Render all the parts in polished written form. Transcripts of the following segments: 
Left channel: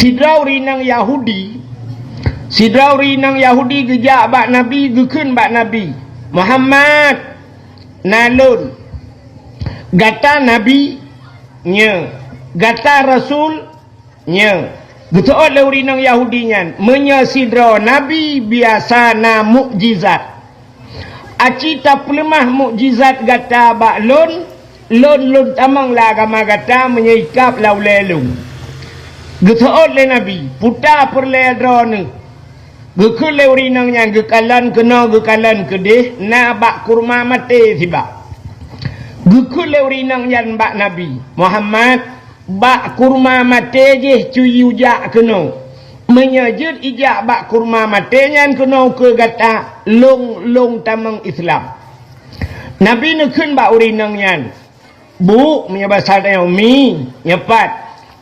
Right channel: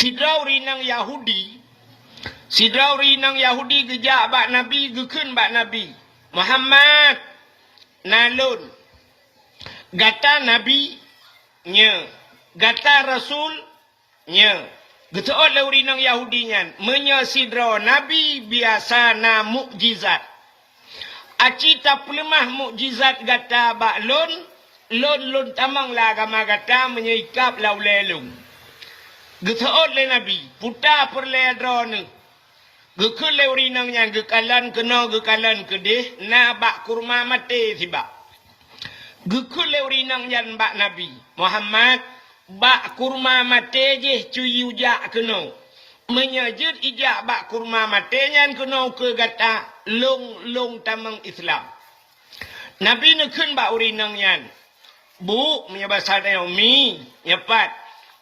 Sidrau rinang Yahudi, sidrau rinang Yahudi gejak bak Nabi, gekun bak Nabi Muhammad nalun gata Nabi nya, gata Rasul nya. Getuot le rinang Yahudi nyan menya sidra Nabi biasa na mukjizat. Aci ta pelemah mukjizat gata bak lun tamang la agama gata menyeikap lau lelung. Getuot le Nabi puta perledra ni. Gekul le rinang nyan gekalan kena gekalan kedih na bak kurma mate tiba. Gekul le rinang nyan bak Nabi Muhammad bak kurma mate je cuyu jak kena menyajud ijak bak kurma mate nyan kena ke gata long tamang Islam. Nabi nekun bak urinang nyan bu punya bahasa dia mi nyepat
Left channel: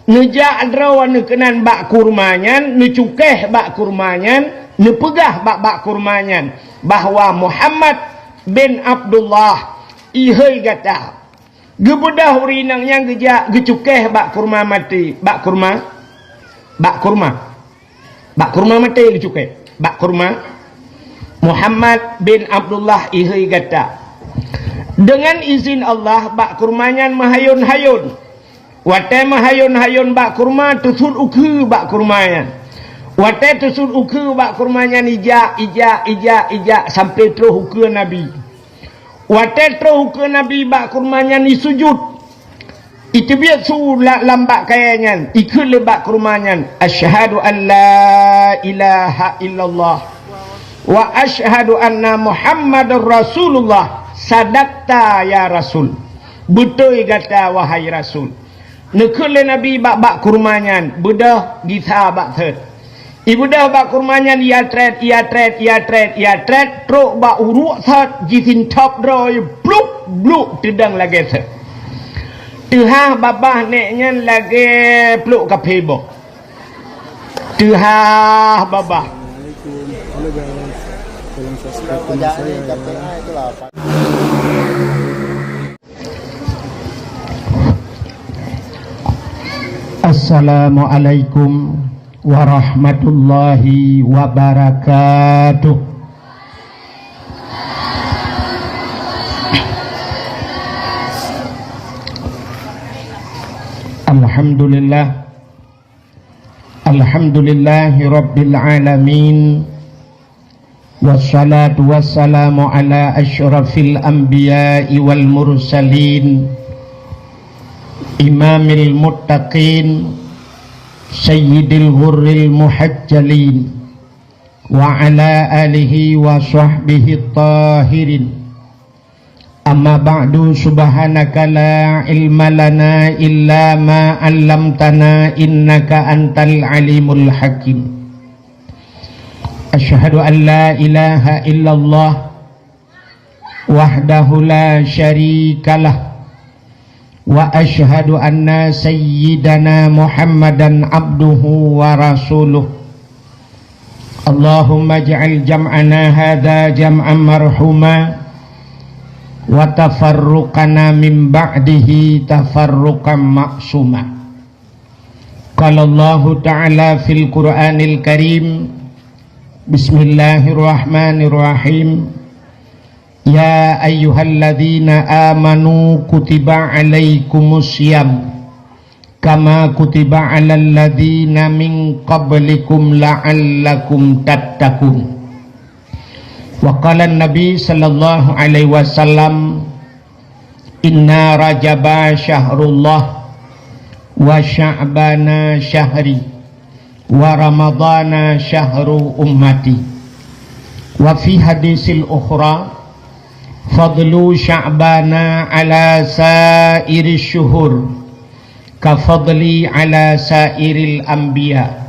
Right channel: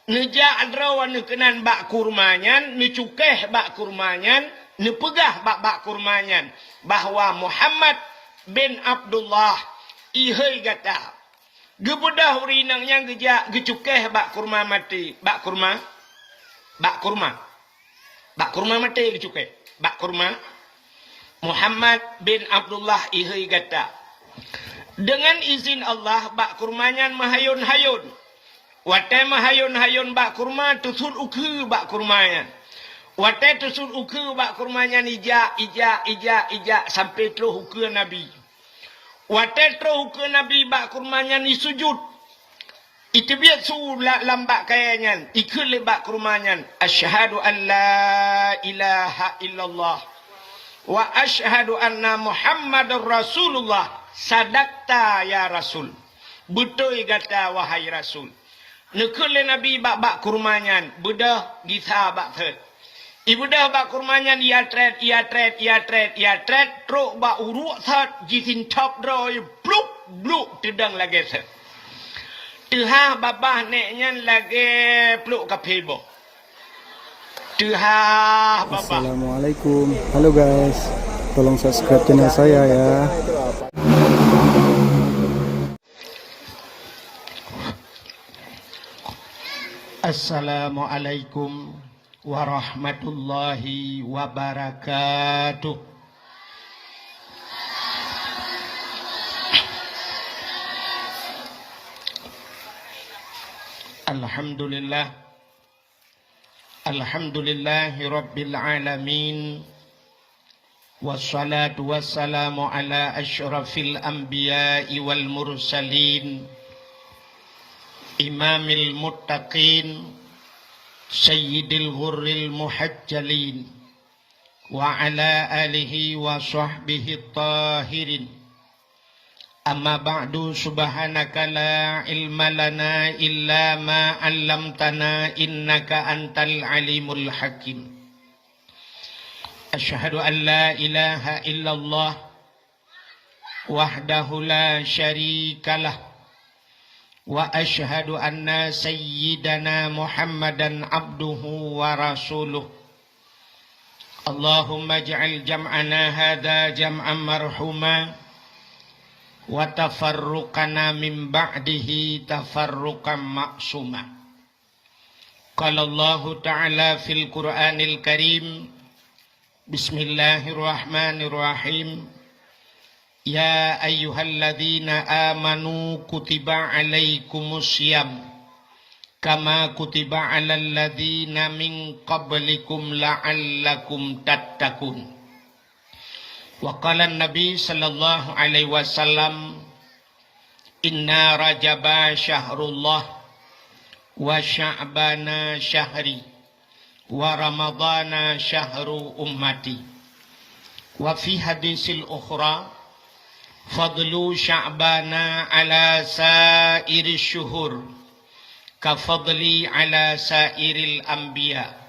nejak adrawan nekenan bak kurma nyan necukeh bak kurma nyan nepegah bak kurma nyan bahwa Muhammad bin Abdullah ihai gata gebedah urinang yang gejak gecukeh bak kurma mati bak kurma mati gecukeh bak kurma Muhammad bin Abdullah ihai gata dengan izin Allah bak kurmanyan mahayun-hayun wate mahayun-hayun bak kurma tusul uku bak kurmanyan wate tusul uku bak kurmanyan ijak sampai terus uku Nabi. Watetro ke Nabi bak kurmanya ni sujud. Itu biar su lambat kayanya. Ikut lebak kurmanya. Asyhadu an la ilaha illallah. Wa asyhadu anna Muhammadar Rasulullah. Sadaqta ya Rasul. Betul kata wahai Rasul. Nekul le Nabi bak kurmanya. Bedah gisa bak third. Ibu dah bak kurmanya ia tret truk bak uruk sat jitin top droy bluk tedang lagi se. Tuha babah neknya lagi pluk kapebo. Tuha babah. Assalamualaikum. Halo guys. Tolong subscribe channel saya ya. Assalamualaikum warahmatullahi wabarakatuh. Alhamdulillahi rabbil alamin. Wassalatu wassalamu ala asyrafil anbiya'i wal mursalin, imamil muttaqin, sayyidil ghurril muhajjalin, wa ala alihi wa sahbihi tahirin. Amma ba'du, subhanaka la ilma lana illa ma 'allamtana innaka antal alimul hakim. Asyhadu an la ilaha illallah wahdahu la syarikalah wa asyhadu anna sayyidana Muhammadan abduhu wa rasuluh. Allahumma ja'al jam'ana hadha jam'an marhuma wa tafarruqana min ba'dihi tafarruqan ma'suma. Qala Allah ta'ala fil Qur'anil Karim, bismillahirrahmanirrahim. Ya ayyuhalladzina amanu kutiba alaikumus syiyam kama kutiba alal ladzina min qablikum la'allakum tattaqun. Wa qala an-nabi sallallahu alaihi wasallam, inna rajaba syahrullah wa sya'bana syahri wa ramadana syahru ummati. Wa fi hadisil ukhra, fadlu sya'bana ala sairi syuhur ka fadli ala sairil anbiya,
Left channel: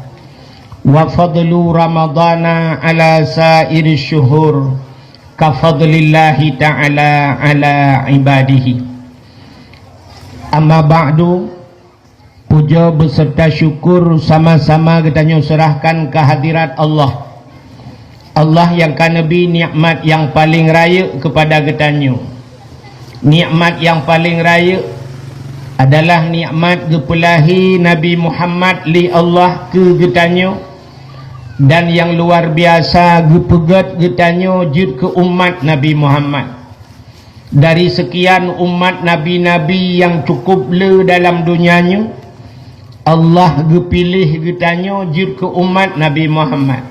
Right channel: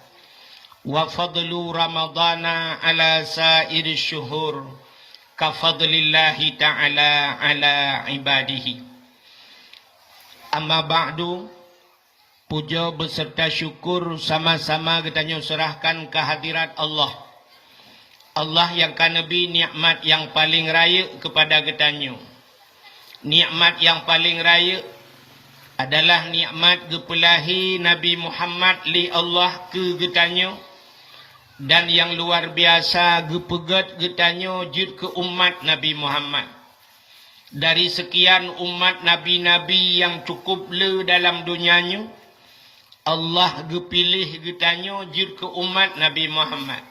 wa fadlu ramadana ala sairi syuhur ka fadlillahi ta'ala ala ibadihi. Amma ba'du, puja beserta syukur sama-sama kita serahkan kehadirat Allah. Allah yang kan Nabi nikmat yang paling raya kepada ketanyo. Nikmat yang paling raya adalah nikmat gepelahi Nabi Muhammad li Allah ke getanyo, dan yang luar biasa gepegat getanyo jud ke umat Nabi Muhammad. Dari sekian umat Nabi-Nabi yang cukup le dalam dunianya, Allah gepilih getanyo jud ke umat Nabi Muhammad.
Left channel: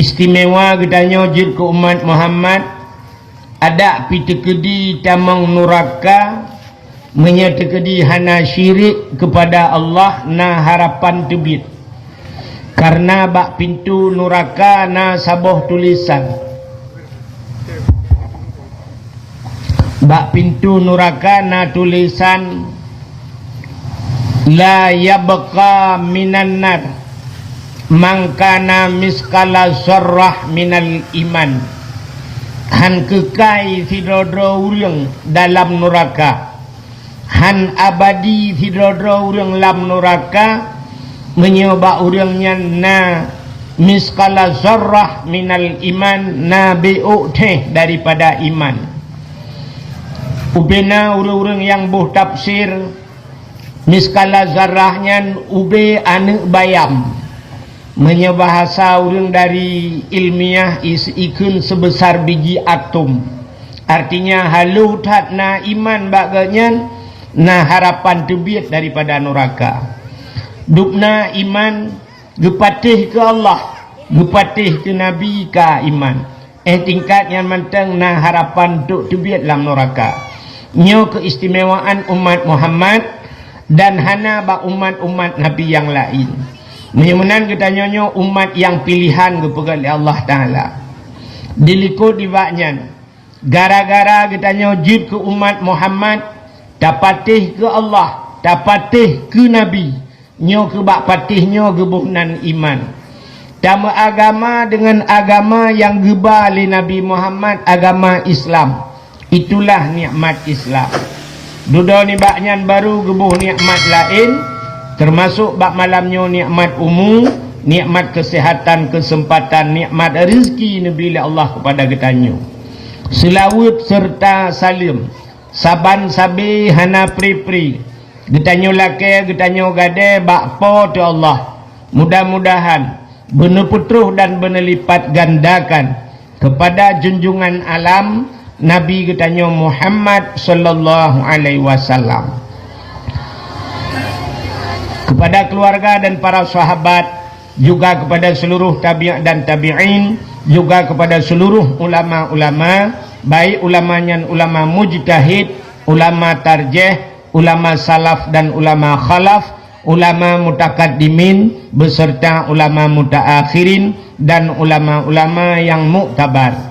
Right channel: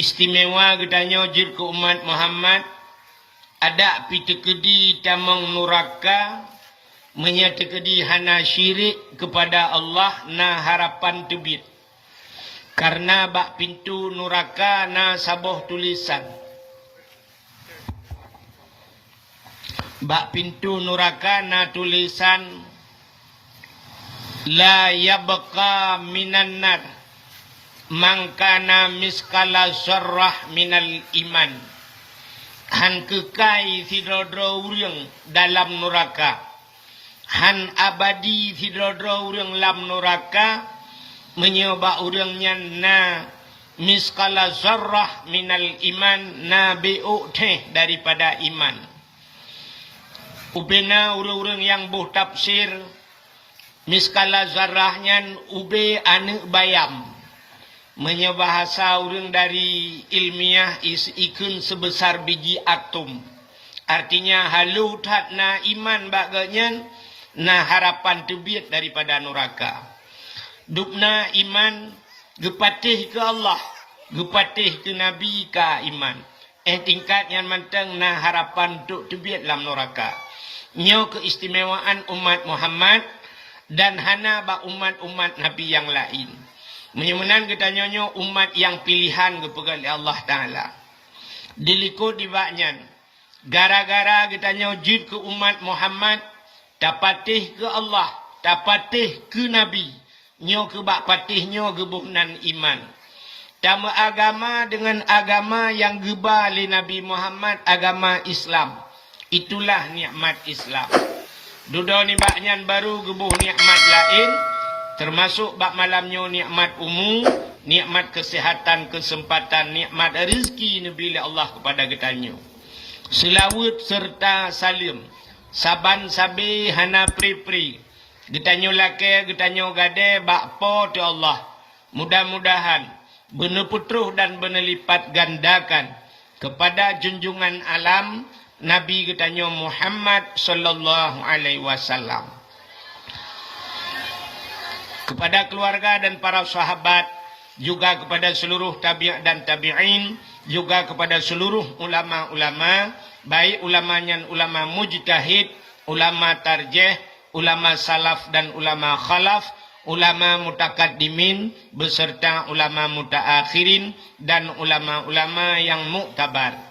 Istimewa getanyo jud ke umat Muhammad, ada pitekedi tamang nuraka, menyetekedi hana syirik kepada Allah na harapan tebit. Karena bak pintu nuraka na saboh tulisan. Bak pintu nuraka na tulisan la yabqa minan nar mangkana miskala zarrah minal iman. Han kekai sidodro urang dalam nuraka, han abadi sidodro urang lam nuraka, menyoba urangnya na miskala zarrah minal iman, na bi'utih daripada iman. Ubena urang-urang yang buh tafsir, miskala zarrahnya ube anu bayam, menyebahasa urang dari ilmiah ikun sebesar biji atom. Artinya halu tat na iman baganya na harapan tebit daripada neraka. Dukna iman gepatih ke Allah, gepatih ke Nabi ka iman. Tingkat yang mentang na harapan tuk tebit dalam neraka. Nyo keistimewaan umat Muhammad dan hana ba umat-umat Nabi yang lain. Menyemenan kita nyonyo umat yang pilihan kepada Allah Ta'ala. Dilikut dibaknya. Gara-gara kita nyojib ke umat Muhammad, dapatih ke Allah, dapatih ke Nabi. Nyo ke bak patih nyo gebuhnan iman. Tama agama dengan agama yang geba oleh Nabi Muhammad, agama Islam. Itulah nikmat Islam. Duda ni baknyan baru gebuh nikmat lain, termasuk bak malamnya nikmat umum, nikmat kesehatan, kesempatan, nikmat rezeki Nabi Allah kepada getanyo. Selawut serta salim, saban sabi hana pri-pri. Getanyo lake, getanyo gade, bak po tu Allah. Mudah-mudahan benar putruh dan benar lipat gandakan kepada junjungan alam Nabi getanyo Muhammad sallallahu alaihi wasallam, kepada keluarga dan para sahabat, juga kepada seluruh tabi'in dan tabi'in, juga kepada seluruh ulama-ulama, baik ulamanya ulama mujtahid, ulama tarjih, ulama salaf dan ulama khalaf, ulama mutakaddimin beserta ulama mutaakhirin dan ulama-ulama yang muktabar.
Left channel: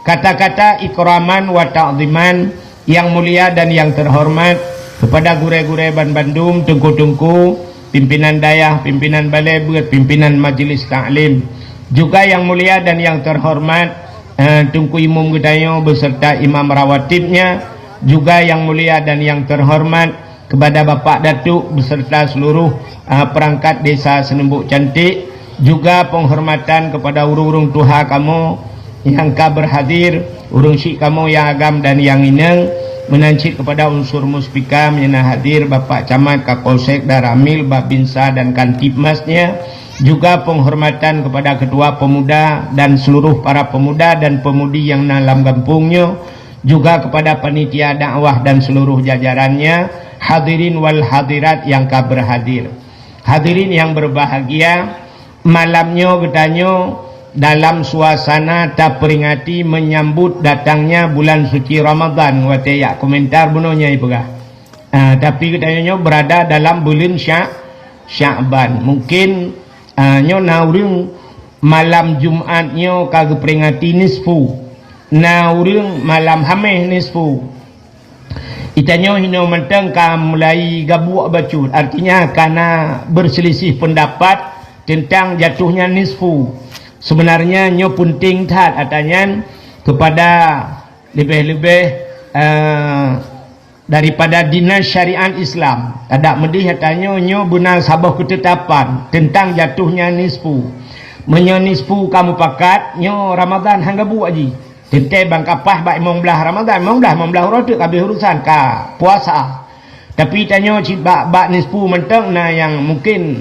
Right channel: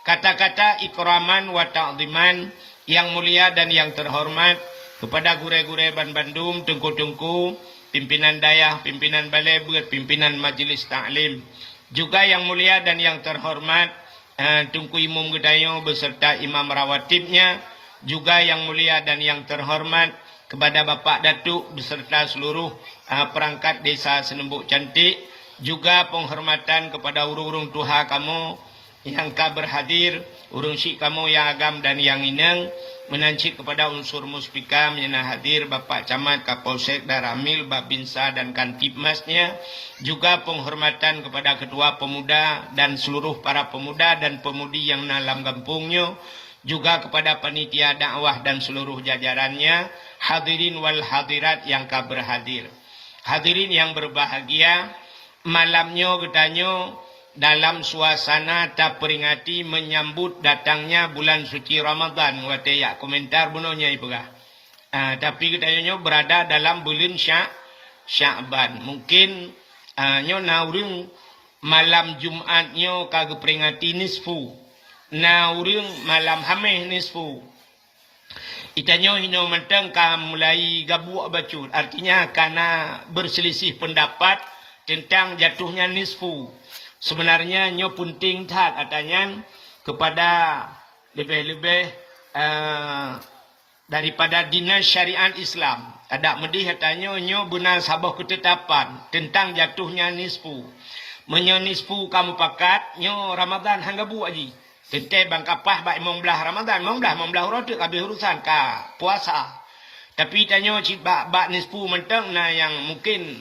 Kata-kata ikraman wa ta'ziman yang mulia dan yang terhormat kepada gure-gure Ban Bandung, tengku-tengku, pimpinan dayah, pimpinan balai berat, pimpinan majlis ta'lim, juga yang mulia dan yang terhormat Tungku Imam Gedayo beserta imam rawatibnya, juga yang mulia dan yang terhormat kepada Bapak Datuk beserta seluruh perangkat desa Senembuk Cantik, juga penghormatan kepada urung-urung tuha kamu yang ka berhadir, urung syik kamu yang agam dan yang ineng, menancik kepada unsur muspika yang hadir, Bapak Camat, Kapolsek, Daramil, Babinsa dan Kantipmasnya, juga penghormatan kepada ketua pemuda dan seluruh para pemuda dan pemudi yang dalam kampungnya, juga kepada panitia dakwah dan seluruh jajarannya, hadirin wal hadirat yang ka berhadir. Hadirin yang berbahagia, malamnya getanyo dalam suasana tak peringati menyambut datangnya bulan suci Ramadan. Wate ya komentar bunonya ibu kah. Tapi katanya berada dalam bulan Sya'ban. Mungkin nyo naurung malam Jumatnya kagak peringati nisfu. Naurung malam Hameh nisfu. Itanya hino mentang ka mulai gabuak bacut. Artinya karena berselisih pendapat tentang jatuhnya nisfu. Sebenarnya nyo punting tat atanya kepada lebih-lebih daripada dinas syariat Islam. Ada medih katanya nyo benar sabah ketetapan tentang jatuhnya nisfu. Menyo nisfu kamu pakat nyo Ramadan hangga bu aji. Tente bang kapah bak imong belah Ramadan, imong belah rotuk kabeh urusan ka puasa. Tapi tanya bak nispu mentang na yang mungkin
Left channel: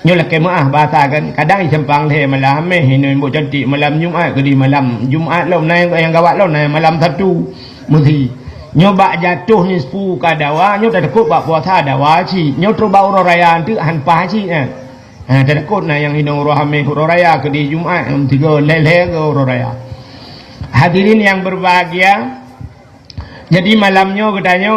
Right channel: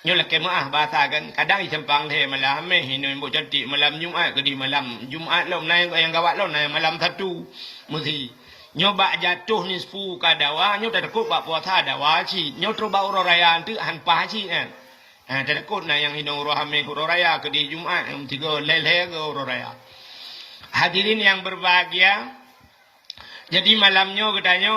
nyolah kemaah bahasa kan. Kadang isempang teh malam hinoi mbok cantik malam Jumaat ke di malam Jumaat lo na yang gawat lo na malam satu mesti nyoba jatuh nispu ka dawa nyo takut bak puasa dawa ci nyo troba uro raya tu han pa ci takut na yang hinoi uro raya ke di Jumaat tiga lele ke uro raya. Hadirin yang berbahagia, jadi malamnya katanya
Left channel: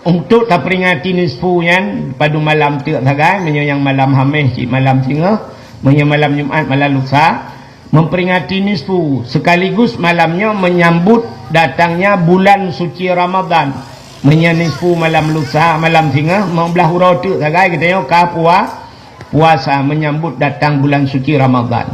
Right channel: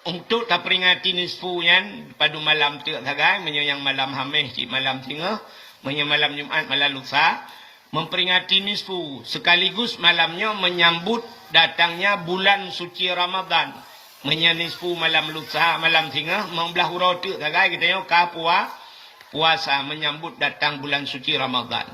untuk tak peringati nisfunya pada malam tu tagai menyo yang malam Khamis cik malam singa menyo malam Jumaat malam lusa memperingati nisfu sekaligus malamnya menyambut datangnya bulan suci Ramadan menyo nisfu malam lusa malam singa membelah hurau tu tagai katanya ka puasa menyambut datang bulan suci Ramadan.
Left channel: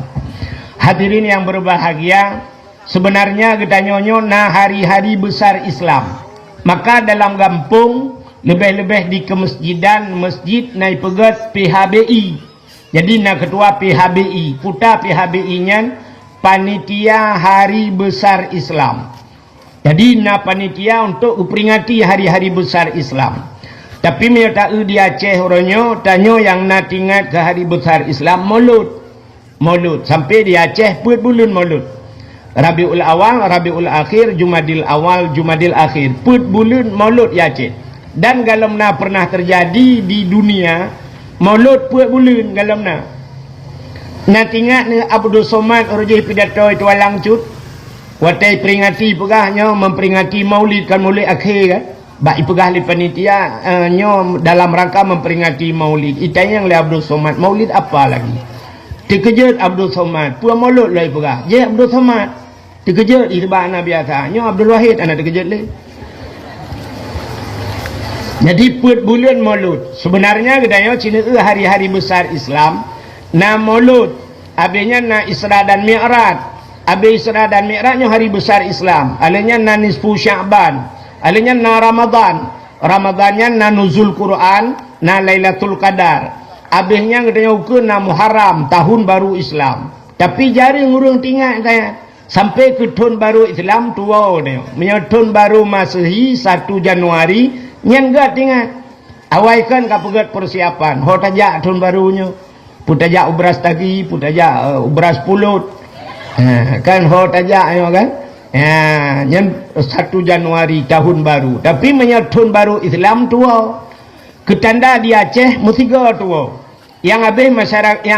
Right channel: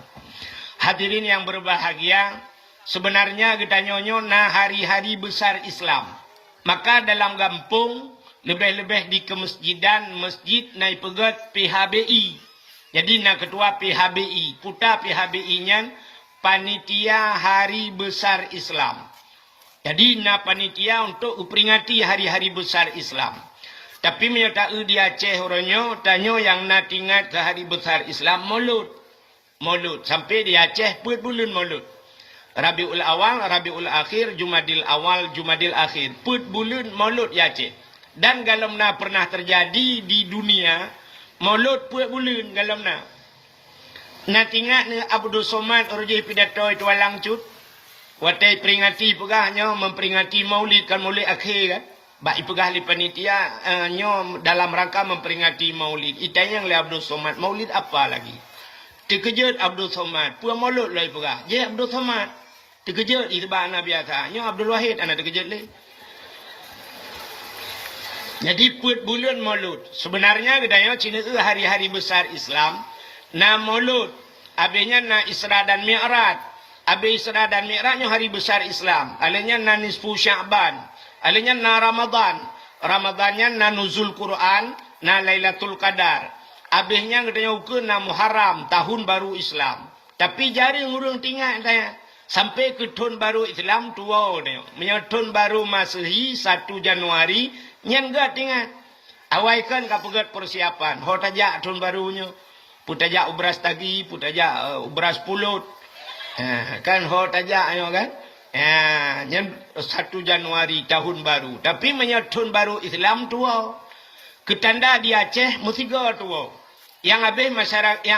Hadirin yang berbahagia, sebenarnya kita nyonyo na hari-hari besar Islam. Maka dalam kampung lebih-lebih di kemasjidan masjid naik pegat PHBI. Jadi na ketua PHBI, puta PHBI-nya panitia hari besar Islam. Jadi na panitia untuk memperingati hari-hari besar Islam. Tapi mereka di Aceh orangnya tanya yang nak ingat ke hari besar Islam Maulud sampai di Aceh bulan Maulud. Rabiul Awal, Rabiul Akhir, Jumadil Awal, Jumadil Akhir. Bulan Maulud di Aceh. Dan kalau na pernah terjadi di dunia Maulud bulan kalau na. Nak ingat ni Abdul Somad orangnya pidato itu alang cut. Watai peringati pegahnya memperingati Maulid kan Maulid akhir kan. Baik pegah li panitia nyo dalam rangka memperingati Maulid. Itanya yang le Abdul Somad. Maulid apa lagi? Dikejut Abdul Somad. Puan Maulud lah pegah. Je Abdul Somad. Dikejut itu bahana biasa. Nyo Abdul Wahid anak dikejut le. Jadi bulan Maulud. Sebenarnya katanya Cina hari-hari besar Islam. Na Maulud. Abisnya na Isra dan Mi'raj. Abis Isra dan Mi'rajnya hari besar Islam. Alanya na nisfu Sya'ban. Alanya na Ramadan. Ramadannya na nuzul Quran, na Lailatul Qadar. Habisnya katanya ukur na Muharram, tahun baru Islam. Tapi jari ngurung tinggal saya. Sampai ke tahun baru Islam tua dia. Menyebut tahun baru Masehi 1 Januari yang enggak tinggal. Awaikan kapegat persiapan. Ho tajak tahun barunya. Putajak ubras tagi, putajak ubras pulut. Kan ho tajak ayo kan? Yang 1 Januari tahun baru. Tapi menyebut tahun baru Islam tua. Ketanda di Aceh mestiga tua. Yang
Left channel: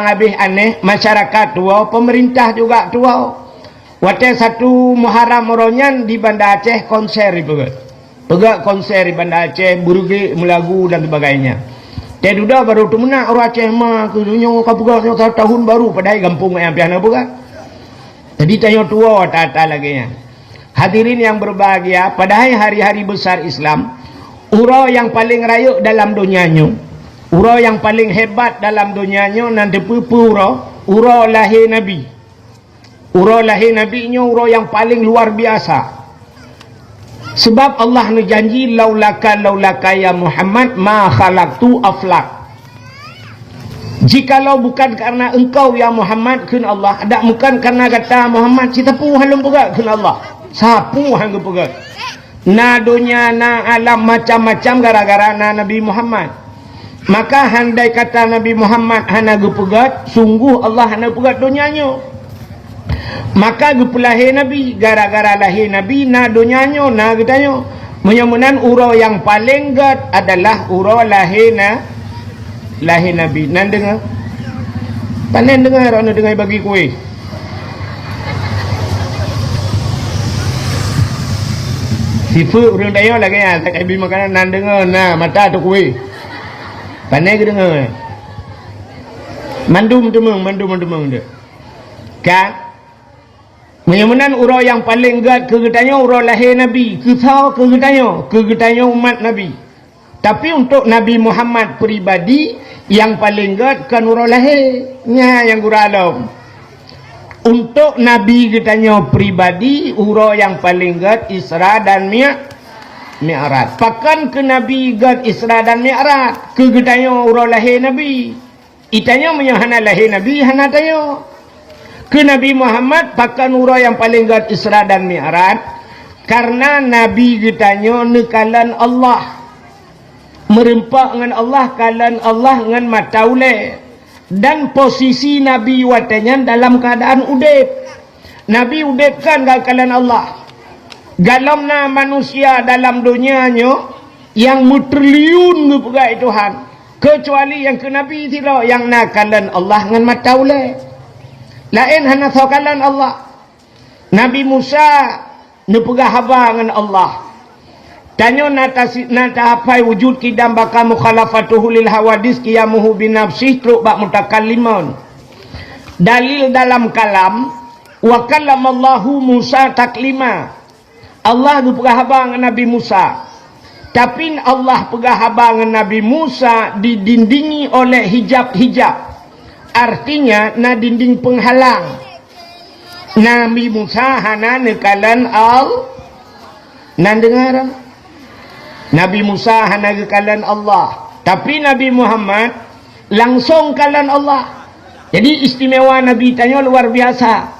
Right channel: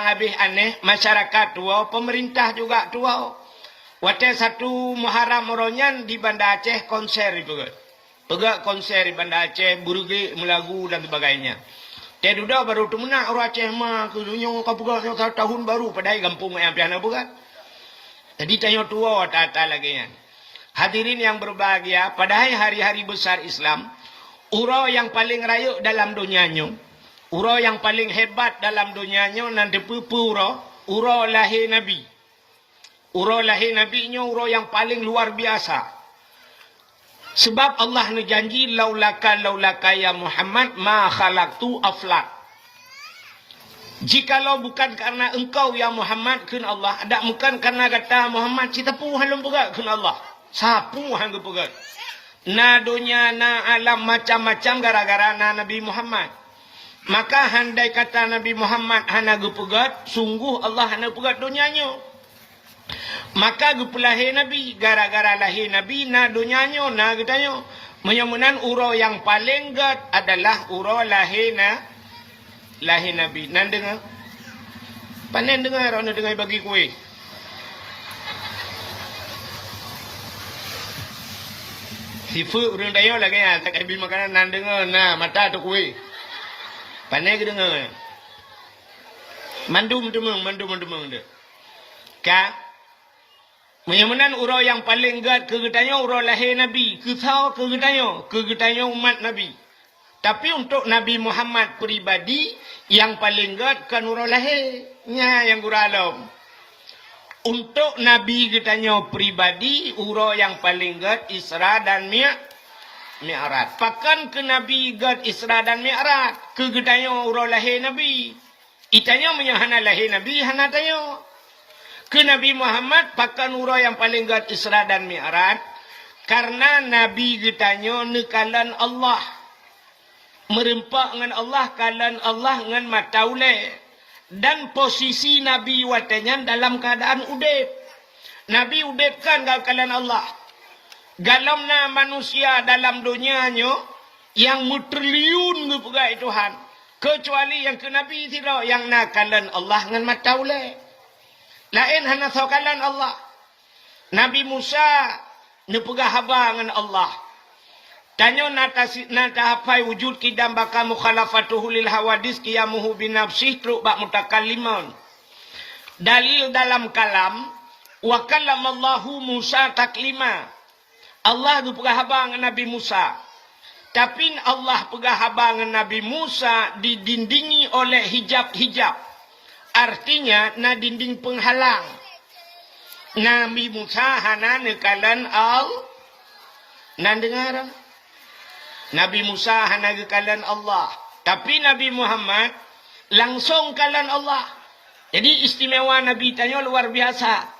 habis aneh masyarakat tua, pemerintah juga tua. Waktu 1 Muharram Moronyan di Banda Aceh konser pegak konser di Banda Aceh, burugi melagu dan sebagainya. Dia sudah baru tu menak orang Aceh mah kudunya kapugak tahun baru padahal kampung yang piana pegak. Jadi tanya tua tata lagi ya. Hadirin yang berbahagia, padahal hari-hari besar Islam, urau yang paling rayuk dalam dunianya, urau yang paling hebat dalam dunianya nanti pupu urau lahir Nabi. Urau lahir Nabi-nya urau yang paling luar biasa. Sebab Allah ni janji laulaka ya Muhammad ma khalaqtu aflak. Jikalau bukan karena engkau ya Muhammad kun Allah, ada bukan karena kata Muhammad kita pun halum pegak kun Allah. Sapu hang pegak. Na dunia na alam macam-macam gara-gara na Nabi Muhammad. Maka handai kata Nabi Muhammad hana gepegat, sungguh Allah hana pegat dunianya. Maka gepelahir Nabi, gara-gara lahir Nabi na dunianya na katanya. Menyamunan urau yang paling gat adalah urau lahir Nabi. Nan dengar? Panen dengar orang dengar bagi kuih. Sifu orang daya lagi ya, tak habis makanan nan dengar na mata tu kuih. Panen ke dengar? Mandum dia. Kan? Menyamunan urau yang paling gat kegetanya urau lahir Nabi. Kisah kegetanya umat Nabi. Tapi untuk Nabi Muhammad pribadi yang paling gat kan urau lahirnya yang guralam. Untuk Nabi kitanya pribadi urau yang paling gat Isra dan Mi'raj. Pakan ke Nabi gat Isra dan Mi'raj kegetanya urau lahir Nabi. Itanya menyahana lahir Nabi hana tayo. Ke Nabi Muhammad pakan urau yang paling gat Isra dan Mi'raj karena Nabi kitanya nekalan Allah. merempak dengan Allah kalan Allah dengan mataule. Dan posisi Nabi watanya dalam keadaan udip. Nabi udip kan kalan Allah. Galamna manusia dalam dunianya yang mutriliun ngepegai Tuhan. Kecuali yang ke Nabi tidak, yang nakalan Allah dengan mataule. Lain hanya sokalan Allah. Nabi Musa nepegah haba dengan Allah. Tanya nata hapai wujud kidam baka mukhalafatuhu lil hawadis qiyamuhu binafsih truk bak mutakallimun. Dalil dalam kalam wa kallamallahu Musa taklima. Allah nepegah haba dengan Nabi Musa. Tapi Allah pegah haba dengan Nabi Musa didindingi oleh hijab-hijab. Artinya na dinding penghalang. Nabi Musa hana nekalan nan dengar. Nabi Musa hana nekalan Allah. Tapi Nabi Muhammad langsung kalan Allah. Jadi istimewa Nabi tanya luar biasa.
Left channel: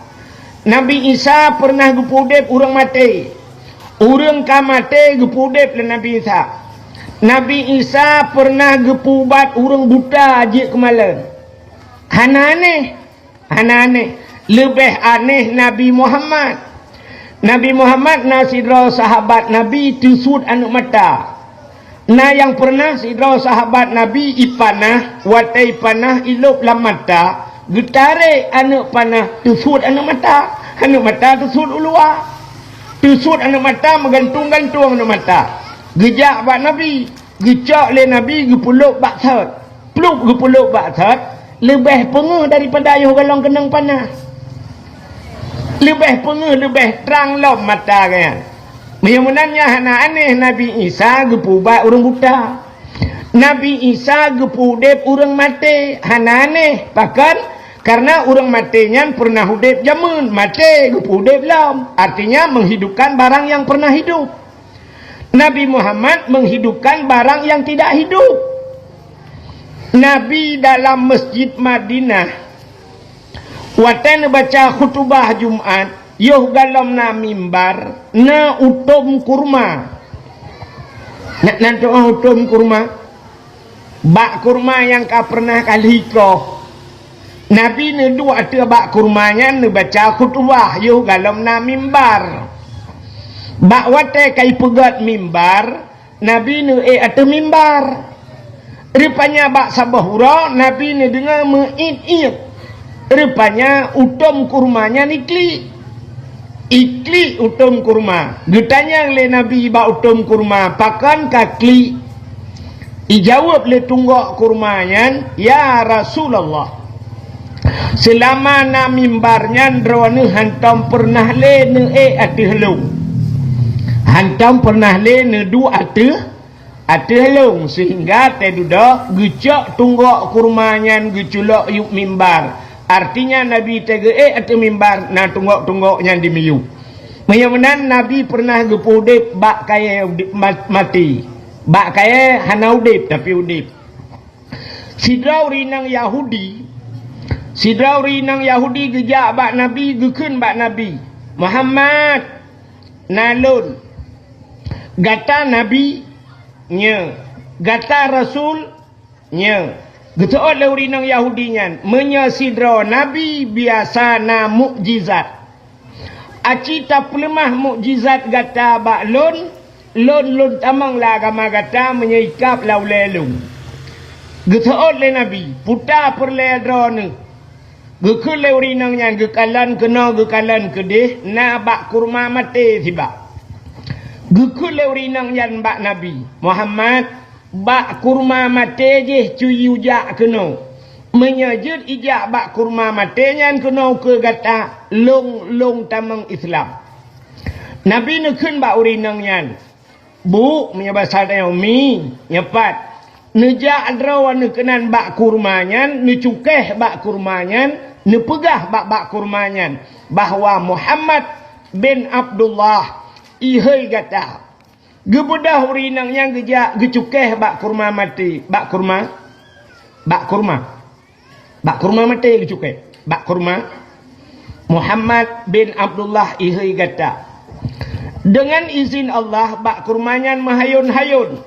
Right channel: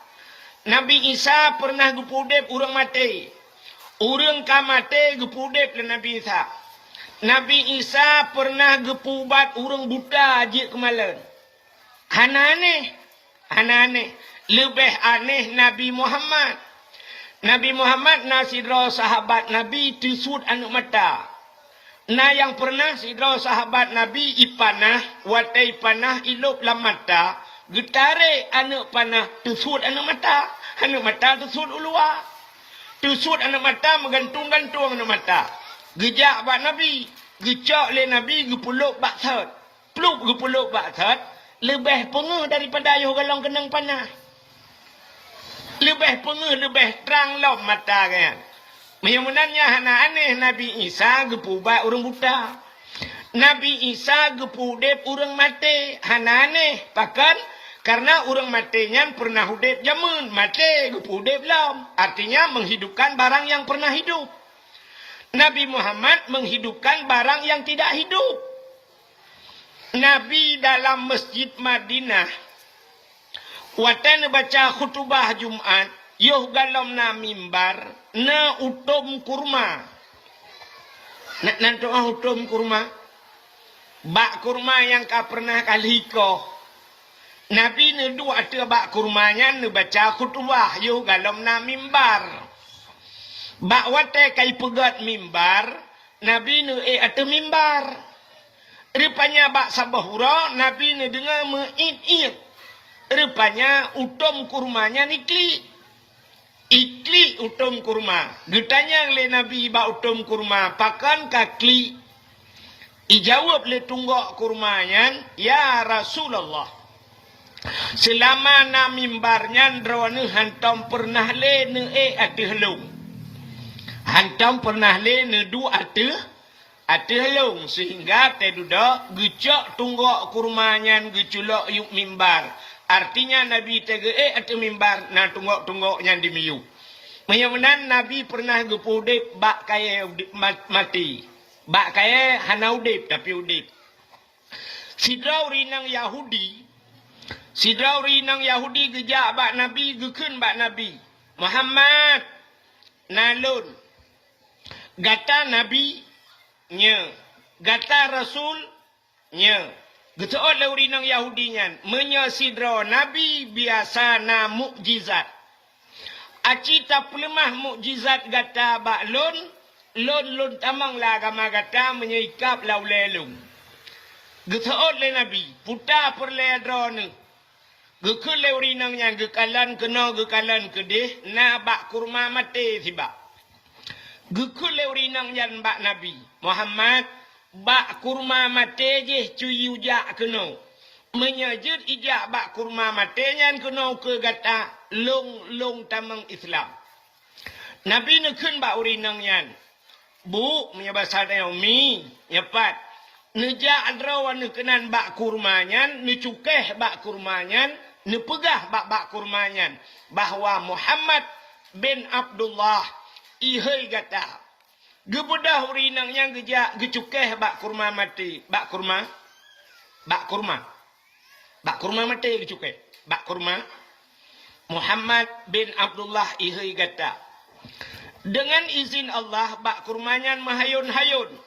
Nabi Isa pernah gepudep orang mati. Orang kamate gepudep le Nabi Isa. Nabi Isa pernah gepubat orang buta aje kemalan. Hana aneh. Lebih aneh Nabi Muhammad. Nabi Muhammad na sidra sahabat Nabi tusud anak mata. Na yang pernah sidra sahabat Nabi ipanah, watai panah ilup lam mata, getare anak panah tusud anak mata. Anak mata tusud ulua. Tusud anak mata menggantung-gantung anak mata. Gejak bak Nabi, gecak le Nabi gepuluk bak sat. Peluk gepuluk bak sat, lebih pengeh daripada ayuh galang kenang panah. Lebih pengeh, lebih terang lom mata kan. Menyenangnya hana aneh Nabi Isa gepubat orang buta. Nabi Isa gepudep orang mati. Hana aneh. Bahkan karena orang matinya pernah hudep jamun. Mati gepudep lom. Artinya menghidupkan barang yang pernah hidup. Nabi Muhammad menghidupkan barang yang tidak hidup. Nabi dalam masjid Madinah watan baca khutbah Jumat, yoh galam na mimbar, na utom kurma. Nak utom kurma? Bak kurma yang ka pernah kalikoh. Nabi ne dua ada bak kurmanya ne baca khutbah, yoh galam na mimbar. Bak wate kai pegat mimbar, Nabi ne ada mimbar. Rupanya bak sabahura, Nabi ne dengar me'id-id. Rupanya utom kurmanya nikli. Ikli utom kurma. Getanya le Nabi ba utom kurma. Pakan kakli. Ijawab le tunggak kurmanya. Ya Rasulullah. Selama na mimbarnya drone hantam pernah le ne ati helung. Hantam pernah le ne du ati helung. Sehingga tedudak gecak tunggak kurmanya geculok yuk mimbar. Artinya Nabi tege atau mimbar na tunggok-tunggoknya di miyu. Menyamanan Nabi pernah gepudip bak kaya mati. Bak kaya hana udip tapi udip. Sidrauri nang Yahudi. Sidrauri nang Yahudi gejak bak Nabi gekun bak Nabi. Muhammad nalun. Gata Nabi nya. Gata Rasul nya. Getu'at lauri nang Yahudinya menyasidra Nabi biasa na mukjizat. Acita pelemah mukjizat gata bak lon tamang la agama gata menyaikap lau lelung. Getu'at le Nabi puta perledra ni. Gekul lauri nangnya gekalan kena gekalan kedih na bak kurma mati tiba. Gekul lauri nangnya bak Nabi Muhammad bak kurma mate je cuyu jak kena. Menyajud ijak bak kurma mate nyan kena ke gata long tamang Islam. Nabi nekun bak urinang nyan. Bu, menyabasal tayo mi, nyapat. Nejak adrawan nekenan bak kurma nyan, necukeh bak kurma nyan, nepegah bak kurma nyan. Bahwa Muhammad bin Abdullah ihai gata. Gebedah urinang yang gejak gecukeh bak kurma mati. Bak kurma mati gecukeh. Bak kurma. Muhammad bin Abdullah ihai gata. Dengan izin Allah bak kurmanya mahayun-hayun.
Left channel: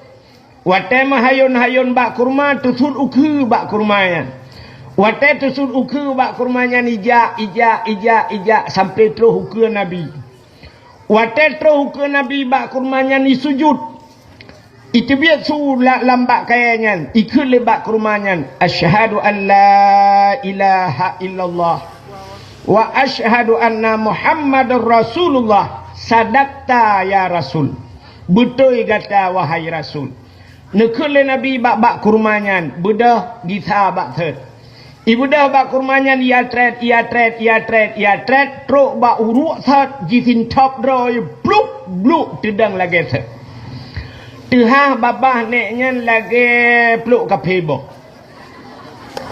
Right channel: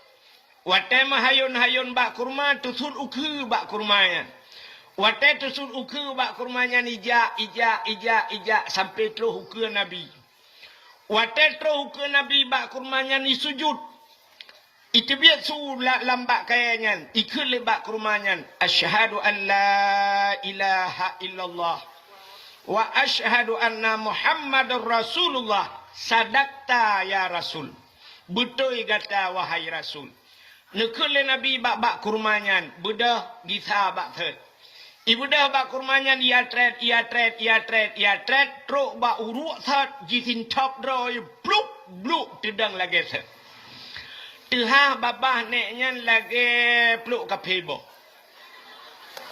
Wate mahayun-hayun bak kurma tusul ukhu bak kurmanya. Wate tusul ukhu bak kurmanya ija sampai terus ukhu Nabi. Wate terus ukhu Nabi bak kurmanya ni sujud. Itu biar su lambak kayanya. Ikut lebak kurmanya. Asyhadu an la ilaha illallah. Wa asyhadu anna Muhammadur Rasulullah. Sadaqta ya Rasul. Betul kata wahai Rasul. Nekule Nabi bak kurmanya. Bedah gita bak third. Ibu dah bak kurmanya ia tret. Truk bak uruk third. Jitin top draw. Bluk. Tedang lagi third. Tuhan babah neknya lagi peluk kapebo.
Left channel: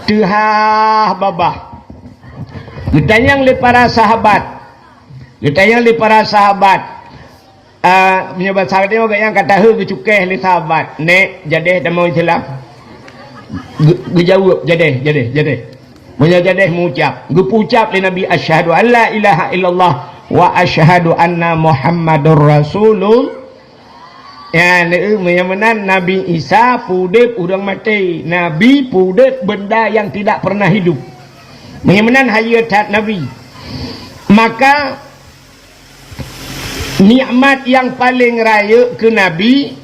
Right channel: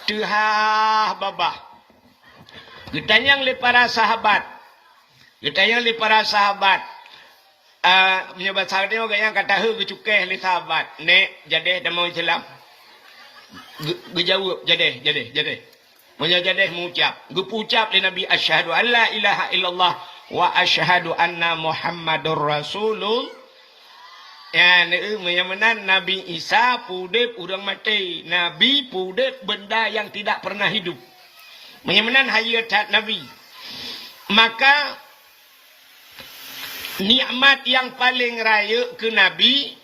Tuhan babah. Kita yang le para sahabat. Menyebat sahabat dia yang kata hu cukeh le sahabat. Nek jadeh demo Islam. Gejawab jadeh. Munya jadeh mengucap. Gepucap le Nabi asyhadu an la ilaha illallah wa asyhadu anna Muhammadur Rasulullah. Ya, menyamanan Nabi Isa pudep udang mati. Nabi pudep benda yang tidak pernah hidup. Menyamanan hayat Nabi. Maka nikmat yang paling raya ke Nabi,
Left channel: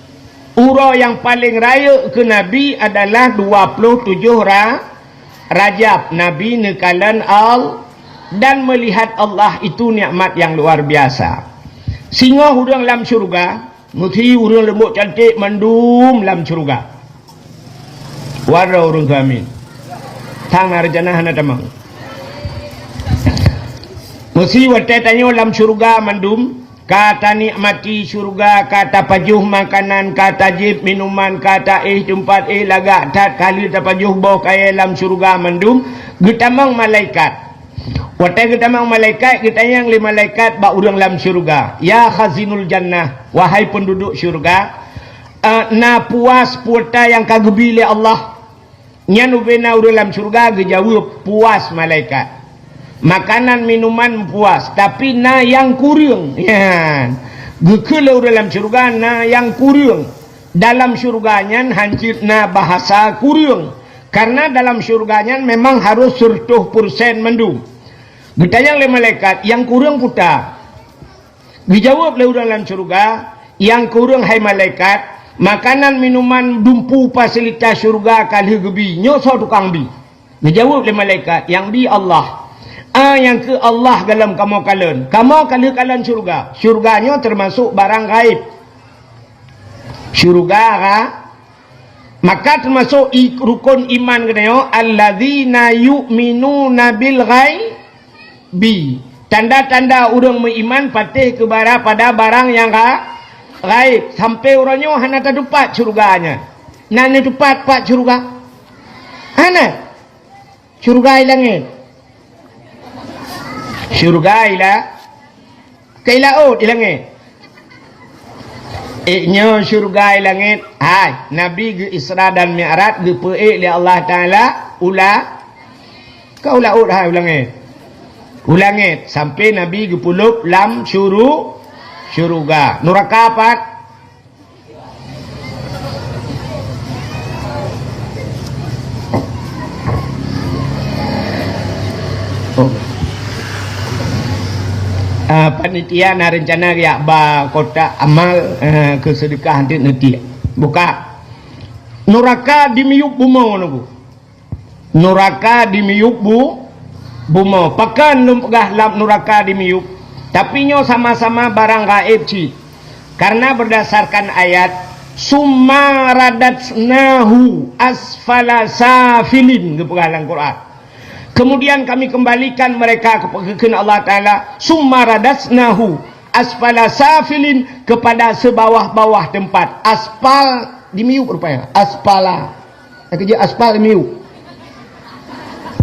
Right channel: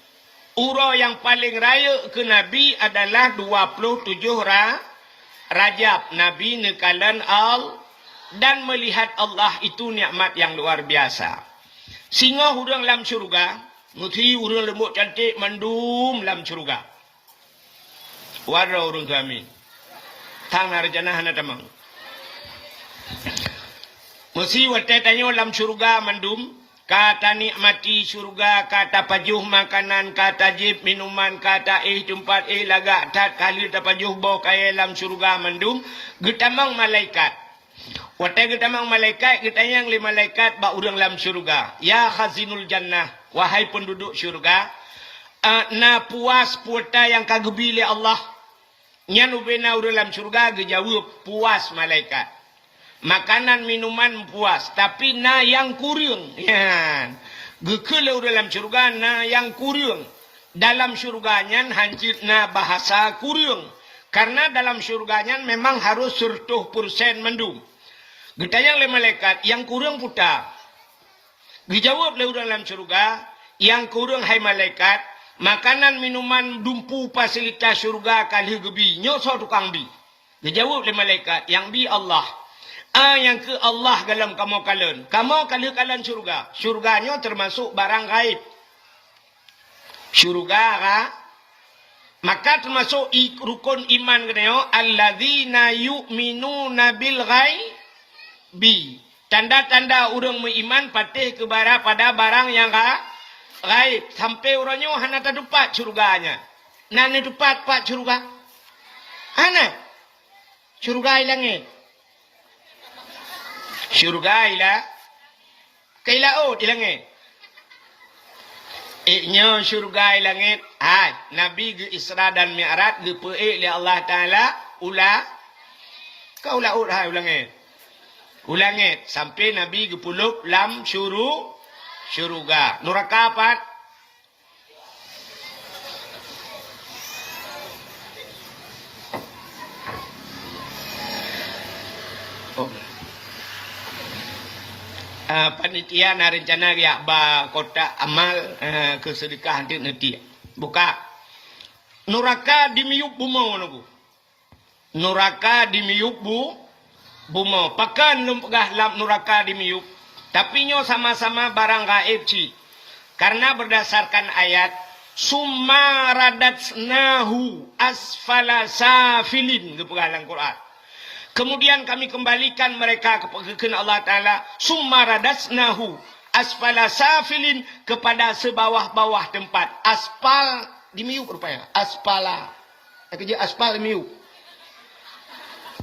ura yang paling raya ke Nabi adalah 27 Rajab. Nabi nekalan dan melihat Allah itu nikmat yang luar biasa. Singa hudang dalam syurga. Muthi urang lembut cantik mandum dalam syurga. Warna urang kami. Tang narjana hana tamang. Muthi wate tanyo dalam syurga mandum. Kata nikmati syurga, kata pajuh makanan, kata jib minuman, kata tempat lagak tat kali tapajuh bau kaya dalam syurga mandum. Getamang malaikat. Wata kita mang malaikat, kita yang lima malaikat ba urang dalam syurga. Ya khazinul jannah, wahai penduduk syurga, na puas puata yang kagebile Allah. Nyan ubena urang dalam syurga gejawab puas malaikat. Makanan minuman puas, tapi na yang kurang. Ya. Gekele urang dalam syurga na yang kurang. Dalam syurganya hancur na bahasa kurang. Karena dalam syurganya memang harus 100% mendung. Ditanya oleh malaikat, yang kurang putar. Dijawab oleh dalam syurga, yang kurang hai malaikat, makanan minuman dumpu fasilitas syurga kali gebi, nyosok tukang bi. Dijawab oleh malaikat, yang bi Allah. Yang ke Allah dalam kamu kalian. Kamu kalian syurga. Syurganya termasuk barang gaib. Syurga, maka termasuk rukun iman katanya, alladzina yu'minuna bil ghaib. Tanda-tanda orang beriman patih pada barang yang gaib. Sampai orangnya hanya terdapat syurganya. Nanya tepat pak syurga. Hana syurga langit. Syurga kailaut langit. Nyo syurga langit. Hai Nabi ge Isra dan Mi'raj ge peik li Allah Taala kau laut hai langit. Ulangit sampai Nabi gepulup lam syurga. Neraka apa? Panitia na rencana ya ba kota amal kesedekah nanti. Buka. Neraka dimiup bumau nunggu. Neraka dimiup bumau. Pakan lumpgah lam neraka dimiup. Tapi nyo sama-sama barang gaib ci. Karena berdasarkan ayat summa radatsnahu asfala safilin kepegalan Quran. Kemudian kami kembalikan mereka kepada Allah Ta'ala summa radatsnahu asfala safilin kepada sebawah-bawah tempat. Aspal dimiup rupanya. Aspala. Kerja aspal dimiup.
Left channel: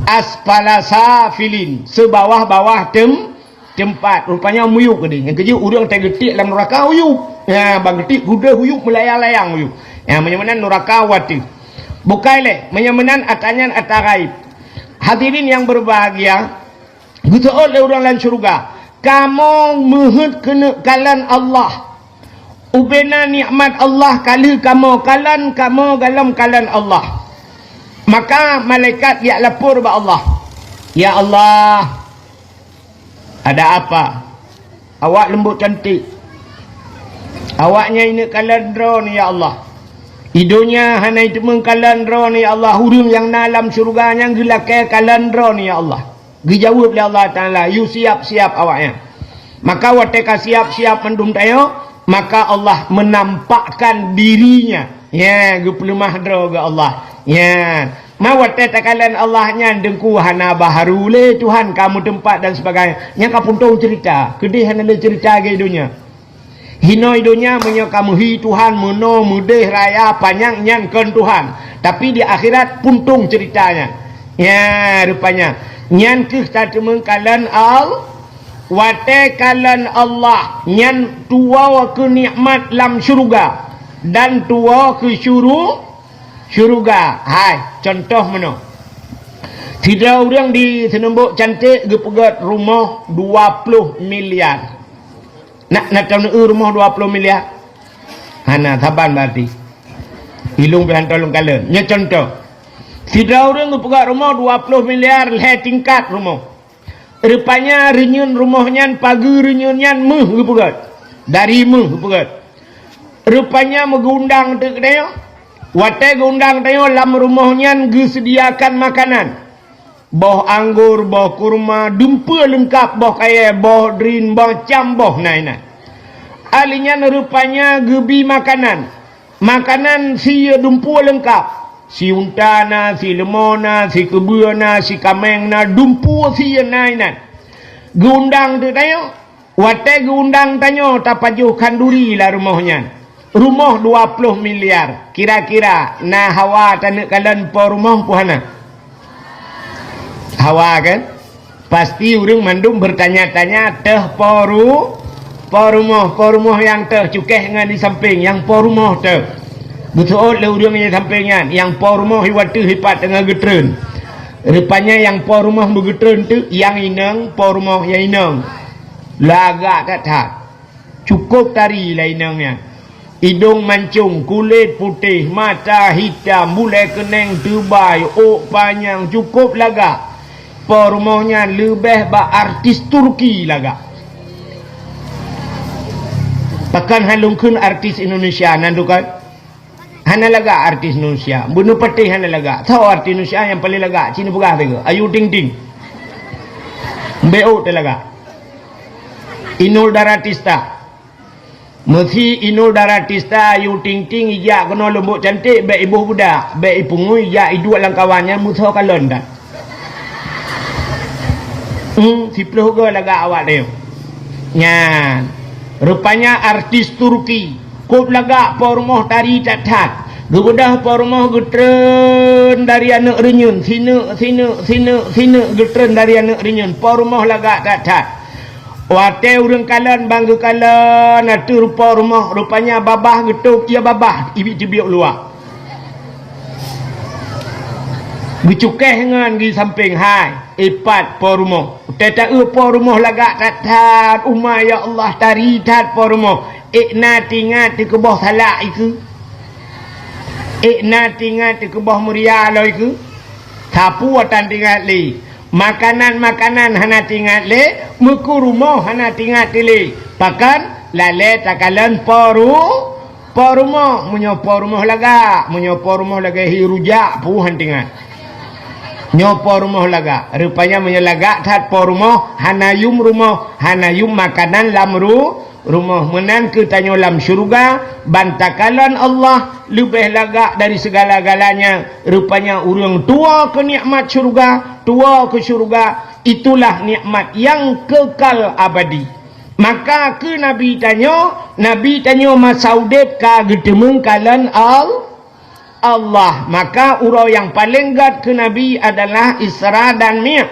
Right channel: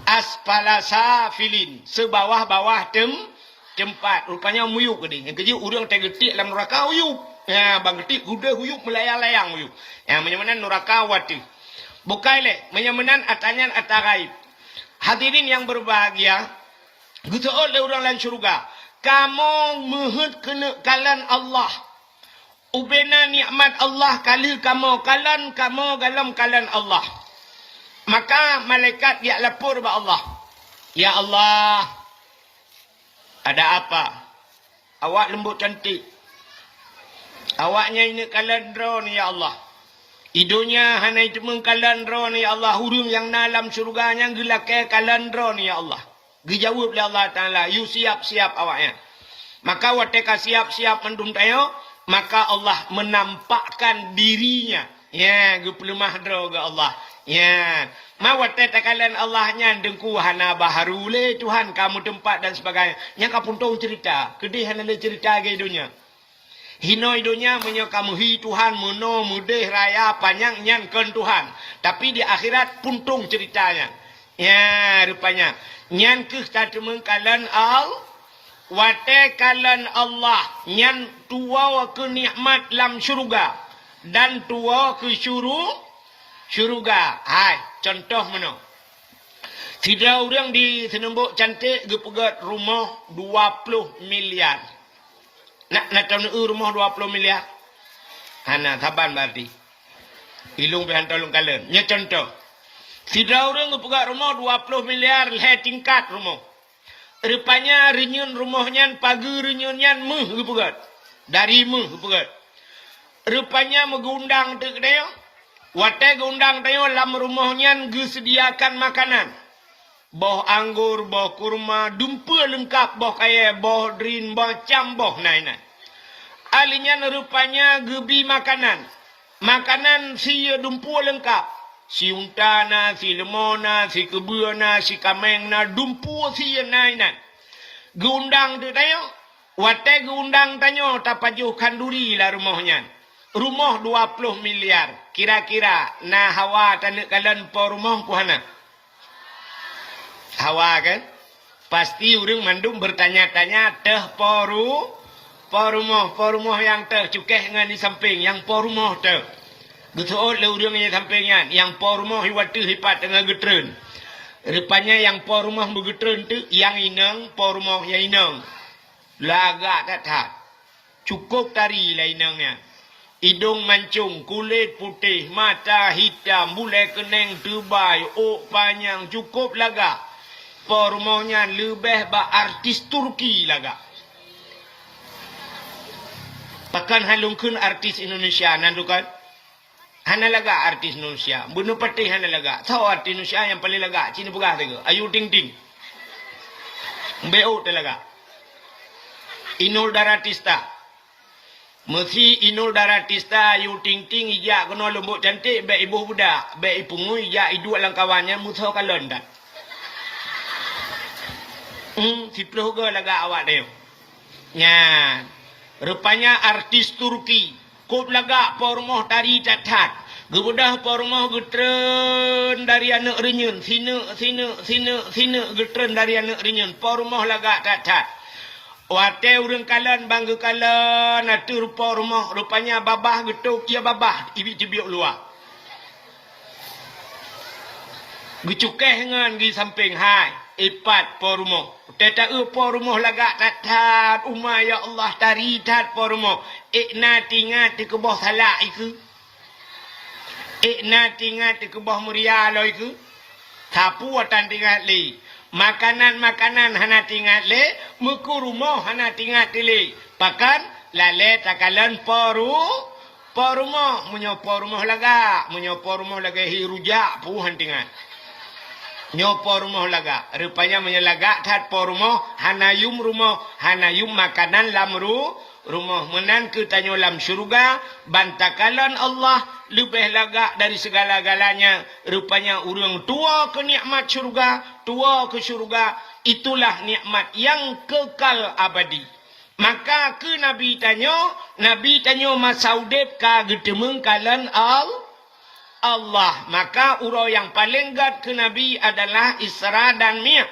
Aspala safilin sebawah-bawah tempat rupanya muyuk gede yang kerja urang tergetik dalam neraka huyuk ya bang getik kuda huyuk melayang-layang huyuk ya menyamanan neraka wati bukai le menyamanan atanyan atagaib. Hadirin yang berbahagia betul oleh orang lain syurga kamu muhud kena kalan Allah ubena nikmat Allah kali kamu dalam kalan Allah. Maka malaikat dia lapor ba Allah. Ya Allah, ada apa? Awak lembut cantik. Awaknya ini kalandro ni ya Allah. Idonya hanai temeng kalandro ni ya Allah. Hurung yang dalam syurga yang gelakai kalandro ni ya Allah. Dijawab oleh Allah Ta'ala, you siap-siap awaknya. Maka wateka siap-siap mendum tayo, maka Allah menampakkan dirinya. Ya, gepelemah dro ke Allah. Ya, mawate takalan Allahnya dengku hana baharu le Tuhan kamu tempat dan sebagainya. Nya kapun tahu cerita, kedih hana le cerita ke dunia. Hinoi dunia menyo kamu hi Tuhan meno mudeh raya panjang nyan ken Tuhan. Tapi di akhirat puntung ceritanya. Ya, rupanya nyan ke tatemeng kalan wate kalan Allah nyan tua ke nikmat lam syurga dan tua ke syurga. Hai, contoh mana? Tidak orang di Senembuk cantik gepegat rumah 20 miliar. Nak tahu rumah 20 miliar? Hana saban berarti. Ilung pihan tolong kalian. Nya contoh. Tidak orang gepegat rumah 20 miliar le tingkat rumah. Rupanya renyun rumahnya pagi renyunnya meh gepegat. Dari meh gepegat. Rupanya megundang tu kedai. Wate gundang tayo lam rumahnya gesediakan makanan. Boh anggur, boh kurma, dumpa lengkap, boh kaya, boh drin, boh cam, boh naina. Alinya rupanya gebi makanan. Makanan si dumpa lengkap. Si untana, si lemona, si kebuana, si kamengna, dumpa si naina. Gundang tu tayo. Wate gundang tayo tapajuh kanduri lah rumahnya. Rumah 20 miliar. Kira-kira na hawa tanah kalian po rumah puhana. Hawa kan? Pasti orang mandum bertanya-tanya teh po rumah yang teh cukeh dengan di samping yang po rumah teh. Betul le orang yang sampingan yang po rumah hiwatu hipat dengan getren. Rupanya yang po rumah begetren tu yang inang po rumah yang inang. Lagak tak. Cukup tari lah inangnya. Hidung mancung, kulit putih, mata hitam, bulai keneng tebai, ok panjang, cukup laga. Pormonya lebih ba artis Turki laga. Takkan halungkun artis Indonesia nandukan. Hana laga artis Indonesia. Bunuh petih hana laga. Tahu artis Indonesia yang paling laga? Cina pegah tega. Ayu ting ting. Mbeo laga. Inul Daratista. Mesti Inul Daratista Ayu ting ting ijak kena lembut cantik baik ibu budak baik ipungu ijak iduk lang kawannya musuh kalon dah. Sipluh ke laga awak dia. Nyan. Rupanya artis Turki. Kop laga pormoh tari catat. Gebedah pormoh getren dari anak renyun. Sina getren dari anak renyun. Pormoh laga catat. Wate urang kalan bangga kalan atu rupa rumah rupanya babah getuk ia babah ibik-ibik luar. Bicukeh ngan di samping hai ipat po rumah. Teta po rumah lagak tatat umma ya Allah tari tat po rumah. Ikna tingat di kebah salak iku. Ikna tingat di kebah muria lo iku. Sapu watan tingat li. Makanan-makanan hana tinggal le, muku rumah hana tinggal le. Pakan lale takalan po rumah, menyopo rumah laga hi rujak puhan tinggal. Nyopo rumah laga, rupanya menyelaga kat po rumah, hana yum makanan lam rumah menan ke tanyo lam syurga bantakalan Allah lebih lagak dari segala-galanya. Rupanya urang tua ke nikmat syurga, tua ke syurga, itulah nikmat yang kekal abadi. Maka ke Nabi tanyo masaudep ka getemeng kalan Allah. Maka urau yang paling gat ke Nabi adalah Isra dan Mi'raj.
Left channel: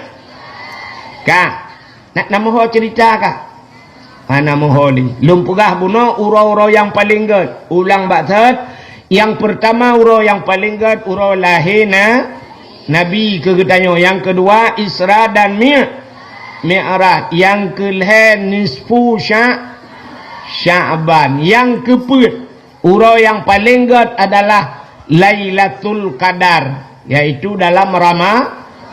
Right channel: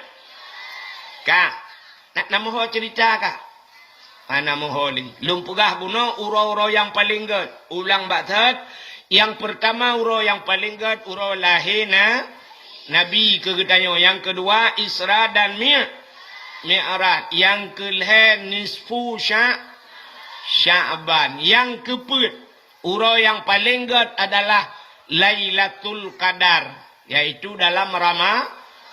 Ka nak nama cerita ka? Mana moholi lumpugah buno urau-urau yang paling gad ulang batat. Yang pertama urau yang paling gad urau lahirna Nabi kegedanyo. Yang kedua Isra dan Mi'raj. Yang kelih nisfu Sya'ban. Yang keput, urau yang paling god adalah Lailatul Qadar, yaitu dalam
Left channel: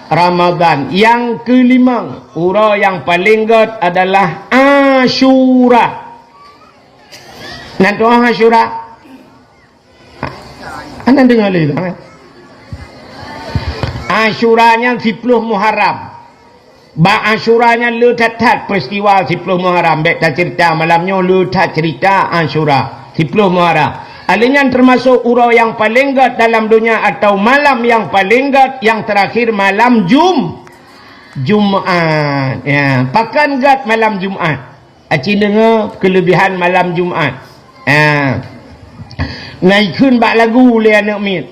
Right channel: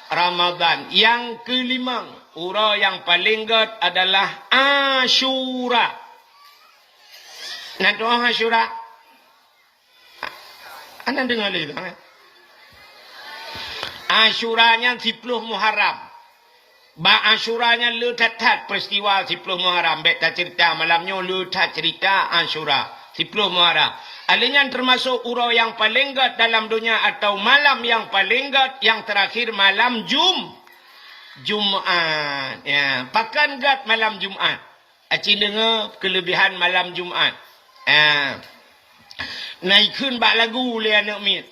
Ramadan. Yang kelima, urau yang paling god adalah Asyura. Nanti Asyura, anda dengar lagi kan? Asyuranya 10 Muharram. Asyuranya lu tat peristiwa 10 Muharram. Baik tak cerita malamnya lu tat cerita Asyura 10 Muharram. Alanya termasuk urau yang paling god dalam dunia atau malam yang paling god yang terakhir malam Jumaat. Ya, pakan god malam Jumaat. Aci dengar kelebihan malam Jumaat. Naik kun bak lagu le anak mit.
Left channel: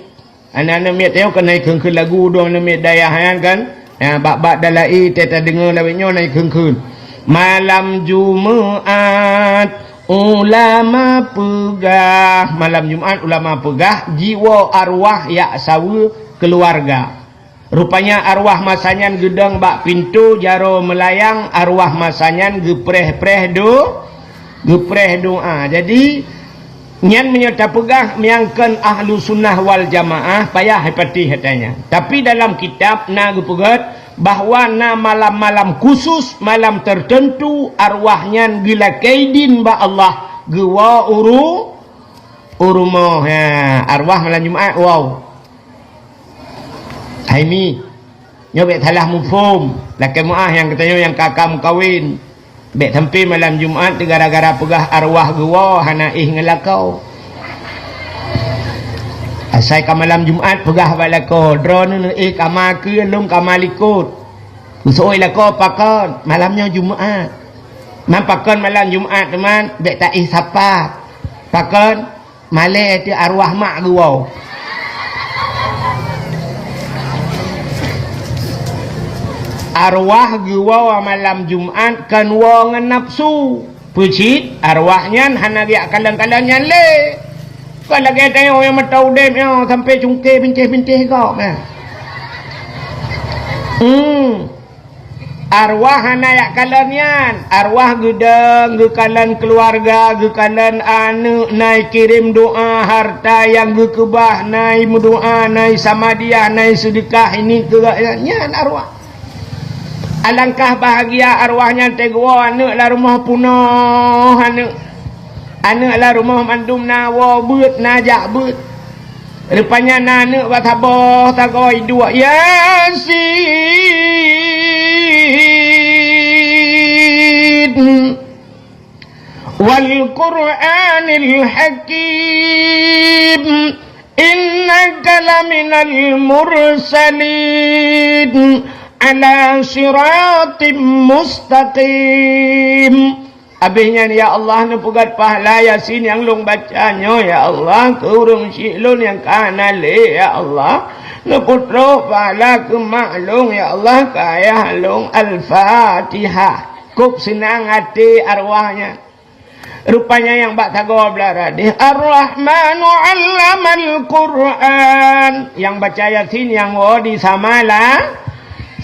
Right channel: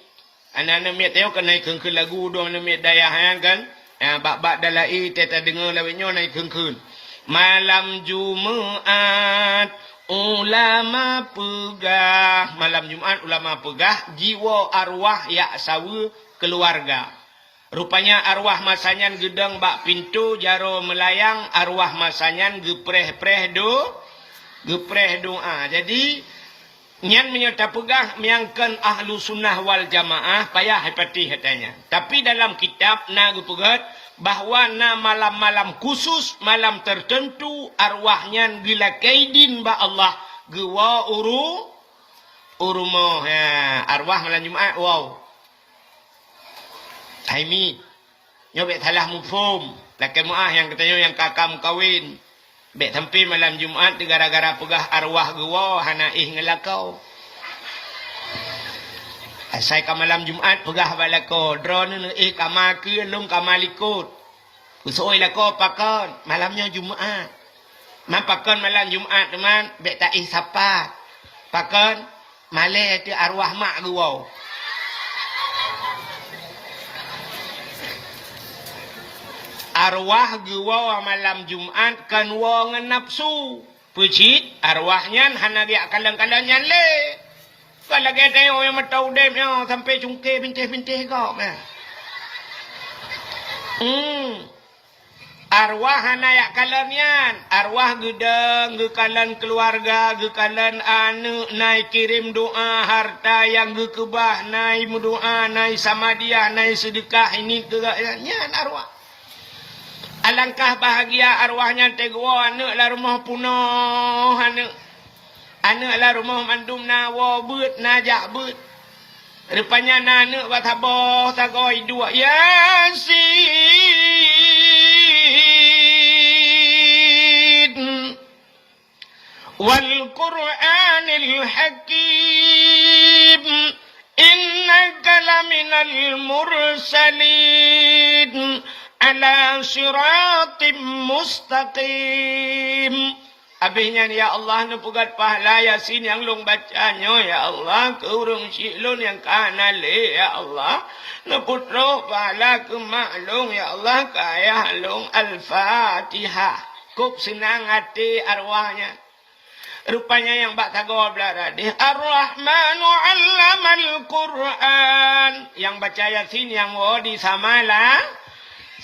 Anak mit tengok kan naik kun lagu dong anak mit dayah kan. Bak dalai teta dengar lawetnya naik kun. Malam Jumaat ulama pegah. Malam Jumaat ulama pegah jiwa arwah yak sawu keluarga. Rupanya arwah masanyan gedang bak pintu jaro melayang, arwah masanyan gepreh-preh doa. Jadi nyan menyerta pegah menyangkan ahlu sunnah wal jamaah payah hepati hatanya. Tapi dalam kitab na gepegat bahwa na malam-malam khusus, malam tertentu arwahnya gila kaidin ba Allah gewa urumoh arwah malam Jumaat. Wow, Haimi nyobek salah mufhum laki muah yang katanya yang kakak mukawin bek sampai malam Jumaat gara-gara pegah arwah gewa hana ngelakau. Asai ka malam Jumaat pegah balako drone kama ke lum kama likut usoi lako pakon malamnya Jumaat. Pakon malam Jumaat teman bek tak sapa pakon male ti arwah mak gewa. Arwah gewa malam Jumaat kan wong nafsu pucit arwahnya hana dia kalang-kalangnya le. Kalau lagi tanya yang matau depnya sampai cungke bintih-bintih kau. Arwah hana yak kalanyan, arwah gedang, gekalan keluarga, gekalan anu, naik kirim doa harta yang gekebah, naik doa, naik samadiyah, naik sedekah ini kegaknya arwah. Alangkah bahagia arwahnya tegwa anak lah rumah punah anak lah rumah mandum nawa beut najak beut rupanya anak batabah takoi dua Yasin wal Qur'anil Hakim innaka laminal mursalin ala siratim mustaqim. Habisnya ya Allah ni pegat pahala Yasin yang long bacanya ya Allah ke urang syilun yang kanale ya Allah ni putra pahala ke maklum ya Allah kaya long al-Fatihah kup senang hati arwahnya. Rupanya yang bak tago belaradi Ar-Rahmanu 'allamal Qur'an yang baca Yasin yang wadi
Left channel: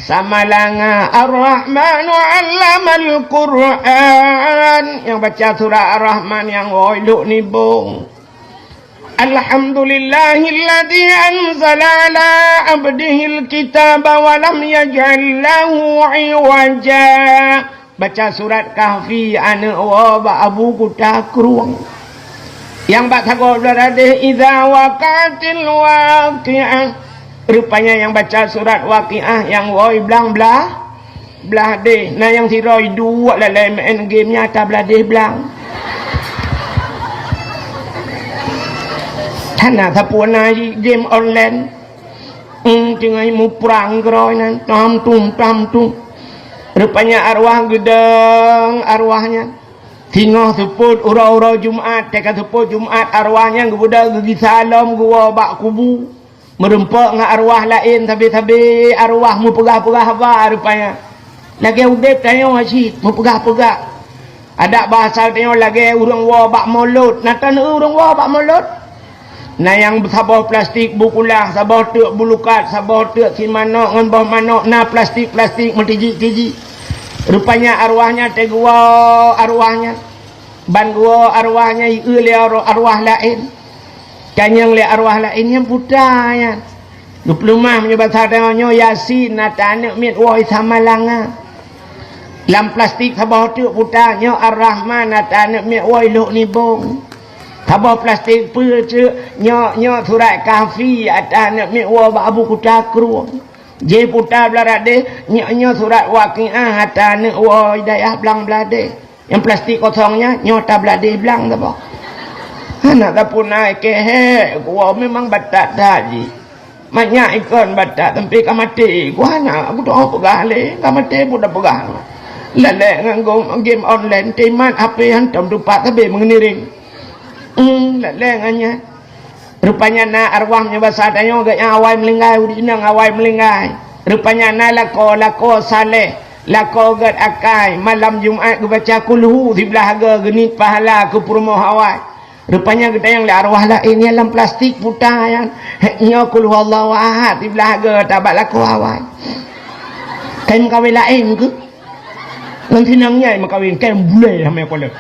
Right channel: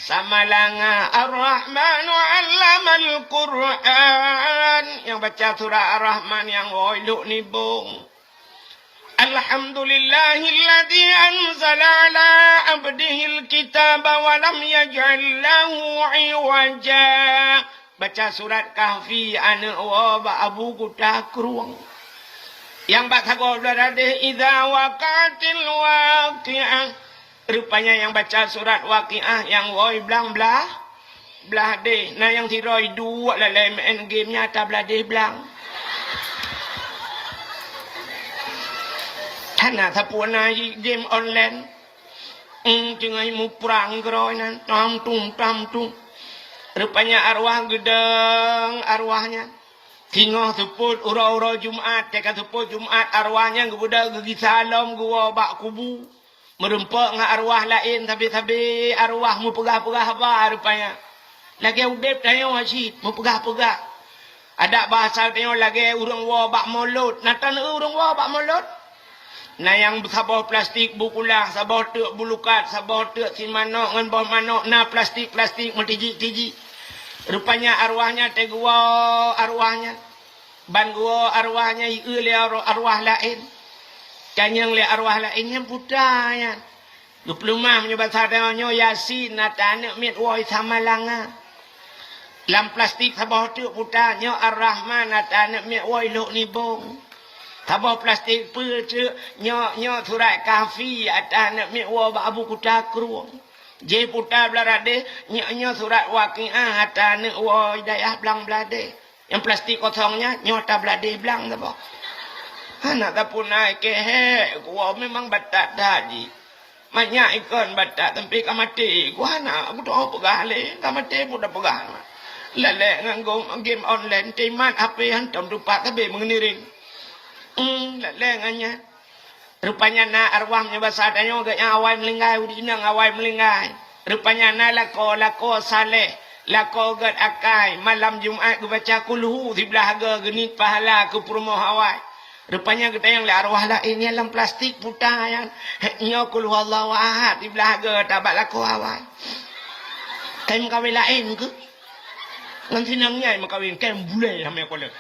Samalanga Ar-Rahmanu 'allamal Qur'an yang baca surah Ar-Rahman yang wailuk nibung. Alhamdulillahilladzi anzala ala abdihil kitaba wa lam yaj'al lahu 'iwaja. Baca surat Kahfi ana wa ba abu kutakruang. Yang bak tago berade idza waqatil waqi'ah. Rupanya yang baca surat Waqiah yang woi belah deh. Nah yang si Roy dua lah main game nyata belah deh belang. Tanah sapu na game online. Jangan mu perang Roy nan tam tum. Rupanya arwah gedang arwahnya. Tinggal seput urau Jumaat, teka seput Jumaat arwahnya gebudak gigi salam gua bak kubu. Merempak dengan arwah lain tapi arwah mu pegah-pegah apa rupanya. Lagi udep tanya Hasyid mu pegah-pegah. Ada bahasa tanya lagi urang wa bak mulut. Natan urang wa bak mulut. Nah yang sabah plastik bukulah, sabah tek bulukat, sabah tek sin manok ngan bah manok, nah plastik mentiji-tiji. Rupanya arwahnya tegwa arwahnya. ban gua arwahnya le arwah lain kanyang le arwah lain yang buta ya diplomah menyebab sadanya yasin natane mit woi samalanga lam plastik sabah tu buta nya ar-rahman natane mit woi luk ni bong sabah plastik pu tu nya surat kahfi atane mit woi abu kutakru je putar belarade nya surat waqiah atane woi dayah belang belade yang plastik kosongnya nyota belade belang apa anak tak pun naik kehe gua memang batak tadi banyak ikon batak tapi kamati gua anak aku tak pegang le kamati pun dah pegang lele nganggo game online teman HP hantam dupak tabe mengeniring lele nganya rupanya na arwahnya basadanya agaknya awai melinggai udinang awai melinggai rupanya na lako saleh lako gad akai malam Jumaat ku baca kulhu di belahaga genit pahala ke perumoh awai rupanya kita yang le arwah lain dalam plastik putah yang nya kulhu Allahu ahad di belahaga tabat lako awai kan kawin lain ke nanti nangnya makawin kan bule hame ko le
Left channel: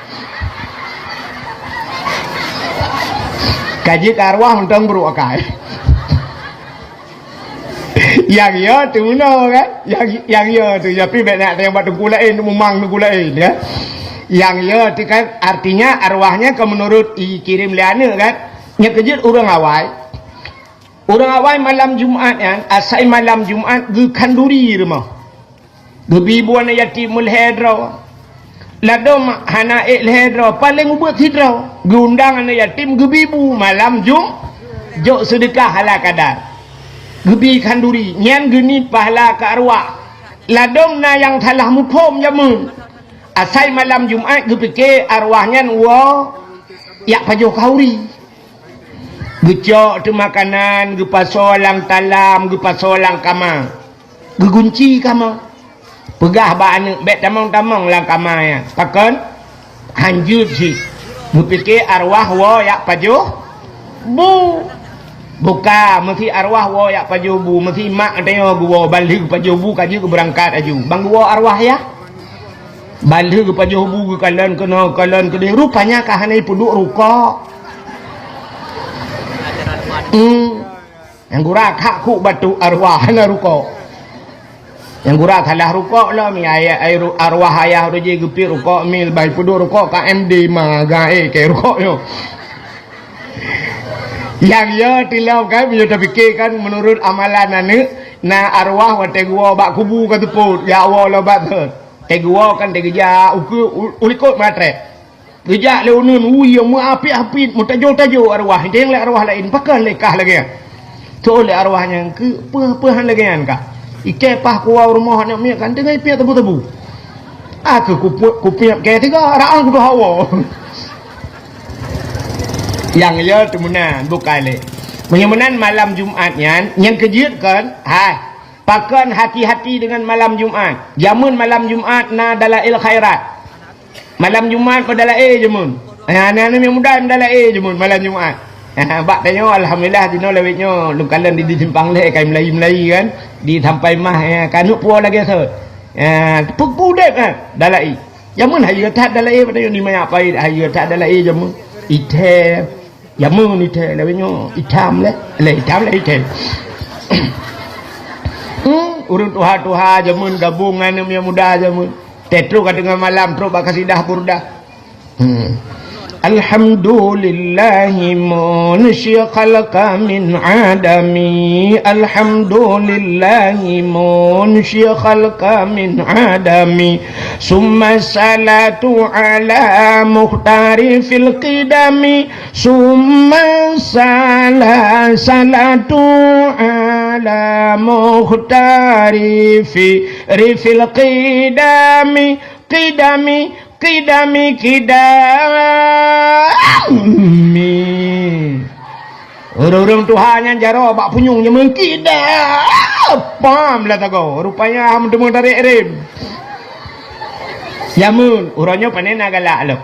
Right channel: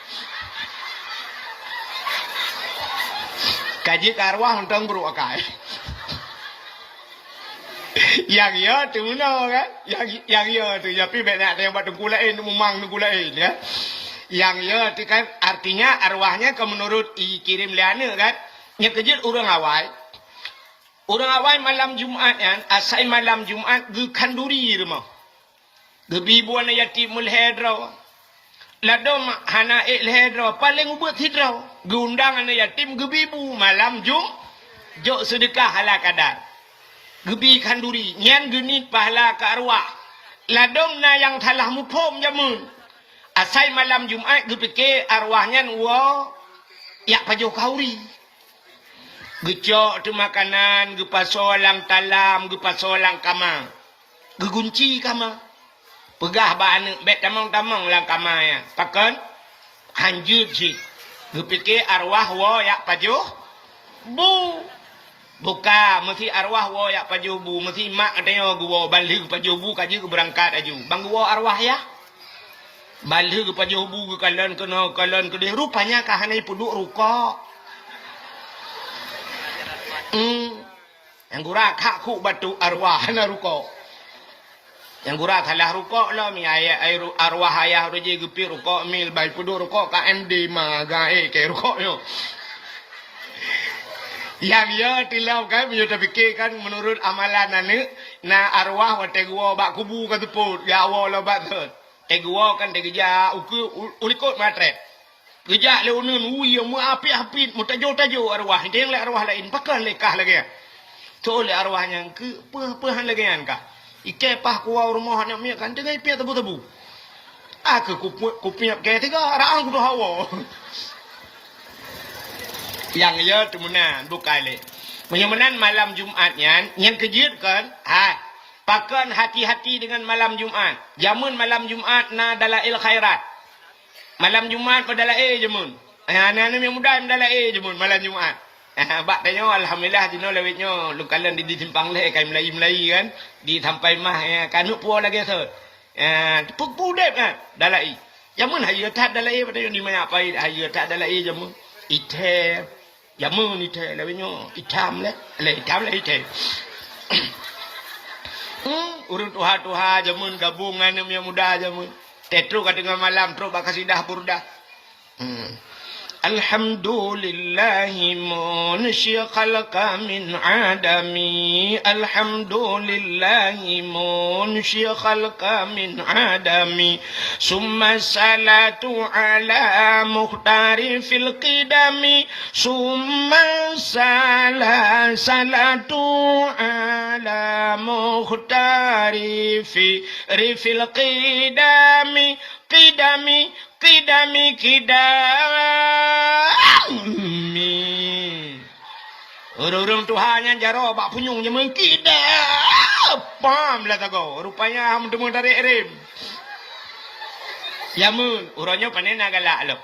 kaji arwah mentang buru akai yang ya tu no kan yang ya tu tapi benak yang batu gulain memang gulain ya yang ya tu kan artinya arwahnya ke menurut kirim liana kan nya kejut orang awai malam Jumaat yang asai malam Jumaat ge kanduri rumah ge bibuan yatimul hedra ladom hana hedra paling ubut hidra ge undangan yatim ge bibu malam jok sedekah hala kadar gebi kanduri nyan geni pahala ke arwah ladom na yang telah mukom jamun asai malam Jumaat gebi ke arwahnya wa yak pajo kauri gecok tu makanan ge pasolang talam ge pasolang kama ge gunci kama pegah ba anu bet tamang-tamang lang kama ya pakon hanjut si gebi ke arwah wa yak pajo bu buka mesti arwah wo ya pajobu mesti mak tengok gua balik pajobu kaji ke berangkat aju bang gua arwah ya balik ke pajobu ke kalian ke rupanya kahane puduk ruko yang gura kak ku batu arwah na ruko yang gura kalah ruko lah mi ayat arwah ayah roje gepi ruko mil bai puduk ruko KMD magae ke ruko yo yang ya tilau kan dia terfikir kan menurut amalan ane na arwah wa tegua bak kubu ka teput ya Allah la bat tegua kan tegeja ulikot matre geja le unun yang mu api mu tajo arwah deng le arwah lain pakan lekah lagi tu le arwahnya ke pehan lagi kan ka ike pah kuau rumah nak mi kan dengan pi tebu aku kupiap ke tiga raang ku hawa yang ya temunan bukan le menyemenan malam Jumatnya yang kejut kan pakan hati-hati dengan malam Jumat jamun malam Jumat na dalail khairat malam Jumat pada jamun anak-anak yang muda adalah jamun malam Jumat bak tanya alhamdulillah dino lewitnya lu kalian di simpang le kai Melayu kan di sampai mah kanuk puo lagi se pukudek kan dalai jamun hayu tak dalai pada ni maya pai hayu tak dalai jamun ite jamun ite lewitnya hitam le ite urun tuha jamun gabungan yang muda jamun tetru dengan malam terus bak kasidah burdah Alhamdulillahi manusia khalqa min adami Alhamdulillahi manusia khalqa min adami Summa salatu ala muhtari fil qidami Summa salatu ala muhtari fil qidami Qidami orang Tuhannya jaro bak punyungnya mengkidap pam lah tago rupanya ham demo dari erim yamun urangnya panen agala lo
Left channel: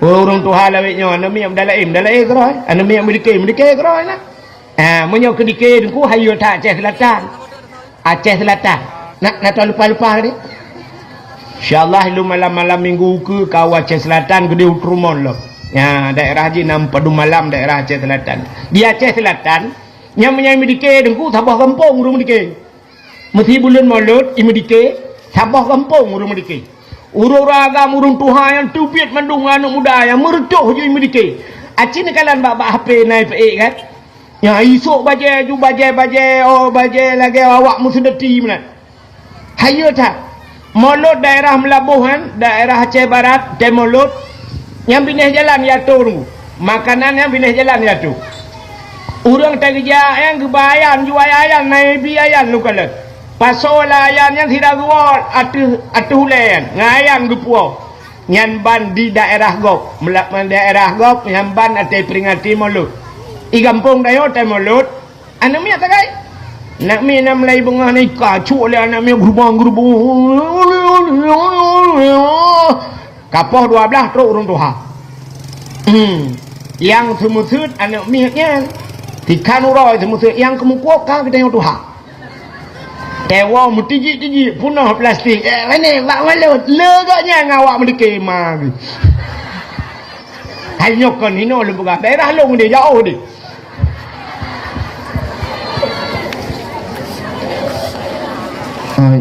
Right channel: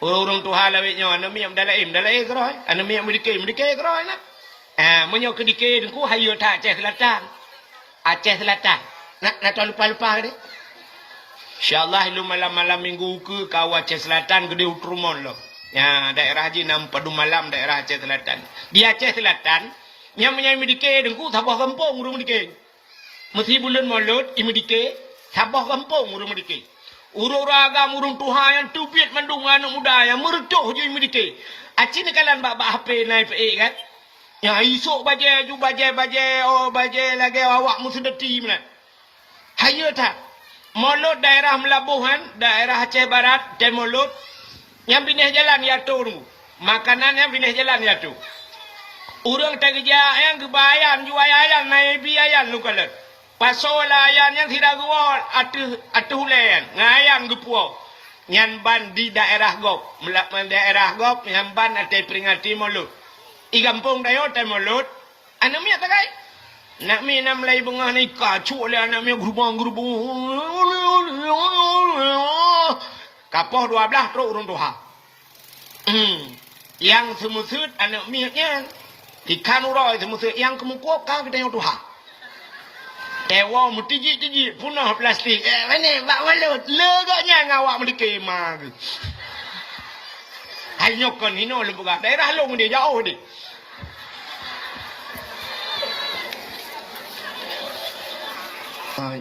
orang Tuhan lawitnya anu mi am dalaim kroi anu mi am dike kroi lah menyo ke dike ku hayu tak Aceh Selatan nak lupa ni InsyaAllah lu malam-malam minggu ke kau Aceh Selatan ke di Utrumon lo. Ya, daerah Haji Padu Malam daerah Aceh Selatan. Di Aceh Selatan, yang menyai medike dengku tabah kampung urung medike. Mesti bulan Maulud imedike tabah kampung urung medike. Urung agam urung Tuhan yang tubit mandung anak muda yang mertuh je imedike. Aceh ni kalan bak HP naik pe kan. Yang esok baje ju baje oh baje lagi awak musdati mana. Hayo tak. Maulud daerah Melabuhan, daerah Aceh Barat, Maulud yang binih jalan ya tu. Makanan yang binih jalan ya tu. Urang tak kerja yang kebayan jual ayan naik biayan lu kalau. Pasal ayan yang tidak kuat atu hulen ngayan gepuo. Nyan ban di daerah Gop, melakman daerah Gop yang ban ate peringati Maulud. I kampung dayo Maulud. Anu mi tak kai? Nak mi nak melai bengah ni kacuk le anak mi gerubang. Kapoh 12 truk urung Tuhan. Yang semusut anak mi nya tikan uroi semusut yang kemukuak ka kita Tuhan. Tewa mutiji-tiji punah plastik. Mana bak malut legaknya ngawak medike ma. Hai nyokon hino lu buka daerah long dia jauh dia.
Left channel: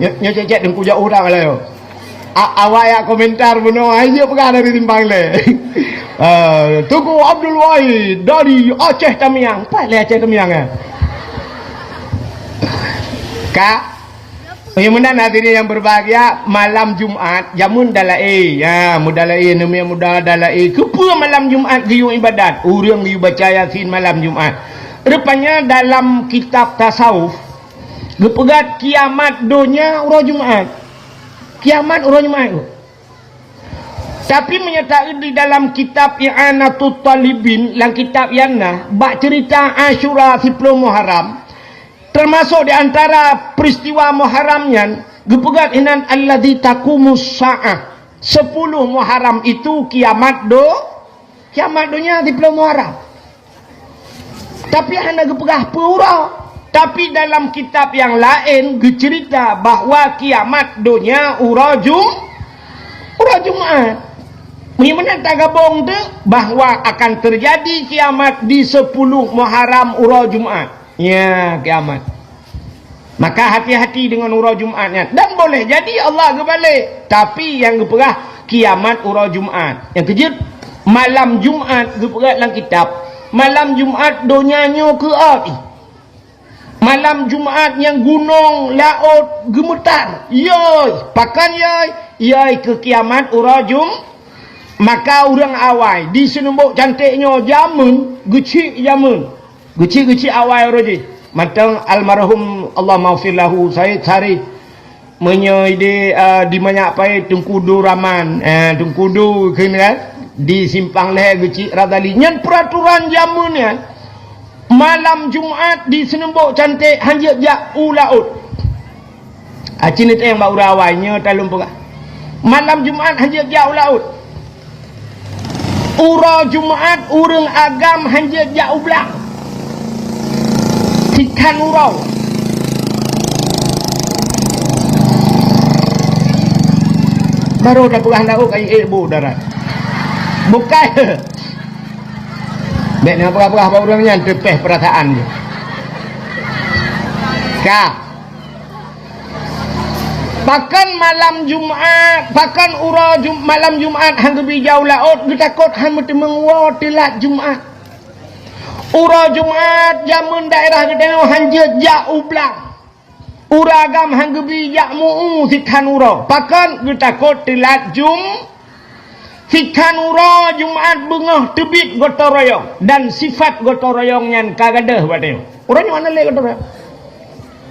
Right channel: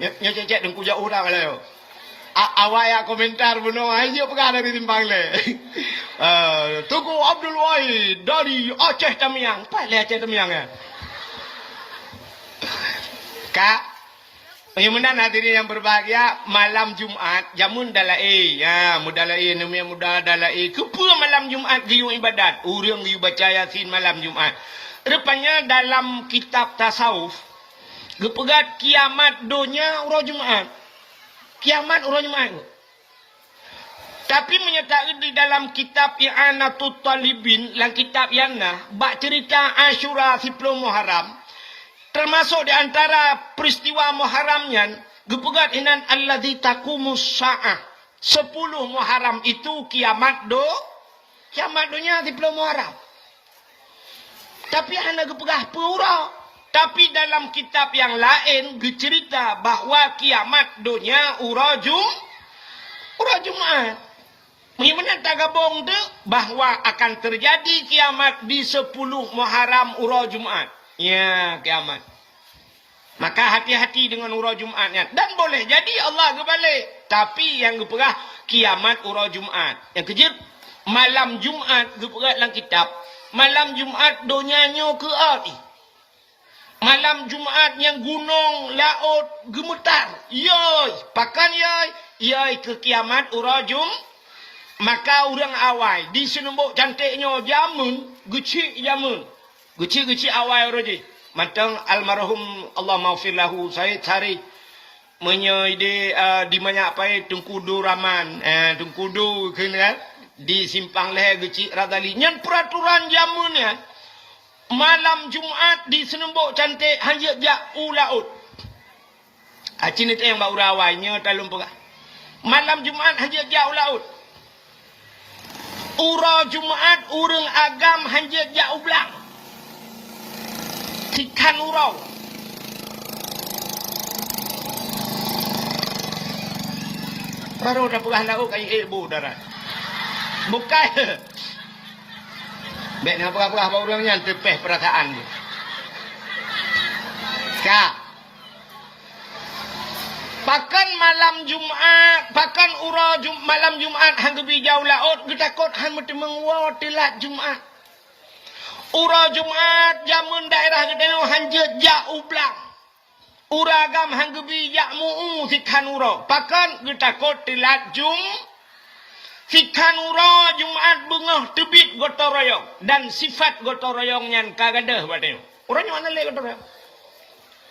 Nya cek dengku jauh dah kalau. Awak ya komentar beno aja pegang dari timbang le. Tugu Abdul Wahid dari Aceh Tamiang. Pak le Aceh Tamiang ah. Kak, yang mana hadirin yang berbahagia, malam Jumaat jamun dalai ya mudalai namanya muda dalai kepa malam Jumaat giu ibadat urang giu baca Yasin malam Jumaat. Rupanya dalam kitab tasawuf gepegat kiamat dunia urang Jumaat. Kiamat urang Jumaat. Tapi menyertai di dalam kitab I'anatul Talibin, dalam kitab Yana, bak cerita Asyura 10 Muharram. Termasuk di antara peristiwa Muharramnya, gepegat inan alladzi taqumus sa'ah. 10 Muharram itu kiamat dunia 10 Muharram. Tapi anda gepegah pura. Tapi dalam kitab yang lain bercerita bahawa kiamat dunia urang Jumaat. Bagaimana tak gabung tu bahawa akan terjadi kiamat di 10 Muharram urang Jumaat. Ya, kiamat. Maka hati-hati dengan urang Jumaatnya. Dan boleh jadi Allah kebalik. Tapi yang geperah kiamat urang Jumaat. Yang kejut malam Jumaat geperah dalam kitab. Malam Jumaat donyanya ke api. Malam Jumaat yang gunung laut gemetar. Yoi, pakan yoi ke kiamat urang Jumaat. Maka orang awal di senembok cantiknya jamun, gecik jamun. Gecik awal roji. Matang almarhum Allah maghfir lahu Said Sarif menyoide di banyak pai Tungkudu Raman, Tungkudu kena di simpang leher gecik radali. Nyan peraturan jamunnya malam Jumaat di senembok cantik hanjak jak ulaut. Acin itu yang bau rawainya talum pegah. Malam Jumaat hanjak jak ulaut. Ura Jumaat urang agam hanjak jak ublang. Tikan urau. Baru dah pegah lauk ai ibu darat. Bukan. Nek nak pegah-pegah orangnya tepeh perasaan dia. Kak. Bahkan malam Jumaat, bahkan malam Jumaat hang gebi jauh laut, getakot hang mesti menguat telat Jumaat. Ura Jumaat jamun daerah gedeno hanje jauh belang. Ura agam hang gebi jak muu sikan ura. Bahkan getakot telat sikan ura Jumaat bengah tebit gotong royong dan sifat gotong royongnya kagadah badeo. Urang mana le gotong royong?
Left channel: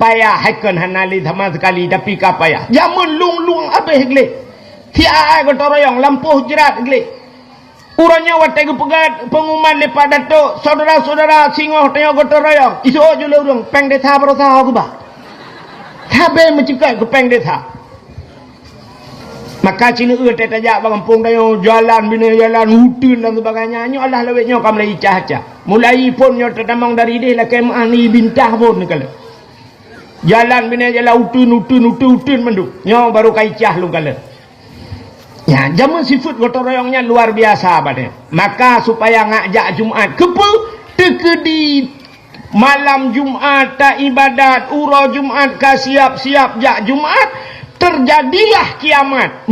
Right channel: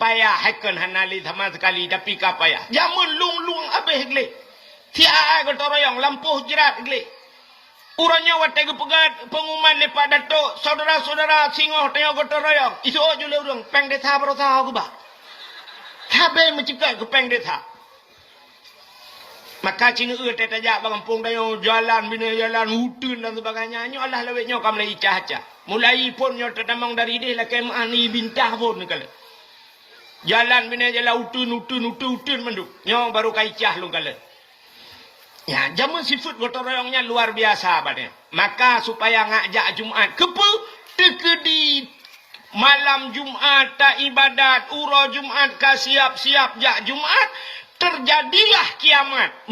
Payah hakan hanali sama sekali tapi ka payah. Jamun lung habis gle. Tia gotong royong lampuh jerat gle. Urangnya watai pegat pengumuman lepas datuk saudara-saudara singoh tengok gotong royong. Isu jule urang peng desa berusaha aku bah. Tabe mencipta ke peng desa. Maka Cina tak tajak kampung dayo jalan bina jalan hutan dan sebagainya. Nyo Allah lewetnya kam lai cah-cah. Mulai pun nyo tertamang dari dia lah kemah ni bintah pun ni kala. Jalan bina jalan hutan menduk. Nyo baru kai cah lu kala. Ya, jaman sifat gotong royongnya luar biasa pada. Maka supaya ngajak Jumat kepe tekedi malam Jumat tak ibadat, ura Jumat ka siap-siap jak Jumat, terjadilah kiamat.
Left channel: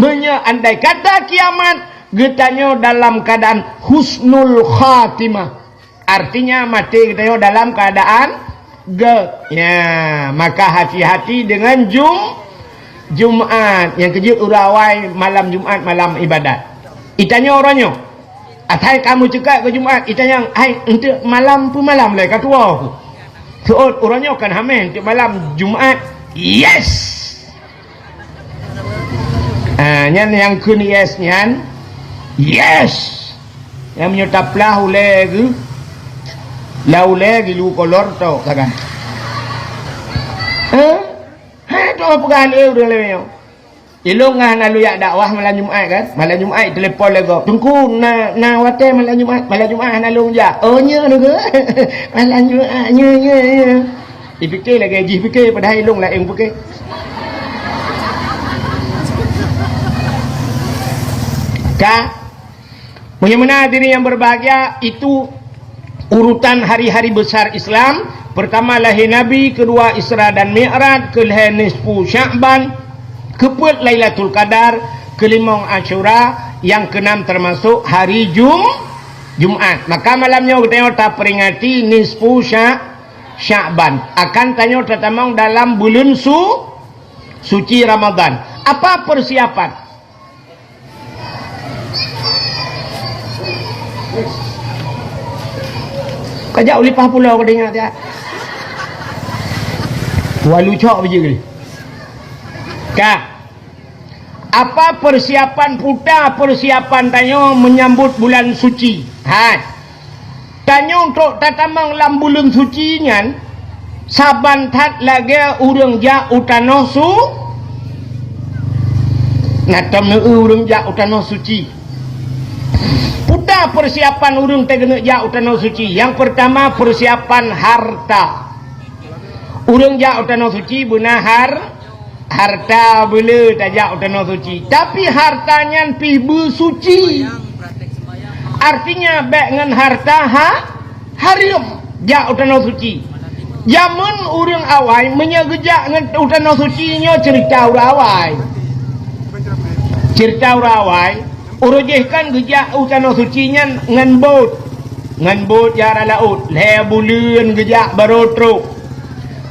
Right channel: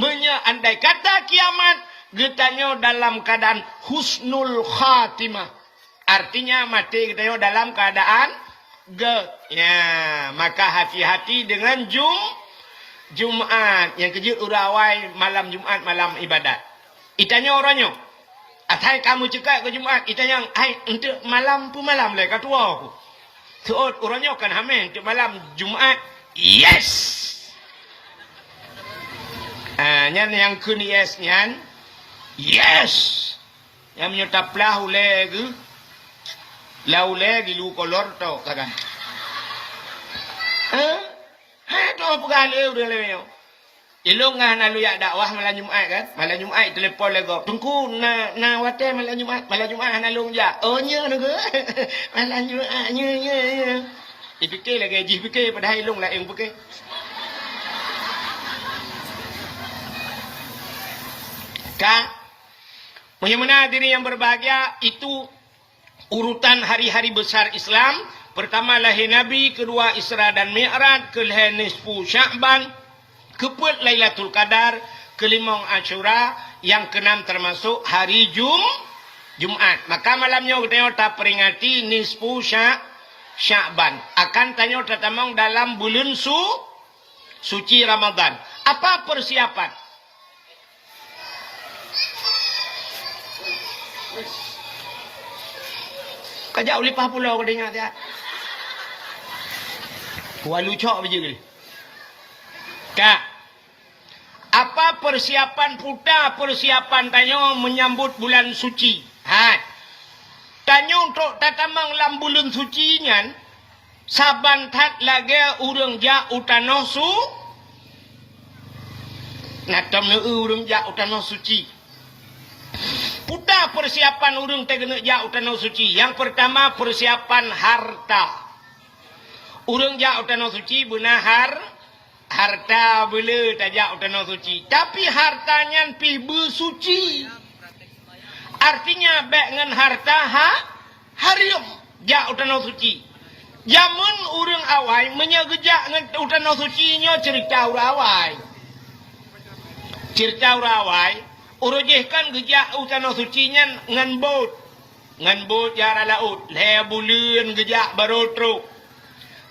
Andai kata kiamat, getanyo dalam keadaan husnul khatimah. Artinya mati getanyo dalam keadaan ya, maka hati-hati dengan Jumat yang kejut urawai malam Jumat malam ibadat. Itanya orangnya, atai kamu cekak ke Jumat, itanya hai untuk malam pu malam le katua aku. Tuot orangnya kan hamen untuk malam Jumat. Yes. Nyan yang kun yes nyan. Yes. Yang menyetap lahu lagi. Lau lagi lu kolor tau kagak. Hai tu apa kali udah lewat. Ilung ngah nalu yak dakwah malam Jumat kan. Malam Jumat telefon lego. Tunggu na wate malam Jumat nalung ja. Oh nya nu ke. Malam Jumat nya. Dipikir lagi gaji fikir pada ilung lah yang fikir. Ka Bagaimana diri yang berbahagia itu urutan hari-hari besar Islam. Pertama lahir Nabi, kedua Isra dan Mi'raj, kelihir nisfu Sya'ban, keempat Lailatul Qadar, kelima Asyura, yang keenam termasuk hari Jumat. Maka malamnya kita tak peringati nisfu Sya'ban. Akan tanya tatamang dalam bulan suci Ramadan. Apa persiapan? Kajak ulipah pulau kau dengar tak? Walu cok biji ke? Kak, apa persiapan puta persiapan tanyo menyambut bulan suci? Hai, tanyo untuk tatamang lam bulan suci nyan, saban tat lagi urang ja utano su, natam ne urang ja utano suci. Puta persiapan urang tegena ja utano suci. Yang pertama persiapan harta. Urang ja utano suci benar harta bela tajak utano suci. Tapi hartanya pi suci. Artinya baik dengan harta harim ja utano suci. Zaman urang awai menyegejak dengan utano suci nya cerita urawai. Cerita urawai urujihkan gejak utano suci nya ngan bot jara laut le bulan gejak baru truk.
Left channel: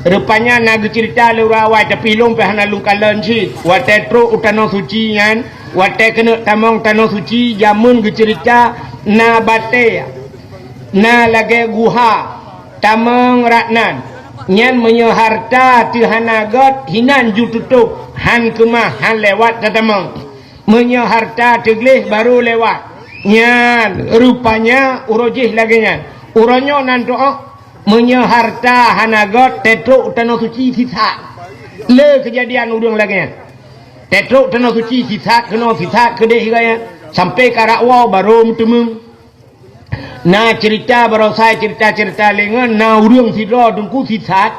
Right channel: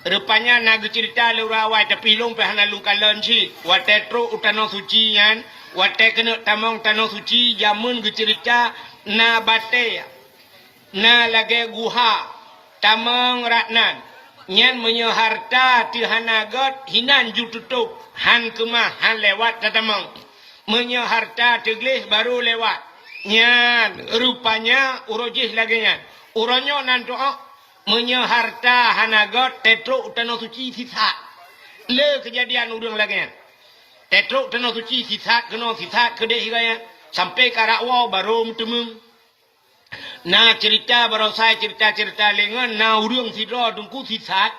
Rupanya nak cerita lurawai tapi long pehana lung kalan si wate tro utano suci ngan wate kena tamong tano suci jamun cerita na bate na lage guha tamong ratnan nyan menyo harta ti hanagot hinan ju tutup han kemah han lewat tatamong menyo harta tegleh baru lewat nyan rupanya urojih lagi nyan uronyo nanto menyo harta hanagot tetruk utano suci sisa le kejadian udang lagi tetruk utano suci sisa kena sisa kedeh gaya sampai karakwa baru mutemung na cerita baru saya cerita lengan na udang sidro dungku sisa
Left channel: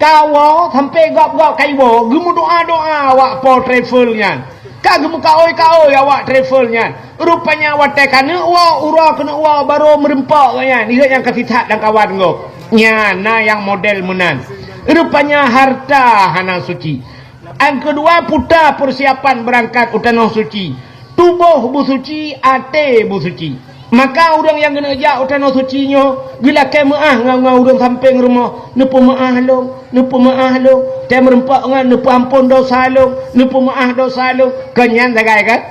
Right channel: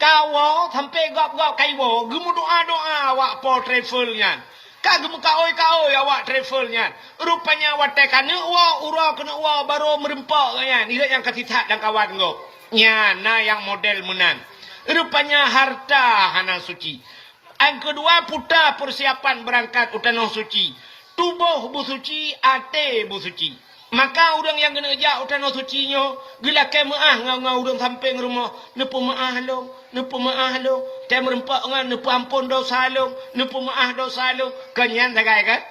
kawo sampai gap kaibo gemu doa awak po travelnya kagem kaoi awak travelnya rupanya awak tekane ura kena baru merempak gaya ni yang kasih dan kawan go nya na yang model menan rupanya harta hana suci. Yang kedua puta persiapan berangkat utano suci, tubuh busuci, ate busuci. Maka orang yang kena jak utano suci nyo gila ke maah ngau orang sampai rumah nepo maah long te merempak ngan nepo ampun dosa long nepo maah dosa long kenyan sagai kan.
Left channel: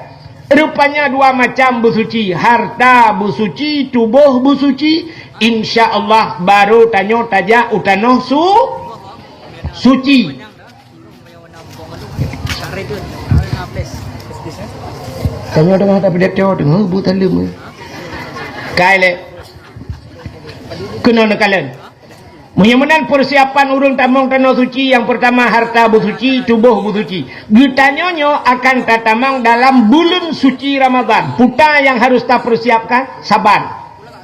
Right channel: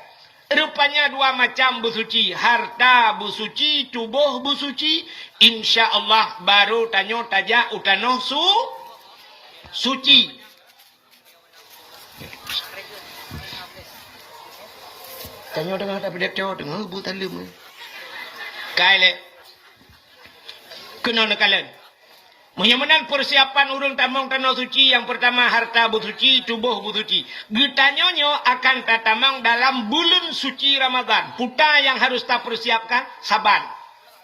Rupanya dua macam busuci, harta busuci, tubuh busuci. Insya Allah baru tanyo tajak utano suci. Tanyo dengar tak pedek teo dengar buta lem. Kaile. Kena nekalan. Mudah-mudahan persiapan urang tamong tanah suci yang pertama harta busuci, tubuh busuci. Gitanyonyo akan tatamang dalam bulan suci Ramadan. Puta yang harus tak persiapkan saban.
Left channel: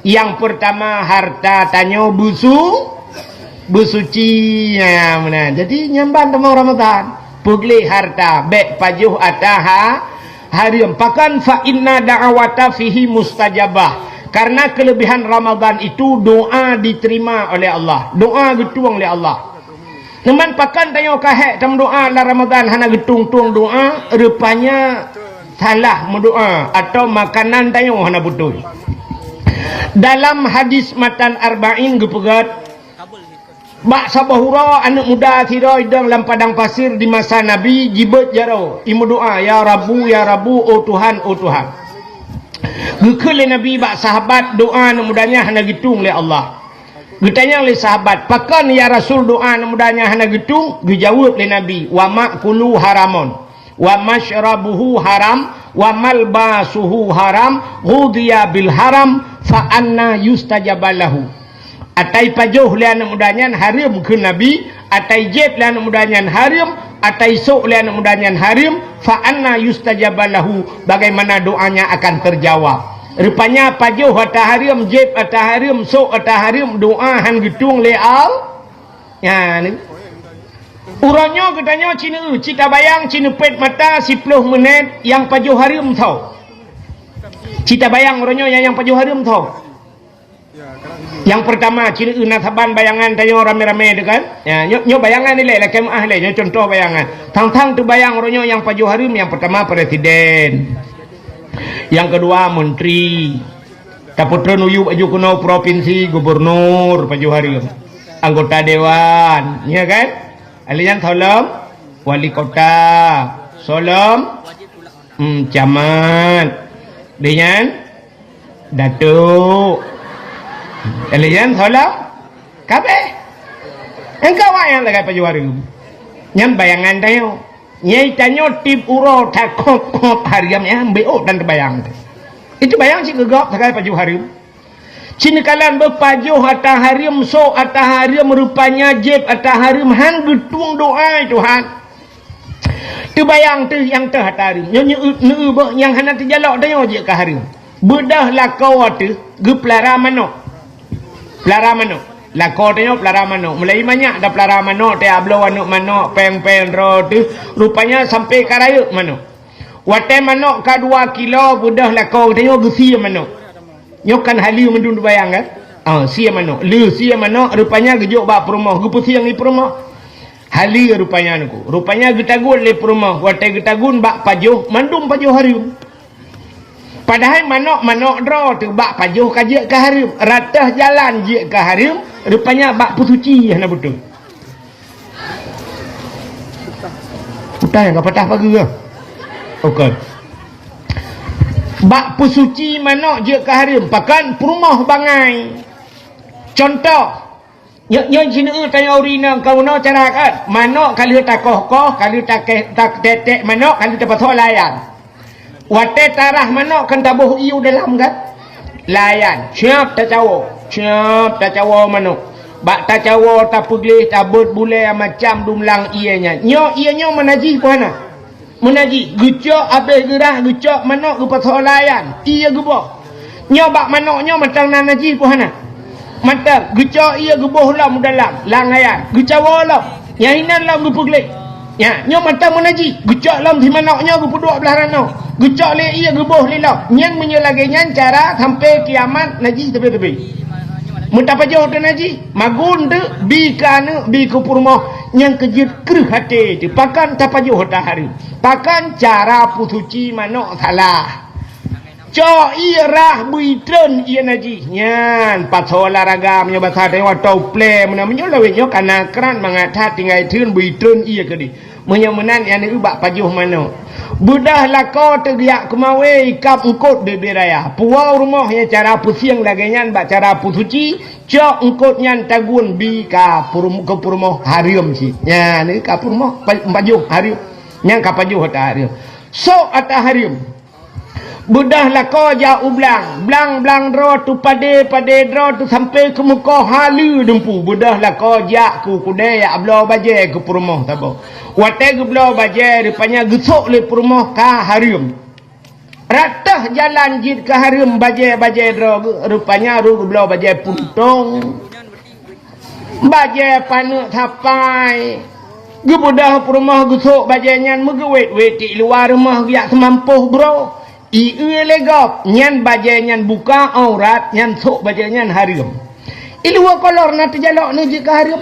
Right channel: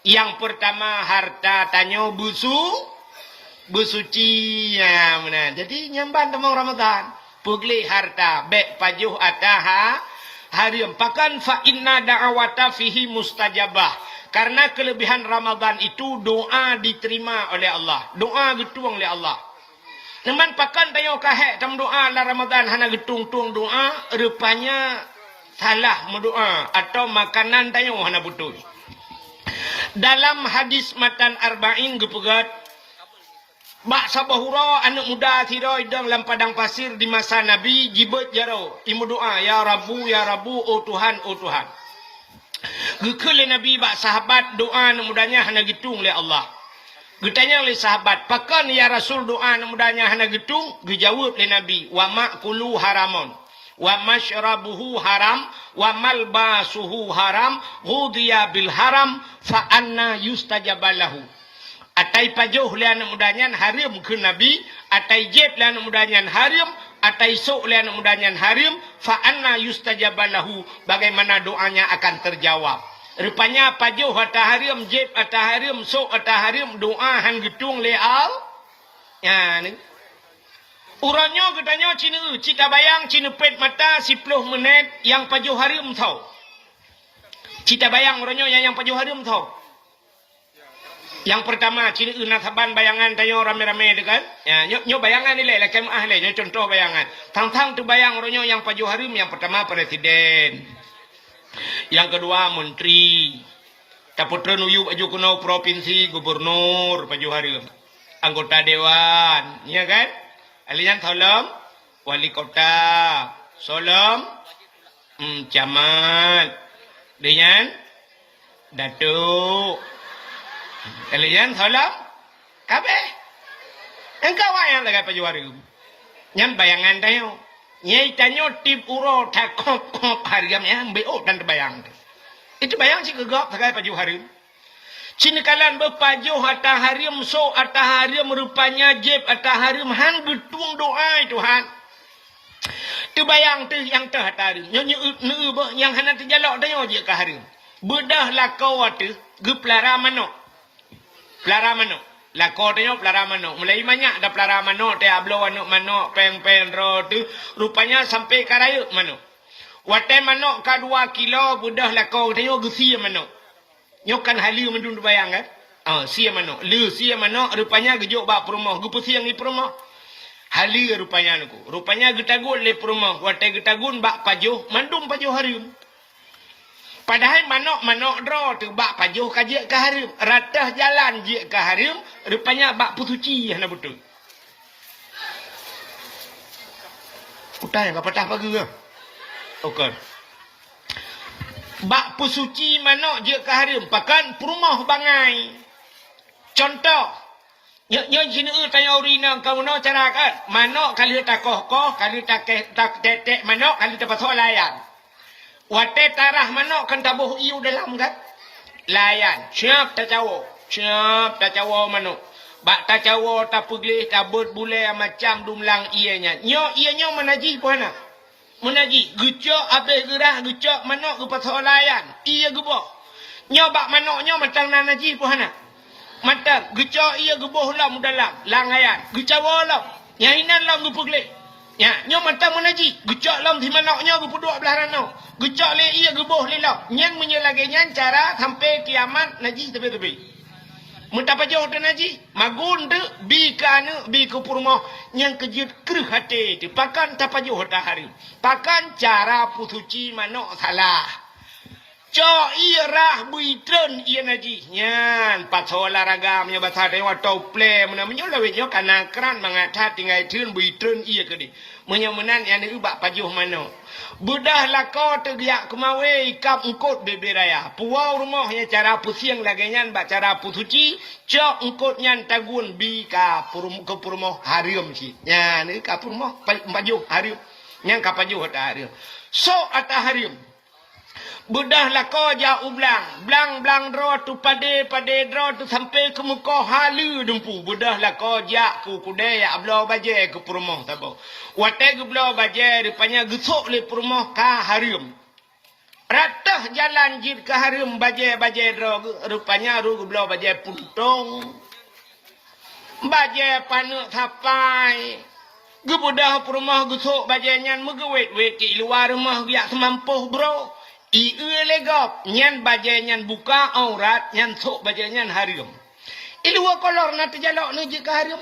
Yang pertama harta tanyo busuci ya mana. Jadi nyamban tamang Ramadan. Pugli harta bek pajuh ataha harim. Pakan fa inna da'awata fihi mustajabah. Karena kelebihan Ramadan itu doa diterima oleh Allah. Doa getuang oleh Allah. Namun pakan tayo kahek dalam doa la Ramadan hana getung-tung doa, rupanya salah mendoa atau makanan tayo hana betul. Dalam hadis matan arba'in gepegat bak sabahura anak muda tira idang dalam padang pasir di masa Nabi jibet jaro imu doa ya Rabbu oh Tuhan oh Tuhan. Gekele Nabi bak sahabat doa anak mudanya hana gitung oleh Allah. Getanya oleh sahabat pakan ya Rasul doa anak mudanya hana gitung, dijawab oleh Nabi wa ma'kulu haramun wa mashrabuhu haram wa malbasuhu haram ghudiya bil haram fa anna yustajabalahu. Atai pajuh le anak mudanya harim ke Nabi, atai jet le anak mudanya harim, atai sok le anak mudanya harim, fa anna yustajabalahu, bagaimana doanya akan terjawab. Rupanya pajuh atau harim, jet atau harim, sok atau harim, doa han gitung le al. Ya ni. Urangnya katanya cita bayang cina pet mata 10 menit yang pajuh harim tau. Cita bayang urangnya yang pajuh harim tau. Yang pertama cina nasaban bayangan tayo rame-rame dekan. Ya, nyo bayangan ni lah kemah le, nyo contoh bayangan. Tang-tang tu bayang orangnya yang pajuh harim, yang pertama presiden. Yang kedua menteri. Kaputra nuyu baju kuno provinsi, gubernur pajuh harim. Anggota dewan, ya kan? Alian tolong wali kota, solom camat. Dengan datuk. Kalian tolong kabeh engkau yang lagi pajuh harim nyam bayangan tayo nyai tanyo tip uro takok hariam ya mbeo dan bayang itu bayang si gegap lagi pajuh harim cini kalan berpajuh atah harim so atah harim rupanya jeb atah harim han getung doa Tuhan tu bayang tu yang teh atah harim yang hana terjalak tayo je ke harim bedah lakau tu geplara manok pelara manok. Lako tengok pelara manok. Mulai banyak dah pelara manok. Dia ablo manok manok. Peng-peng ro tu. Rupanya sampai karayuk manok. Watai manok ka 2 kilo. Budah lako tengok gesia manok. Nyokan halu mendun bayang kan. Sia manok. Sia manok. Rupanya gejuk bak perumah. Gepu siang ni perumah. Halu rupanya nuku. Rupanya getagun le perumah. Watai getagun bak pajuh. Mandum pajuh harim. Padahal manok dro tu bak pajuh kaje ke harim, ratah jalan je ke harim, rupanya bak pusuci hana betul. Patah yang patah pagi ke? Okey. Bak pusuci manok je ke harim, pakan perumah bangai. Contoh, nyo sini tanya urina kau no cara kan, manok kali tak koh, kali tak tetek manok, kali tak patho layan. Watai tarah manok kan tabuh iu dalam kan layan siap tak cawo manok bak tak cawo tak pugli tak but bulai macam dumlang ianya ianya menaji puana menaji gecok habis gerah gecok manok ke pasal layan ia geboh nyo bak manoknya macam nanaji puana mata gecok ia geboh lam dalam langayan gecawo lam yang hinan lam gepugli ya nyo mata menaji gecok lam di manoknya gepuduk belah ranau gecok le ia geboh le lam nyan menyelagi nyan cara sampai kiamat naji tepi-tepi muta pajoh tu naji magun tu bi kana bi ke purmoh nyan kejut kreh hati tu pakan tapajoh ta hari pakan cara pusuci manok salah cho irah buitren ia naji nyan patho olahraga punya bahasa dewa tau play mana menyolawe nyo kana kran mangatha tinggai thun buitren ia kedi menyemenan yang ubak pajuh manok budah lako tegiak kemawe ikap engkot beberaya puau rumah yang cara pusiang lagi nyan bak cara pusuci cok engkot nyan tagun bi ka ke purmoh harim si nyan ni ka purmoh pajuh harim nyan ka pajuh ta harim so ata harim budah lako ja ublang blang dro tu pade dro tu sampai ke muka halu dempu budah lako ja ku kude ya ablo baje ke purmoh tabo watai ke blo baje rupanya gesok le purmoh ka harim ratah jalan jid ke harim baje dro rupanya ru blo baje puntong baje panu tapai Gebudah rumah gusuk bajanyan megewet weti luar rumah giak semampuh bro. Ieu legop nyan bajanyan buka aurat nyan sok bajanyan harim. Ilua kolor na terjalok ni jika harim.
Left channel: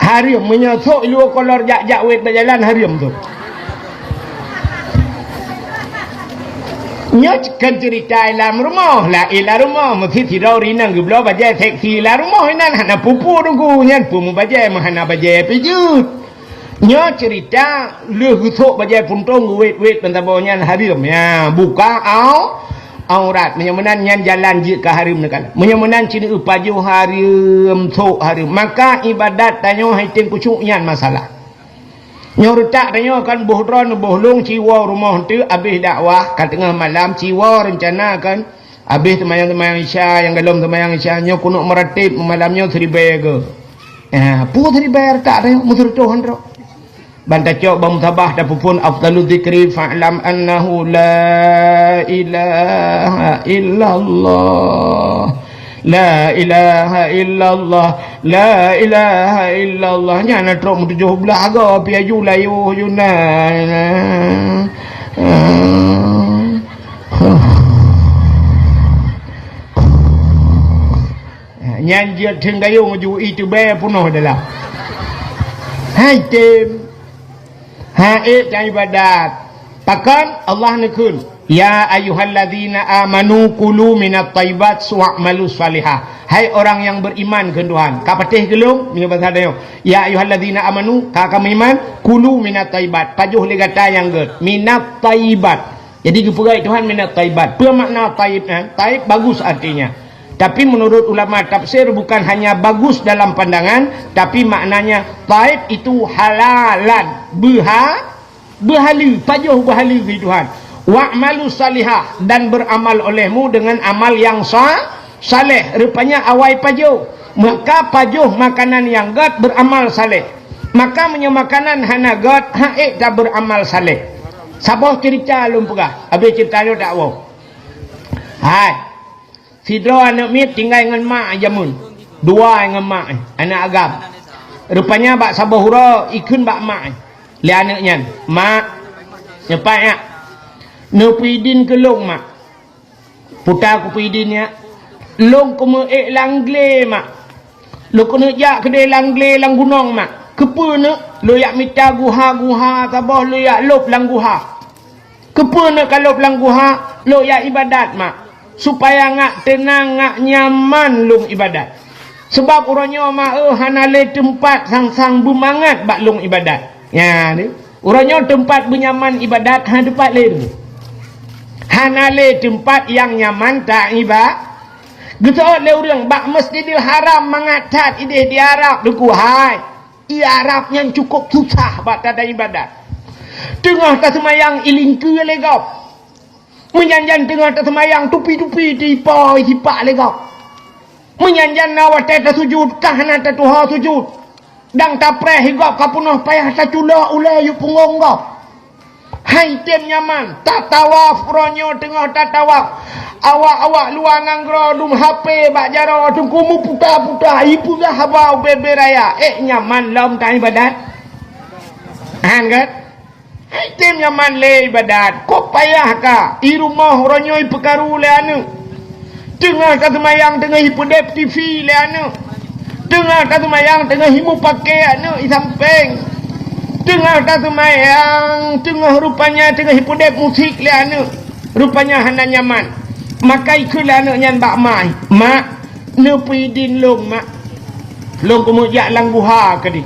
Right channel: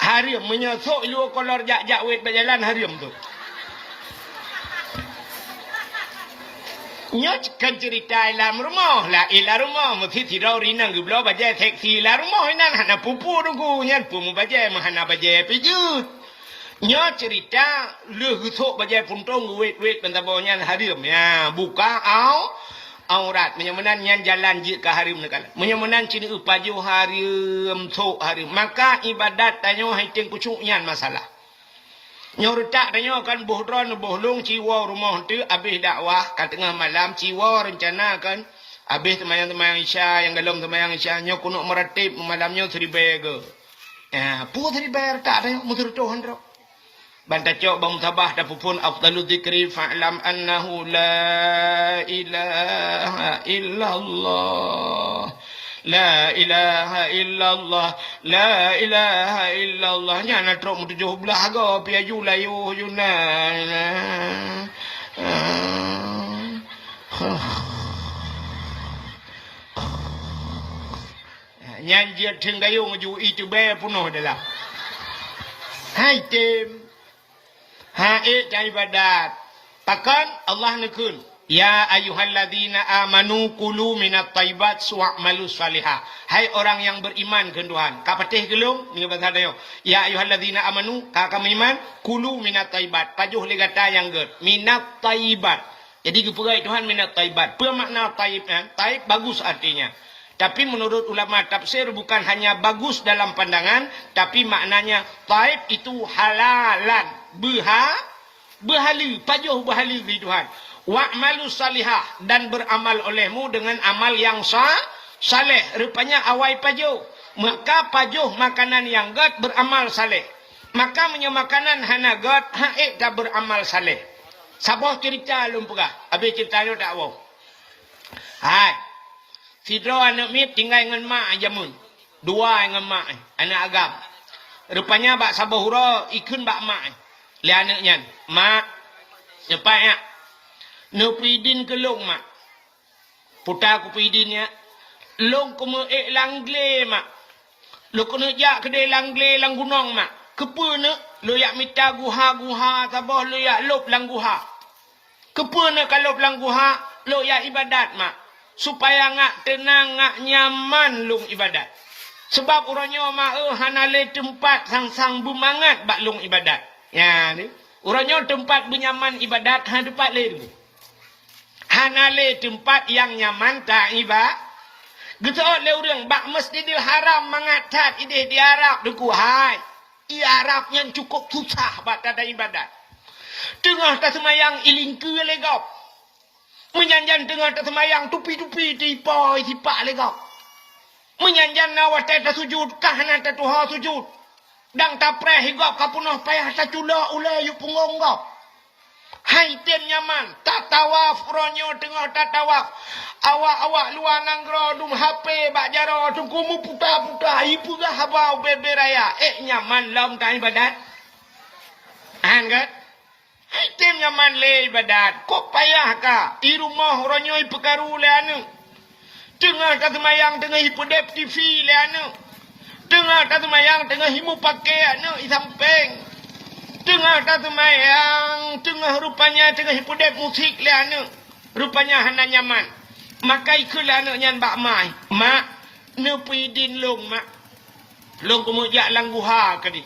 Harim menyosok ilua kolor jak wet bajalan harim tu. Nyatkan cerita dalam rumah lah ilah rumah mesti tirau rinang geblo bajai seksi lah rumah inan hana pupu tunggu nyan pumu bajai mahana bajai pijut nya cerita le husuk bajai puntung wet pentabo nyan harim ya buka aurat menyamanan nyan jalan je ke harim nakal menyamanan cina upaju harim sok harim maka ibadat tanyo haitin kucuk nyan masalah nyorutak tanya kan bohdron bohlung ciwa rumah tu habis dakwah kat tengah malam ciwa rencana kan habis temayang-temayang isya yang galom temayang isya nyo kunuk meratib malamnya 3 ke pu 3 tak tanya mutur Tuhan ro banta cok bam tabah da pun afdalu dzikri fa'lam annahu la ilaha illallah La ilaha illallah La ilaha illallah Jangan trok mu 17 agak Piaju layu Yuna Nyan dia tenggayung Ju itu bayar punuh adalah Hai tim Hai jai ibadat Pakan Allah nekun Ya ayyuhalladzina amanu kulu minat tayyibat wa'malu salihah. Hai orang yang beriman ke Tuhan. Kapatih gelung ni bahasa dia. Ya ayyuhalladzina amanu ka kami iman kulu minat tayyibat. Pajuh li kata yang ger. Minat tayyibat. Jadi keperai Tuhan minat tayyibat. Apa makna tayyib? Tayyib bagus artinya. Tapi menurut ulama tafsir bukan hanya bagus dalam pandangan, tapi maknanya tayyib itu halalan. Berhala, pajuh berhala di Tuhan. Wa'malu salihah dan beramal olehmu dengan amal yang saleh. Rupanya awai pajuh. Maka pajuh makanan yang gat beramal saleh. Maka menyemakanan hana gat haik tak beramal saleh. Siapa cerita lumpugah? Habis cerita dia tak wow. Hai. Sidro anak mit tinggal dengan mak jamun. 2 dengan mak anak agam. Rupanya bak sabahura ikun bak mak. Li anaknya. Mak nyepat ya. Nupidin ke long mak. Putar ku pidin ya. Long ku meek langle mak. Lo ku nak jak kedai langle lang gunung mak. Kepa nak lo yak mita guha tabah lo yak lop lang guha. Kepa nak kalau lang guha lo yak ibadat mak. Supaya ngak tenang ngak nyaman long ibadat. Sebab orangnya mak hanale tempat sang-sang bermangat bak long ibadat. Ya ni. Orangnya tempat bernyaman ibadat ha tempat lain. Hanale tempat yang nyaman tak ibadat. Getok le orang bak Masjidil Haram mangatat ide di Arab duku hai. I Arab yang cukup susah bak tada ibadat. Tengah tak semayang ilingku legap. Menyanjan tengah tak semayang tupi-tupi di pak legap. Menyanjan nawat tak sujud kahana tak tuha sujud. Dang tak preh higap kapunah payah tak cula ulai yu pungong gap. Hai tem nyaman tak tawaf ronyo tengah tak tawaf awak luar nanggro dum HP bak jaro tu kumu putar ipu dah habau bebe raya nyaman lom tak ibadat han kan hai tem nyaman le ibadat kok payah ka i rumah ronyo i perkaru le anu tengah tak semayang tengah hipodep TV le anu tengah tak semayang tengah himu pakai anu i samping tengah tak semayang, tengah rupanya tengah hipodep musik le anu. Rupanya hana nyaman. Maka ikulah anak nyan bak mai. Mak, nepidin long mak. Long kemudian lang guha kadi.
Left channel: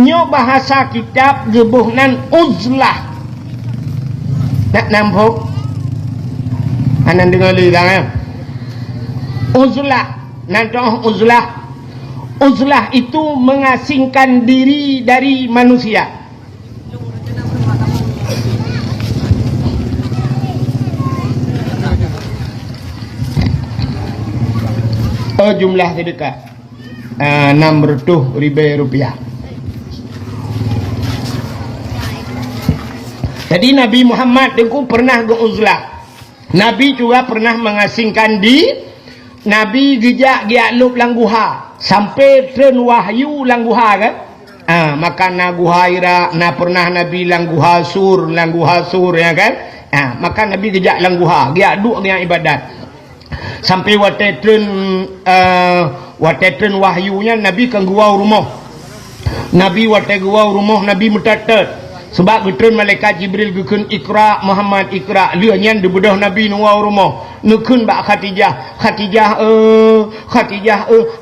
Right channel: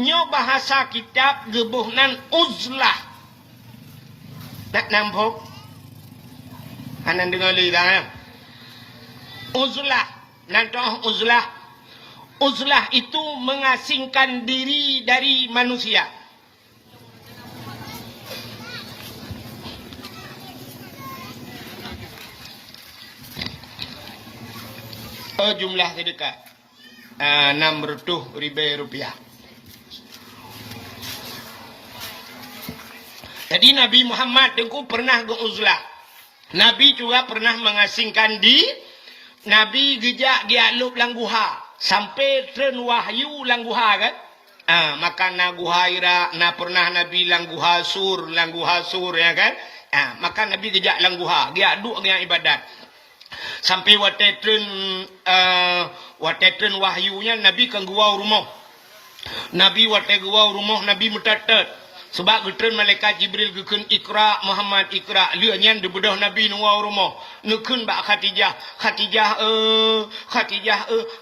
Nyo bahasa kitab gebuhnan uzlah. Nak nampak? Hanan dengar li dah. Uzlah. Nantoh uzlah. Uzlah itu mengasingkan diri dari manusia. Jumlah sedekah 600 ribu rupiah. Jadi Nabi Muhammad itu pernah ke uzlah. Nabi juga pernah mengasingkan di Nabi gejak giak lup langguha sampai tren wahyu langguha kan. Makan na guha ira na pernah Nabi lang guha sur ya kan. Maka Nabi gejak lang guha dia duk dengan ibadat sampai watetren wahyunya Nabi kan gua rumah Nabi gua rumah Nabi mutatet sebab getren malaikat Jibril gekeun Iqra Muhammad Iqra lieunya di bedah Nabi nu wau rumah nekeun bak Khadijah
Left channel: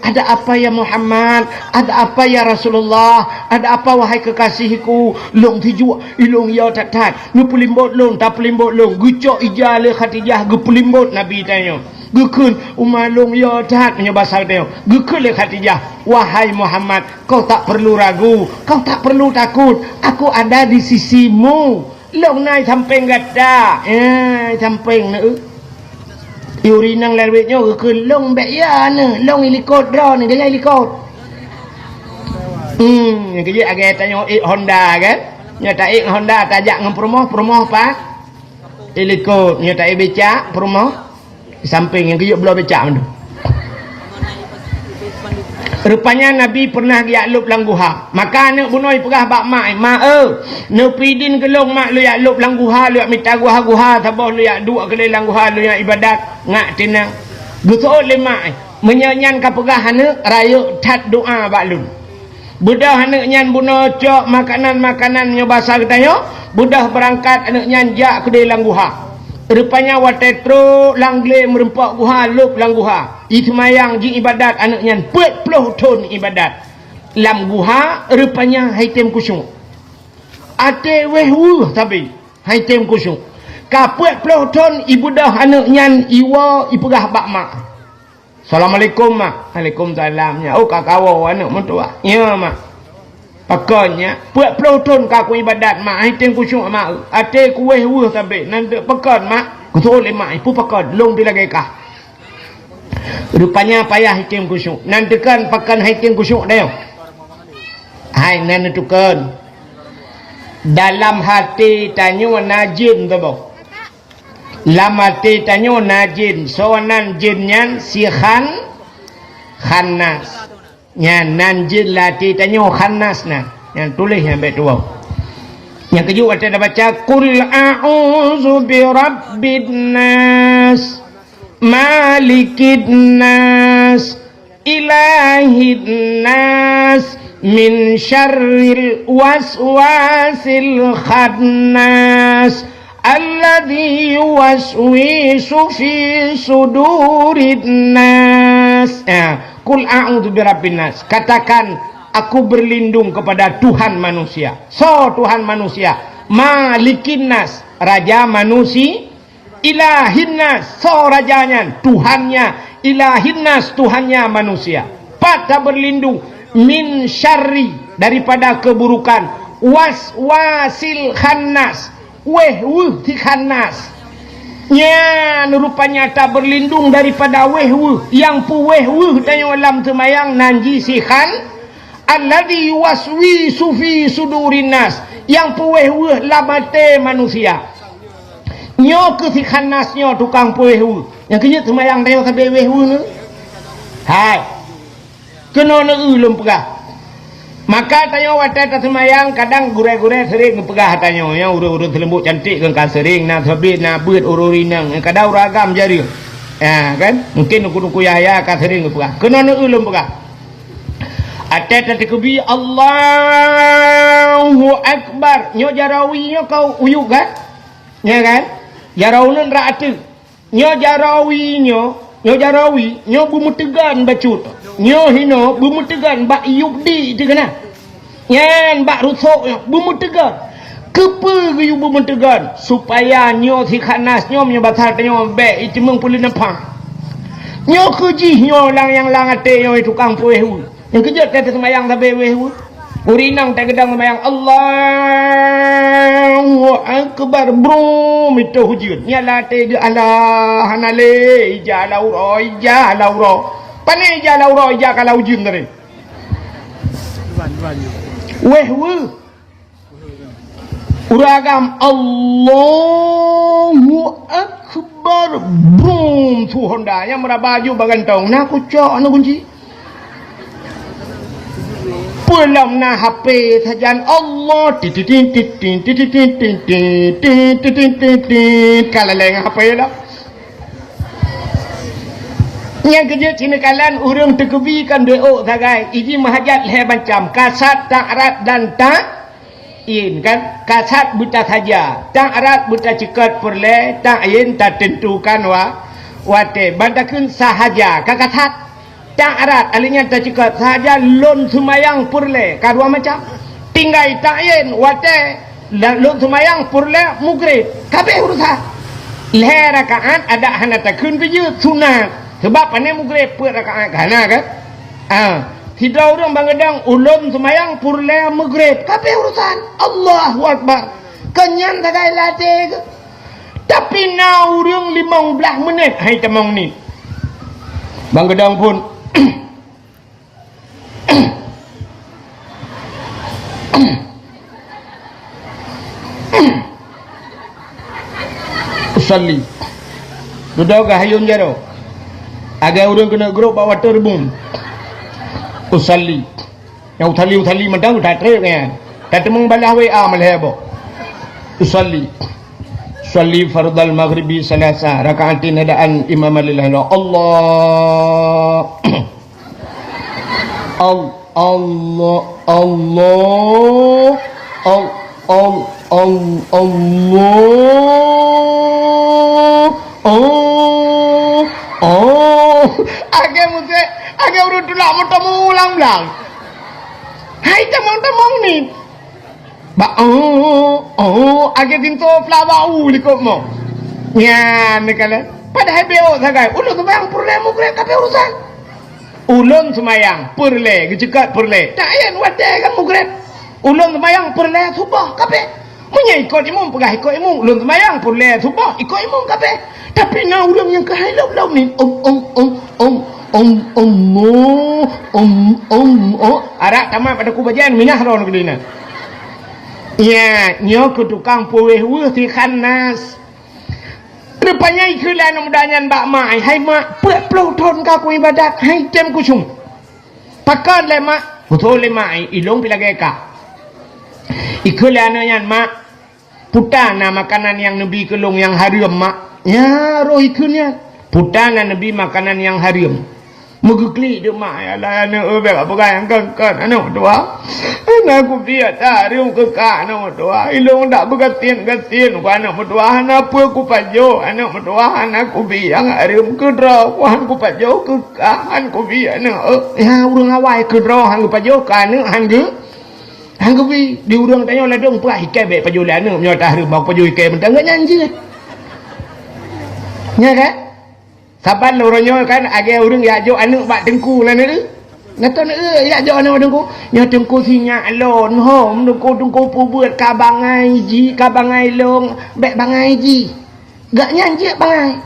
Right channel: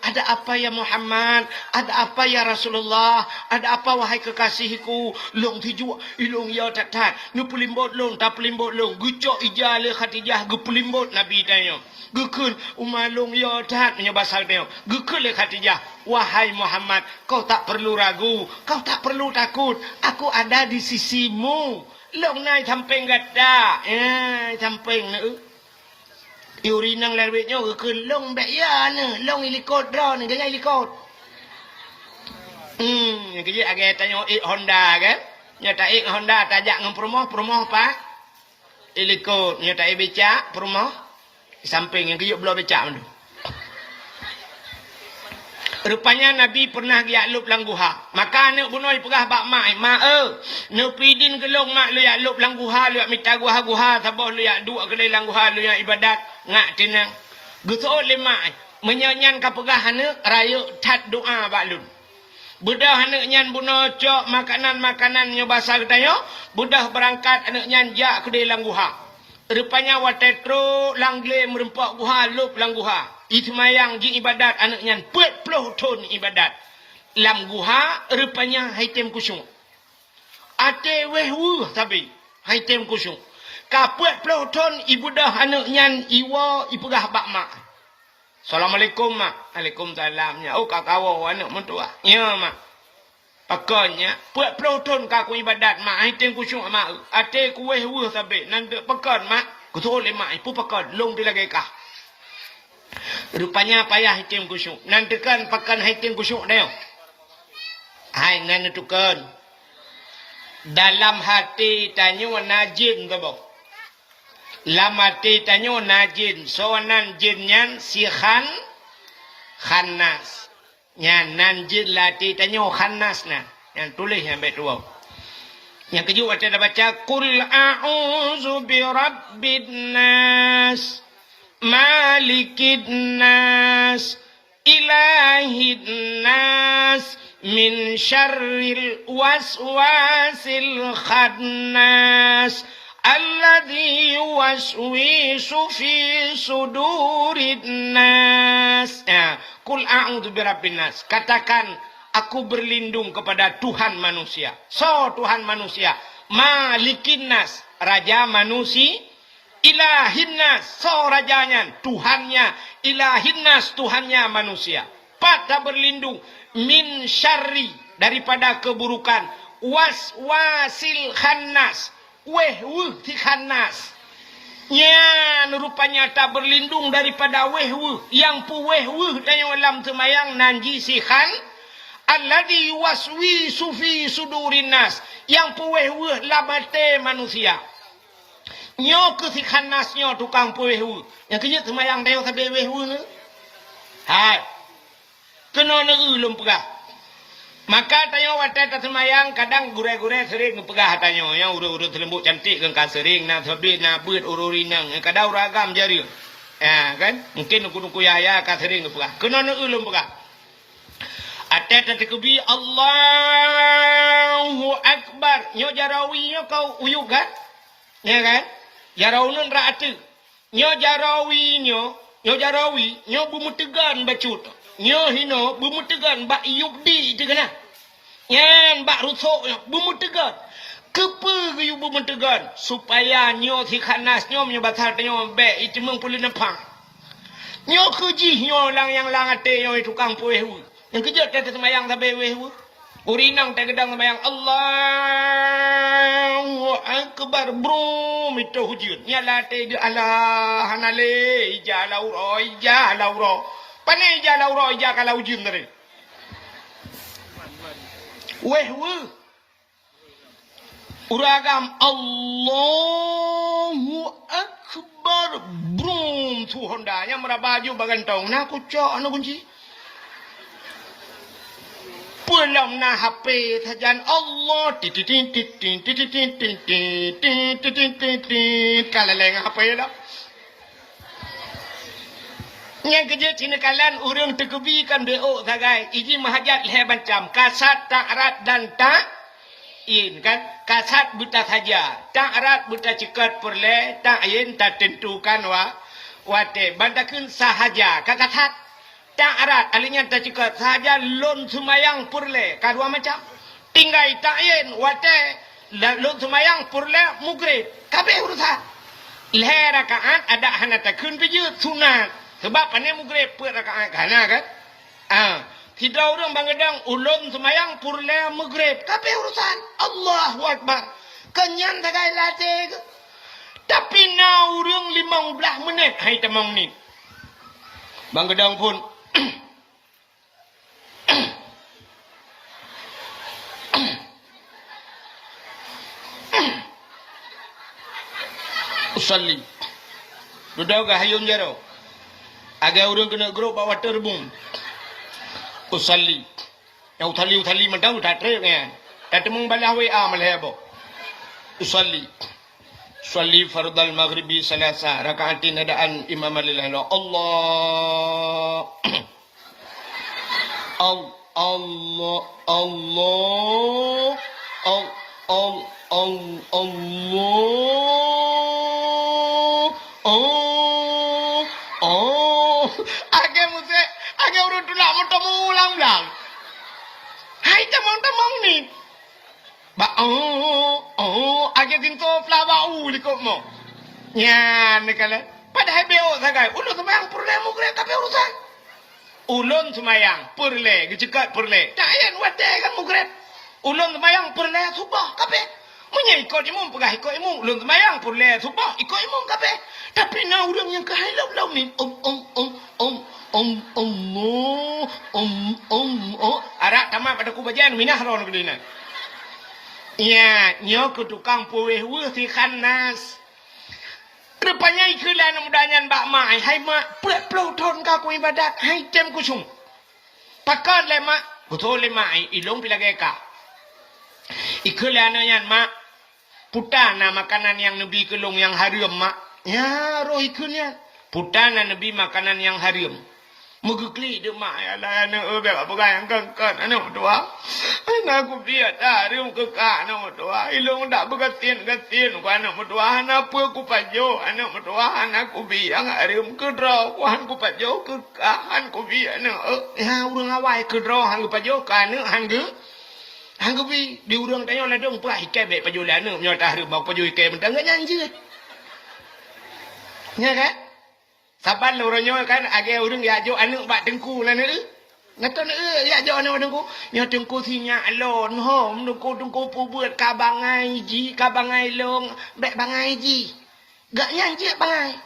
ada apa ya Muhammad, ada apa ya Rasulullah, ada apa wahai kekasihku, long tiju ilong ya tatat nu pelimbot long tak pelimbot long gucok ijale Khadijah ge pelimbot Nabi tanya gekeun umalong ya tat nya bahasa dia gekeun le Khadijah wahai Muhammad kau tak perlu ragu, kau tak perlu takut, aku ada di sisimu long nai sampeng gada sampeng ne Yuri nang lewetnya ke long bek ya ne long ilikot dro ne dia ilikot yang kerja agak tanya Honda kan nyata Honda tajak ngam promoh pak ilikot nyata becak promoh di samping yang kerja belah becak tu. Rupanya Nabi pernah diaklub lang guha. Maka anak bunoi pegah bak mak ne pidin kelong mak lu yaklub lang guha lu minta guha sabah lu yak duk ke lang guha lu yak ibadat ngak tinang. Gusol le mak menyanyan ka pegah anak raya tat doa bak lu. Budah anak nyan buno cok makanan nyo basah katayo, budah berangkat anak nyan jak ke lang guha. Rupanya watetro langle merempak guha lup lang guha itmayang ji ibadat anak nyan 40 ton ibadat lam guha rupanya haitem kusung ate wehwu tapi haitem kusung ka 40 ton ibudah anak nyan iwa ipegah bak mak Assalamualaikum mak Waalaikumsalamnya kakawo anak mentua ya mak pakannya 40 ton kaku ibadat mak haitem kusung mak ate ku wehwu tapi nanti pakan mak kutul mak ipu pakan long bilagai kah rupanya payah haitem kusuk nanti kan pakan haitem kusuk dia hai nentukan dalam hati tanyo najin tu boh dalam hati tanyo najin soanan jinnya si khannas nyan jin lati tanyo khannas na yang tulis yang betul yang kedua kita baca qul a'udzu birabbin nas malikin nas ilahin nas min syarril waswasil khannas alladzi yuwaswisu fi sudurin nas. Qul a'udzu birabbin nas, katakan aku berlindung kepada Tuhan manusia. So Tuhan manusia, malikin nas, raja manusia, ilahin nas, so rajanya, Tuhannya, ilahin nas, Tuhannya manusia. Pada berlindung min syarri, daripada keburukan, waswasil khannas, si khannas. Ya, rupanya tak berlindung daripada wehwu, yang pu wehwu tayo alam temayang nanji si khan, alladhi waswisu fi sudurin nas, yang pu wehwu lamate manusia. Nyo ke si khannas nyo tukang pu wehwu, yang kenyat temayang tayo kabe wehwu ne. Hai, kena ne ulum pegah. Maka tayo watet semayang kadang gure-gure sering pegah tanyo ya urut-urut lembut cantik kan sering na sabit na beut ururinang kadang ragam jari. Ya kan? Mungkin nuku yaya ka sering pegah. Kena ne ulum pegah. Atet tekubi Allahu akbar. Nyo jarawi nyo kau uyuk kan? Ya kan? Jarawun ra atu. Nyo jarawi nyo bumutegan bacut. Nyo hino bumutegan bak yubdi tu kena. Nyan bak rusuk bumutegan. Kepa ge bumutegan supaya nyo si khanas nyo menyebatar nyo be itu mengpulin apa. Nyo keji nyo lang yang lang ate nyo tukang puehu. Yang kejut kata semayang sampai wehu. Urinang tak gedang semayang Allahu akbar bro itu hujud. Nyala te di Allah hanale ija lauro ija lauro. Pane ija lauro ija kalau hujud tadi. Wehu. Uragam Allahu akbar bro tu Honda yang merabaju bagantong. Nak kucok anu kunci. Pulang na HP sajan Allah kalau lain HP lah. Yang kerja Cina kalan urang terkebikan doa sagai. Ini mahajat leh macam kasat tak erat dan tak in kan. Kasat buta saja, tak erat buta cekat perle, tak in tak tentukan wate bandakun sahaja kakasat. Tak erat alinya tak cekat sahaja lon sumayang purle kadua macam tinggai tak yen wate lon sumayang purle mugrid kabeh urusan leh rakaat ada hana takun biju sunat sebab pane mugrid per rakaat kana kan tidak orang bangadang ulun sumayang purle mugrid kabeh urusan Allahu akbar kenyan tagai latih tapi na urang 15 minit hai temong ni bangadang pun usalli duduk hayun jaro agak urang kena grup bawa terbung usalli yang uthali mentang udah trek kan tak temung balah WA malhebo usalli fardal maghribi salasa rakaatin hadaan imam lillahi Allah Allah agak urut tulak motomu ulang-ulang hai temong ni agak tinto flawau likop mo nyan kala padahal beo sagai ulun sembayang purle mugre kabeh urusan ulun sembayang purle gejekat purle tak ayan wate kan mugre ulun sembayang purle subah kabeh munya ikut imam pegah ikut imam ulun sembayang purle subah ikut imam kabeh tapi na ulun yang kehalau ni arak tamat pada kubajan minah ron kedina ya nyo ke tukang puweh si khanas rupanya ikulah mudahan bak mai hai mak peluk thon ka ku ibadat hai jem ku sum pakan le mak betul le mai ilong pilageka ikulah yan mak putana makanan yang nabi kelong yang haram mak ya roh ikunya putana nabi makanan yang haram mugukli de mak ya la ana obe apa kan ana doa ana ku biat haram ke ka ana doa ilong dak begatin ku ana doa ana apa ku pajo ana doa ana ku biang haram ke dro ku han ku pajo ke ka han ku bi ana ya urang awai ke dro han ku pajo ka ana han ku bi di urang tanya la dong pai ke be pajo la ana nyo ta haram ba pajo ke mentang nyanyi nya kan saban loronyo kan age urang ya jo anu bak dengku lah ni ngaton ya jo anu dengku nya dengku sinya alon hom dengku pu buat ka bangai ji ka bangai long bek bangai ji gak nyanyi bangai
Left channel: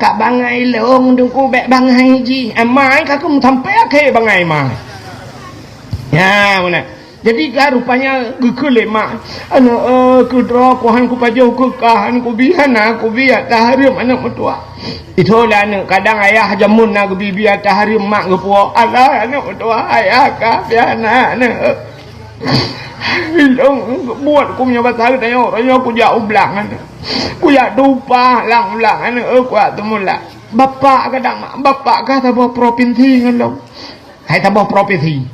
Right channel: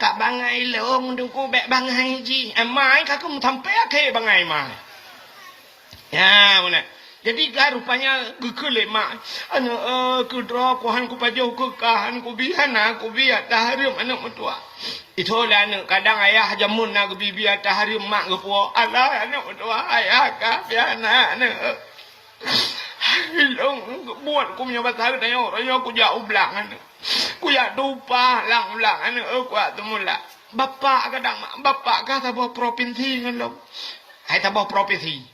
ka bangai long dengku bek bangai ji amai ka ku sampai ke bangai mai ya mana jadi kan rupanya gekele mak anu ku dro ku han ku pajo ku kahan ku bihana ku biat tahrim anak mertua itulah anu kadang ayah jamun nak bibi tahrim mak gepuo alah anak mertua ayah ka biana anu ilong buat ku punya pasal tanya orangnya ku jak ublang anu ku jak dupa lang-lang anu ku temula bapak kadang mak bapak ka sebuah provinsi ngalong hai sebuah provinsi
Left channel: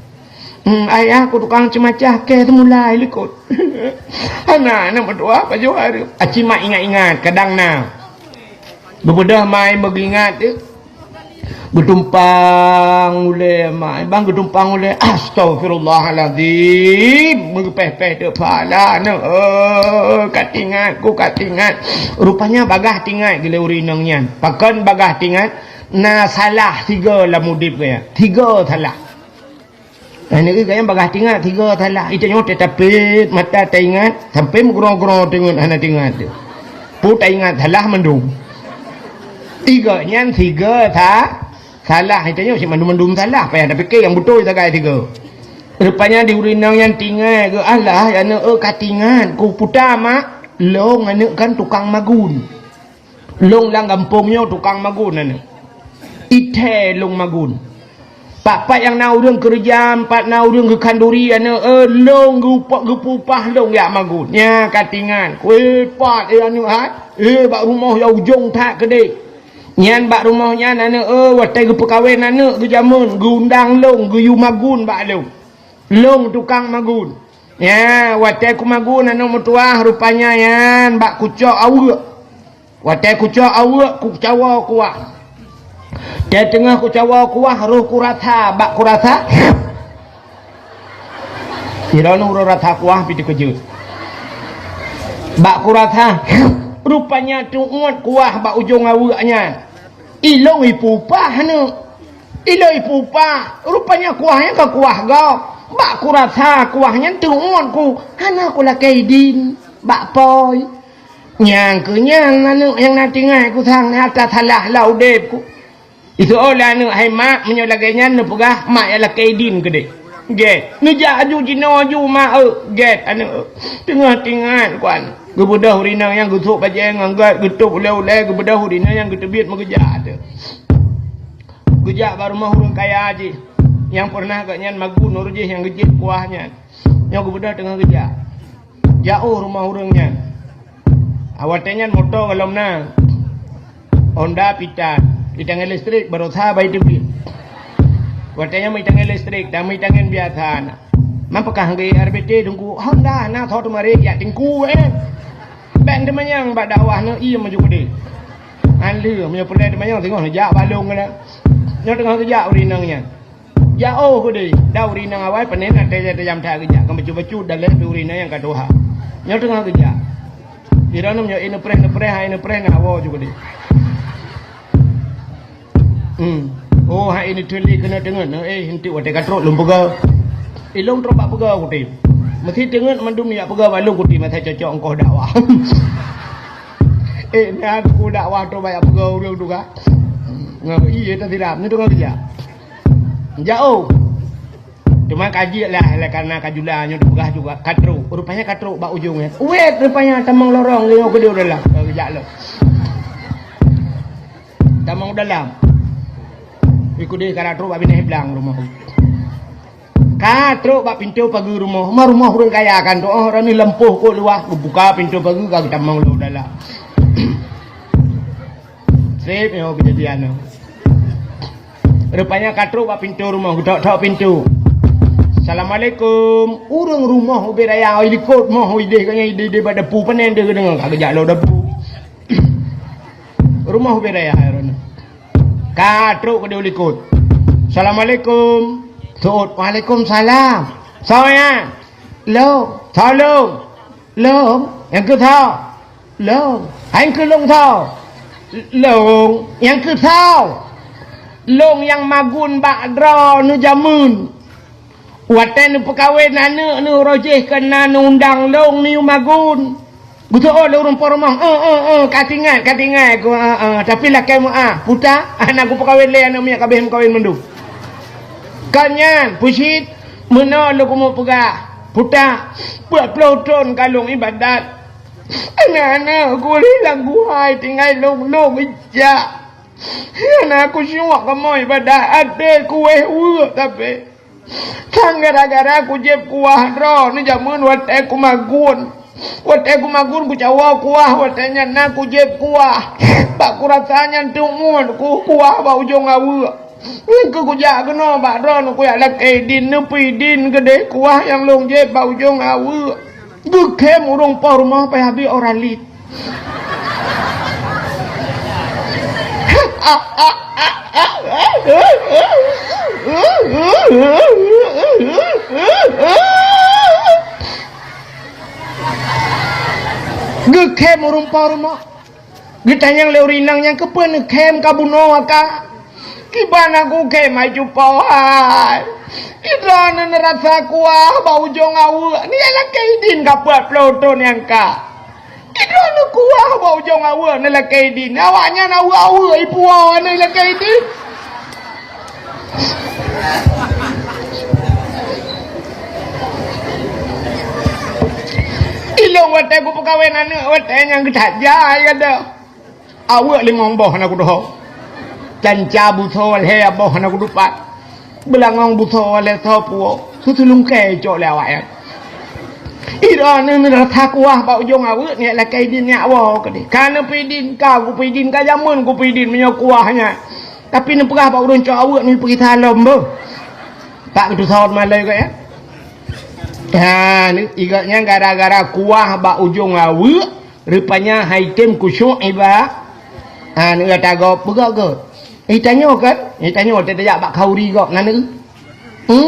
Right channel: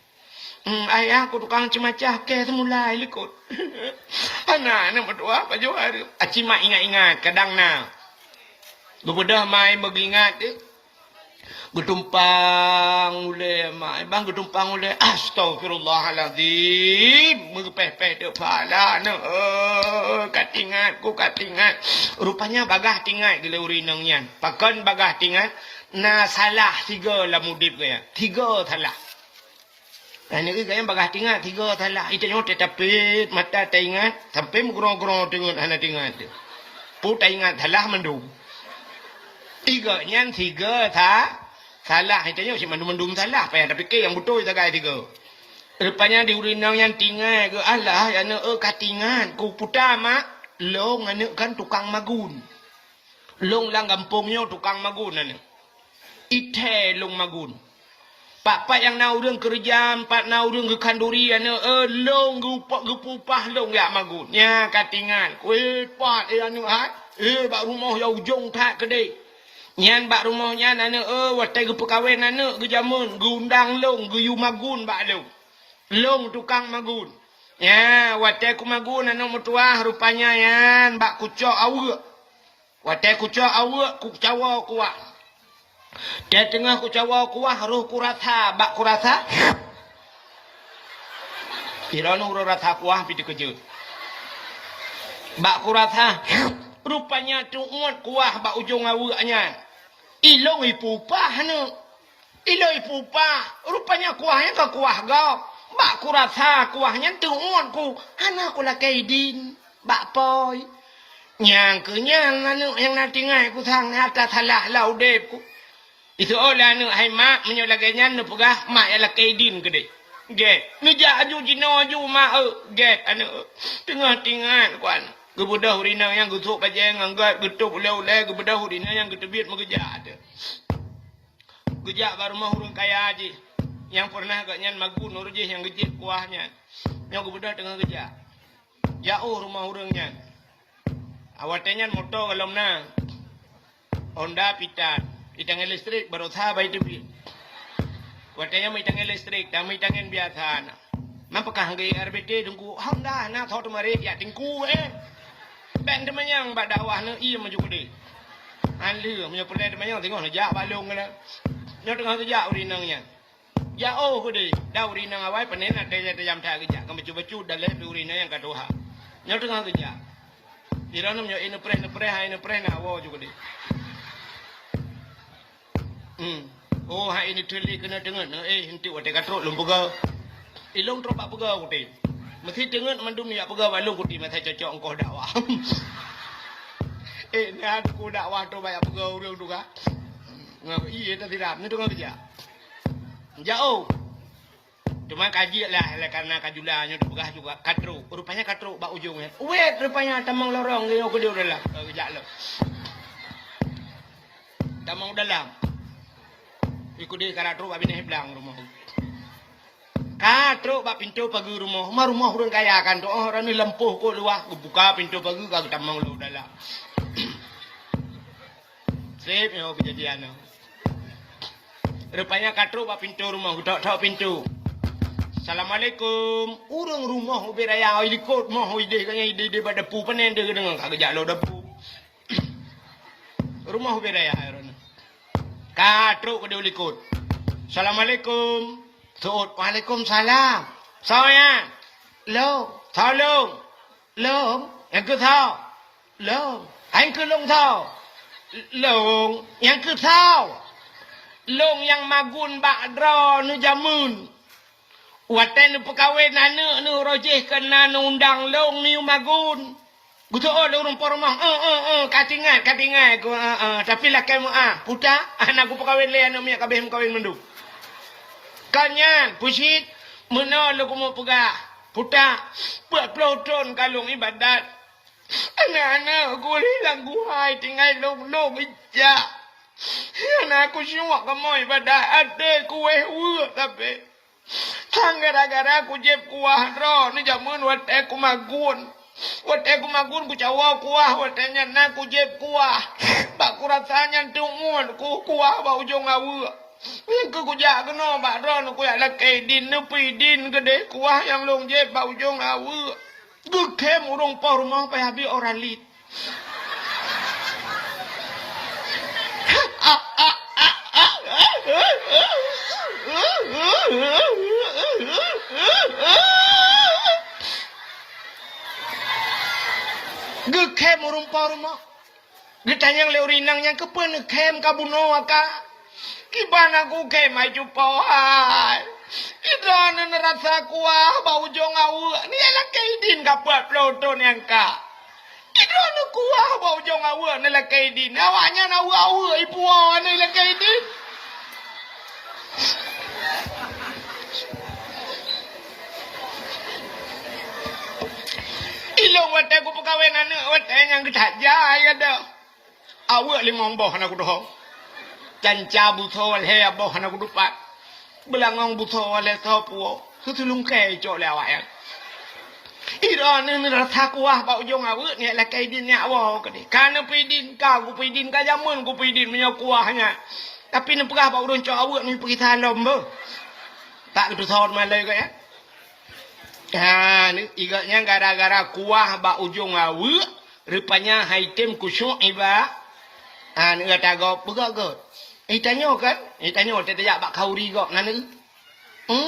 ayah aku tukang cemacah ke semula ikut anak berdoa baju hari aci mak ingat-ingat kadang na bebedah mai mengingat getumpang ule mai bang getumpang ule astagfirullahalazim mengepeh-peh depala katingat rupanya bagah tingat gila urinangnya pakan bagah tingat na salah 3 lah mudip ya 3 salah. Ini kaya bagah tinggal 3 salah. Itu nyote tapi mata tak ingat sampai menggerong-gerong tengok anak tinggal tu. Pu tak ingat salah mendung. 3 nyan 3 salah. Itu nyote mendung salah. Payah tapi ke yang betul tak kaya 3. Rupanya di urinang yang tinggal ke Allah yang katingan ku putar mak long ane kan tukang magun. Long lang kampungnya tukang magun ane. Ite long magun. Pak yang nau รื่องkerja, pak nau รื่องke kanduri ane long gupak gupupah long ya magun. Nya katingan. Kue pat ane bak rumah ya ujung tak gede. Nyan bak rumahnya ane watai gu pekawin ane gu jamun gundang long gu yu magun bak long. Long tukang magun. Ya watai ku magun ane mutuah rupanya yan bak kucok awak. Watai kucok awak ku cawa kuat. Dia tengah ku cawa kuah roh kuratha bak kuratha iranu roh ratha kuah piti kejut bak kuratha rupanya tuut kuah bak ujung awaknya ilong ipupah ne ilong ipupah rupanya kuahnya ke kuah gau bak kuratha kuahnya tuut ku hana ku lakai din bak poi nyang kenyang anu yang nanti ngai ku thang atas halah laudep ku itu olah nu hai mak menyolaganya nu pegah mak ialah kaidin gede. Get. Nu jaju jino ju mak get anu tengah tingan kuan. Gebudah urinang yang gutuk pajeng anggat gutuk ulai-ulai gebudah urinang yang getebit mengeja tu. Gejak baru mah urang kaya aji. Yang pernah gaknyan magun urujih yang gejit kuahnya. Yang gebudah tengah gejak. Jauh rumah urangnya. Awatnya motor kalau na Honda Pitan. Itangan listrik baru sahabat itu bi. Watanya mai tangan listrik, dah mai tangan biasa. Mampakah hanggai RBT tunggu Honda na thot mari ya tingku Ben temanyang bak dakwah no iya maju gede. Anli punya pelai temanyang tengok jak balung kena. Nyo tengah kerja urinangnya. Ya oh gede, dah urinang awal panen ada jam tak kerja. Kamu bacu-bacu dalam urinang yang kadoha. Nyo tengah kerja. Di dalam nyo ina preh ngawo juga deh. Oh hai ini teli kena dengar henti watai katrok lum pegau ilong trok bak pegau kuti mesti dengar mandum ya pegau balung kuti mesti cocok engkau dakwah ni aku dakwah tu banyak pegau dia tu kah iya tak tidak ni tu kau kerja jauh cuma kaji lah karena kajulanya tu pegah juga katrok rupanya katrok bak ujungnya wait rupanya tamang lorong dia ke dia udah lah kerja lo tamang dalam ikut dia karatro bak pindah belang rumah. Katro bak pintu pagi rumah. Rumah orang kaya kan tu. Orang ni lempuh kok luah. Buka pintu pagi kau kita mau lu dalam. Sip yo kejadian. Rupanya katro bak pintu rumah. Tok pintu. Assalamualaikum. Urang rumah beraya ikut mau ide kanya ide pada pu panen dia dengan kagak lo depu. Rumah beraya orang. Katruk ke dia ikut. Assalamualaikum. Tuut. Waalaikumsalam. Saya. Long. Thao long. Long. Yang ke thao. Long. Yang ke long thao. Long. Yang ke thao. Long yang magun bak dra nu jamun. Watan nu pekawin anu nu rojih kena nu undang long ni magun. Betul orang poromong. Katingan aku. Tapi lah kamu puta anak aku pekawin le anak miak kabeh kawin mendu. Kanyan pusit mena lu mau pegah. Puta buat peloton kalung ibadat. Anak-anak aku hilang guhai tinggal long ija. Anak aku semua kamu ibadat ada kueh tapi kan gara-gara aku jeb kuah ro ni jamun wat aku magun. Wat aku magun ku cawa kuah watanya na ku jeb kuah. Pak ku rasanya tungun ku kuah ba ujung awu. Ku jak kena bak ron ku ya lak din nepi din gede kuah yang long jeb ba ujung awu. Gekem urung pa rumah pa habis oralit. Gekem urumpa rumah. Gitanyang leurinang yang kepen kem kabuno ka. Kibana ku kem maju pawai. Ida na rasa kuah bau jong awu. Ni ala kaidin kapat ploton yang ka. Ida na kuah bau jong awu na la kaidin. Awaknya na awu ipu awan na la kaidin. Ilong watai ku pekawin anak watai yang ketajah ya dah. Awak limong boh nak doh. Canca butol he boh nak dupat. belangong buto wale topo tutulung ke cok lewat ya ira ne takwa ba ujung awak ni la kai din nya wa ke kana pidin ka ku pidin ka jamun ku pidin punya kuahnya tapi ne perah ba urun cok awak ni pergi talom bo tak tu thot malai ke ya ha ni igatnya gara-gara kuah ba ujung awak rupanya haitem kusyuk iba ha ni kata go begak ke tanya kan tanya tak ada bak kauri kau nana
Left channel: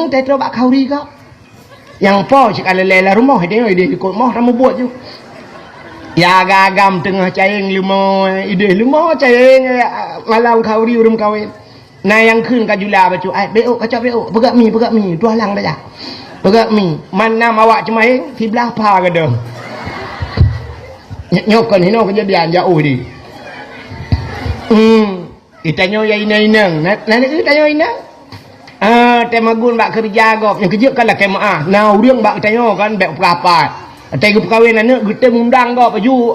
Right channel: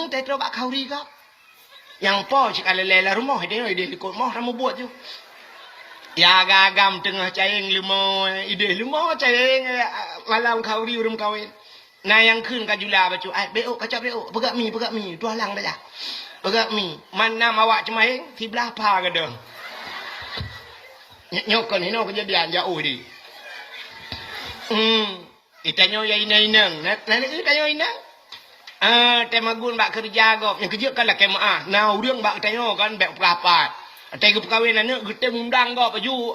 tak ada bak kauri kau yang po cik alele la rumah dia ikut mah ramu buat je ya gagam tengah caing limo ide limo caing malam kauri urum kawin nah yang kun ka jula bacu ai beo kacau beo begak mi tu halang dah begak mi mana awak cemai fi belah pa ke dah nyokon hino kejadian jauh di Itanyo ya inang nana itanyo inang temagun bak kerja gop yang kerja kan lah kemaah nah urang bak itanyo kan bak perapat tengok perkahwin anak kita undang gop aju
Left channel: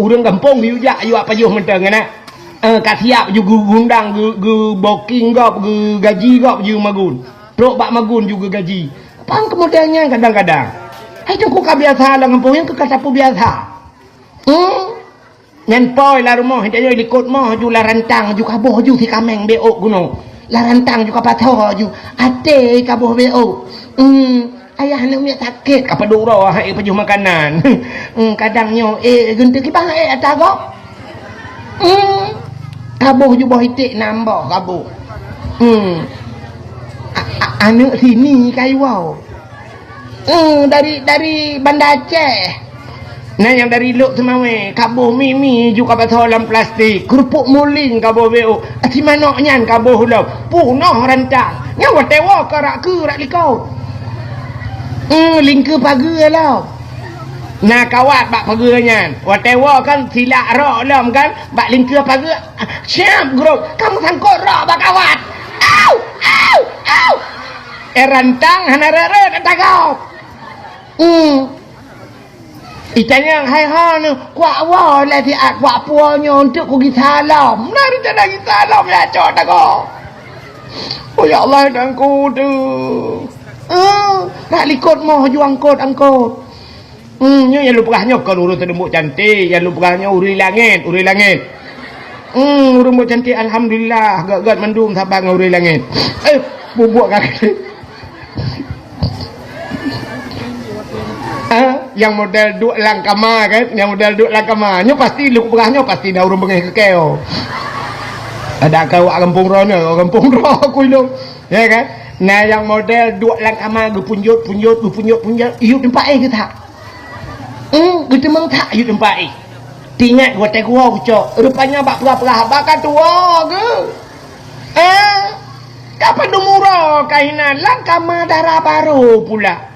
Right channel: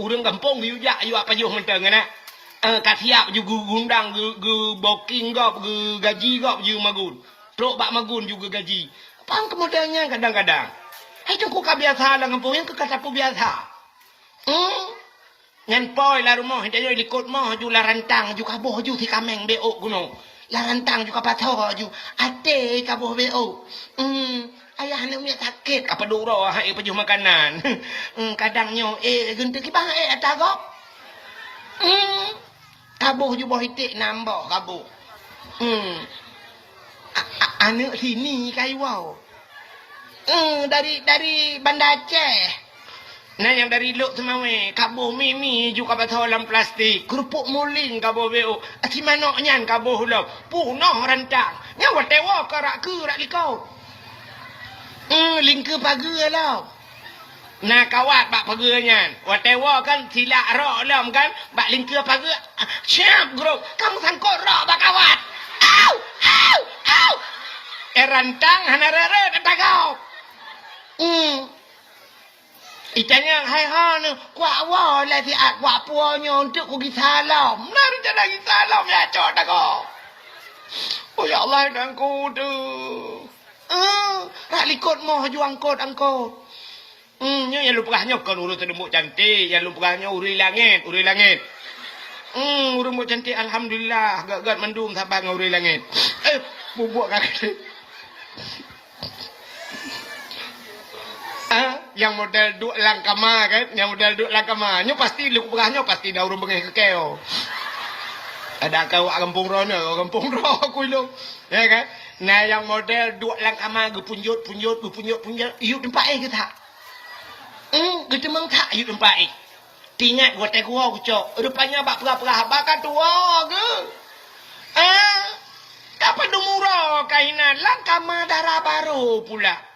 urang kampung yu jak yu apa yu menteng kan kat siap yu undang gu booking gop gu gaji gop yu magun trok bak magun juga gaji pang kemudiannya kadang-kadang hai tu ku biasa lah kampung yang kata pu biasa ngan poi la rumah dia likut mah ju la rantang ju kaboh ju thi kameng beok guno la rantang ju kapatho ju ate kaboh beok ayah nak minyak sakit apa duro hai pejuh makanan kadangnya gente ki bang atago kaboh ju boh itik nambah kaboh anak sini kai wow dari Bandar Aceh. Nah yang dari luk semawe kabuh mimi juga patah dalam plastik kerupuk muling kabuh beo ati manok nyan kabuh hulau punah rantang nyawa tewa karak ke rak likau lingke pagar lah nah kawat bak pagar nyan watewa kan silak rak lam kan bak lingke pagar siap grup kamu sangkut rak bak kawat au rantang hanarere kata kau Itanya hai ni kuat wah lah ti at kuat puanya untuk ku pergi salam. Nari tak lagi salam lah cok tak kau. Oh ya Allah dan ku tu. Nak likut mau juang angkut. Nya yang lupa kau urut tembok cantik, yang lupa uri langit. Urut cantik alhamdulillah gak mendung sabang uri langit. Bubuk kaki. Yang model duk langkama kan yang model duk langkama nya pasti lu perahnya pasti dah urang bengai kekeo ada kau kampung rono kampung ro kuilo ya kan nah yang model duk langkama gu punjut iu tempat ke tak gu temang tak iu tempat tingat gua teh gua cok rupanya bak perah bakal tua ke kapan dumuro kainan langkama darah baru pula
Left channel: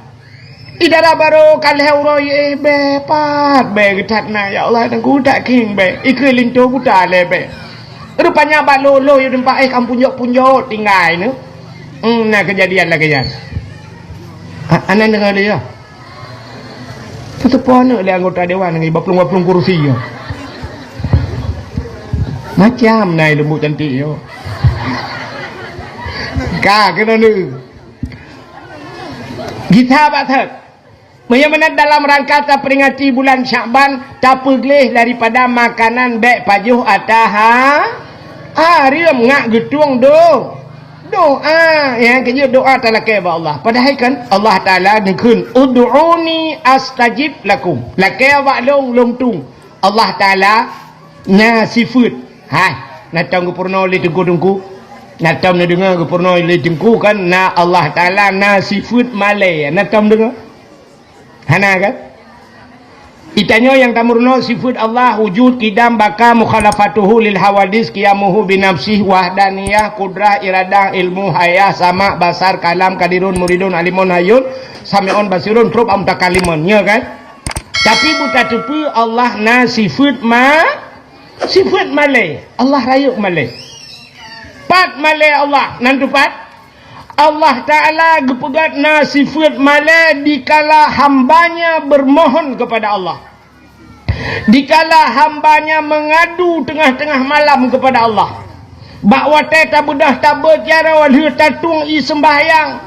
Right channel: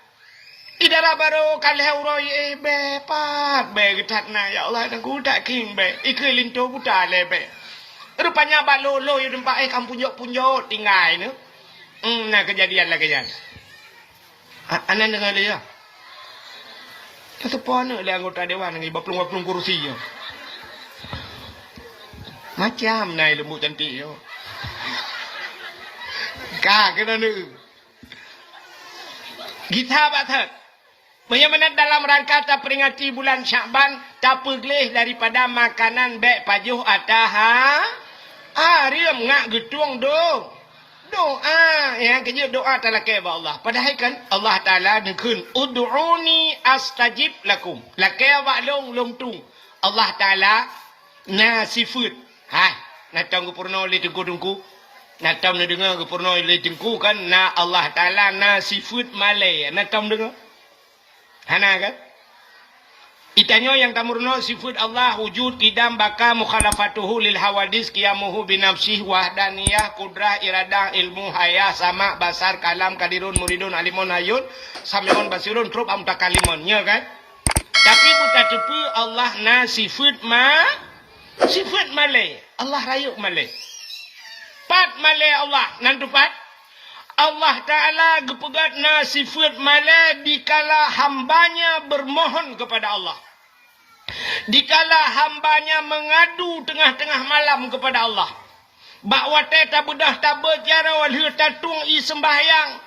idara baru kalau roy be pat be getat na ya Allah dan ku tak king be ikut lintu ku tak le be rupanya balo lo yu tempat kampung punjok tinggal ni nah kejadian lagi ya anan dengar dia tetepon le anggota dewan ngai baplung kursi ya macam nai lembut cantik yo ka kena ni kita batat Bagaimana dalam rangka peringati bulan Syakban tak pergelih daripada makanan baik pajuh atah riem ngak getuang doa yang kerja doa talakai ba Allah padahal kan Allah Taala ngekun ud'uni astajib lakum lakai wa long tung Allah Taala nya sifat natang purno le tengku natam na dengar purno le tengku kan na Allah Taala na sifat malai natam dengar Hana kan? Itanya yang tamurno sifat Allah wujud kidam baka mukhalafatuhu lil hawadis qiyamuhu binafsih wahdaniyah kudrah iradah ilmu hayah sama basar kalam kadirun muridun alimun hayun samiun basirun trub amtakalimun ya kan? Tapi buta tepi Allah na sifat malai Allah rayuk malai pat malai Allah nantu pat Allah Ta'ala gepegat na sifat malai dikala hambanya bermohon kepada Allah. Dikala hambanya mengadu tengah-tengah malam kepada Allah. Bak watai tak bedah tak berjara walhu tatung i sembahyang.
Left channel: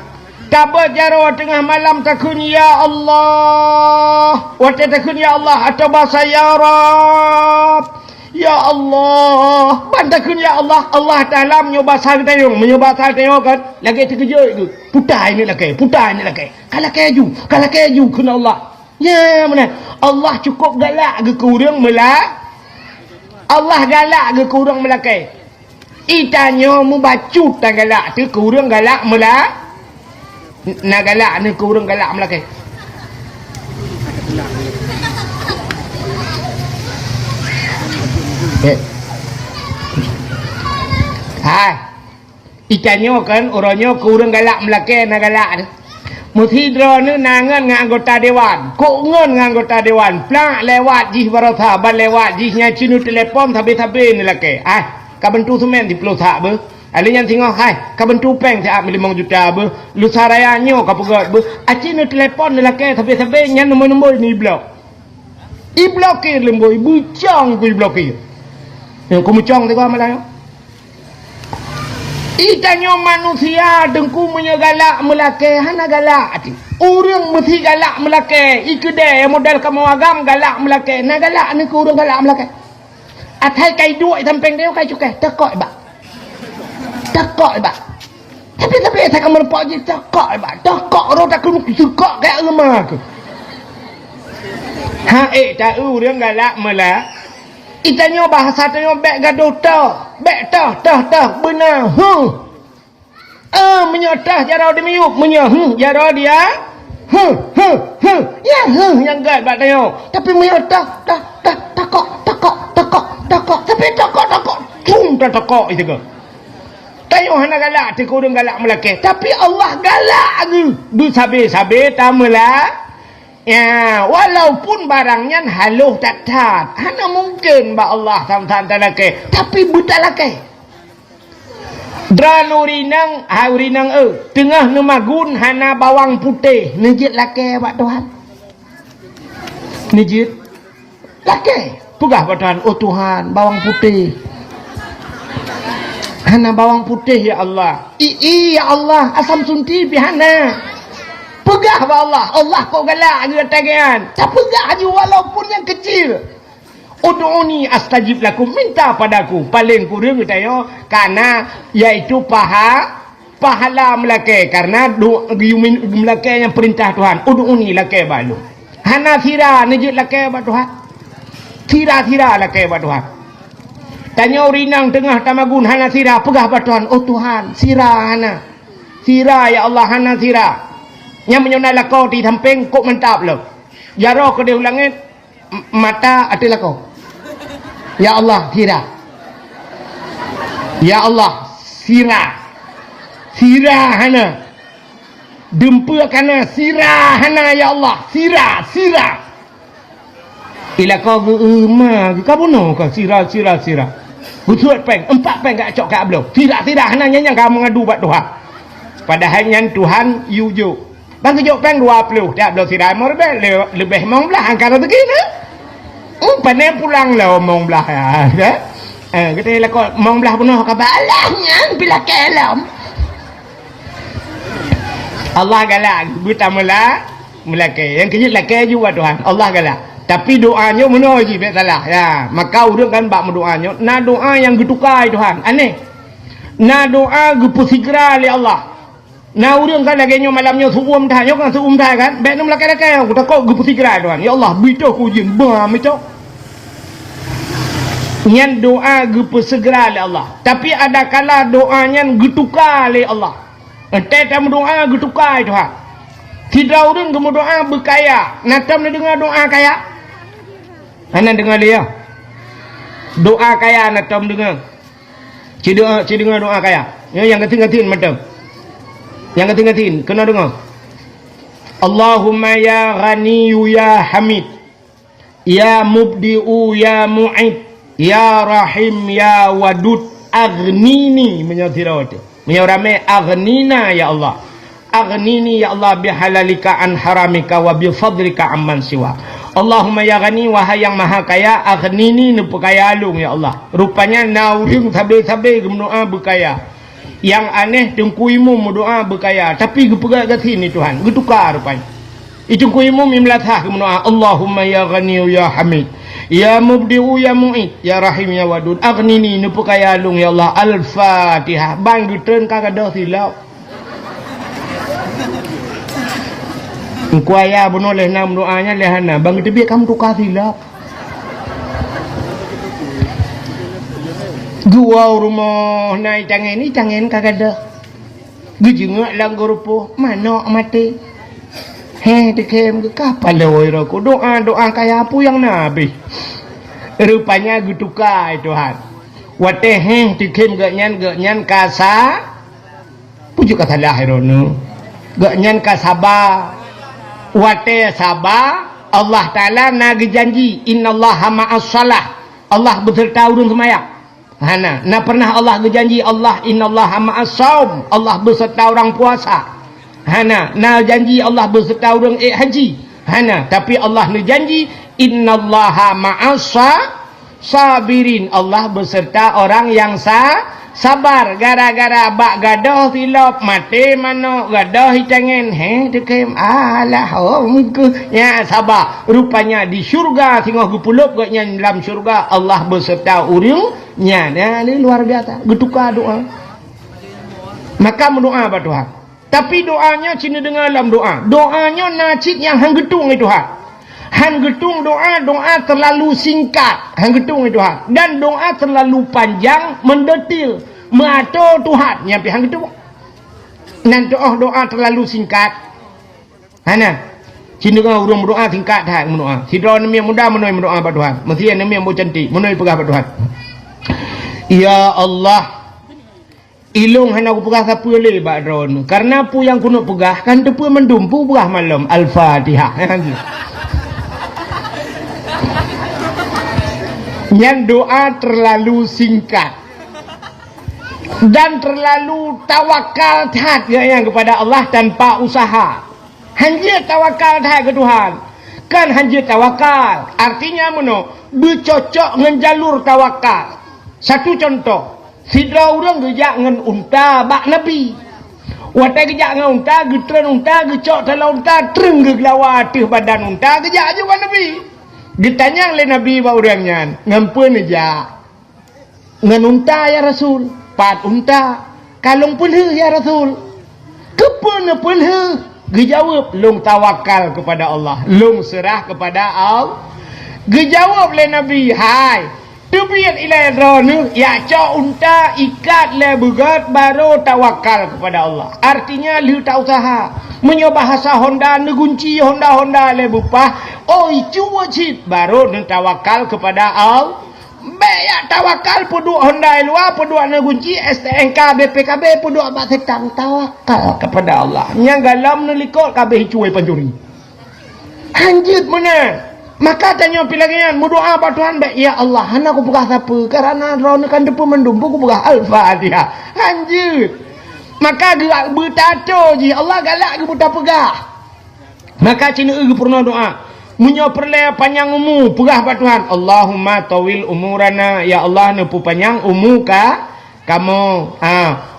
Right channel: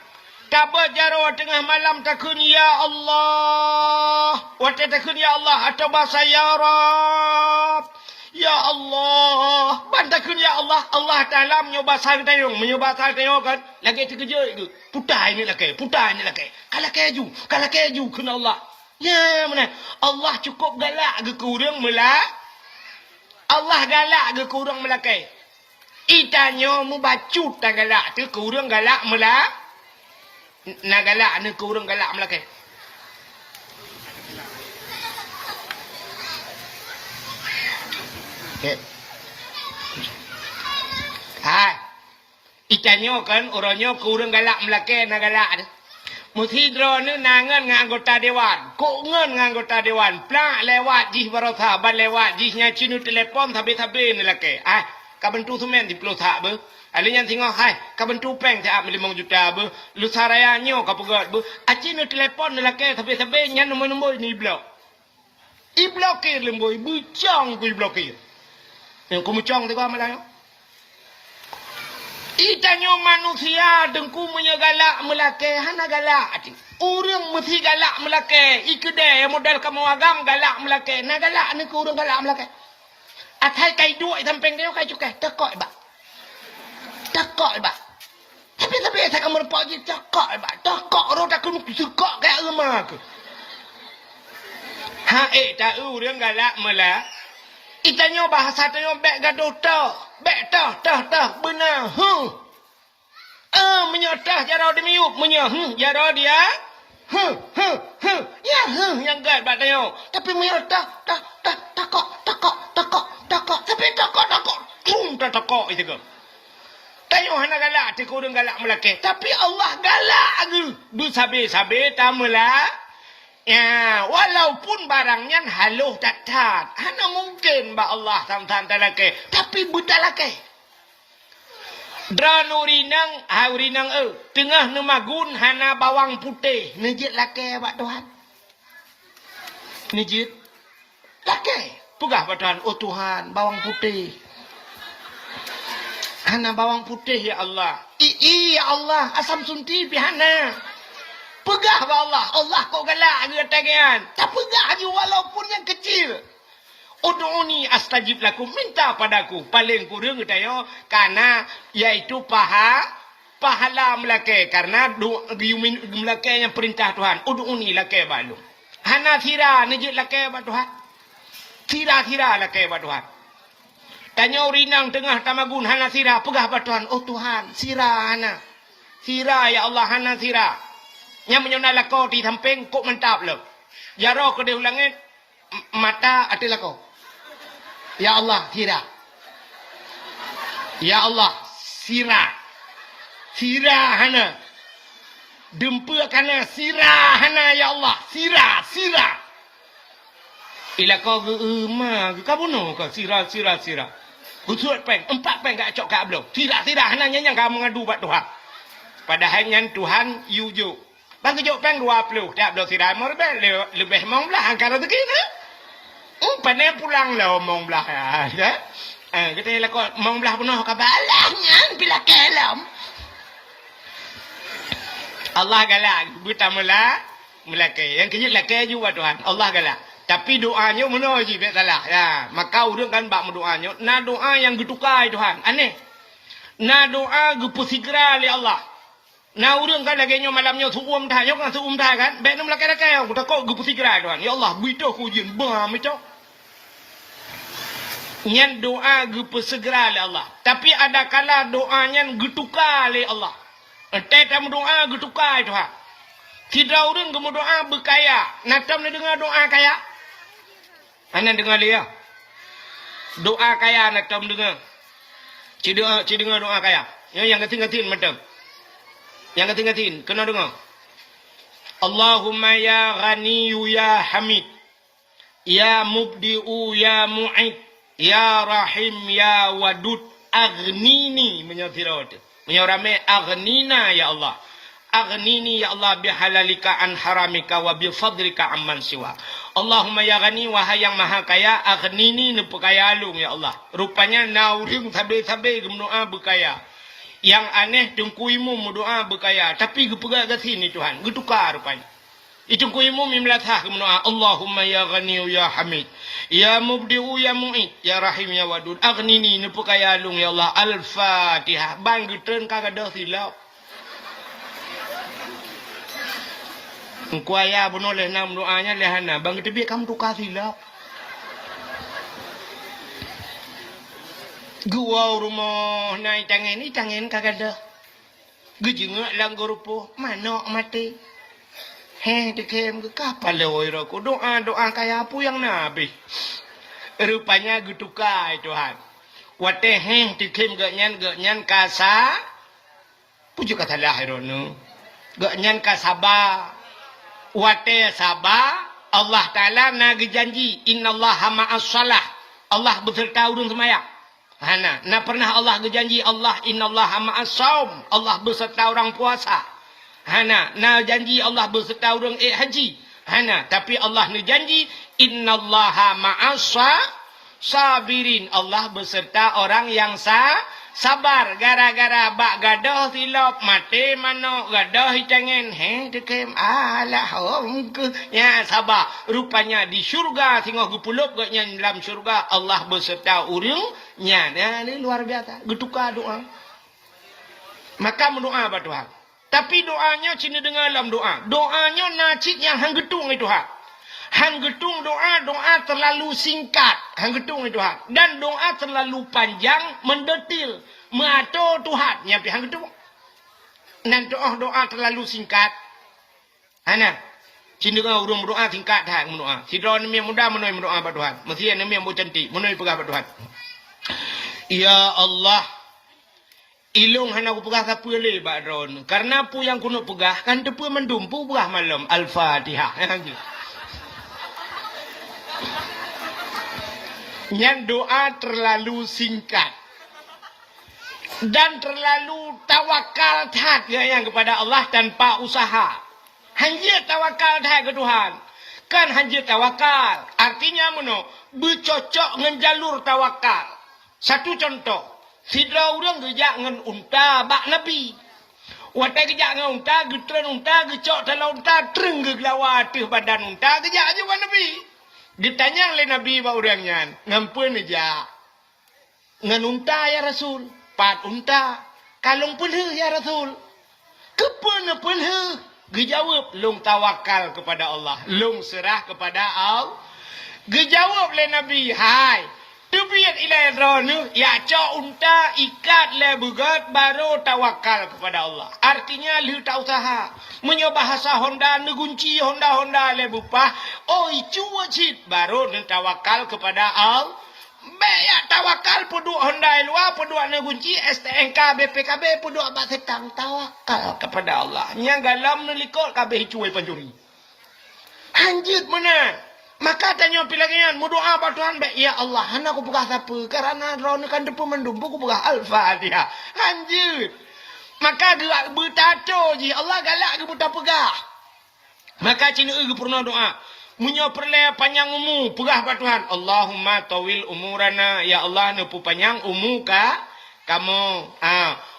Tak berjara tengah malam takun ya Allah. Watai takun ya Allah atau bahasa ya Rab. Ya Allah. Bantakun ya Allah. Allah Ta'ala menyoba sahib tayung. Menyoba sahib tayung kan. Lagi terkejut itu. Putai ni lagi. Putai ni lagi. Kalau keju. Kalau keju kena Allah. Ya mana. Allah cukup galak ke kurang melak. Allah galak ke kurang melakai. Itanya mu bacu tak galak tu kurang galak melak. Nak galak ni kurang galak melakai. Hai. Ikannya kan orangnya kurang galak melakai nak galak ni. Muthidra ni nangan dengan anggota dewan. Kok ngan dengan anggota dewan. Plak lewat jih baratha ban lewat jih nyacinu telefon tabe-tabe ni lakai. Hai. Kabentu semen di Pulau Tak ber. Ada yang tengok, hai, kabentu peng tak 5 juta ber. Lu sarayanya ka pegat ber. Aci no telefon ni laki sampai nyan nombor-nombor ni blok. I blokir lemboy, bucang ku i blokir. Yang ku mucang tengok malah. Itanya manusia dengku menyegalak melake hana galak ati. Urang mesti galak melake. I kedai modal kamu agam galak melake. Na galak ni ku urang galak melake. Atai kai duit samping dia kai cukai tekok ba. Tekok ba. Tapi saya kamu nampak je tekok ba. Tekok ro tak kena sekok kai lemah ke. Ha tak urang galak mela. Itanya bahasa tanya bek gaduh ta. Bek ta benar. Menyotah jara dia miup menya jara dia. Ya yang gad bak tanya. Tapi menyotah takok. Tapi takok cung itu ke. Tayo hana galak te kurang galak melake. Tapi Allah galak ke. Du sabe tamela. Ya, walaupun barangnya haluh tak tat. Hana mungkin ba Allah tam-tam talake. Tapi buta lake. Dranurinang haurinang tengah nemagun hana bawang putih. Nijit lake bak Tuhan. Nijit lake. Pegah badan, oh Tuhan, bawang putih. Hana bawang putih ya Allah. Ya Allah, asam sunti pihana. Pegah ba Allah. Allah kau galak je tagihan. Tak pegah je walaupun yang kecil. Ud'uni astajib lakum, minta padaku. Paling kurang katanya karena yaitu pahala melake karena melake yang perintah Tuhan. Ud'uni lake balu. Hana sira najid lake ba Tuhan. Tira lah kaya buat Tuhan. Tanya rinang tengah tamagun hana sirah pegah buat Tuhan. Oh Tuhan, sirah hana. Sirah ya Allah hana sirah. Yang menyonal kau di samping kok mentap lo. Jaro ke dia ulangin mata atilah kau. Ya Allah sirah. Ya Allah sirah. Sirah hana. Dempa kana sirah hana ya Allah. Sirah. Bila kau kamu no kau sirah. Betul peng, 4 peng kat cok kat belum. Tidak hanya yang kamu ngadu buat Tuhan. Padahal yang Tuhan yuju. Bang kejok peng 20 tak belum sirah mau lebih mong belah angkara begini. Pandai pulang lah mong belah ya. Kita lah kau mong belah penuh kau balahnya bila kelam. Allah galak buta mula ke. Yang kejut laki juga Tuhan. Allah galak. Tapi doanya mana je tak salah. Ya, maka urang kan bak doanya. Na doa yang getukai Tuhan. Aneh. Na doa gepusegera oleh Allah. Na urang kan lagi nyo malamnya suum dah kan Bek nom lakai-lakai aku takut gepusegera Tuhan. Ya Allah, bito ku jin ba macam. Nyan doa gepusegera oleh Allah. Tapi ada kala doanya getukai oleh Allah. Tetap doa getukai Tuhan. Tidak urang gemu doa berkaya. Natam dia dengar doa kaya. Anda dengar dia. Doa kaya nak tahu dengar. Ci dengar doa kaya. Yang keting-keting macam. Yang keting-keting kena dengar. Allahumma ya Ghaniyu ya Hamid. Ya Mubdi'u ya Mu'id. Ya Rahim ya Wadud. Aghnini menyatirati. Menyurame aghnina ya Allah. Aghnini ya Allah bihalalika an haramika wa bifadlika amman siwa. Allahumma ya ghani, wahai yang maha kaya, aghnini nu kaya alung ya Allah. Rupanya nauding tabe-tabe berdoa berkaya. Yang aneh tengkuimu berdoa berkaya, tapi gepegak kat sini Tuhan, getukar rupanya. Itu kuimu mimlatah berdoa, Allahumma ya ghani ya hamid, ya mubdi'u ya mu'id, ya rahim ya wadud, aghnini nu kaya alung ya Allah. Al-Fatihah. Bang geteun kagak silap. Kuaya boleh nam doanya lehana bang tebik kamu tukar silap. Gua rumah naik cangen kagak ada. Gejengak lang grupo mana mati. Dekem kapal lewoi roku doa kaya apa yang nabi. Rupanya gutuka Tuhan. Wate dekem gak nyan kasa. Pujuk kata lahirono. Gak nyan kasaba. Wate sabah Allah Ta'ala nagi janji innallaha ma'as salah, Allah beserta urang sembahyang. Hana na pernah Allah berjanji Allah innallaha ma'as saum, Allah beserta orang puasa. Hana na janji Allah beserta orang haji. Hana tapi Allah ni janji innallaha ma'as sabirin, Allah beserta orang yang sabar. Gara-gara bak gadah silap mati mano gadah hitangen dekem alah ya sabar. Rupanya di syurga tengah gupulup gaknya dalam syurga Allah beserta urangnya. Ini luar biasa getuka doa. Maka mendoa apa Tuhan, tapi doanya cina dengar dalam doanya nacit yang hang getung itu Tuhan. Han getung doa terlalu singkat, han getung itu Tuhan, dan doa terlalu panjang mendetil mengatur Tuhan nyampe hang getung. Nan doa terlalu singkat. Hana cina urang berdoa singkat hang mendoa. Sidra ni muda menoi mendoa pada Tuhan. Mesti ni mau cantik menoi pegah pada Tuhan. Ya Allah, ilung hana aku pegah siapa le bak drone. Karena pu yang kuno pegah kan tu pu mendumpu pegah malam Al-Fatihah. Yang doa terlalu singkat dan terlalu tawakal yang kepada Allah tanpa usaha. Hanya tawakal ke Tuhan. Kan hanya tawakal. Artinya mana? Bercocok dengan jalur tawakal. Satu contoh. Sidra orang gejak dengan unta bak Nabi. Watai gejak dengan unta, getren unta, gecok dalam unta, tereng gelawa atas badan unta, gejak juga Nabi. Ditanya oleh Nabi bahawa orangnya, ngampun aja. Ngenunta ya Rasul, pat unta, kalung pelha ya Rasul. Kepana pelha? Dijawab, long tawakal kepada Allah, long serah kepada Allah. Dijawab oleh Nabi, hai, tubiat ilai dronu, ya cok unta ikat le bugat baru tawakal kepada Allah. Artinya lu tak usaha. Menyoba bahasa Honda negunci Honda le bupah. Oi cuba cip baru nu tawakal kepada Allah. Bayak tawakal puduk Honda luar puduk negunci STNK BPKB puduk abak setang tawakal kepada Allah. Yang galam nelikot kabeh cuai pancuri. Anjit mana? Maka tanya pilangan berdoa pada Tuhan baik ya Allah, hana aku pegah siapa? Karena drone kan depan mendumpu aku pegah Al-Fatihah. Anjit. Maka gerak bertato je Allah galak ke buta pegah. Maka cina pernah doa. Munyo perle panjang umur pegah pada Tuhan. Allahumma tawil umurana, ya Allah nepu panjang umur ka kamu.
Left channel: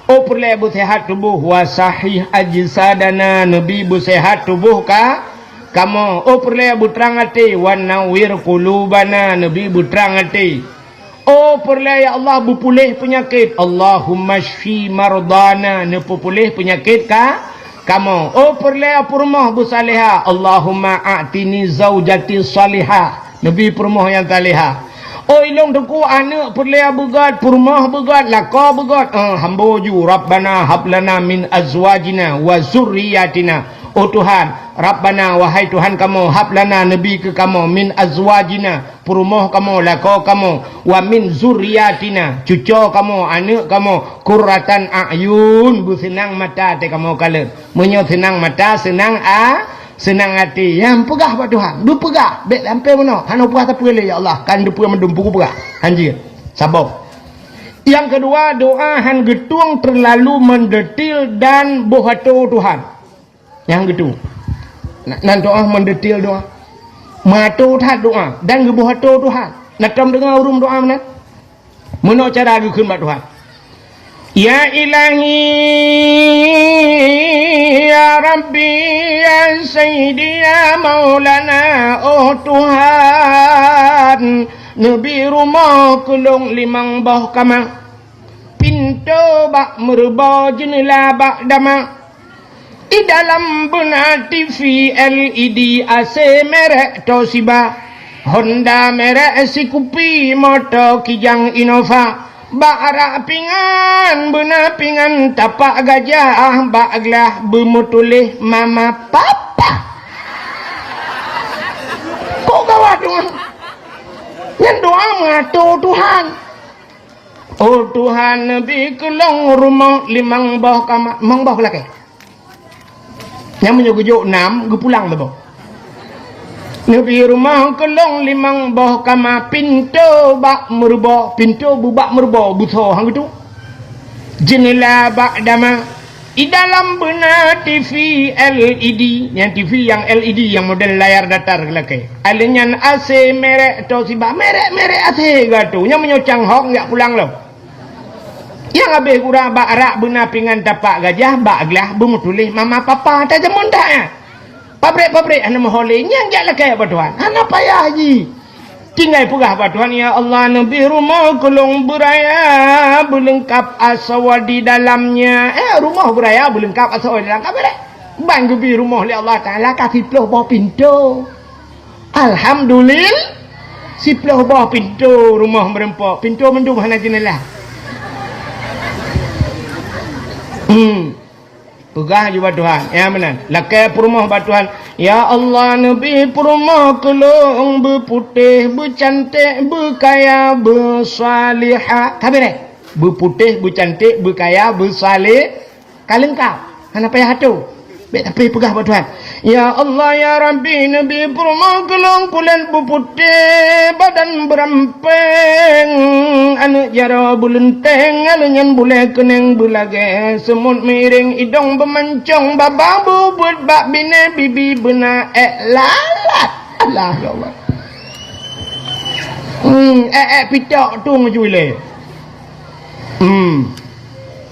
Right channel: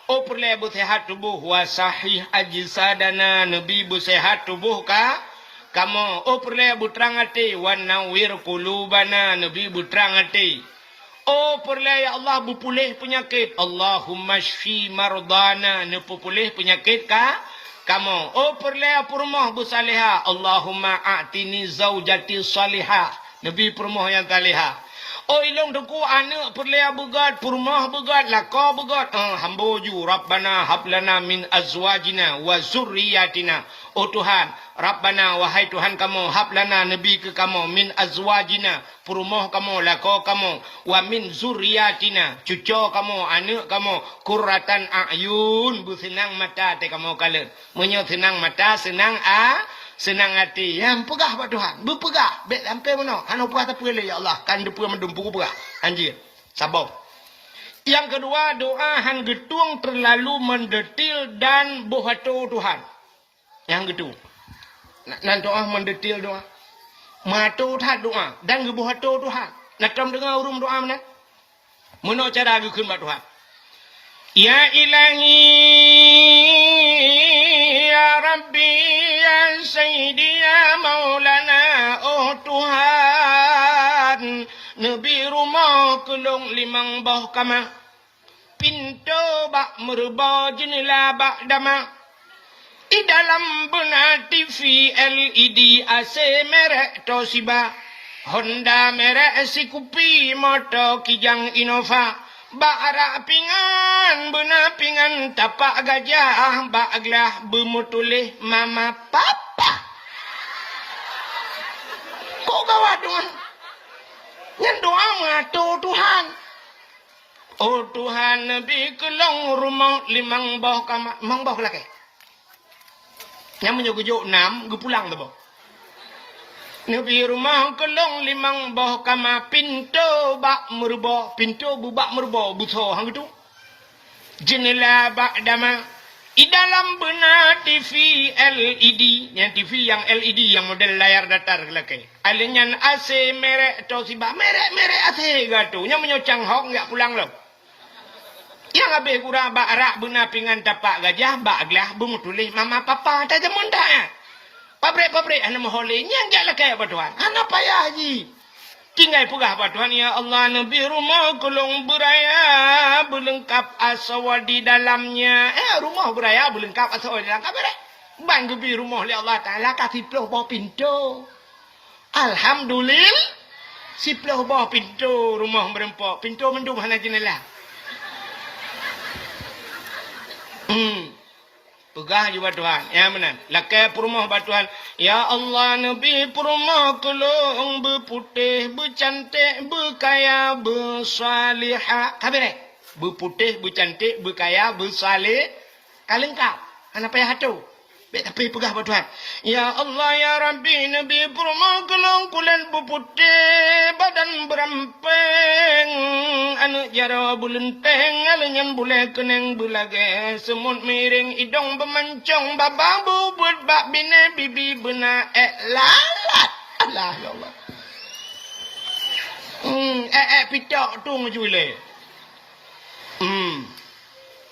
Oh perle bersehat tubuh wa sahih ajsadana, nabi bersehat tubuh ka kamu. Oh perle berterang hati wa nawir qulubana, nabi berterang hati. Oh perle ya Allah berpulih penyakit. Allahumma shfi mardana, nepulih penyakit ka kamu. Oh perle purmah busaleha. Allahumma a'tini zaujati salihah, nabi purmah yang taliha. Oh ilong deku anak perle begat purmah begat laka begat. Hamba ju Rabbana hablana min azwajina wa zurriyatina. Oh Tuhan, Rabbana wahai Tuhan kamu, hablana nabi ke kamu, min azwajina, purmoh kamu, lako kamu, wa min zuriyatina, cucu kamu, anak kamu, kurratan a'yun, senang mata te kamu kala. Menyo senang mata, senang hati. Yang pegah Pak Tuhan, berpegah, baik sampai mana? Hana pegah tak pegah ya Allah, kan dia pegah mendumpu pegah. Anjir, sabar. Yang kedua, doa han getung terlalu mendetil dan bohato Tuhan. Yang gitu. Nan doa mendetil doa. Matu that doa dan gebuh hatu Tuhan. Nak kam dengar urum doa mana? Menok cara gukun mak Tuhan. Ya ilahi ya Rabbi ya Sayyidi ya Maulana oh Tuhan Nabi rumah kulung limang bawah kamar pintu bak merubah jendela bak dama di dalam benar TV LED AC merek Toshiba Honda merek Sikupi motor Kijang Innova bak arak pingan benar pingan tapak gajah bak gelah bermutulih mama papa kok gawat doa yang doa matu Tuhan oh Tuhan Nabi kelong rumah limang bawah kamar mang bawah lagi yang menyugujuk 6 gue pulang babo Nabi rumah kelong limang bawah kamar pintu bak merubah pintu bubak merubah buto hang itu jendela bak dama di dalam benar TV LED yang TV yang LED yang model layar datar kelake alenyan AC merek Toshiba merek AC gato yang menyocang hok nggak pulang lo yang habis kurang bak arak benar pingan tapak gajah bak gelah bermutulih mama papa tak jaman tak ya pabrik anak maholeh yang jak lakai apa Tuhan anak payah haji tinggal pegah apa Tuhan ya Allah Nabi rumah kolong beraya berlengkap asawa di dalamnya rumah beraya berlengkap asawa di dalam kabar bang gebi rumah oleh Allah Ta'ala kasih peluh bawah pintu Alhamdulillah si peluh bawah pintu rumah merempok pintu mendung hana jendela pegah juga Tuhan ya benar lakai perumah batuhan ya Allah Nabi perumah kelong berputih bercantik berkaya bersalihah kabeh berputih bercantik berkaya bersalih kalengkap hana payah hatu baik tapi pegah batuhan ya Allah ya Rabbi Nabi perumah kelong kulit berputih badan berampeng anak jara bulenteng alenyan boleh keneng belage semut miring hidung bermancung bababu buat bak bine bibi benar lalat Allah ya Allah pitok tu ngejule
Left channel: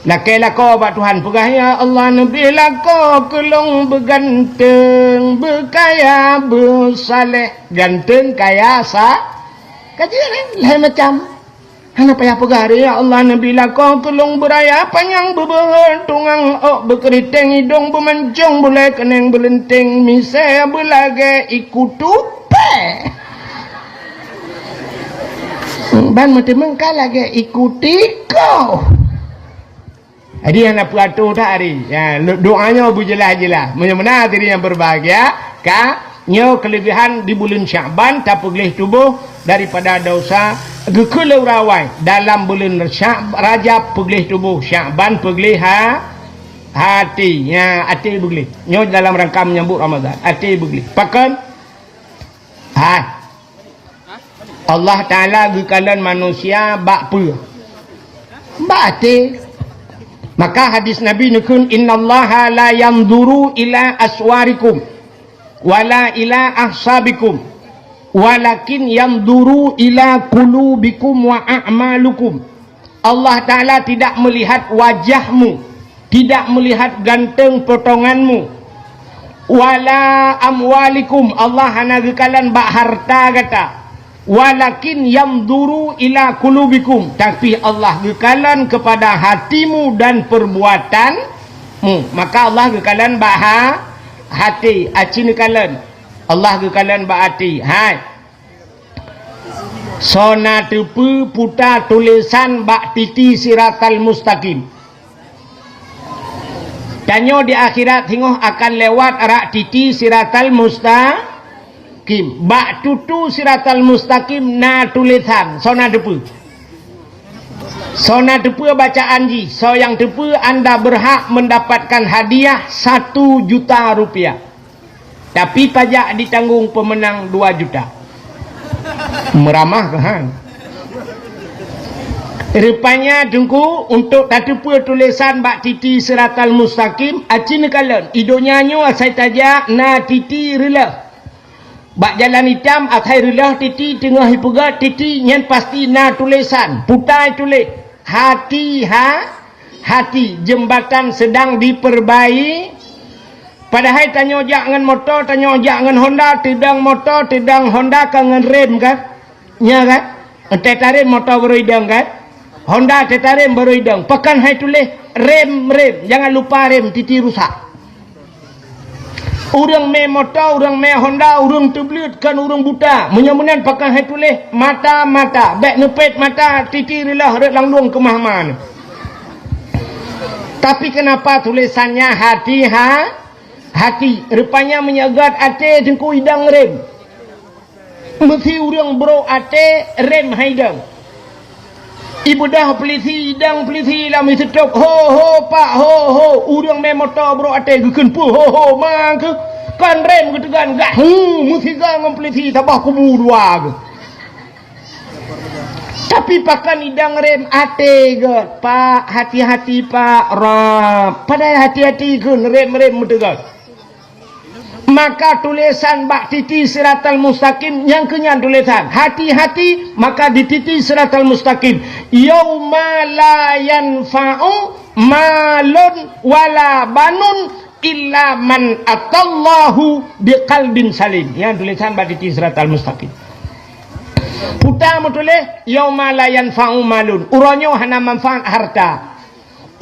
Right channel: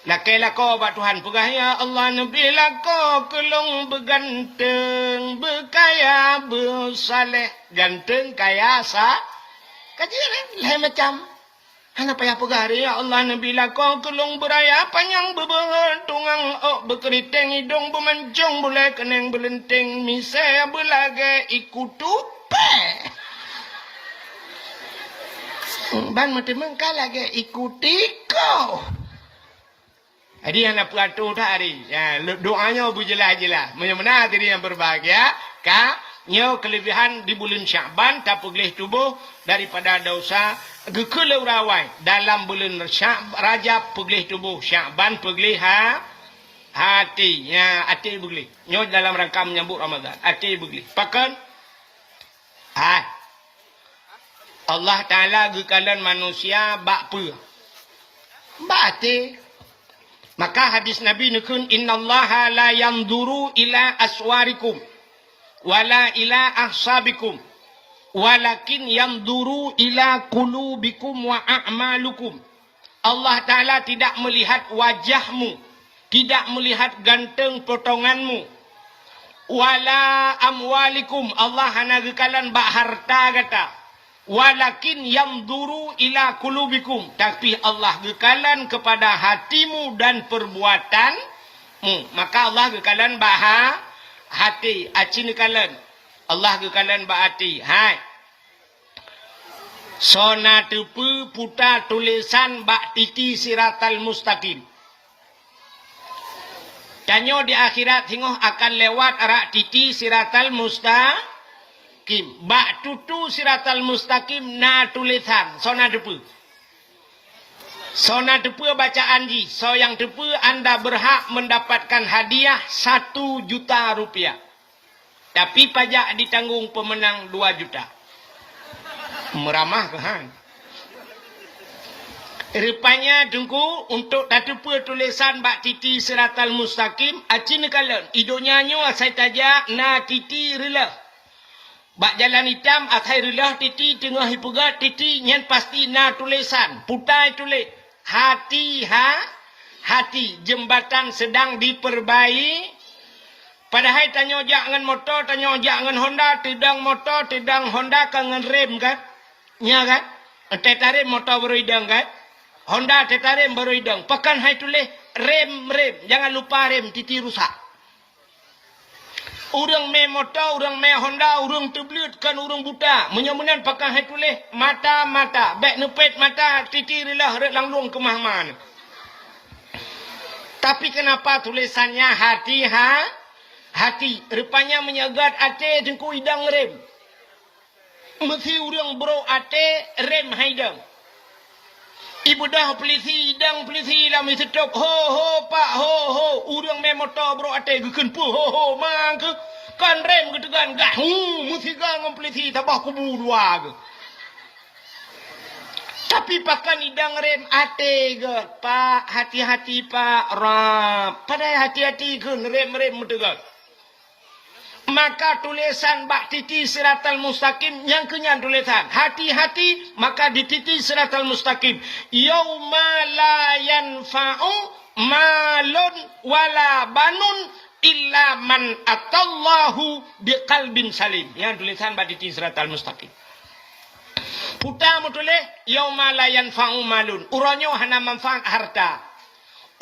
lakai lako bak Tuhan pegah ya Allah Nabi lako kelong berganteng berkaya bersaleh ganteng kaya kajian lain macam hana payah pegah ya Allah Nabi lako kelong beraya panjang beberhon tungang berkeriting hidung bermancung boleh keneng berlenteng misai belage ikut tupe ban mati mengkal lagi ikuti kau jadi anak pelatu tak hari ya, doanya berjelas-jelas mudah-mudahan diri yang berbahagia nyo kelebihan di bulan Syaban tak pegih tubuh daripada dosa gekelau rawai dalam bulan Rajab pegih tubuh Syaban pegih hati ya hati pegih nyo dalam rangka menyambut Ramadan hati pegih pakan Allah Ta'ala gekalan manusia bak hati maka hadis Nabi nukun innallaha la yanzuru ila aswarikum wala ila ahsabikum walakin yanzuru ila qulubikum wa a'malukum Allah Ta'ala tidak melihat wajahmu tidak melihat ganteng potonganmu wala amwalikum Allah hana gekalan bak harta kata walakin yamduru ila kulubikum tapi Allah gekalan kepada hatimu dan perbuatanmu maka Allah gekalan bah hati acin gekalan Allah gekalan bah hati sona tepu puta tulisan bak titi siratal mustaqim tanyo di akhirat hingoh akan lewat arak titi siratal mustaqim bak tutu siratal mustaqim na tulisan sona depu bacaan ji so yang depu anda berhak mendapatkan hadiah 1 juta rupiah tapi pajak ditanggung pemenang 2 juta meramah ke rupanya tunggu untuk tatupu tulisan bak titi siratal mustaqim acin kalan idonya nyo saya tajak na titi rela Bak jalan hitam akhairullah titi tengah hipugat titi nyan pasti na tulisan putai tulis hati hati jembatan sedang diperbaiki. Padahal tanya ojak dengan motor, tanya ojak dengan Honda, tidang motor, tidang Honda dengan rem kan? Ya kan? Tetarim motor baru hidang kan? Honda tetarim baru hidang. Pekan hai tulis rem, jangan lupa rem titi rusak. Orang me motor, orang me Honda, orang terbelit kan orang buta. Menyamunan pakai hai tulis mata, bek nepet mata, titi rilah red langlung ke mahman. Tapi kenapa tulisannya hati? Rupanya menyagat ate dengku hidang rem. Mesti orang bro ate rem haidang. Ibu dah pelisi hidang pelisi lah mesti tok ho pak ho urang me motor bro ate gekeun pu ho mang ke kan rem ke tegan gah mesti gang pelisi tabah kubu dua ke. Tapi pakan hidang rem ate ke pak hati-hati pak rap padahal hati-hati ke rem tegan. Maka tulisan bak titi siratal mustaqim yang kenyan tulisan hati-hati maka di titi siratal mustaqim yauma la yanfa'u malun wala banun illa man atallahu biqalbin salim. Yang tulisan bak titi siratal mustaqim putar tulis yauma la yanfa'u malun uronyo hana manfaat harta.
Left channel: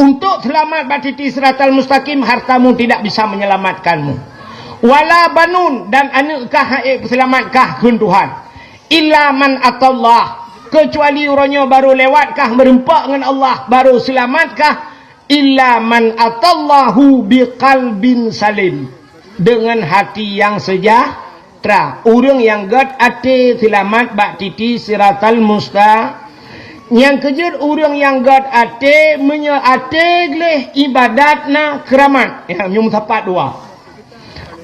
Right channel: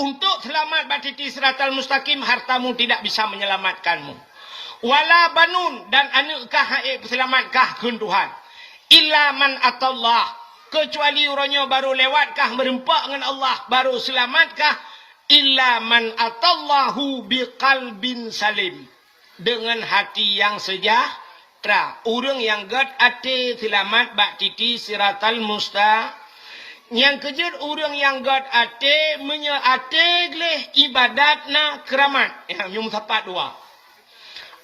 Untuk selamat bak titi siratal mustaqim hartamu tidak bisa menyelamatkanmu. Wala banun dan anukkah selamatkah kun Tuhan illa man atallah kecuali orangnya baru lewatkah merempak dengan Allah baru selamatkah illa man atallahu biqalbin salim dengan hati yang sejahtera. Orang yang gad ate selamat bak titi siratal musta yang kejar orang yang gad ate ate gleh ibadatna keramat ya nyum sapat dua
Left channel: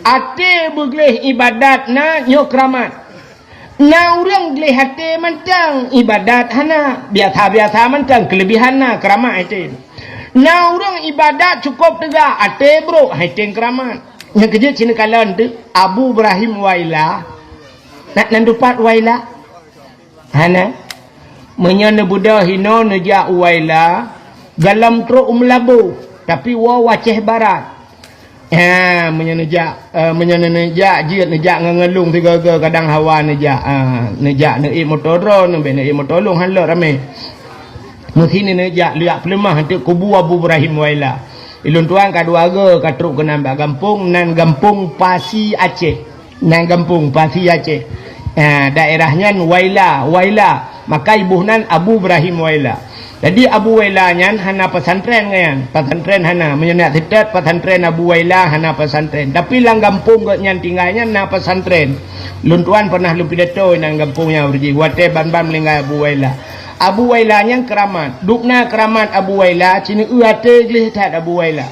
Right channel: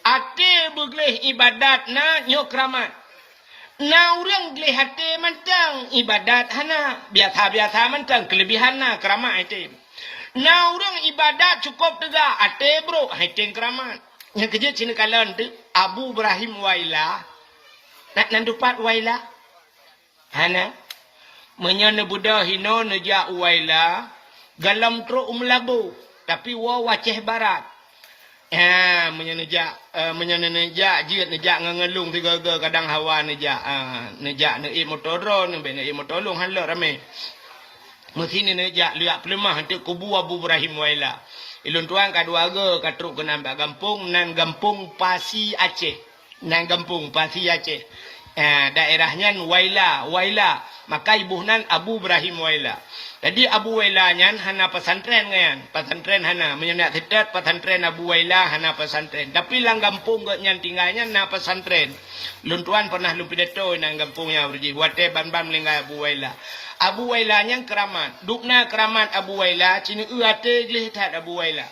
ate begleh ibadat na nyo keramat. Na orang gleh ate mancang ibadat hana biasa mancang kelebihan na keramat ate. Na orang ibadat cukup tegak ate bro ate keramat. Yang kerja cina kalan tu Abu Ibrahim Waila nak nandupat Waila hana menyana budak hino nejak Waila galam tro umlabu tapi wa waceh barat. Menyenejak jiat nejak ngelung tiga kadang hawa nejak naik motodron naik motolong halak ramai mesti nejak liak pelemah nanti kubu Abu Ibrahim Waila ilun tuan kadua katruk ke nambah gampung nan gampung Pasi Aceh daerahnya Waila maka ibuhnan Abu Ibrahim Waila. Jadi Abu Waila nyan hana pesantren ngayan. Pesantren hana menyenak tetet pesantren Abu Waila hana pesantren. Tapi lang gampung ke nyan tinggalnya na pesantren. Luntuan pernah lu pidato nang gampungnya berji. Wate ban-ban melinggai Abu Waila. Abu Waila nyan keramat. Dukna keramat Abu Waila cini uate glih tat Abu Waila.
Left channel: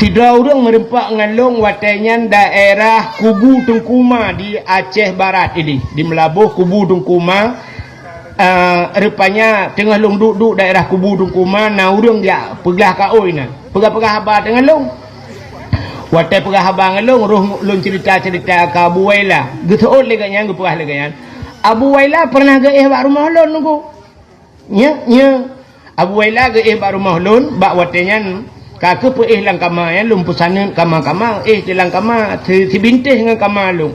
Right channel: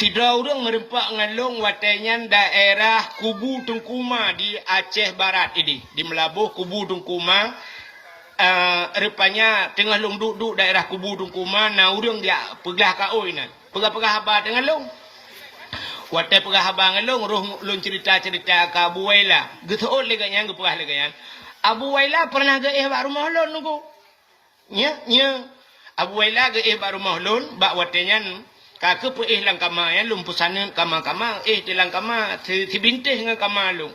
Sidra urang merempak ngalong watenya daerah Kubu Tungkuma di Aceh Barat ini. Di Melabuh Kubu Tungkuma. Rupanya tengah long duduk daerah Kubu Tungkuma na urang dia pegah kaoi na pegah habar dengan long watai pegah habar dengan long long cerita ke Abu Waila geteot lega nyang gepegah lega yan Abu Waila pernah ge bak rumah lon nunggu nya Abu Waila ge bak rumah lon bak watenya kake pe lang kama yan lum pusanen kama jelang kama si bintih dengan kama long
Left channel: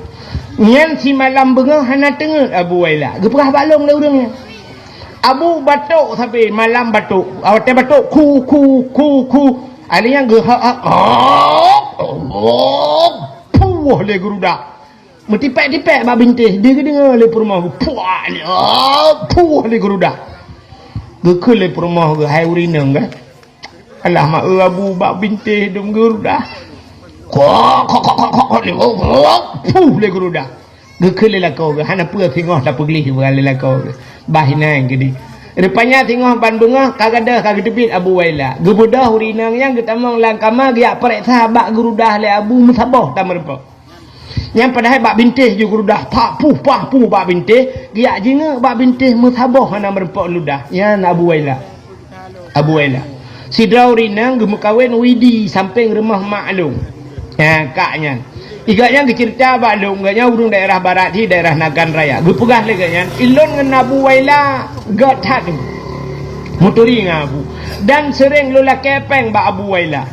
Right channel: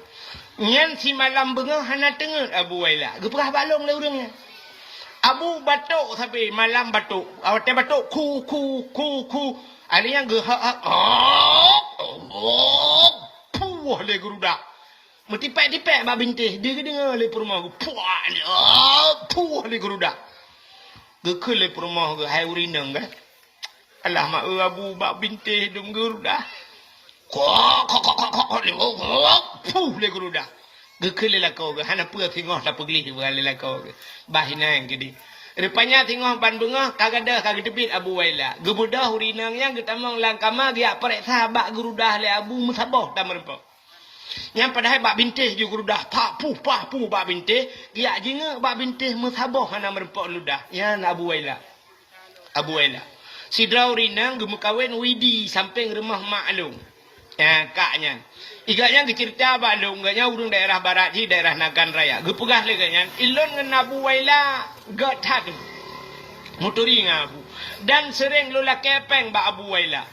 nyan si malam bengah hana tengah Abu Waila gepegah balong le urangnya Abu batuk sampai malam batuk awate batuk ku alinya ge puh le gerudak metipek ba bintih dia dengar le rumah puh le gerudak ge le rumah ge hai urinang kan alah mak Abu ba bintih dum gerudak kok le geruda gekele la kau hana pua tengok tak pergi berale la kau bahina gini rupanya tengok bandunga kagada kagedebit Abu Waila gebudah urinang yang getamang langkama dia perek sahabat gerudah le Abu musabah tamerpa yang padahal bak bintih je gerudah pak puh bak bintih dia jinga bak bintih musabah hana merempak ludah ya Abu Waila sidra urinang gemukawin widi samping rumah maklum kaknya Igaknya dicerita balung, igaknya urung daerah barat di daerah Nagan Raya. Gepegah leganya. Ilon ngan Abu Waila gat hadu. Muturi ngabu. Dan sering lula kepeng ba Abu Waila.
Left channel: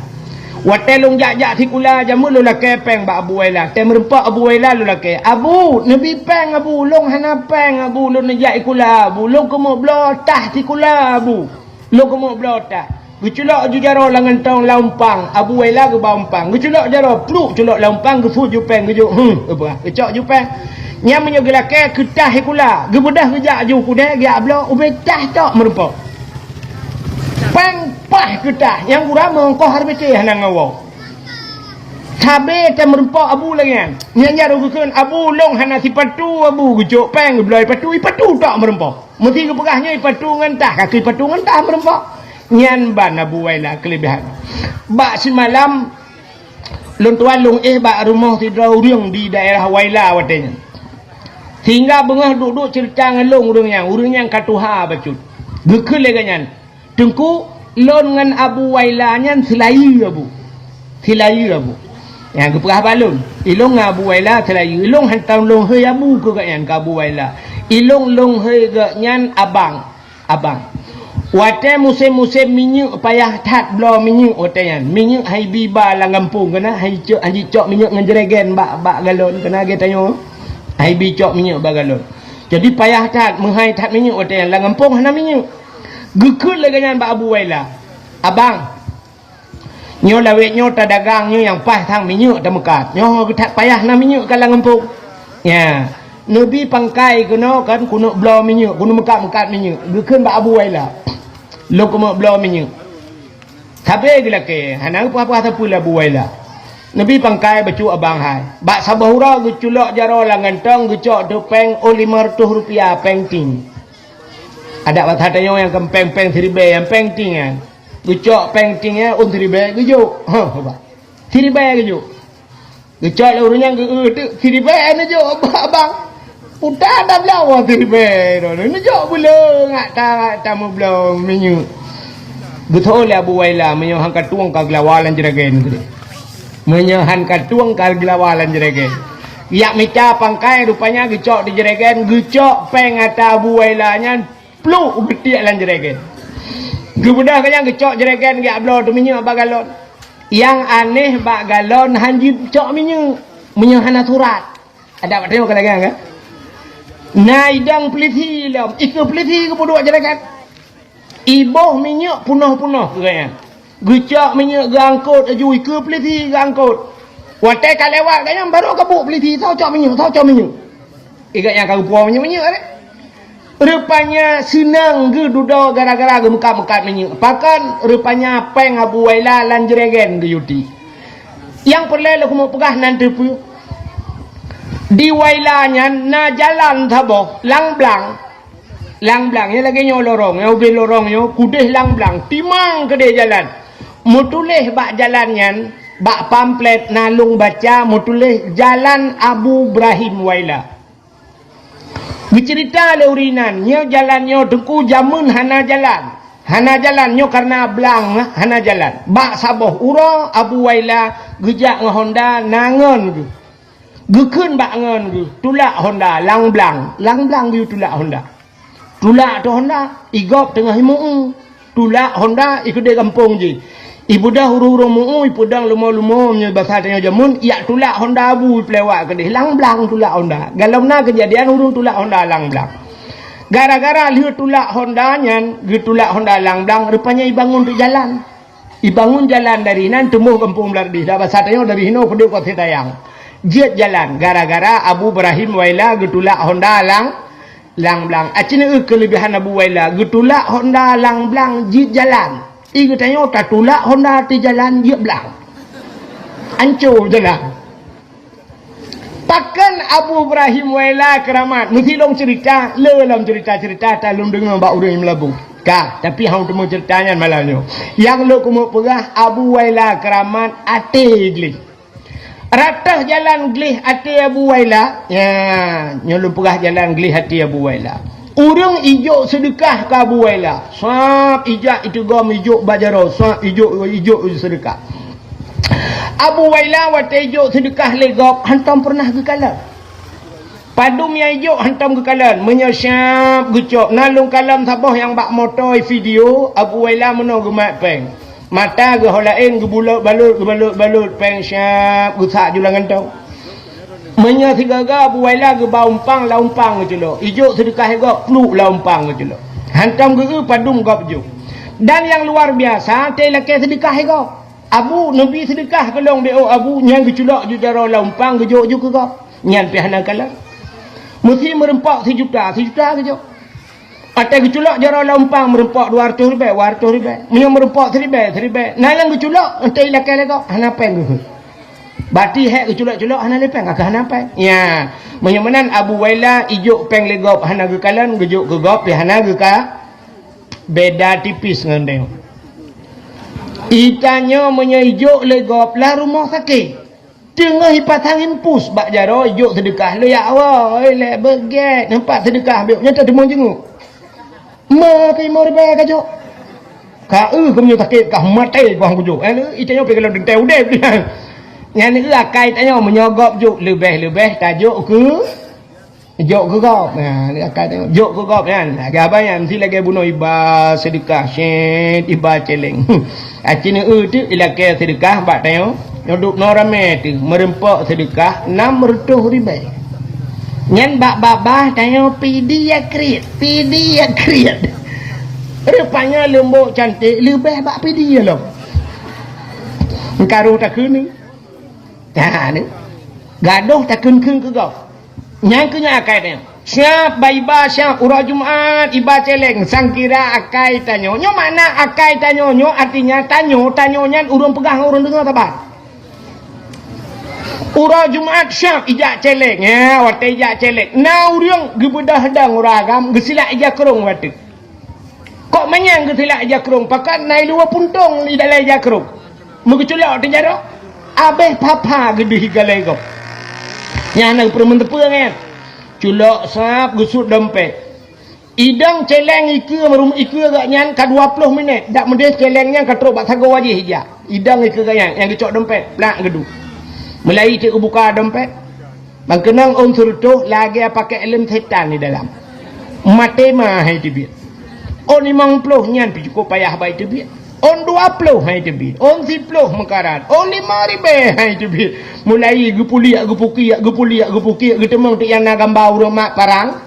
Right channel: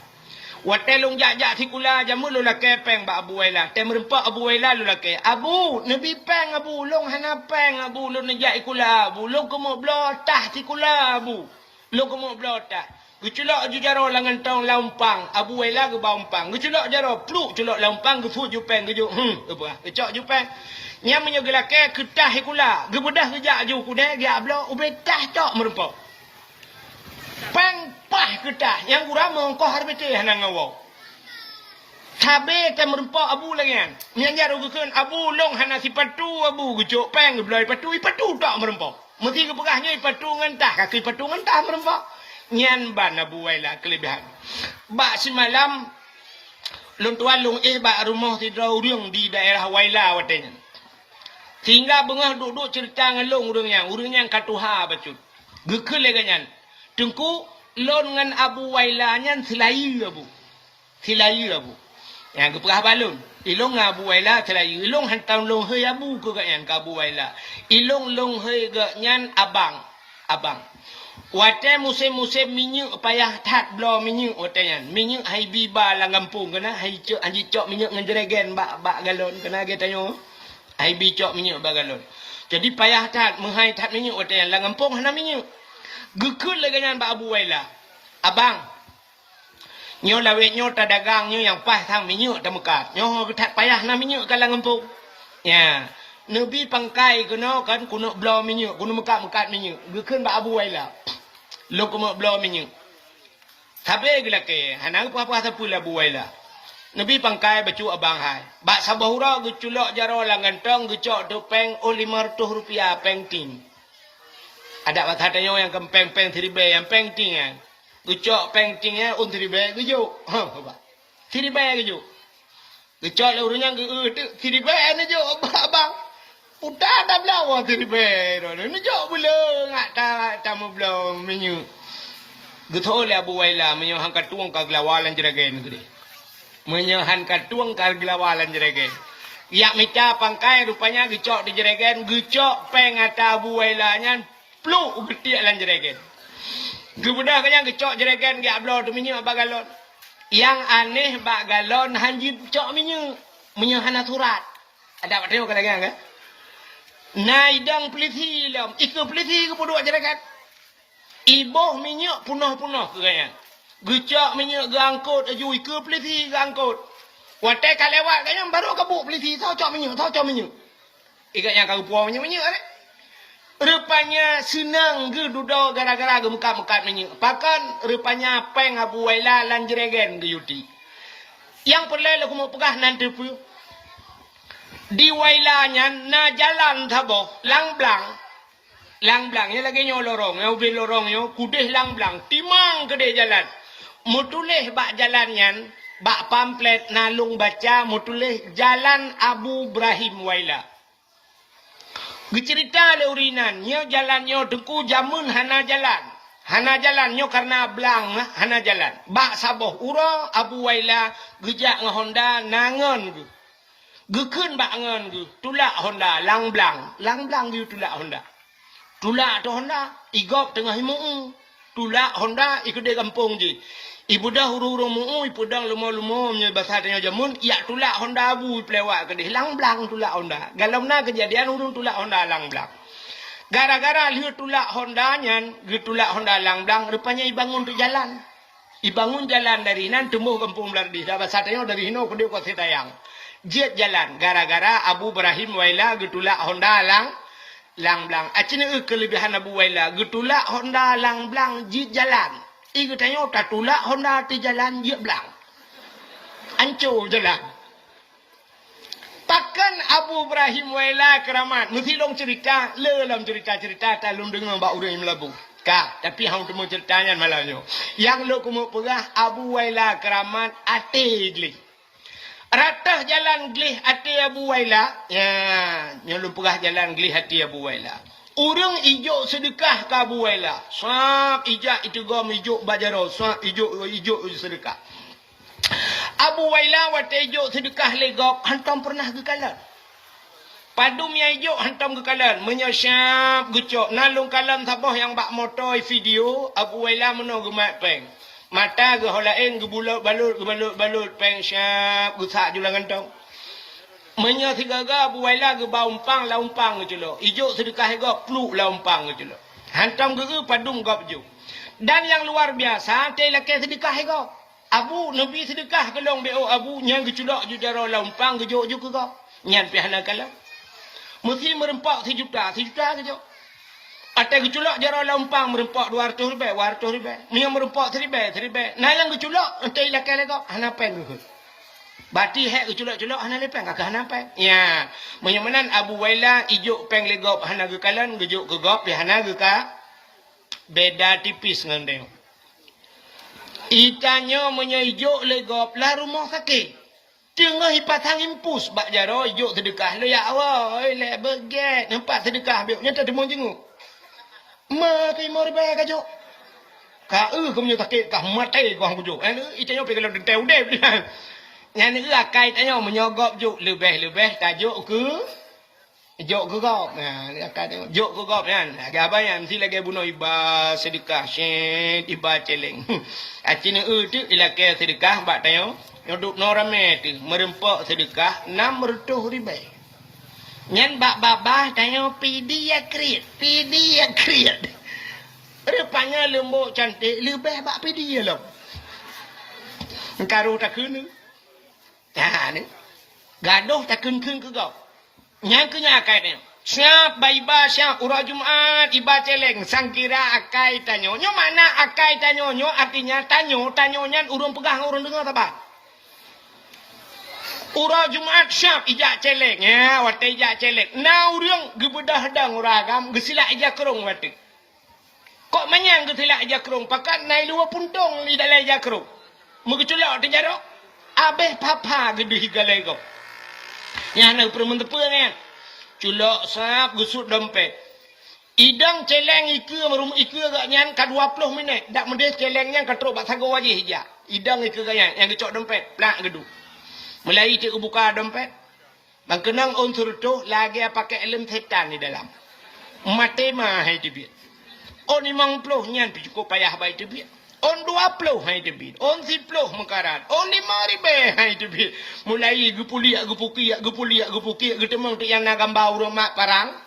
Watelung jak-jak tikula jamu lula kepeng ba Abu Waila. Tem rempak Abu Waila lula ke. Abu, nabi peng Abu, long hana peng Abu, long najak ikula Abu, long kemo blotah tikula Abu. Long kemo blotah. Geculak ju jaro langan tong laumpang Abu Waila ke baumpang geculak jaro pluk culak laumpang ge fu ju peng ge ju apa gecok ju peng nyam menyo gelake ketah ikula ge bedah ge jak ju kude ge ablo ubetah tok merempo peng pah ketah yang urama ko harbete hanang ngawo sabe te merempo Abu langan nyanya ru gekeun Abu long hana si patu Abu gecok peng ge bloi patu tok merempo mesti ge pegahnya patu ngan tah kaki patu ngan tah merempo nyan ban Abu Waila kelebihan. Bak semalam luntuan lung bak rumah tidur urang di daerah Waila watenya. Hingga bengah duduk cerita ngelung urang yang katuha bacut. Gekul leganyan. Tengku lon ngan Abu Waila nyan selayu Abu. Selayu Abu. Yang kepegah balun. Ilong Abu Waila selayu. Ilong hantam long hei Abu ke ganyan ke Abu Waila. Ilong long hei ganyan abang. Wate musim-musim minyak payah tat blo minyak watean. Minyak hai biba lang kampung kena hai cok anji cok minyak ngan jeregen bak galon kena ge tanyo. Hai bi cok minyak bak galon. Jadi payah tat menghai tat minyak watean lang kampung hana minyak. Gekut laganyan bak Abu Waila. Abang. Nyo lawet nyo ta dagang nyo yang pas tang minyak ta mekat. Nyo tat payah na minyak ka lang kampung. Ya. Nabi pangkai kena kan kuno blo minyak, kuno mekat minyak. Gekut bak Abu Waila. Lo ko mo blo minyak. Tabe gila ke, hanang apa pula Abu Waila. Nabi pangkai bacu abang hai. Bak sabahura geculok jaro langan tong gecok topeng Rp500 peng ting. Ada wat hatanya yang kempeng seribe yang peng ting ya. Gecok peng tingnya seribe gejuk. Ha, seribe gejuk. Gecok laurnya seribe ane jo abang. Putar dah belau seribe. Ni jo bula ngak ta mo belau minyak. Betul lah Abu Waila menyohan katuang ka gelawalan jeragen gede. Menyohan katuang ka gelawalan jeragen. Yak meca pangkai rupanya gecok di jeragen, gecok peng ata Abu Waila nya pluk betiak lan jeragen. Gebudah kanyang gecok jeragen gak blo tu minyak bak galon. Yang aneh bak galon hanji cok minyak. Menyohan aturat. Ada apa tengok lagi kan? Naidang peliti lam, iku peliti ke bodoh jeragen. Iboh minyak punah-punah kaya. Gecak minyak gangkut ajui ke peliti gangkut. Watai ka lewat kaya baru kabuk peliti tau cak minyak. Ikat yang kau puang minyak ni. Rupanya senang ke duduk gara-gara ke mekat-mekat minyak. Pakan rupanya peng Abu Waila lan jeragen ke yuti. Yang perlu aku mau pegah nanti pu. Di Wailanya na jalan thaboh lang blang ya lagi nyo lorong ya ubi lorong yo kudeh lang blang timang kede jalan mutuleh bak jalannya bak pamflet nalung baca mutuleh jalan Abu Ibrahim Waila bercerita le urinan nyo jalan nyo teku jamun hana jalan nyo karena blang lah hana jalan bak saboh urang Abu Waila gejak ngahonda nangon tu gekun bak ngon tu tulak Honda lang blang tu tulak Honda igop tengah himu tulak Honda ikut dia kampung je ibu dah huru-huru mu ibu dah lumo-lumo nya bahasa tanya jamun ya tulak Honda Abu pelewak ke dia lang blang tulak Honda galomna kejadian huru tulak Honda lang blang gara-gara lihat tulak Honda nyan getulak Honda lang blang rupanya ibangun tu jalan dari nan tumbuh kampung belardi dah bahasa tanya dari hino ke dia kota tayang jet jalan gara-gara Abu Ibrahim Waila getulak Honda lang blang. Acina kelebihan Abu Waila getulak Honda lang blang jet jalan. Iku tanya tak tulak Honda ti jalan jet blang. Ancur jalan. Pakan Abu Ibrahim Waila keramat. Mesti long cerita, lelam cerita tak long dengar bak urang melabu. Kah, tapi hang temu ceritanya malamnya. Yang lo kumu pegah Abu Waila keramat ate gli. Ratah jalan glih hati Abu Waila. Ya, nyolong pegah jalan glih hati Abu Waila. Urang ijuk sedekah ke Abu Waila. Sap ijak itu gom ijuk bajaro. Sap ijuk sedekah. Abu Wailah watejo sedekah legop hantam pernah ke kalan. Padum yang hijau hantam ke kalan. Menyesyap gucok. Nalung kalam sabah yang bak motor video. Abu Wailah meno gemat peng. Mata ke holain ke bulut balut peng syap gusak julangan tau. Menya sigaga Abu Wailah ke baumpang laumpang ke celok. Hijau sedekah legop peluk laumpang ke celok. Hantam ke padum gop jo. Dan yang luar biasa teh laki sedekah legop. Abu Nabi sedekah kelong dia Abu nyang keculak jujara laumpang gejuk juk ke kau nyan pihana kala mesti merempak sejuta ke jo atai keculak jara laumpang merempak 200 ribu menyang merempak 1000 nah yang keculak entai lakai kau hana peng bati hek keculak-culak hana lepeng akah hana peng ya menyamanan Abu Wailah ijuk peng legop hana ke kalan gejuk ke gop pihana ke ka beda tipis ngan dia. Itanya menyejuk legop lah rumah sakit. Tengah hipatang impus bak jaro ijuk sedekah le ya Allah, le beget nampak sedekah biok nyata demang jenguk. Ma kai mau riba ka jo. Ka kau sakit kah mati kau kujuk. Itanya pergi kalau dentai udep. Yang ni akai tanya menyogop juk lebih tajuk ke jok ke gop. Nah, ni akai tengok jok ke gop kan. Agak apa yang mesti lagi bunuh iba sedekah syed iba celeng. Acini tu ilakai sedekah bak tengok. Nyoduk no rame tu merempak sedekah 600 ribu. Nyan bak babah tengok pidi ya kriat. Rupanya lembut cantik lebih bak pidi ya lo. Karu tak kini. Nah ni. Gaduh tak kun ke gop. Yang kena akai tanya. Siap baiba siap urah Jumaat iba celeng sangkira akai tanyo. Nyo mana akai tanyo nyo artinya tanyonya urang pegang urang dengar apa? Urah Jumaat siap ijak celeng ya wate ijak celeng. Na urang gebedah dang uragam gesila ijak kerong wate. Kok menyang gesila ijak kerong pakat nai luar puntung di dalam ijak kerong. Mengeculak tu jaro. Abeh papa gede higalai kau. Yang nak permen tepung kan. Culak sap gusut dompet. Idang celeng ike merum ike gak nyan ka 20 minit. Dak mendes celengnya ka teruk bak sago wajih hija. Idang ike gak nyan yang dicok dompet plak gedu. Mulai cik buka dompet. Bang kenang unsur tu lagi pakai ilmu setan di dalam. Mate mah hai tibit. On 50 nyan pi cukup payah baik tibit. On 20 hai tebit. On 10 mekarat. On 5,000 hai tebit. Mulai gepuliak getemong tu yang nak gambar urang mak parang.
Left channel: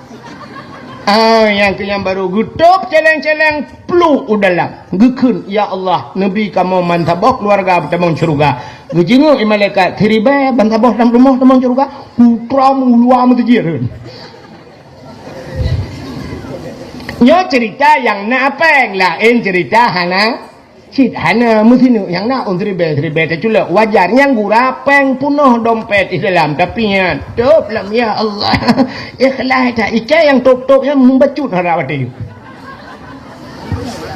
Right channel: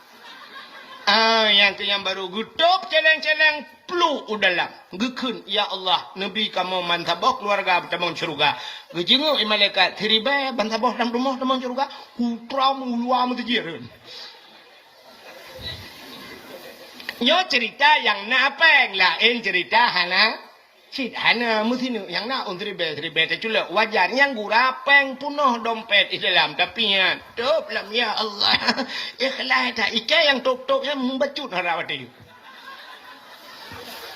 Yang ke yang baru gutup celeng-celeng peluk udalam. Gekun ya Allah, Nabi kamu mantabok keluarga bertemong syurga. Gejenguk malaikat teribai bantabok dalam rumah temong syurga. Putra luar mentejirin. Nyo cerita yang nak apa lah cerita hana cit hana mesti yang nak tribe terculak wajar yang gura peng punuh dompet di dalam tapi ya top lam ya Allah ikhlas tak ika yang top yang membacut harap ada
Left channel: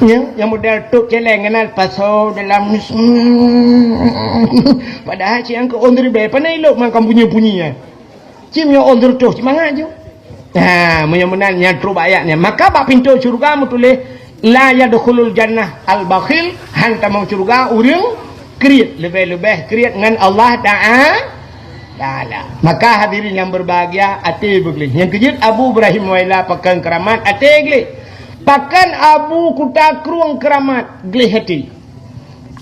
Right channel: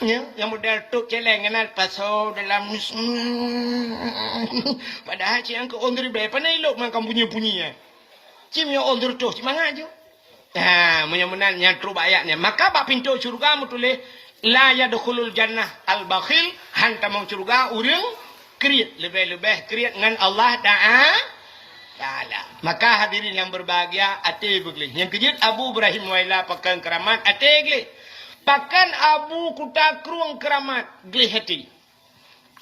yang model top celeng kenal pasal dalam padahal si angka on tribe panai lok makan bunyi-bunyinya cimnya on top semangat je. Nah, menyamenannya teruk ayatnya. Maka bak pintu syurga tulis la yadkhulul jannah al-bakhil hantamang syurga urang kriat lebih-lebih kriat dengan Allah Ta'ala. Maka hadirin yang berbahagia ate begli. Yang kejut Abu Ibrahim Wailah pakan keramat ate gli. Pakan Abu kuta kruang keramat gli hati.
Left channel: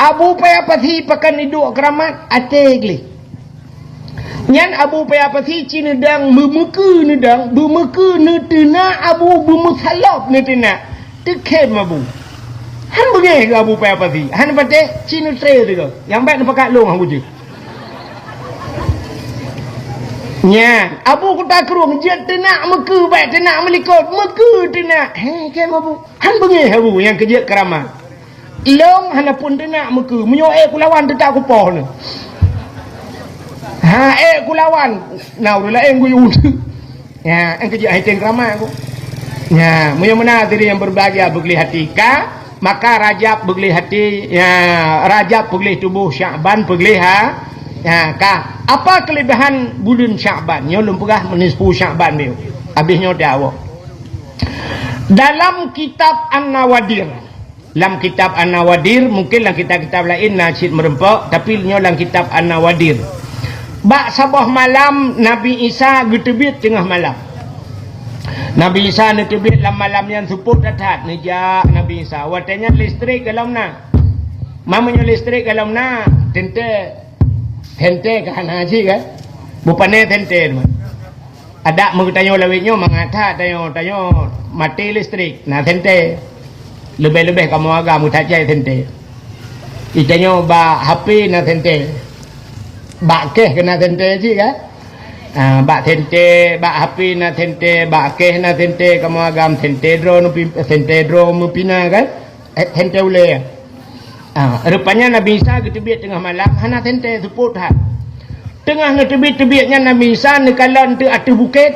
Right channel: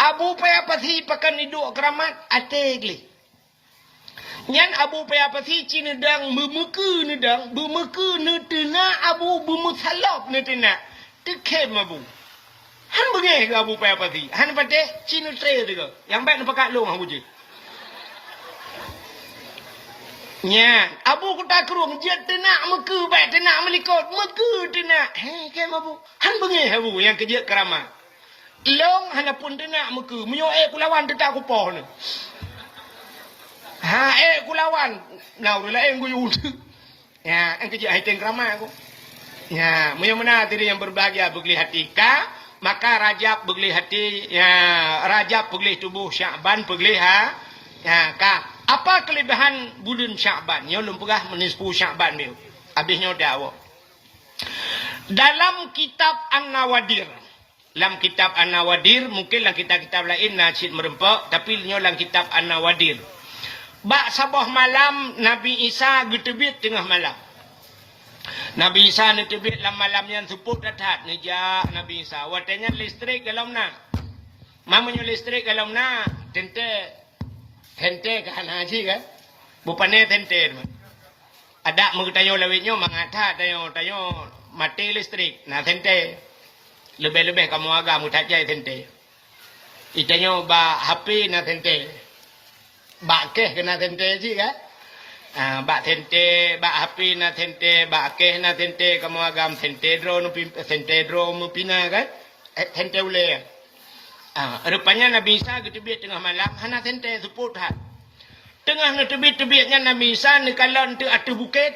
Abu paya pasi pakan iduk keramat ate gli. Nyan Abu paya pasi cina dang memuka nedang bermuka netena Abu bermusalaf netena tekem Abu han bengai ke Abu paya pasi han pate cina tre tu ke yang baik nampak long Abu je nyan Abu kuta kerung jet tenak meka baik tenak melikot meka tenak kem Abu han bengai Abu yang kerja keramat long han pun tenak meka menyoek kulawan tetak kupoh ni kulawan. Nah, udah gue ya, yang kerja haitin ramai aku. Ya, mana diri yang berbahagia begli hati ka, maka Rajab begli hati, ya Rajab begli tubuh Sya'ban begli ya ka. Apa kelebihan bulan Sya'ban? Nyo lum pegah menispu Sya'ban dia. Habisnya dawa. Dalam kitab An-Nawadir Lam kitab An-Nawadir, mungkin dalam kitab-kitab lain nasyid merempak, tapi nyo dalam kitab An-Nawadir. Bak sabah malam Nabi Isa getebit tengah malam. Nabi Isa getebit dalam malam yang suput datat nejak Nabi Isa. Watanya listrik dalam na. Mamanya listrik dalam na. Tente kan haji kan? Bupane tente. Ada mau tanya lawitnya mengata tanya mati listrik. Nah tente. Lebih-lebih kamu agak mutajai tente. Itanya ba HP na tente. Ba keh kena tente sih kan? Ba tente, ba HP na tente, ba keh na tente kamu agam tente drone mupina kan? Tente ule. Rupanya Nabi Isa ketebit tengah malam hana tente suput ha. Tengah na tebit-tebitnya Nabi Isa nekalan tu atu bukit.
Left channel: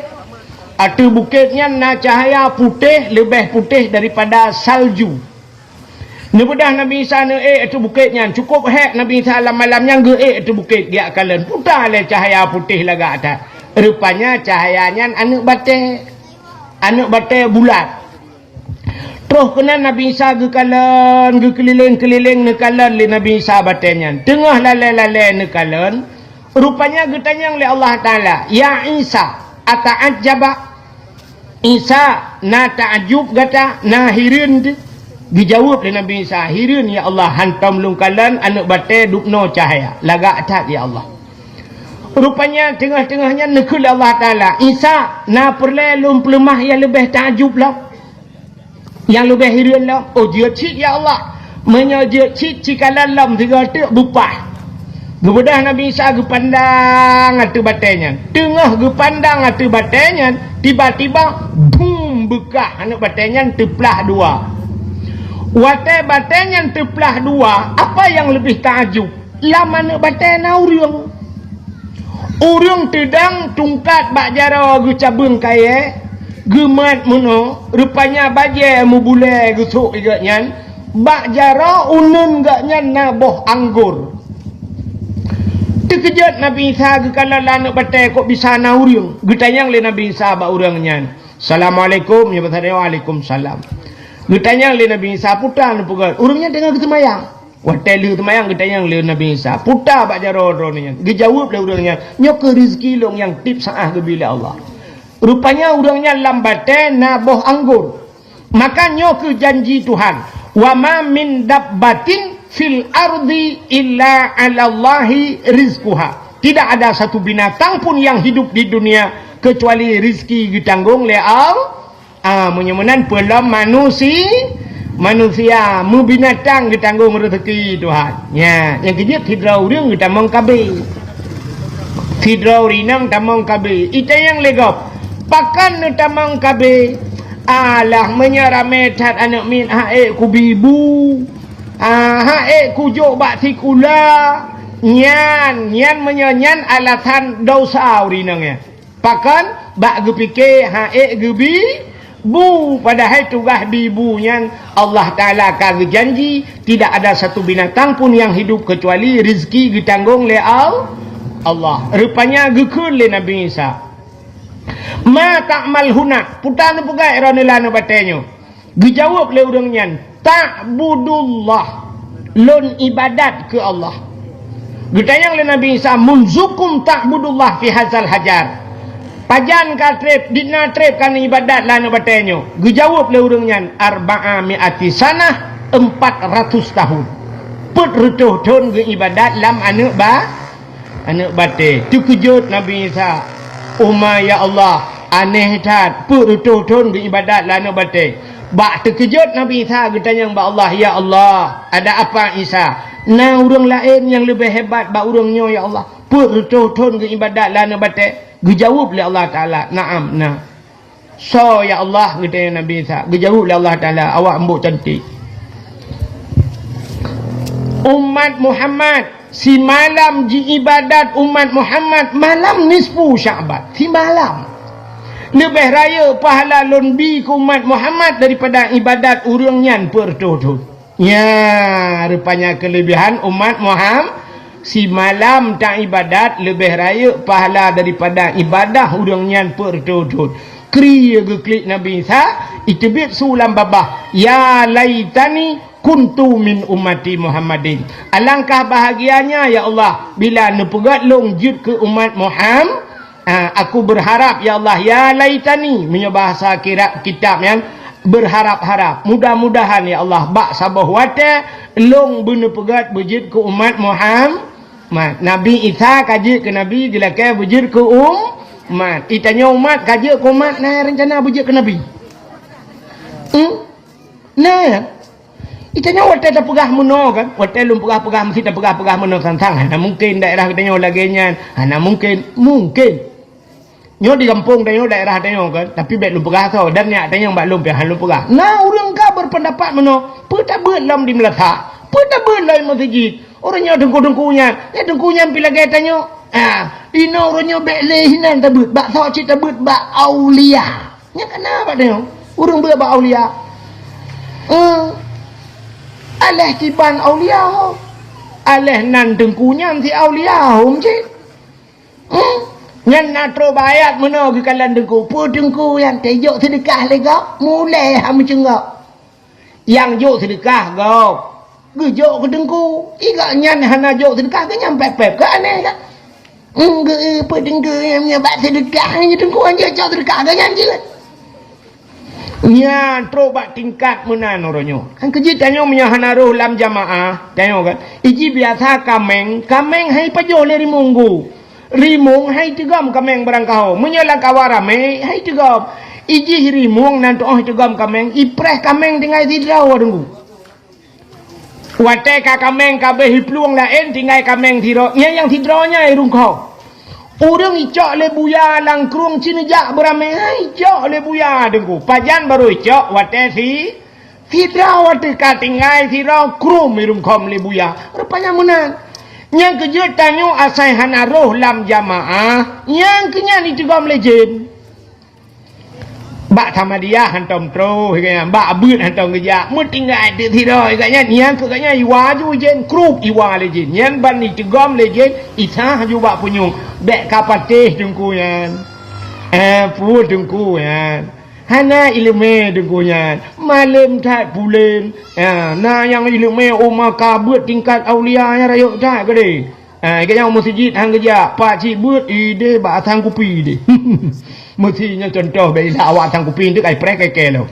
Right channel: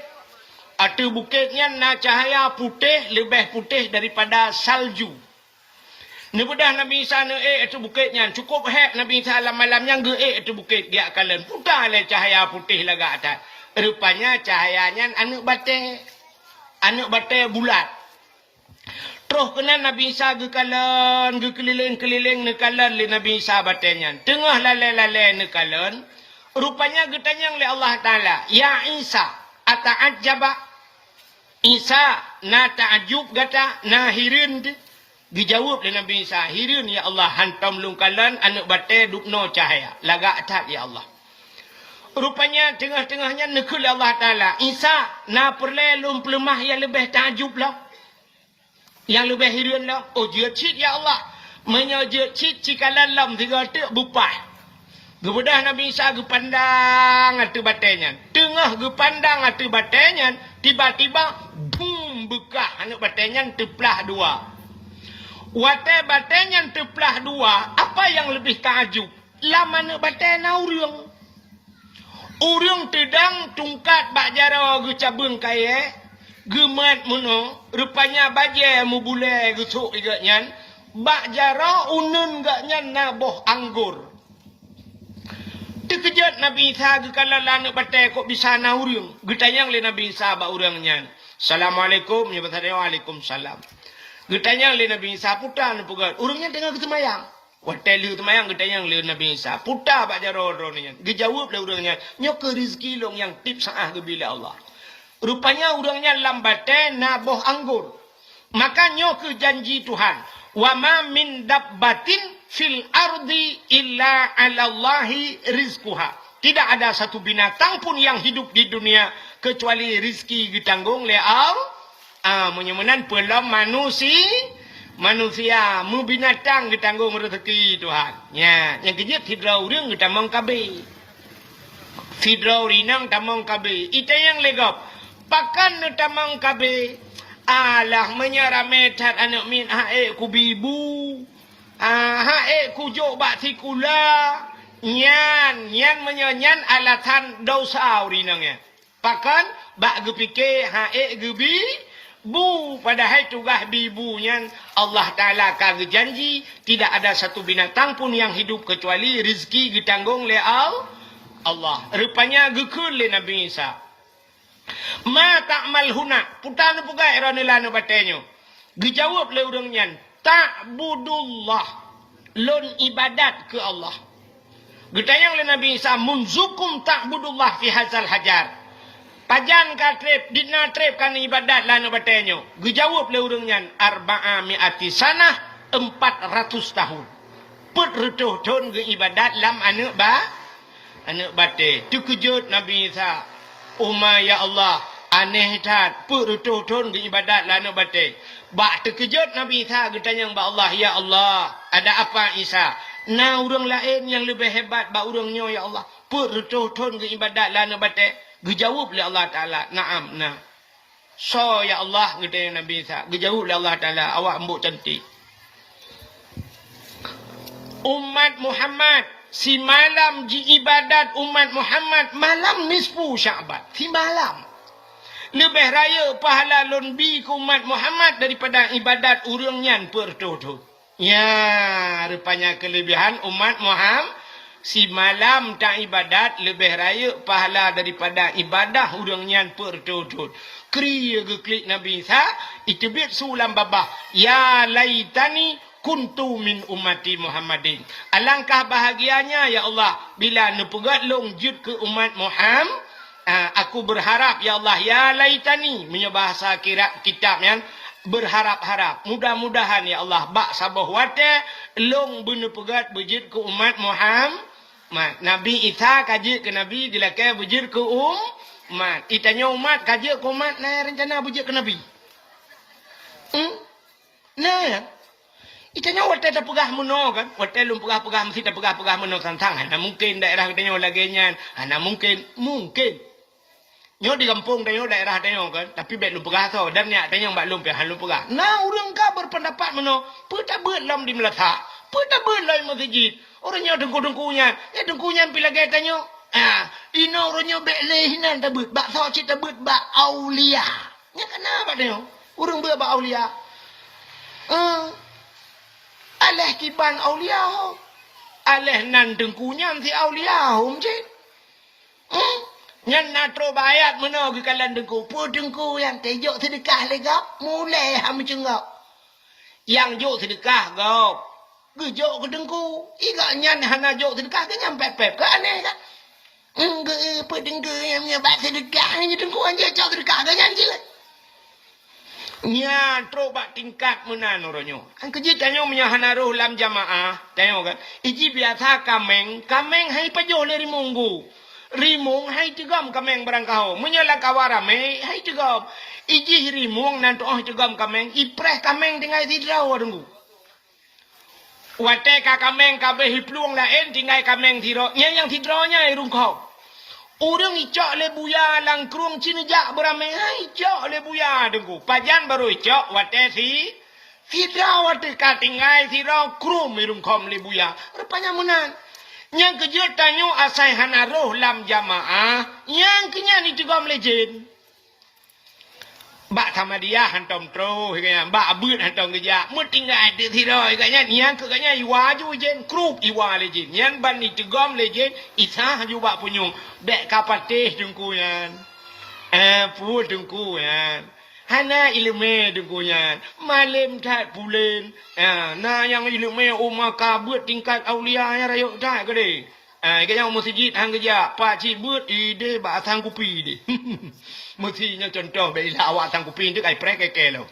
Atu bukitnya na cahaya putih, lebih putih daripada salju. Nebedah Nabi Isa ne atu bukitnya cukup hek Nabi Isa malamnya ge atu bukit dia kalan putar le cahaya putih laga atas. Rupanya cahayanya anak bate bulat. Terus kena Nabi Isa ge kalan ge keliling-keliling ne kalan le Nabi Isa batenya. Tengah lalai-lalai ne kalan rupanya ge tanyang le Allah Taala, "Ya Isa, ata'ajjaba?" Isa na ta'ajub gata na hirin tu. Dijawab oleh Nabi Isa, "Hirin ya Allah, hantam lungkalan anak bate dupno cahaya laga atas ya Allah." Rupanya tengah-tengahnya nekul Allah Taala, "Isa na perlelum pelemah yang lebih ta'ajub lah, yang lebih hirin lah." Oh dia cik ya Allah, menyajak cik cikalan lam tiga tu bupah. Gebedah Nabi Isa gepandang atu batenya. Tengah gepandang atu batenya, tiba-tiba boom bekah anak batenya teplah dua. Wate batenya teplah dua, apa yang lebih takjub? Lama anak batenya urung. Urung tedang tungkat bak jara gu cabung kaya, gemat muno, rupanya baje mu bule gu sok igaknya, bak jara unun gaknya na boh anggur. Terkejut Nabi Isa kalau anak batai kok bisa na urung. Getanyang le Nabi Isa ba urangnya. Assalamualaikum ya batai waalaikumsalam. Getanyang le Nabi Isa putar pugal. Urangnya tengah ketemayang. Watai lu temayang getanyang le Nabi Isa. Putar bak jaro-nya. Dijawab le urangnya. Nyok ke rezeki long yang tip saah ke bila Allah. Rupanya urangnya lambatai na boh anggur. Maka nyok ke janji Tuhan. Wa ma min dabbatin fil ardi illa 'alallahi rizquha. Tidak ada satu binatang pun yang hidup di dunia kecuali rizki ditanggung oleh Allah. Menyemenan pelam manusia mu binatang ditanggung rezeki Tuhan. Ya, yang kejap hidrau dia kita mengkabe. Hidrau rinang tamang kabe. Ita yang legap. Pakan tamang kabe. Alah menyarametat anak min hae kubibu. Kujuk bak tikula nyan menyanyan alatan dosa urinangnya. Pakan bak gepike gebi bu padahal tugas bibunya Allah Taala ka janji tidak ada satu binatang pun yang hidup kecuali rezeki ditanggung oleh Allah. Rupanya gekun le Nabi Isa. Ma ta'mal huna putan pugai ranelana batenyo. Dijawab le urangnya, ta'budullah, lon ibadat ke Allah. Getayang le Nabi Isa, munzukum ta'budullah fi hazal hajar. Pajan ka trip, dina trip kan ibadat lana batenyo. Dijawab le urangnya, arba'a mi'ati sanah, 400 tahun. Put rutuh ton ke ibadat lam anak bate. Tu kejut Nabi Isa. Ya Allah, aneh tat, put rutuh ton ke ibadat lana bate. Bak terkejut Nabi Isa bertanya kepada Allah, "Ya Allah, ada apa Isa? Na urang lain yang lebih hebat ba urangnya ya Allah. Put rutuh-rutuh ke ibadat lana bate." Dijawab oleh Allah Taala, "Naam, nah." So ya Allah bertanya Nabi Isa. Dijawab oleh Allah Taala, "Awak embuk cantik." Umat Muhammad si malam ji ibadat umat Muhammad malam nisfu Sya'ban. Si malam lebih raya pahala lonbi ke umat Muhammad daripada ibadat urangnya pertutup. Ya, rupanya kelebihan umat Muhammad si malam tak ibadat lebih raya pahala daripada ibadah urangnya pertutup. Kriya ge klik Nabi Isa itibit sulam babah, "Ya laitani kuntu min ummati Muhammadin. Alangkah bahagianya ya Allah bila nepegat long jud ke umat Muhammad. Aku berharap ya Allah, ya laitani, punya bahasa kitab yang berharap-harap. Mudah-mudahan ya Allah bak sabah wate long benepegat bejid ke umat Muhammad. Nabi Isa kaji ke Nabi dilakai bejid ke umat. Itanya umat kaji ke umat nah rencana bejid ke Nabi. Nah ya. Itanya wate tak pegah meno kan. Wate lum pegah-pegah mesti tak pegah-pegah meno sang-sang. Nah mungkin daerah katanya lagi nyan. Nah mungkin nyo di kampung tanya daerah tanya kan, tapi bet lu pegah tau dan nyak tanya mbak lum pihak lu pegah. Nah orang ka berpendapat meno, peta belam di Melaka, peta belam masjid. Orangnya dengku-dengkunya, dengkunya pila gaya tanya. Ino orangnya bet lehinan tabut, bak tau cita tabut bak aulia. Nya kenapa tanya? Orang bak aulia. Aleh kiban aulia. Aleh nan dengkunya si aulia hom cik. Yang natro bayat mana ke kalan dengku. Pu dengku yang tejok sedekah lega. Mulai ham cengak. Yang jok sedekah kau. Gejok ke dengku. Iga nyan hana jok sedekah ke nyampe pep ke aneh kan. Pu dengku yang nyabat sedekah. Yang dengku yang jok sedekah ke nyan je. Nya trobat tingkat menan orangnya. Kan kejit tanya punya hana roh lam jamaah. Tanya kan. Iji biasa kameng. Kameng hai pajo dari munggu. Rimung hai tigam kameng berangkau menyalang kawarame hai tigam iji rimung nanti tigam kameng ipreh kameng tinggal tidraw adunggu wate ka kameng kabeh hipluang lain tinggal kameng tiro yang tidrawnya irung kau urang icok le buya lang krung cinejak berame hai icok le buya adunggu pajan baru icok wate si tidraw wate ka tinggal tiro krum irung kom le buya rupanya menang. Yang kejut tanyo asai hana roh lam jamaah. Yang kenya ni juga melejen. Bak sama dia hantam tro. Bak abut hantam kerja. Mertinggal di tidur. Yang kekanya iwa ju jen. Krup iwa lejen. Yang ban ni juga melejen. Isah ju bak punyung. Bek kapatih jungku yan. Pu jungku yan. Hana ilmu dengkunya malam tak bulan nah yang ilmu umma kabut tingkat aulia yang rayuk tak ke dia masjid hang kerja pak cik but ide ba tang kupi de mestinya contoh bila awak tang kupi tu kai prek kai lo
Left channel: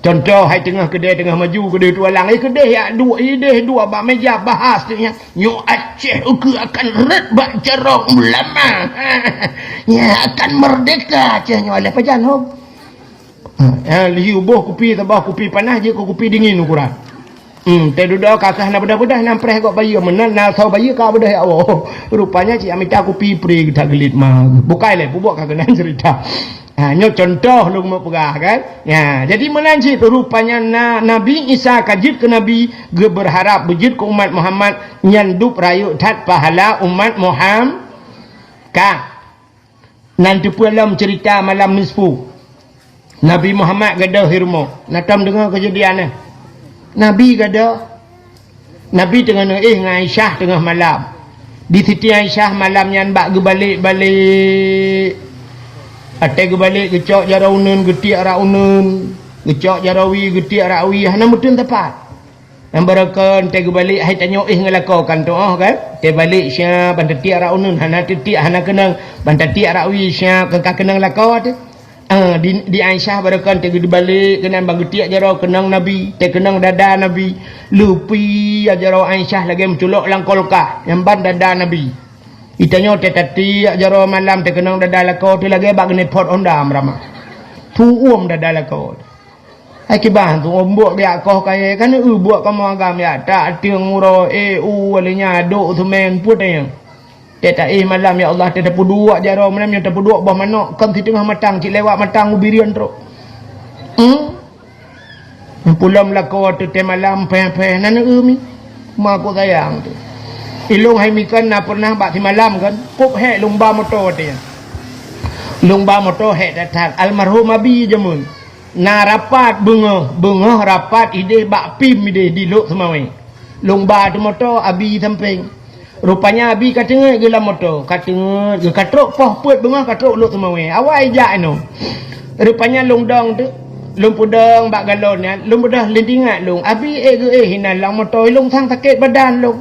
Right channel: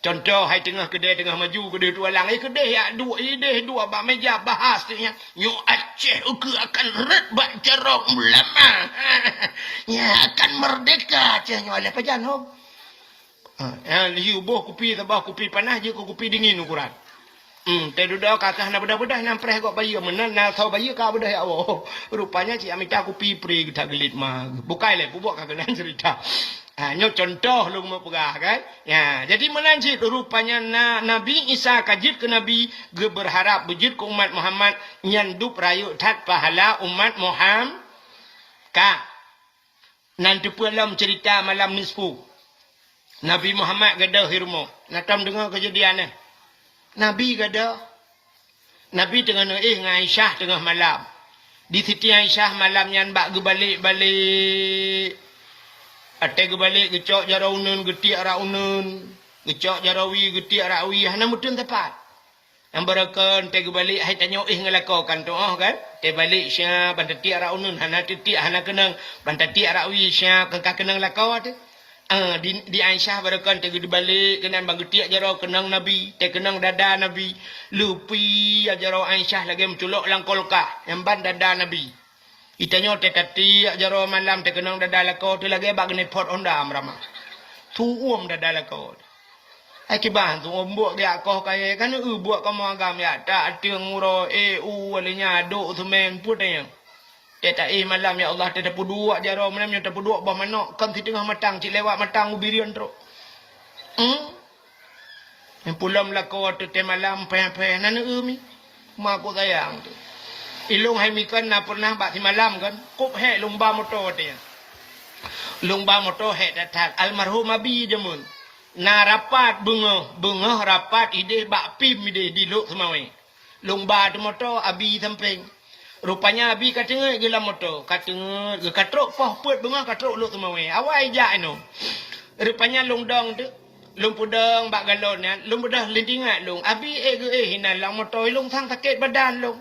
contoh hai tengah kedai tengah maju kedai tualang kedai ya dua ide dua ba meja bahas dia nyo Aceh uku akan red ba cerong lama ya akan merdeka cenyo oleh pajan ho liu boh kupi ke bawah kupi panas je ko kupi dingin ukuran. Te duduk kakah na bedah-bedah nampreh kok bayi menan na sau bayi ka bedah ya Allah. Rupanya cik amita kupi pri kita gelit mah. Bukai le bubuk kagak cerita. Nyo contoh lu mau pegah kan. Ya, jadi menanji rupanya Nabi Isa kajit ke Nabi ge berharap bejit ke umat Muhammad nyandup rayu tat pahala umat Muhammad. Nanti pulang cerita malam nisfu. Nabi Muhammad gada hirmo. Natam dengar kejadian ni. Nabi gada. Nabi tengah dengan Aisyah tengah malam. Di Siti Aisyah malam yang bak balik. Atai balik gecok jaraunan getiak raunan. Gecok jarawi getiak rawi. Hana mutun tepat. Yang berakan te balik hai tanya ngelakokan tu kan. Te balik syah bantat tiak raunan hana tiak hana kenang bantat tiak rawi syah kenang lakau tu. Di Aisyah barakan te di balik kenang bang getiak jaro kenang Nabi te kenang dada Nabi lupi jaro Aisyah lagi menculok lang kolkah yang ban dada Nabi itanya te tati jaro malam te kenang dada lako te lagi bag ne pot ondam rama tu dada lako ai ki bang tu ombok dia koh kai kan buat kamu agam ya tak tiang uro alinya do tu men puteng tak malam ya Allah tak dapat dua jaro malam yang dapat dua bah mana kan di tengah matang cik lewat matang ubirian teruk yang pulang melaka tu te malam pe nana mi mak aku sayang tu ilung hai mikan na pernah bak si malam kan kop he lumba motor dia lumba motor he datang almarhum abi jamun na rapat bunga rapat ide bak pim ide di lok semawi lumba tu motor abi samping. Rupanya abi katengah gila motor, katengah katrok poh put bunga katrok lu semawe. Awai jak anu. Rupanya longdong tu lung pudang bak galon ya lung dah lendingat lung abi hinan lang motor lung thang sakit badan lung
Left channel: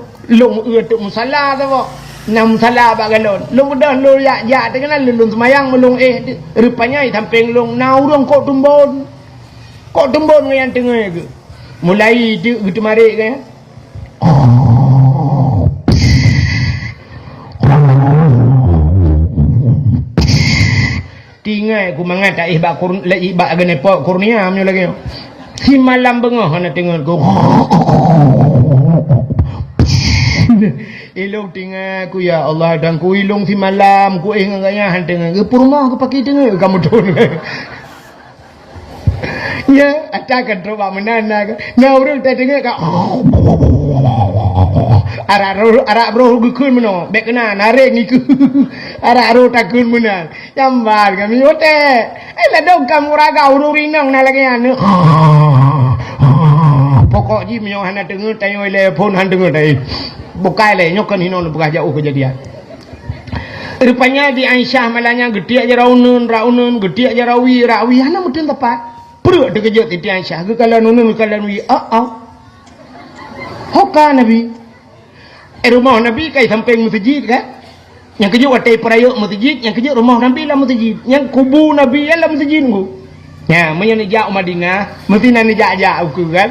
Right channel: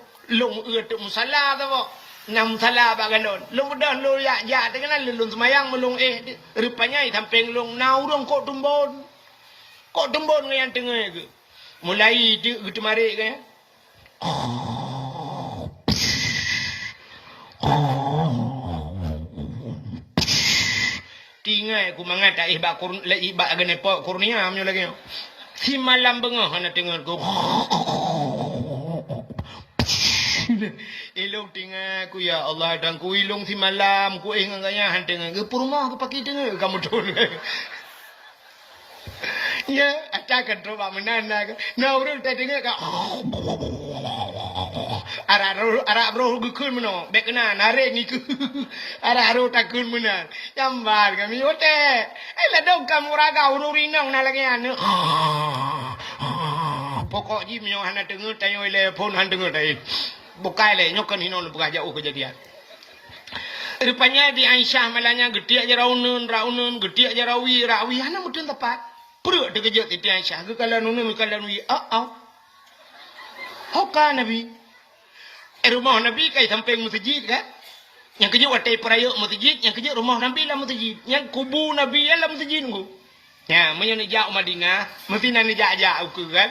tuk musala tu bo nam sala bak galon lung dah lu ya dengan lung semayang melung rupanya samping lung nau dong kok tumbon yang tengah ke mulai gitu marik kan tinggal aku mengata ibak agane pok kurnia amyo lagi si malam bengah ana tengok ku ilung tinggal aku ya Allah dan ku ilung si malam ku ngaya han tengok ke rumah aku pakai tengok kamu tu ya attakan coba menana na urang tak tengok ka arak bro gukun meno bek kena narik ni ku arak ro takun menan gambar kami ote la dong kamu raga ururinang na lagi anu pokok ji menyo hana dengar tayo le phone han dengar dai bukai le nyokan hinon buka jauh kejadian rupanya di Aisyah malanya gede aja raunen gede aja rawi hana mudin tepat perut dekejut di Aisyah ke kalau nunun kalau wi hoka nabi rumah Nabi kai samping masjid kan yang kejut atai perayuk masjid yang kejut rumah Nabi lah masjid yang kubu Nabi lah masjid ku ya menyo jak Madinah mesti nan jak aku kan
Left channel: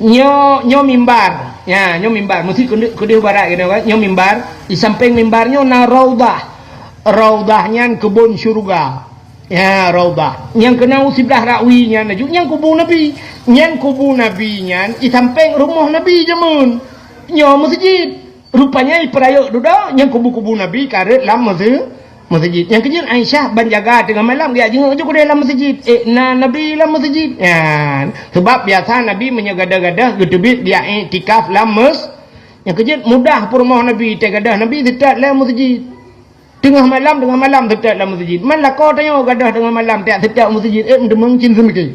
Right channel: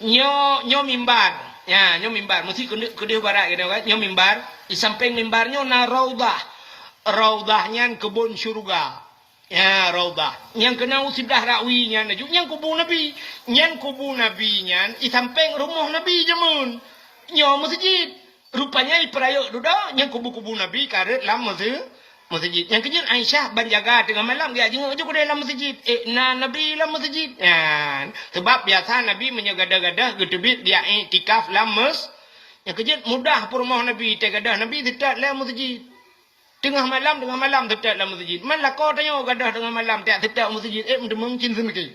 nyo mimbar ya nyo mimbar mesti kudu barat gitu kan nyo mimbar di samping mimbarnya na raudahnya kebun syurga ya raudah yang kena sebelah rakwinya yang kubu Nabi nya di samping rumah Nabi jamun nyo masjid rupanya perayuk duduk yang kubu-kubu Nabi karet dalam masjid yang kejut Aisyah banjaga tengah malam dia jenguk je dalam masjid Nabi dalam masjid ya sebab biasa Nabi menyegada-gada getebit dia iktikaf dalam yang kejut mudah rumah Nabi tegadah Nabi tetap dalam masjid tengah malam tetap dalam masjid malah kau tanya gadah tengah malam tak tetap masjid mendemang cin semiki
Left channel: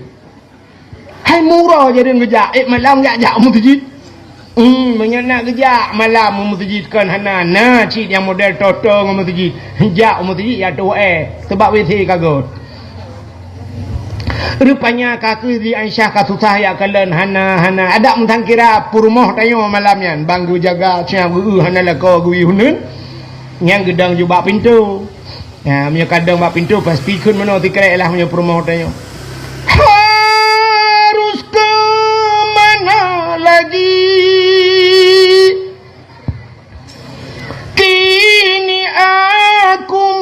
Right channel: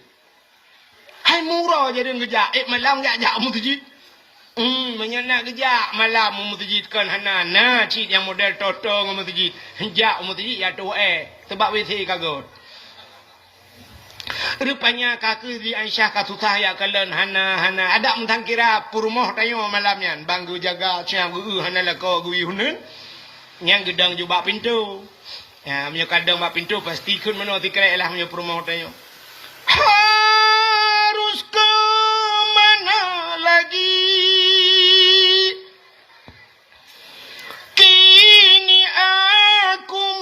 hai murah jadi ngejak malam jak masjid menyenak kejak malam masjidkan hana cik yang model toto dengan masjid jak masjid ya tu sebab WC kagut rupanya kaki di Aisyah kasusah ya kalian hana ada mentang kira purmoh tayo malamnya banggu jaga siang hana lako gui hunun yang gedang juga pintu ya punya kadang bak pintu pasti kun meno tikrek lah punya purmoh tayo harus ke mana lagi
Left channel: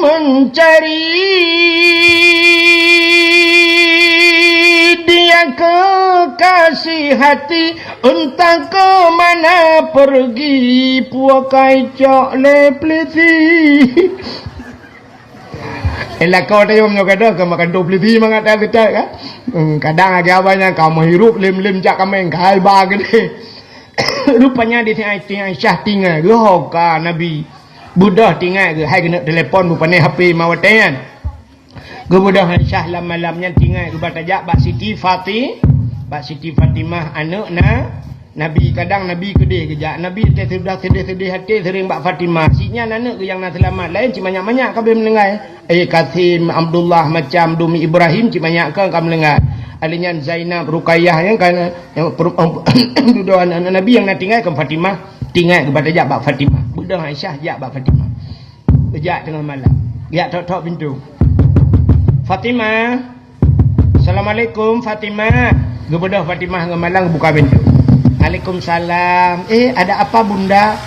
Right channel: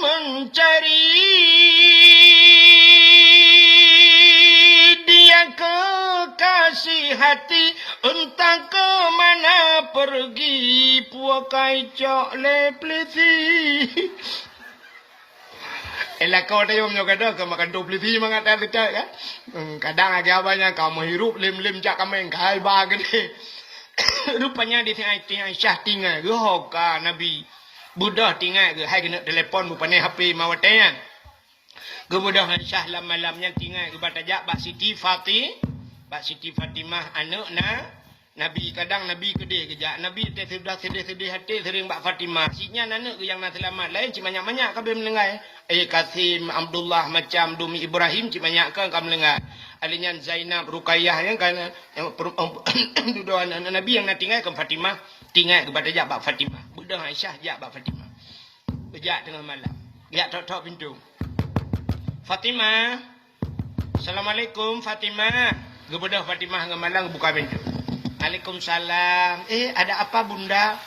mencari dia kekasih hati entah ke mana pergi puakai cok lepliti kau tahu punya kata kau makan lepliti mengata kita kan kadang agak banyak kau menghirup lem cak kami kai bagi rupanya di Aisyah tinggal ke hoka Nabi budah tinggal ke hai kena telefon rupanya HP mawatan ke budah Aisyah malamnya tinggal ke batajak Pak Siti Fatimah anak Nabi kadang Nabi kedih kejak Nabi sudah sedih hati sering Pak Fatimah sinya anak ke yang nak selamat lain cik banyak kabel mendengar Kasim Abdullah macam Dumi Ibrahim cik banyak kan kamu mendengar alinya Zainab Ruqayyah yang kan yang duduk anak Nabi yang nak tinggal ke Fatimah tinggal ke batajak Pak Fatimah budak Aisyah jak Pak Fatimah kejak tengah malam jak tok pintu Fatimah Assalamualaikum Fatimah gebedah Fatimah tengah malam buka pintu Waalaikumsalam ada apa bunda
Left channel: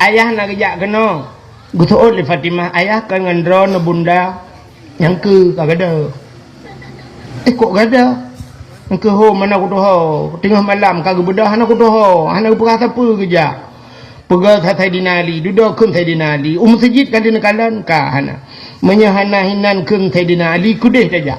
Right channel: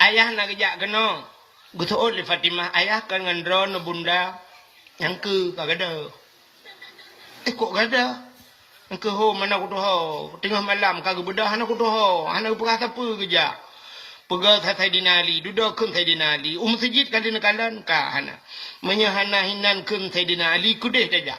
ayah nak kejak kena gutuut li Fatimah ayah kan ngandron bunda yang ke kagada kok gada ke ho mana ku ho tengah malam kagak bedah anak ku ho anak berasa apa kerja pegal sai dinali duduk kun sai dinali masjid kali nakalan ka hana menyahana hinan kun sai dinali kudeh saja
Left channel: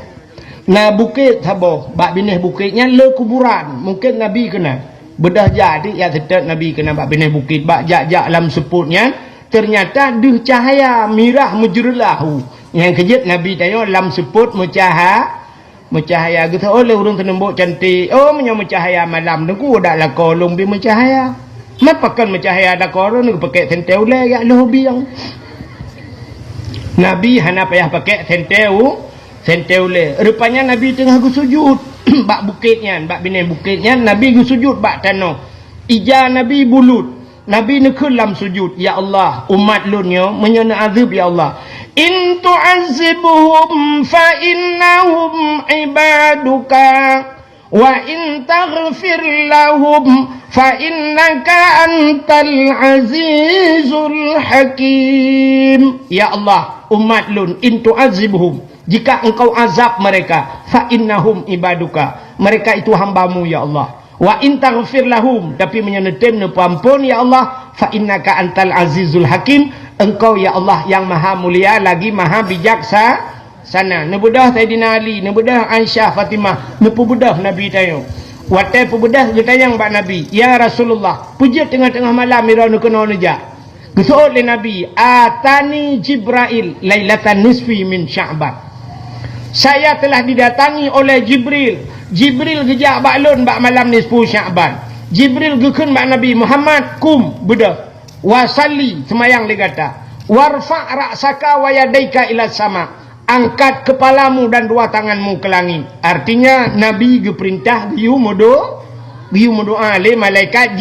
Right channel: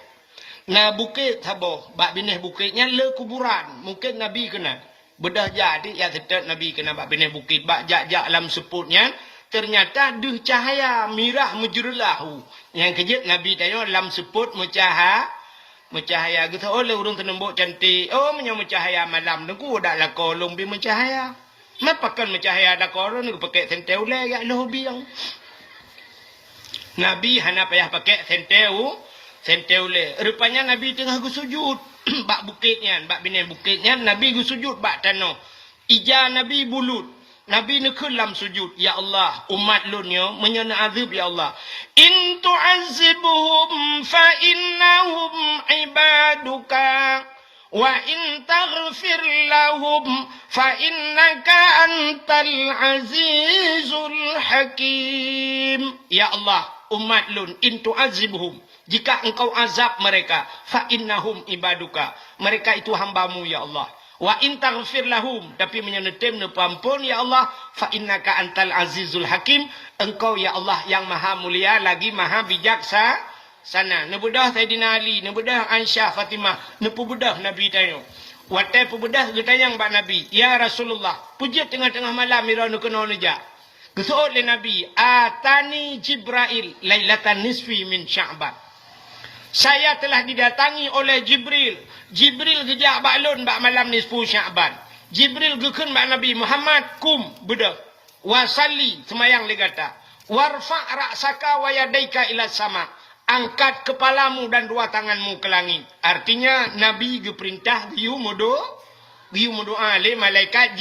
na bukit sabo bak bineh bukitnya le kuburan mungkin Nabi kena bedah jadi ya tetap Nabi kena bak bineh bukit bak jak dalam seputnya ternyata duh cahaya mirah mujurlahu yang kejut Nabi tanya dalam seput mencahaya gitu oleh urang tenembok cantik mencahaya malam nunggu dak la kolong bi mencahaya mapakan mencahaya dak kolong ni pakai senteu le ya hobi yang Nabi hana payah pakai Sentole. Rupanya Nabi tengah sujud. Bak bukitnya, bak binen bukitnya, Nabi sujud bak tanah. Ija Nabi bulut. Nabi nekulam sujud. Ya Allah, umat lunyo menyana azab ya Allah. In tu'azibuhum fa innahum ibaduka wa in taghfir lahum fa innaka antal azizul hakim. Ya Allah, umat lun, in tu'azibuhum, jika engkau azab mereka, fa innahum ibaduka, mereka itu hambamu ya Allah. Wa in taghfir lahum, tapi menyenetem ne pampun ya Allah, fa innaka antal azizul hakim, engkau ya Allah yang maha mulia lagi maha bijaksana. Nebudah Sayyidina Ali, nebudah Aisyah Fatimah, nepubudah Nabi tayo. Watai pubudah getayang bak Nabi, ya Rasulullah, puji tengah-tengah malam mira nu kena neja. Gesoot le Nabi, atani Jibril lailatan nisfi min Sya'ban. Saya telah didatangi oleh Jibril. Jibril gejak baklun bak malam nisfu Sya'ban. Jibril gekun bak Nabi Muhammad, kum budak. Wasalli, semayang le kata. Warfa' ra'saka wa yadaika ila sama. Angkat kepalamu dan dua tanganmu ke langit. Artinya Nabi geperintah diu doa le malaikat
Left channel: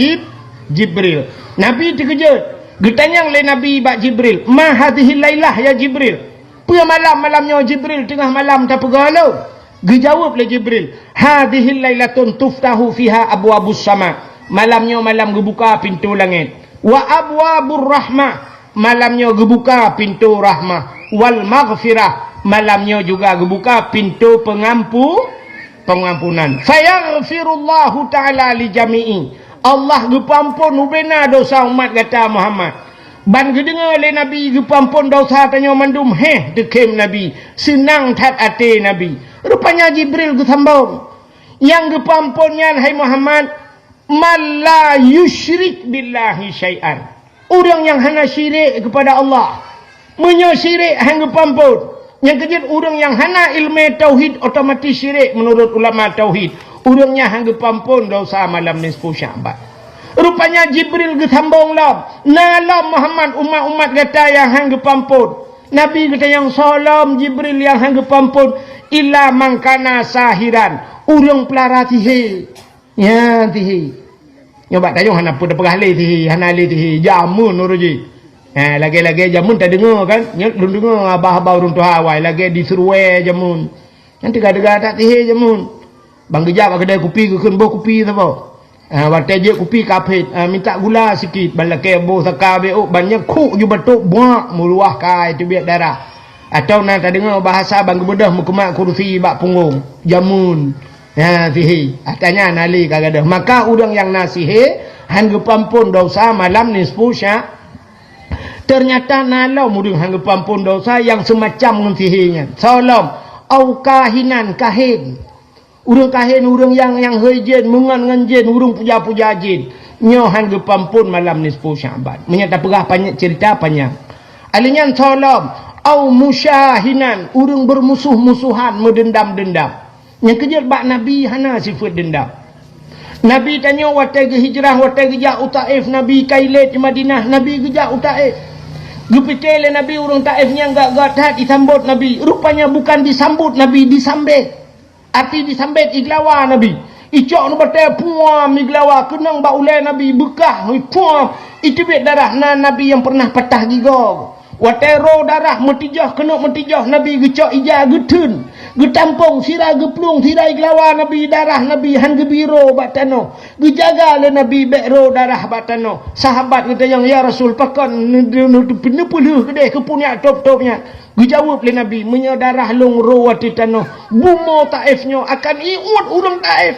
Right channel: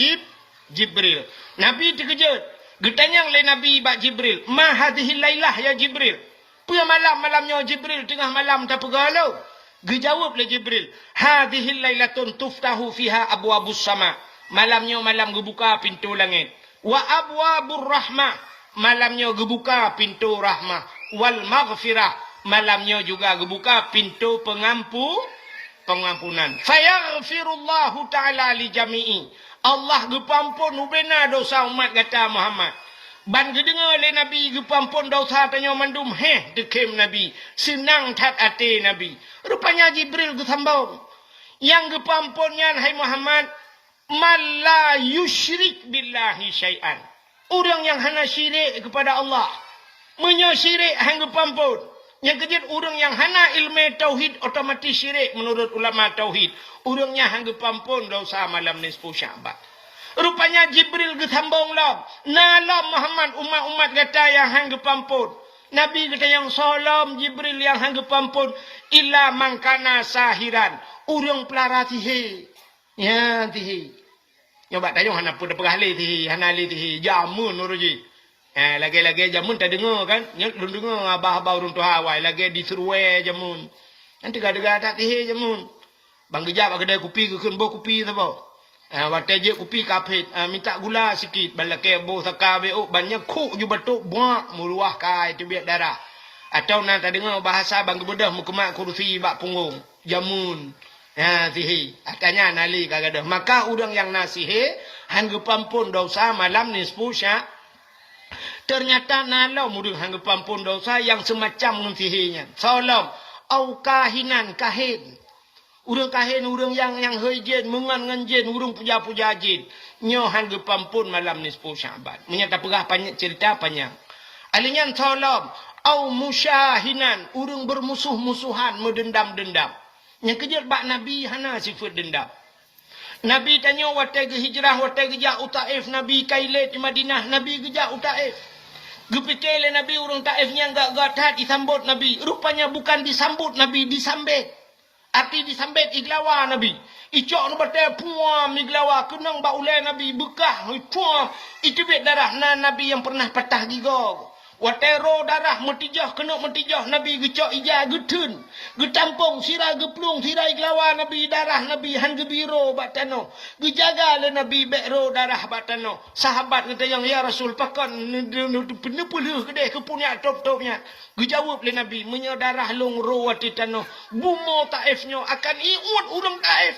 Jibril. Nabi terkejut. Getanyang le Nabi bak Jibril, ma hadhihi lailah ya Jibril. Pada malamnya Jibril tengah malam tak pegalau. Dijawab le Jibril, hadhihi lailatun tuftahu fiha abwabus sama. Malamnya malam gebuka pintu langit. Wa abwabur rahmah, malamnya gebuka pintu rahmah. Wal maghfirah, malamnya juga gebuka pintu pengampunan. Fayaghfirullahu ta'ala li jami'i. Allah gepampun ubena dosa umat kata Muhammad. Ban gedengar le Nabi gepampun dosa tanya mandum dekem Nabi. Senang tat ate Nabi. Rupanya Jibril gesambung. Yang gepampunnya hai Muhammad, man la yusyrik billahi syai'an. Orang yang hana syirik kepada Allah. Menyyirik hang gepampun. Yang kejut orang yang hana ilmu tauhid otomatis syirik menurut ulama tauhid. Orangnya hang gepampun dosa malam nisfu Sya'ban. Rupanya Jibril gesambung lah. Nalam Muhammad umat-umat kata yang hang gepampun. Nabi kata yang salam Jibril yang hang gepampun. Illa mangkana sahiran. Urang pelara tihi. Ya tihi. Nyoba tayung hana pun dapegah le tihi. Hana le tihi. Jamun uruji. Lagi-lagi jamun tak dengar kan. Lu dengar abah-abah urung tu hawai. Lagi disuruh jamun. Nanti gada-gada tak tihi jamun. Bang kejap kedai kopi ke kenbo kopi apa. Waktu je kopi kapit, minta gula sikit, balake bo saka beo banyak kuk ju batuk buak meluah kai tu biak darah. Atau nak tak dengar bahasa bang gebedah mukemak kursi bak punggung, jamun. Ya sihi, atanya nali kagadah. Maka orang yang nasihi hang gepampun dosa malam nisfu Sya'ban. Ternyata nalau mudeng hang gepampun dosa yang semacam ngensihinya. Salam au kahinan kahin. Urang kahin, urang yang hejin, mengan jin, urang puja-puja jin. Nyohan gepampun malam nisfu Sya'ban. Menyata perah banyak cerita panjang. Alinyan salam, au musyahinan, urang bermusuh-musuhan, mendendam-dendam. Yang kejut bak Nabi hana sifat dendam. Nabi tanya watai ke hijrah, watai ke jak Taif, Nabi kailet di Madinah, Nabi ke jak Taif. Gepikir Nabi urang Taif yang gak disambut Nabi. Rupanya bukan disambut Nabi, disambit. Arti disambit iglawa Nabi. Icok nu batai puam iglawa. Kenang ba ulai Nabi bekah. Puam. Itu biar darah Nabi yang pernah patah gigong. Watai roh darah metijah. Kena metijah Nabi gecok ijah getun. Getampung sirah geplung. Sirah iglawa Nabi. Darah Nabi han gebiro batano. Gejaga le Nabi bek roh darah batano. Sahabat kata yang ya Rasul pakan. Penepuluh kedai kepunya top-topnya. Dijawab oleh Nabi, menyadarah long rawati tanah. Bumo Taifnya akan iut urang Taif.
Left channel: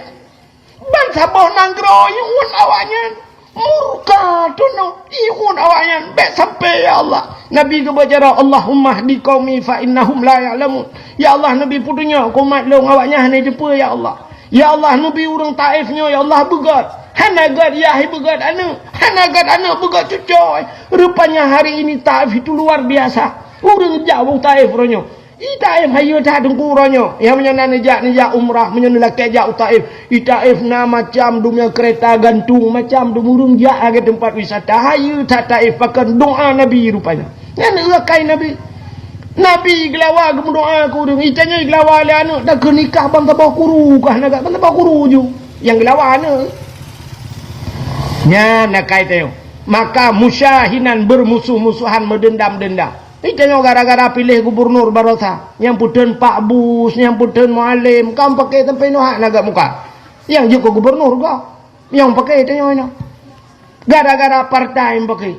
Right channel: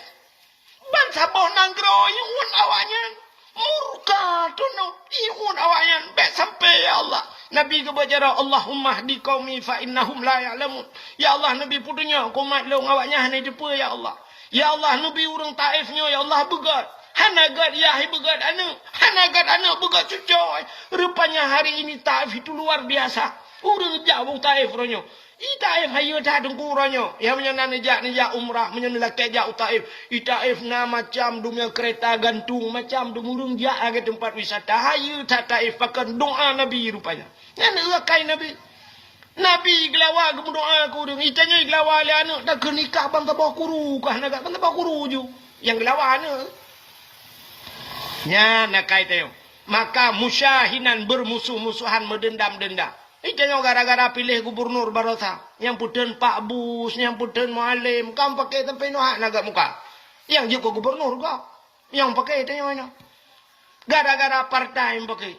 Ban sabah nanggro iut awaknya. Murka tuno iut awaknya. Bek sampai ya Allah. Nabi kebacara Allahumma hdi qaumi fa innahum la ya'lamun. Ya Allah Nabi putunya kumat long awaknya hanya jumpa ya Allah. Ya Allah Nabi urang Taifnya ya Allah begat. Hanagat ya begat anu. Hanagat anu begat cucoy. Rupanya hari ini Taif itu luar biasa. Urang jauh Taif ronyo. Taif hayu tak dengku ronyo. Yang menyenan nejak umrah, menyenan laki jauh Taif. Taif na macam dunia kereta gantung, macam dumurung jak ke tempat wisata. Hayu tak Taif pakai doa Nabi rupanya. Yang lakai Nabi. Nabi gelawa ke doa aku deng. Itanya gelawa le anak dah ke nikah bang tabah kuru kah nak bang tabah kuru ju. Yang gelawa anak. Nya nak kait maka musyahinan bermusuh-musuhan mendendam-dendam. Itanya gara-gara pilih gubernur Barosa. Yang puten Pak Bus, yang puten Mualim, kau pakai sampai nuhak naga muka. Yang juga gubernur kau. Yang pakai itanya mana? Gara-gara partai yang pakai.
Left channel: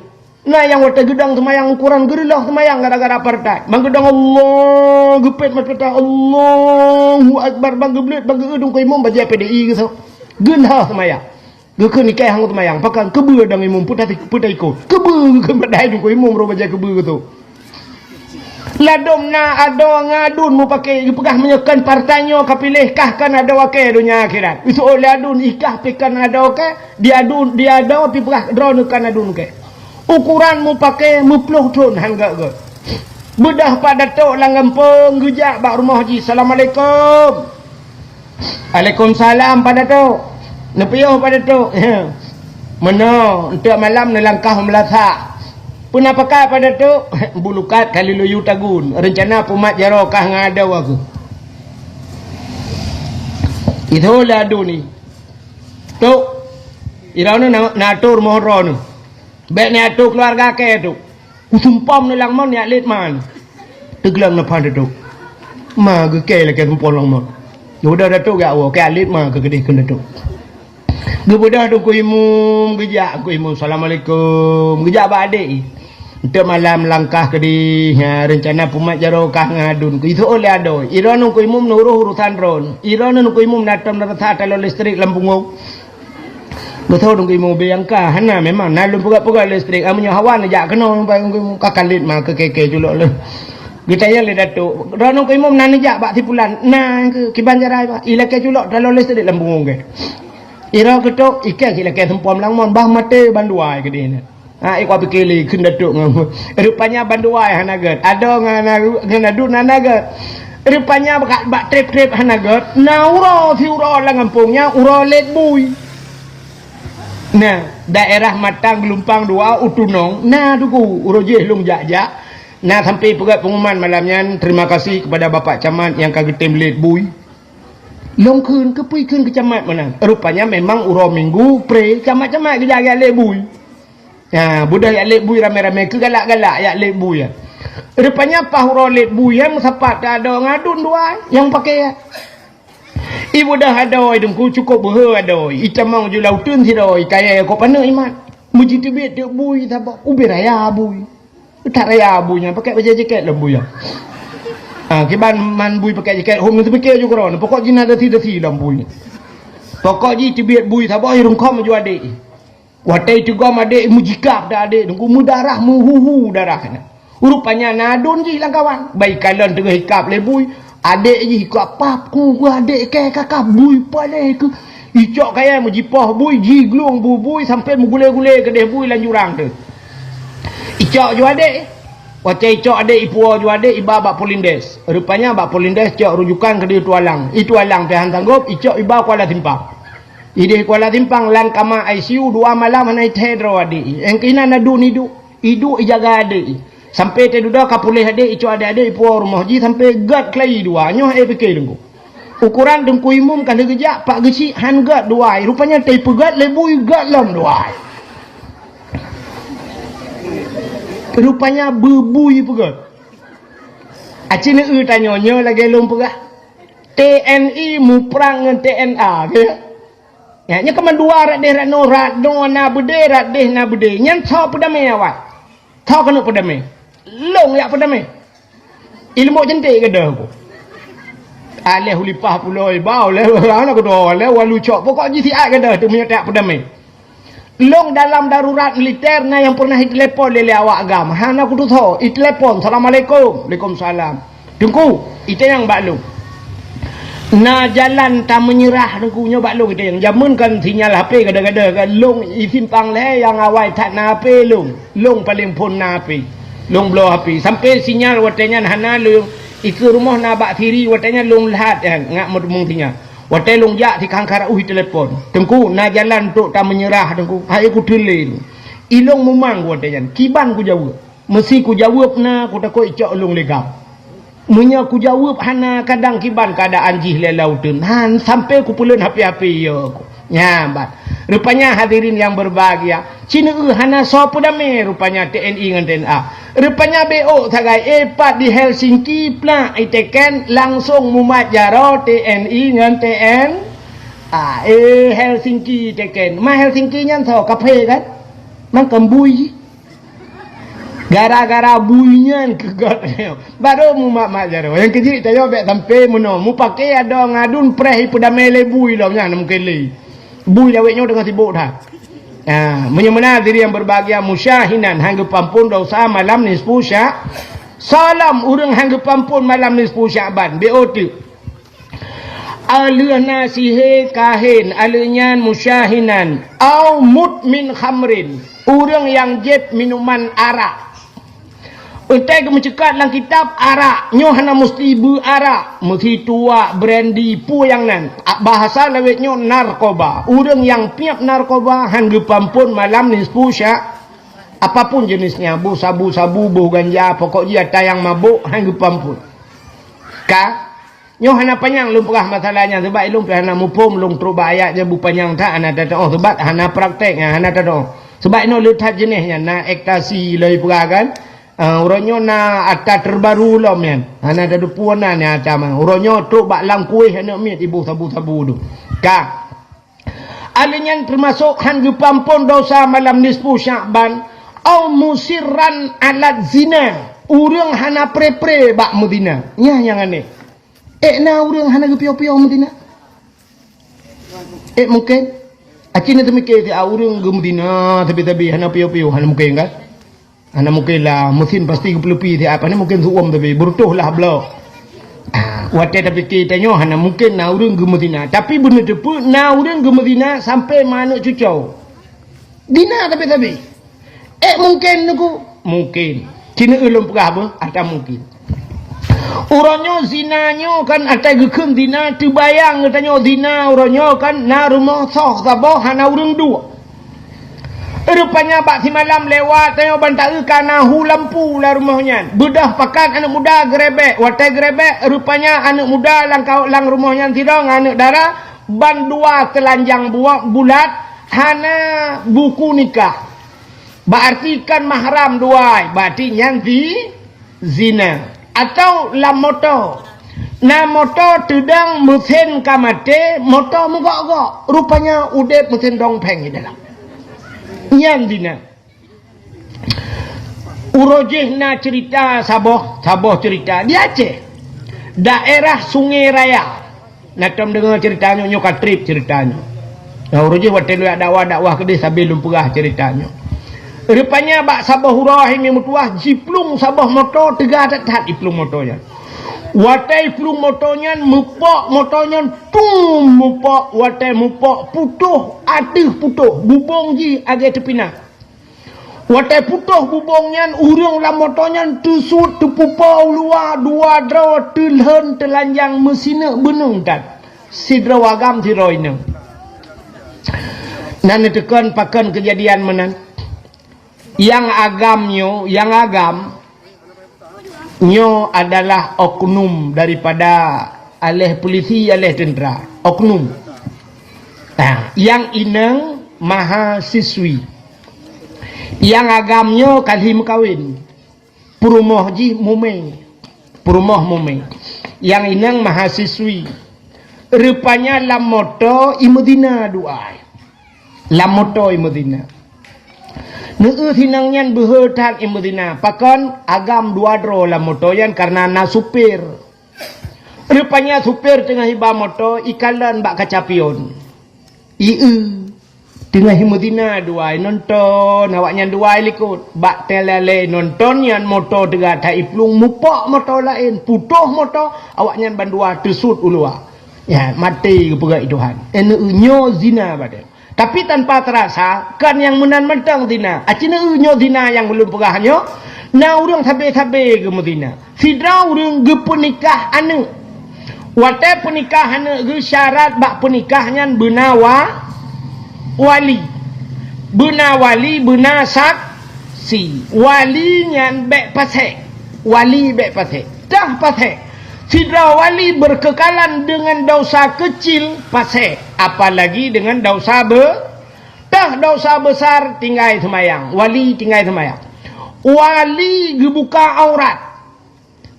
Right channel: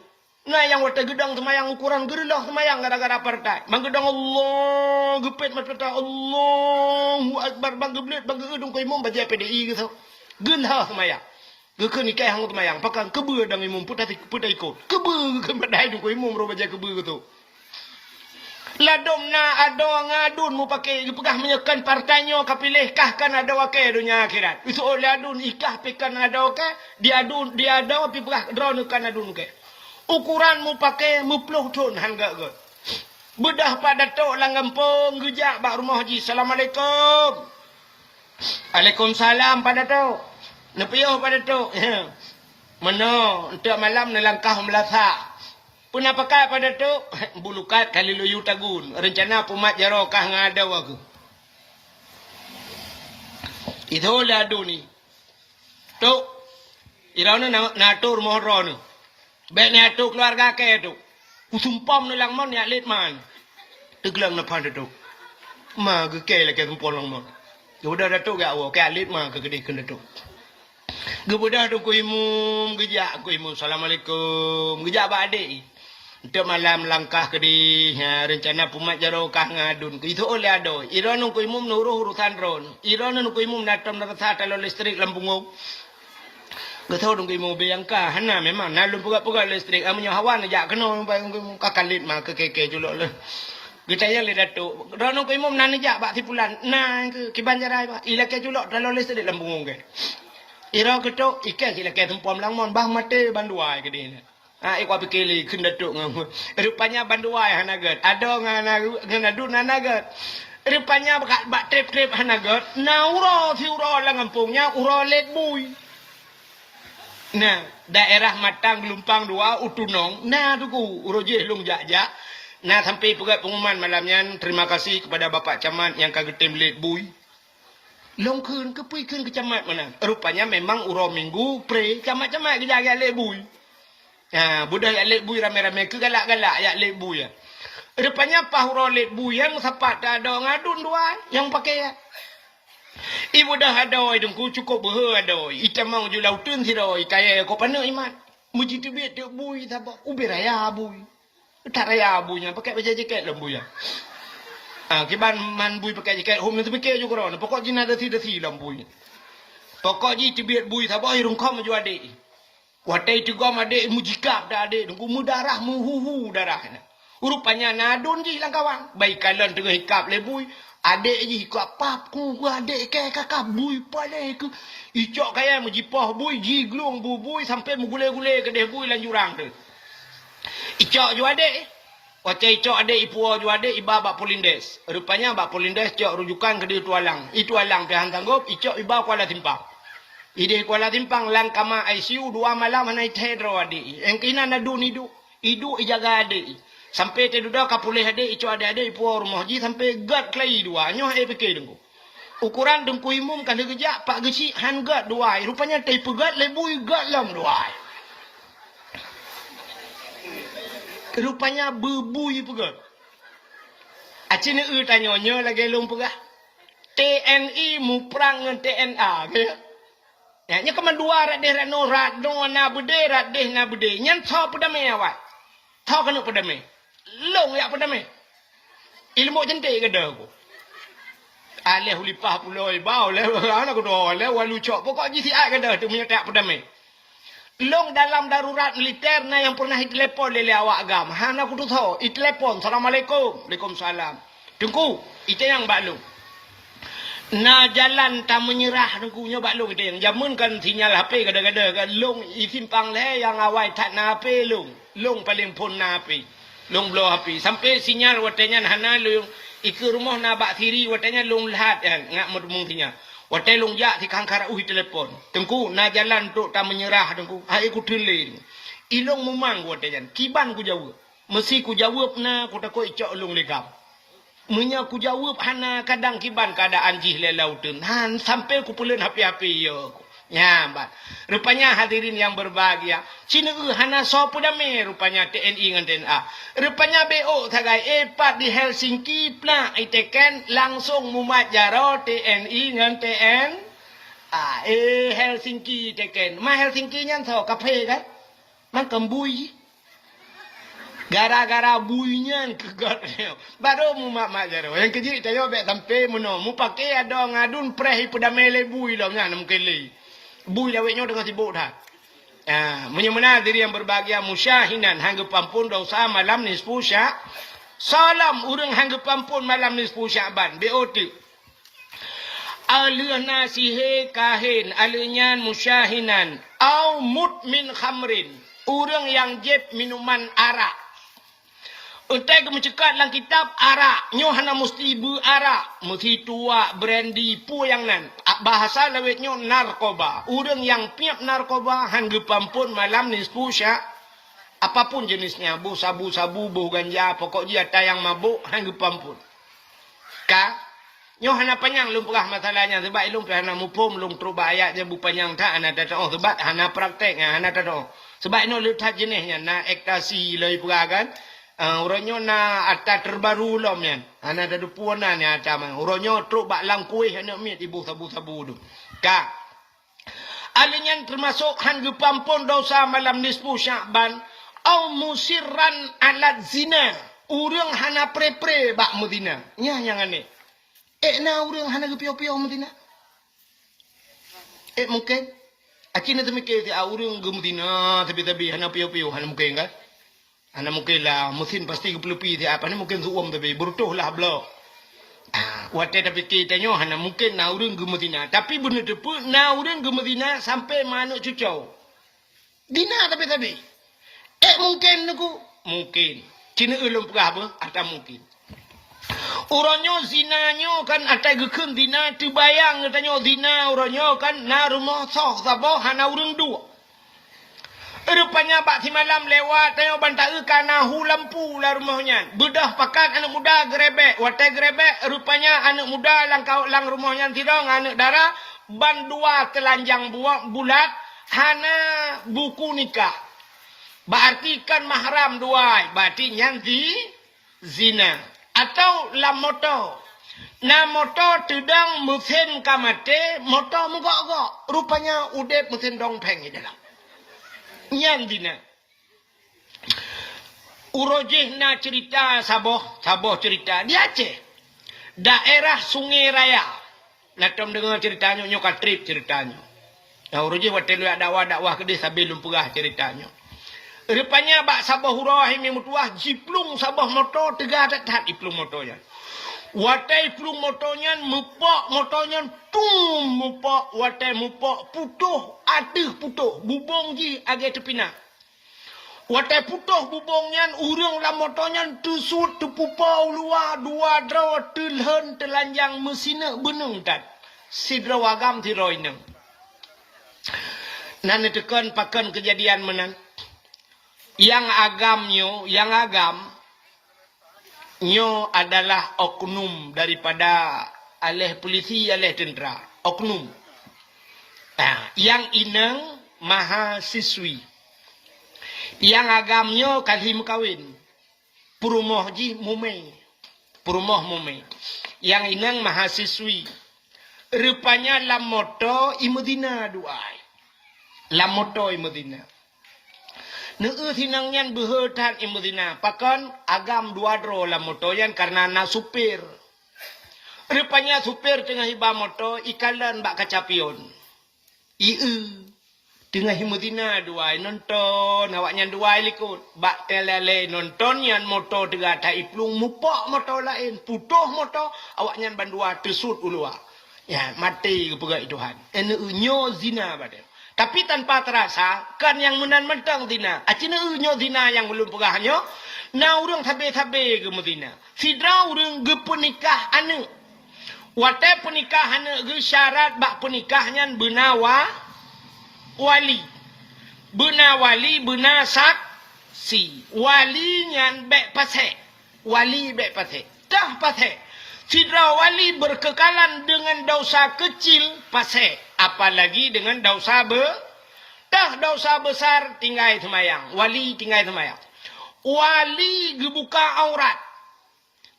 Nah yang wata gedang semayang ukuran gerilah semayang gara-gara partai. Bang gedang Allah gepet macam Allahu Akbar bang geblet bang gedung ko imam baca PDI gitu. Genah semayang. Geke nikah hang semayang pakan kebe dang imam putai ikut. Kebe ke badai dung ko imam ro baca kebe gitu. Ladom na ado ngadun mu pakai pegah menyekan partainya kapilih kah kan ada wakai dunia akhirat. Itu oleh adun ikah pekan ada wakai dia ada pi pegah drone kan adun ke. Ukuran mu pakai mupluh tun hangga ke. Bedah pada tok langampung gejak bak rumah haji. Assalamualaikum. Waalaikumsalam pada tok. Nepiyuh pada tok. Mana untuk malam ni langkah melasa. Puna pakai pada tok bulukat kali luyu tagun. Rencana pumat jarokah ngadau aku. Itulah adu ni. Tok. Irana natur mohron. Baik ni atuk keluarga ke tu. Usumpam ni lang mon ni atlet man. Teglam na pada tu. Ma ke ke la ke sumpam lang mon. Udah datuk gak wo ke atlet ma ke gede kena tu. Gebudah tu ku imum gejak ku imum assalamualaikum. Gejak ba adik. Untuk malam langkah ke di rencana pumat jarokah ngadun. Itu oleh ado. Iran ku imum nuruh urusan ron. Iran ku imum datang datang kalau listrik lampung. Betul dong ibu biangka, hana memang nalun pegak listrik. Amunya hawan aja kena kakalit mah ke keke julok le. Kita ya le datuk. Ranong ko imam nan aja bak tipulan. Nah ke kibanjarai ba. Ila ke julok dalam listrik lambung ke. Ira ketok ikan ila ke sempom langmon bah mate banduai ke dina. Ha ikwa pikili kun datuk ngam. Rupanya banduai hanagat. Ada ngana dun hanagat. Rupanya bak trip hanagat. Na uro fiuro langampungnya uro let bui. Nah, daerah Matang Gelumpang 2 Utunong. Nah, tuku urojeh long jak-jak. Nah, sampai pegat pengumuman malamnya. Terima kasih kepada Bapak Camat yang kagak temlet bui. Long kun ke camat mana? Rupanya memang uro minggu pre camat-camat gejak lek bui. Nah, budak yak lek bui rame-rame ke galak-galak yak lek bui ya. Rupanya pah uro lek bui ya musapat ada ngadun dua yang pakai ya. Ibu dah ada dengku cukup berada. Itamang je lautun tiroi kaya ko pana imat. Muji tibet de bui tabak ubi raya bui. Tak raya buinya pakai baju jaket lembu ya. Kiban man bui pakai jaket hom tu pakai juga ron. Pokok jina dati lembu. Pokok ji tibet bui tabak irung kom ju adik. Watai tu gom adik mujikap dah adik dengku mudarah muhuhu darah kana. Rupanya nadun ji lang kawan. Baik kalan tengah hikap le bui. Adik je ikut apa ku adik ke kakak bui pale ke icok kaya mujipah bui jiglung bui sampai mugule-gule ke deh bui lan jurang tu icok ju adik wacai icok adik ipuo ju adik iba bak Polindes. Rupanya bak Polindes cok rujukan ke dia Tualang. Itu alang pihan sanggup icok iba Kuala Timpang. Ide Kuala Timpang lang kama ICU 2 malam anai tedro adik engkina nadu nidu idu ijaga adik. Sampai teduda kapulih adik icu adik-adik ipuah rumah ji sampai gad kelai dua nyoh fikir dengku. Ukuran dengku imum kali gejak pak geci han gad dua. Rupanya tei pegat lebui gad lam dua. Rupanya bebui pegat. Acina tanya lagi lom pegah. TNI mu perang dengan TNA ke. Ya nya keman dua rat deh rat no na bede rat deh na bede. Nyan tau pedamai awak. Tau kena pedamai. Long yak pedamai. Ilmu cantik ke dah aku. Aleh hulipah puloi bau le ana ko do le walu cok pokok ji siat ke dah tu menyetak pedamai. Long dalam darurat militer yang pernah telepon le awak agam. Hana aku tu tahu, telepon assalamualaikum. Waalaikumsalam. Dengku, itu yang baklung. Na jalan tak menyerah dengku nya baklung itu yang jamunkan sinyal HP kada-kada kan long isimpang le yang awai tak na HP long paling pun na HP. Long blow api sampai sinyal watenya hana long iku rumah na bak thiri watenya long lahat ngak mudmung tinya watai long jak ti kangkara uhi telepon tengku na jalan tok tak menyerah tengku hai ku tele ilong memang watenya kiban ku jawab mesti ku jawab na ku takoi icok long legam Munya ku jawab hana kadang kiban keadaan jih lelautun. Han sampai ku pulen hapi-hapi ya aku. Nyambat. Rupanya hadirin yang berbahagia. Cina hana so pudame rupanya TNI dengan TNA. Rupanya BO tagai epat di Helsinki pula iteken langsung mumat jaro TNI dengan TN. Helsinki teken. Ma Helsinki nyan so kape kan. Man kembui. Gara-gara buinya kegot. Baru mumat mak jaro. Yang kecil tayo bek sampai muno. Mu pakai ada ngadun preh pudame le bui lah nya mungkin le. Bui laweknya dengan sibuk dah. Menyemena diri yang berbahagia musyahinan hanggapan pun dosa malam nisfu syak. Salam urang hanggapan pun malam nisfu Sya'ban. BOT. Alih nasihe kahin alinyan musyahinan au mudmin khamrin. Urang yang jeb minuman arak. Utai ke mencekat dalam kitab arak. Nyo hana mesti arak. Mesti tua, brandy, pu yang nan. Bahasa lawetnya narkoba. Urang yang piap narkoba. Hanggapan pun malam nisfu syak. Apapun jenisnya. Bu, sabu-sabu, bu, ganja. Pokoknya tayang mabuk. Hanggapan pun. Nyo hana panjang lumpah masalahnya. Sebab ilum hana mupum. Lung teruk ayat je bu panjang tak. Hana tak tahu. Sebab hana praktek. Hana tak tahu. Sebab ino letak jenisnya. Na ektasi lagi peragan. Uronyo na atas terbaru lah men. Hana ada puana ni atas man. Uronyo truk bak lang kuih hana mit ibu sabu-sabu tu. Alinyan termasuk hanggapan pun dosa malam nisfu Sya'ban. Au musirran alat zina. Urang hana pre-pre bak mudina. Nya yang aneh. Na urang hana gepiau-piau mudina. Mungkin. Acina temikir urang gemudina tapi hana piau-piau hana mungkin kan? Ana mungkin lah mesin pasti kepelupi ti apa ni mungkin suam tapi bertuh lah blok. Wate tapi kita nyo hana mungkin na urang gemedina tapi bener depu na urang gemedina sampai mana cucau. Dina tapi mungkin niku mungkin. Cina ulum pegah apa? Ada mungkin. Uronyo zinanyo kan ada gekun dina terbayang katanya dina uronyo kan na rumah soh sabah hana urang dua. Rupanya bak si malam lewat tengok bantai kana hu lampu lah rumahnya. Bedah pakat anak muda gerebek. Watai gerebek rupanya anak muda lang rumahnya tidang anak dara ban dua telanjang bulat hana buku nikah. Berarti kan mahram dua. Berarti nyanti zina. Atau la motor. Na motor tudang mesin kamate motor mugak-gak. Rupanya udep mesin dongpeng di dalam. Yang dina urojeh na cerita Sabah cerita di Aceh daerah Sungai Raya nak dengar ceritanya nyoka trip ceritanya urojeh watelu dakwah ke dia sambil lumpurah ceritanya rupanya bak Sabah hurah ini mutuah jiplung Sabah motor tegak tak iplung motornya watai plung motornya mupok motornya tung mupok watai mupok putuh aduh putuh bubong ji agak tepina watai putuh bubongnya urang lah motornya tusut tepupau luar dua draw telhen telanjang mesina benung kan sidra wagam tiroina nan tekan pakan kejadian menan yang agam nyo adalah oknum daripada alih polisi, alih tentera. Oknum. Yang inang mahasiswi. Yang agamnya kalhim kawin. Purumah ji mume. Yang inang mahasiswi. Rupanya lamoto imudina duai. Lamoto imudina. Sinangnya berhutang imudina. Pakon agam dua dro lah motoyan karena na supir. Rupanya supir tengah hiba moto ikalan bak kacapion. Tengah imudina dua nonton awaknya dua likut bak telale nonton yang moto tegak tak iplung mupok moto lain putuh moto awaknya bandua tersut ulua. Ya mati kepegat Tuhan. Nyo zina pada. Tapi tanpa terasa, kan yang menan mentang dina. Acina unyo dina yang belum pegahanyo. Na urang sabe-sabe ke medina. Sidra urang ge penikah ane. Wate penikah ane ge syarat bak penikahnya benawa wali. Benawali benasak si. Wali nyan bek pasek. Wali bek pasek. dah pasal sidra wali berkekalan dengan dosa kecil pasal, apalagi dengan dosa dah dosa besar tinggal semayang, wali tinggal semayang. Wali gebuka aurat,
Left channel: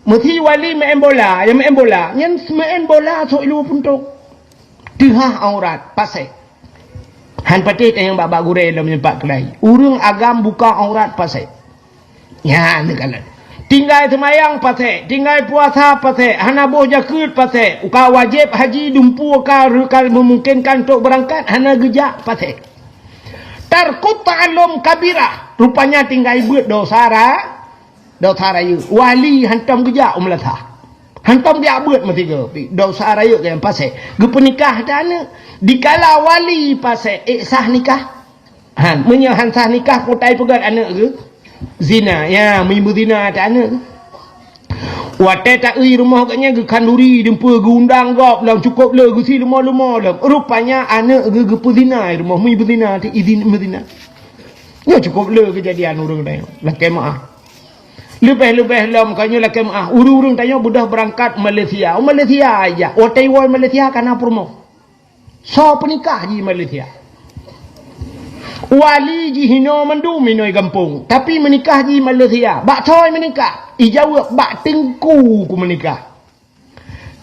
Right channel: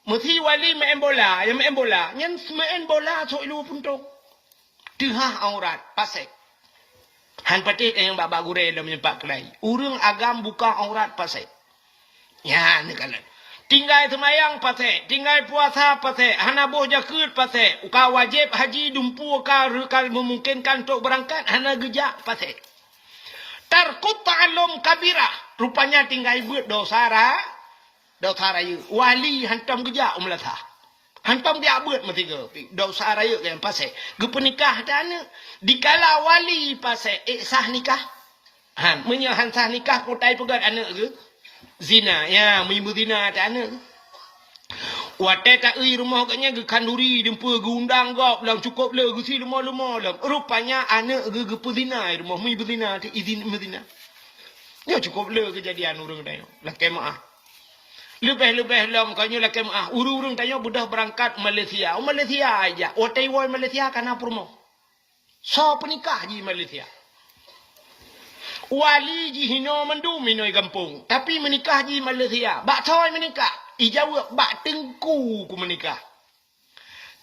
mesti wali main bola, yang main bola so ilu puntuk dihah aurat pasal. Han patih yang bak gurei dalam menyebab kelai. Urang agam buka aurat pasal. Ya, ni kan. Tinggal semayang pasal, tinggal puasa pasal, hana boh jakut pasal, uka wajib haji dumpu ka rekal memungkinkan untuk berangkat, hana gejak pasal. Tarkut ta'alum kabirah, rupanya tinggal buat dosa raya. Wali hantam gejak melatah. Hantam dia buat mesti ke dosa raya kan pasal. Gepenikah dana dikala wali pasal sah nikah. Han menyahan sah nikah potai pegat anak ke? Zina, ya, menimbul zina tak anak. Watai tak rumah katnya ke kanduri, dempa ke undang gop, lang cukup le, ke si lemah-lemah le. Rupanya anak ke zina rumah, menimbul zina, tak izin zina. Ya cukup le kejadian orang tanya. Laki maaf. Lebih-lebih lam kanya laki maaf. Urung-urung tanya budak berangkat Malaysia. Malaysia aja. Watai wai Malaysia kana promo. So penikah di Malaysia. Wali ji hino mandu minoi kampung, tapi menikah ji Malaysia. Bak toy menikah, ijawab bak tengku ku menikah.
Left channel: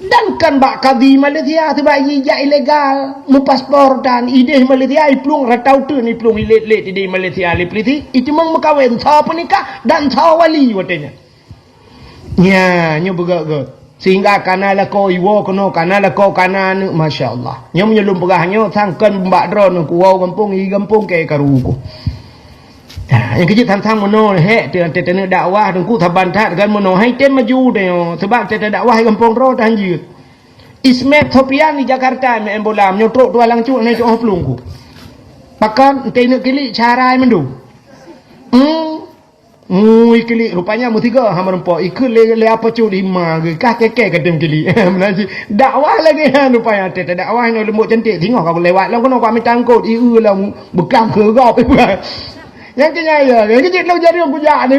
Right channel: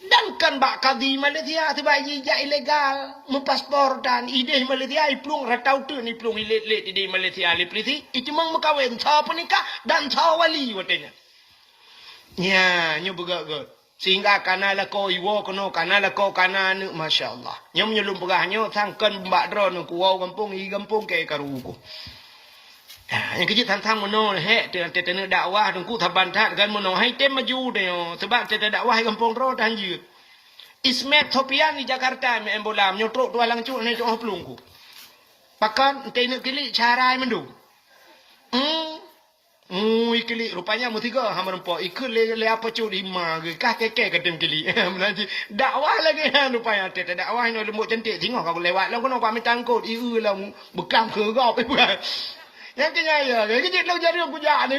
Dan kan bak kadi Malaysia sebab ija ilegal, mupaspor dan ide Malaysia iplung ratau tu ni plung ilet-let ide Malaysia lipliti, itu mang makawin tha penikah dan tha wali watenya. Ya, nyo begak-gak. Sehingga kanala ko iwo kono kanala ko kanan masyaallah nyom nyelum pegahnya sangkan mbak dron ku wau kampung i kampung ke karuku. Yang kecil tang mono he te dakwah ku thaban that kan mono hai tem maju de sebab te dakwah kampung ro tan jut Ismet Topian di Jakarta me embolam nyotrok dua lang cu ne cu plung ku pakan te ne kili cara mendu ikili rupanya mutiga hamar empo ikut le apa cu lima ke kah keke kedem kili menaji dakwah lagi rupanya te dakwah no lembut cantik tengok kau lewat lah kono kau minta angkut lah bekam ke gop yang kenya ya kecil lo jadi aku jak ni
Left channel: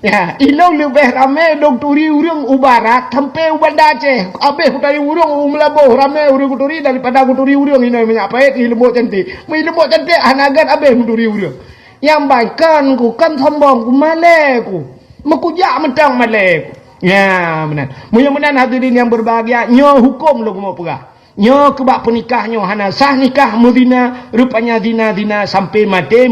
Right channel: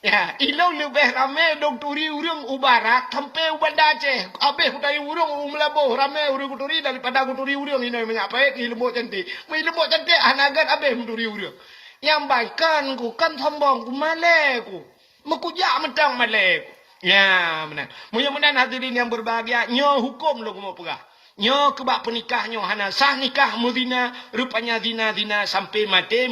ya ilo lebih ramai dok turi urang ubarat sampai ubanda Aceh abe utai urang umlabo ramai urang turi daripada aku turi urang ini banyak pait lembut cantik lembut cantik hanagan abe turi urang yang baikkan ku kan sombong ku maleku mekujak mentang maleku ya benar mudah-mudahan hadirin yang berbahagia nyo hukum lo mau pegah nyo kebak penikah nyo hana sah nikah muzina rupanya zina sampai mati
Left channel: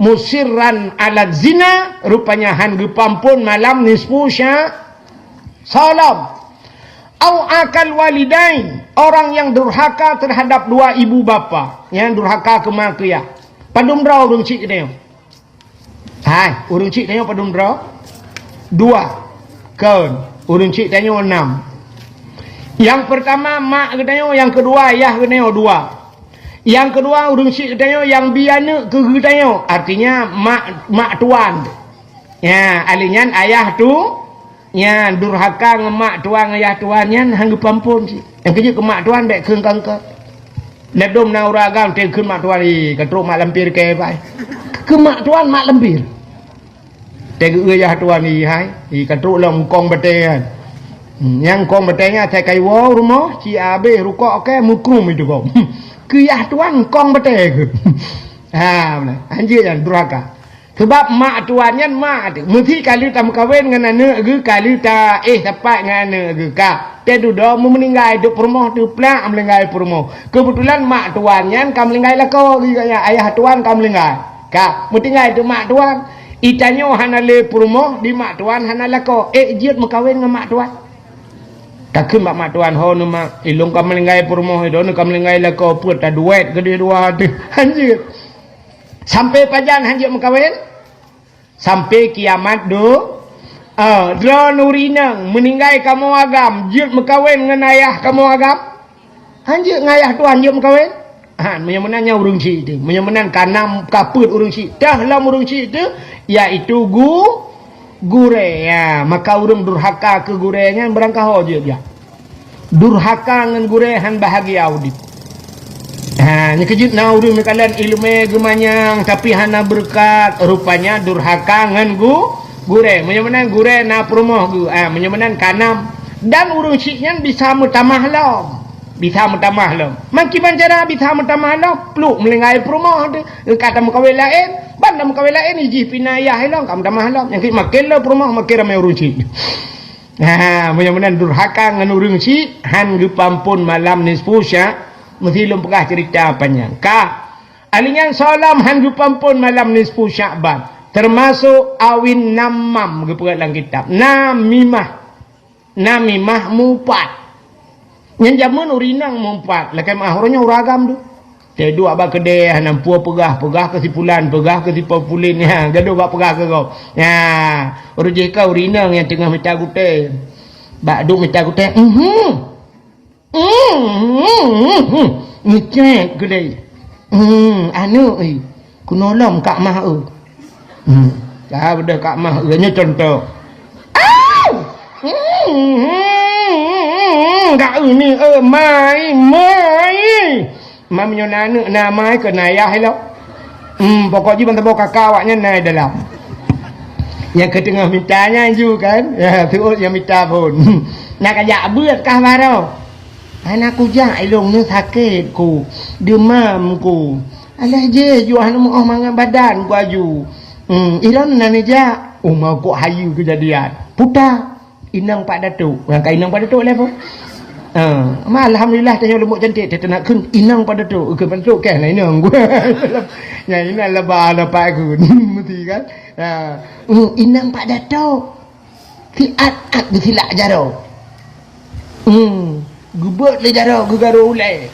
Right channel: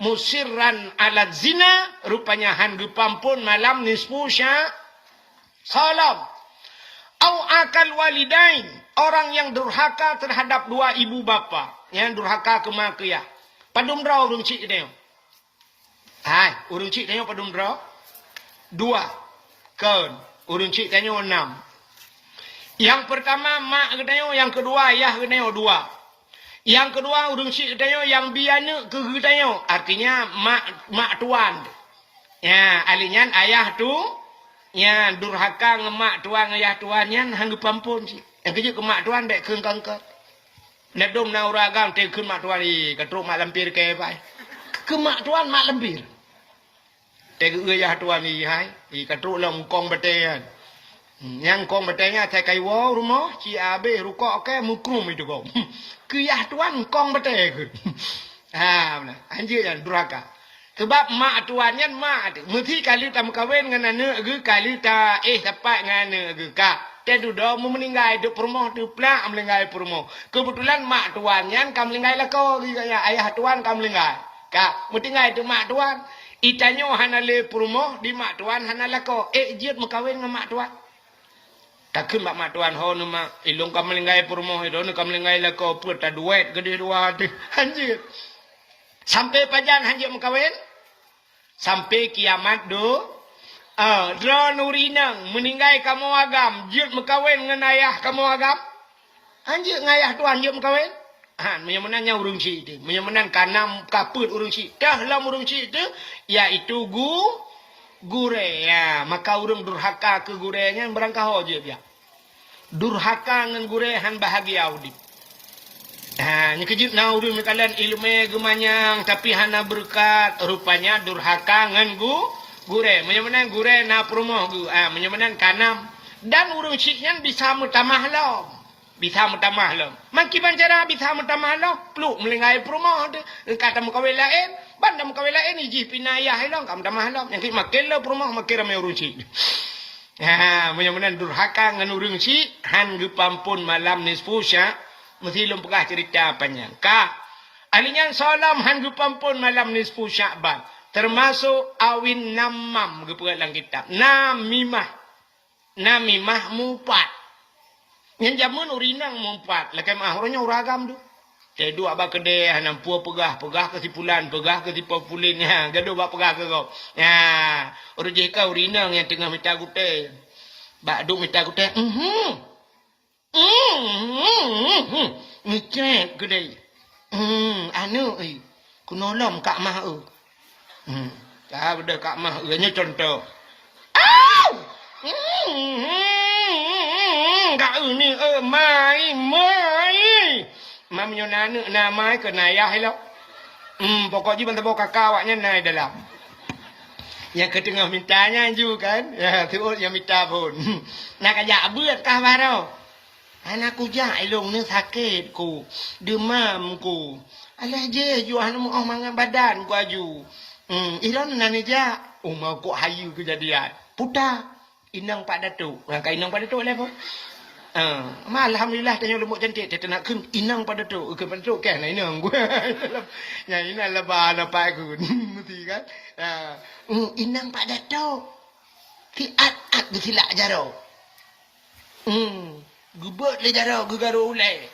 musirran alat zina rupanya han gepampun malam nisfu salam au akal walidain orang yang durhaka terhadap dua ibu bapa yang durhaka kemakiyah. Padum draw urung cik tengok. Hai, urung cik tengok padum draw. 2. Kaun, urung cik tengok 6. Yang pertama mak ke tengok, yang kedua ayah ke tengok 2. Yang kedua urung cik tengok, yang biana ke tengok. Artinya mak tuan. Ya, alinyan ayah tu ya durhaka ngemak tuan ayah tuannya hang pampun cik. Yang kejut ke mak tuan dek keung kangka. Ledom na uragam te kun mak tuan ni katruk mak lampir ke pai. Ke mak tuan mak lampir. Te ke ayah tuan ni hai, i katruk long kong betean. Yang kong betenya te kai wo rumah ci abe rukok ke mukrum itu kong. Ke ayah tuan kong bete ke. Ha benar. Anjir dan durhaka. Sebab mak tuannya mak mesti kali tam kawin dengan anak ke kali ta dapat dengan anak ke ka. Dia duduk meninggal duduk rumah tu plak meninggal rumah. Kebetulan mak tuannya kam meninggal lah kau ayah tuan kam meninggal. Ka meninggal tu mak tuan itanyo hanale rumah di mak tuan hanala kau jut mekawin dengan mak tuan. Takkan mak tuan ho nu mak ilung kam meninggal rumah itu nu kam meninggal lah kau put ta duit gede dua tu. Anjir. Sampai pajan hanjir mekawin sampai kiamat do Dra Nurinang meninggal kamu agam jut mekawin dengan ayah kamu agam hanjir ngayah tuan jut mekawin menyemenannya urung cik itu menyemenan kanam kaput urung cik dah lam urung cik itu iaitu gure ya maka urung durhaka ke gurenya berangkah hoje dia durhaka dengan gure han bahagia audit ni kejut na urung kalian ilmu gemanyang tapi hana berkat rupanya durhaka dengan Gureng, menyamanan gureng na perumah gu, menyamanan kanam. Dan urung ciknya bisa mutamah lam. Bisa mutamah lam. Maki banjara bisa mutamah lam. Peluk melengai perumah tu. Kata mukawil lain. Banda mukawil lain iji pinayah lam. Kamu tamah lam. Yang makin lah perumah makin ramai urung cik. Menyamanan durhaka dengan urung cik. Han gepampun malam nisfusya. Mesti lum pegah cerita apanya. Alinya salam han gepampun malam nisfu Sya'ban. Termasuk awin namam kepegat dalam kitab. Namimah mumpat. Yang zaman urinang mumpat. Lakai mahornya uragam tu. Dia dua abang kedai. Nampua pegah kesipulan. Pegah kesipulin. Gaduh abang pegah ke kau. Orang jika urinang yang tengah minta gute. Bak duk minta gute. Ngecek kedai. Anu kunolom kak mah benda kak mah nya contoh kak ni mai menyonana na mai ke nayah hello pokoknya benda bawa kakak awaknya naik dalam yang ketengah mintanya ju kan terus yang minta pun nak ajak buat kah baru anakku jak ilung ni sakit ku demam ku alah je jual mau mangan badan ku aju ilan nani jak mau kok hayu kejadian putar inang Pak Datuk rangka inang Pak Datuk lepo alhamdulillah tanya lembut cantik dia nak kun inang Pak Datuk ke Pak Datuk kan inang ku ya ini lebah lepas aku mesti kan inang Pak Datuk tiat disilak jaro gubut le jaro gugaro ulai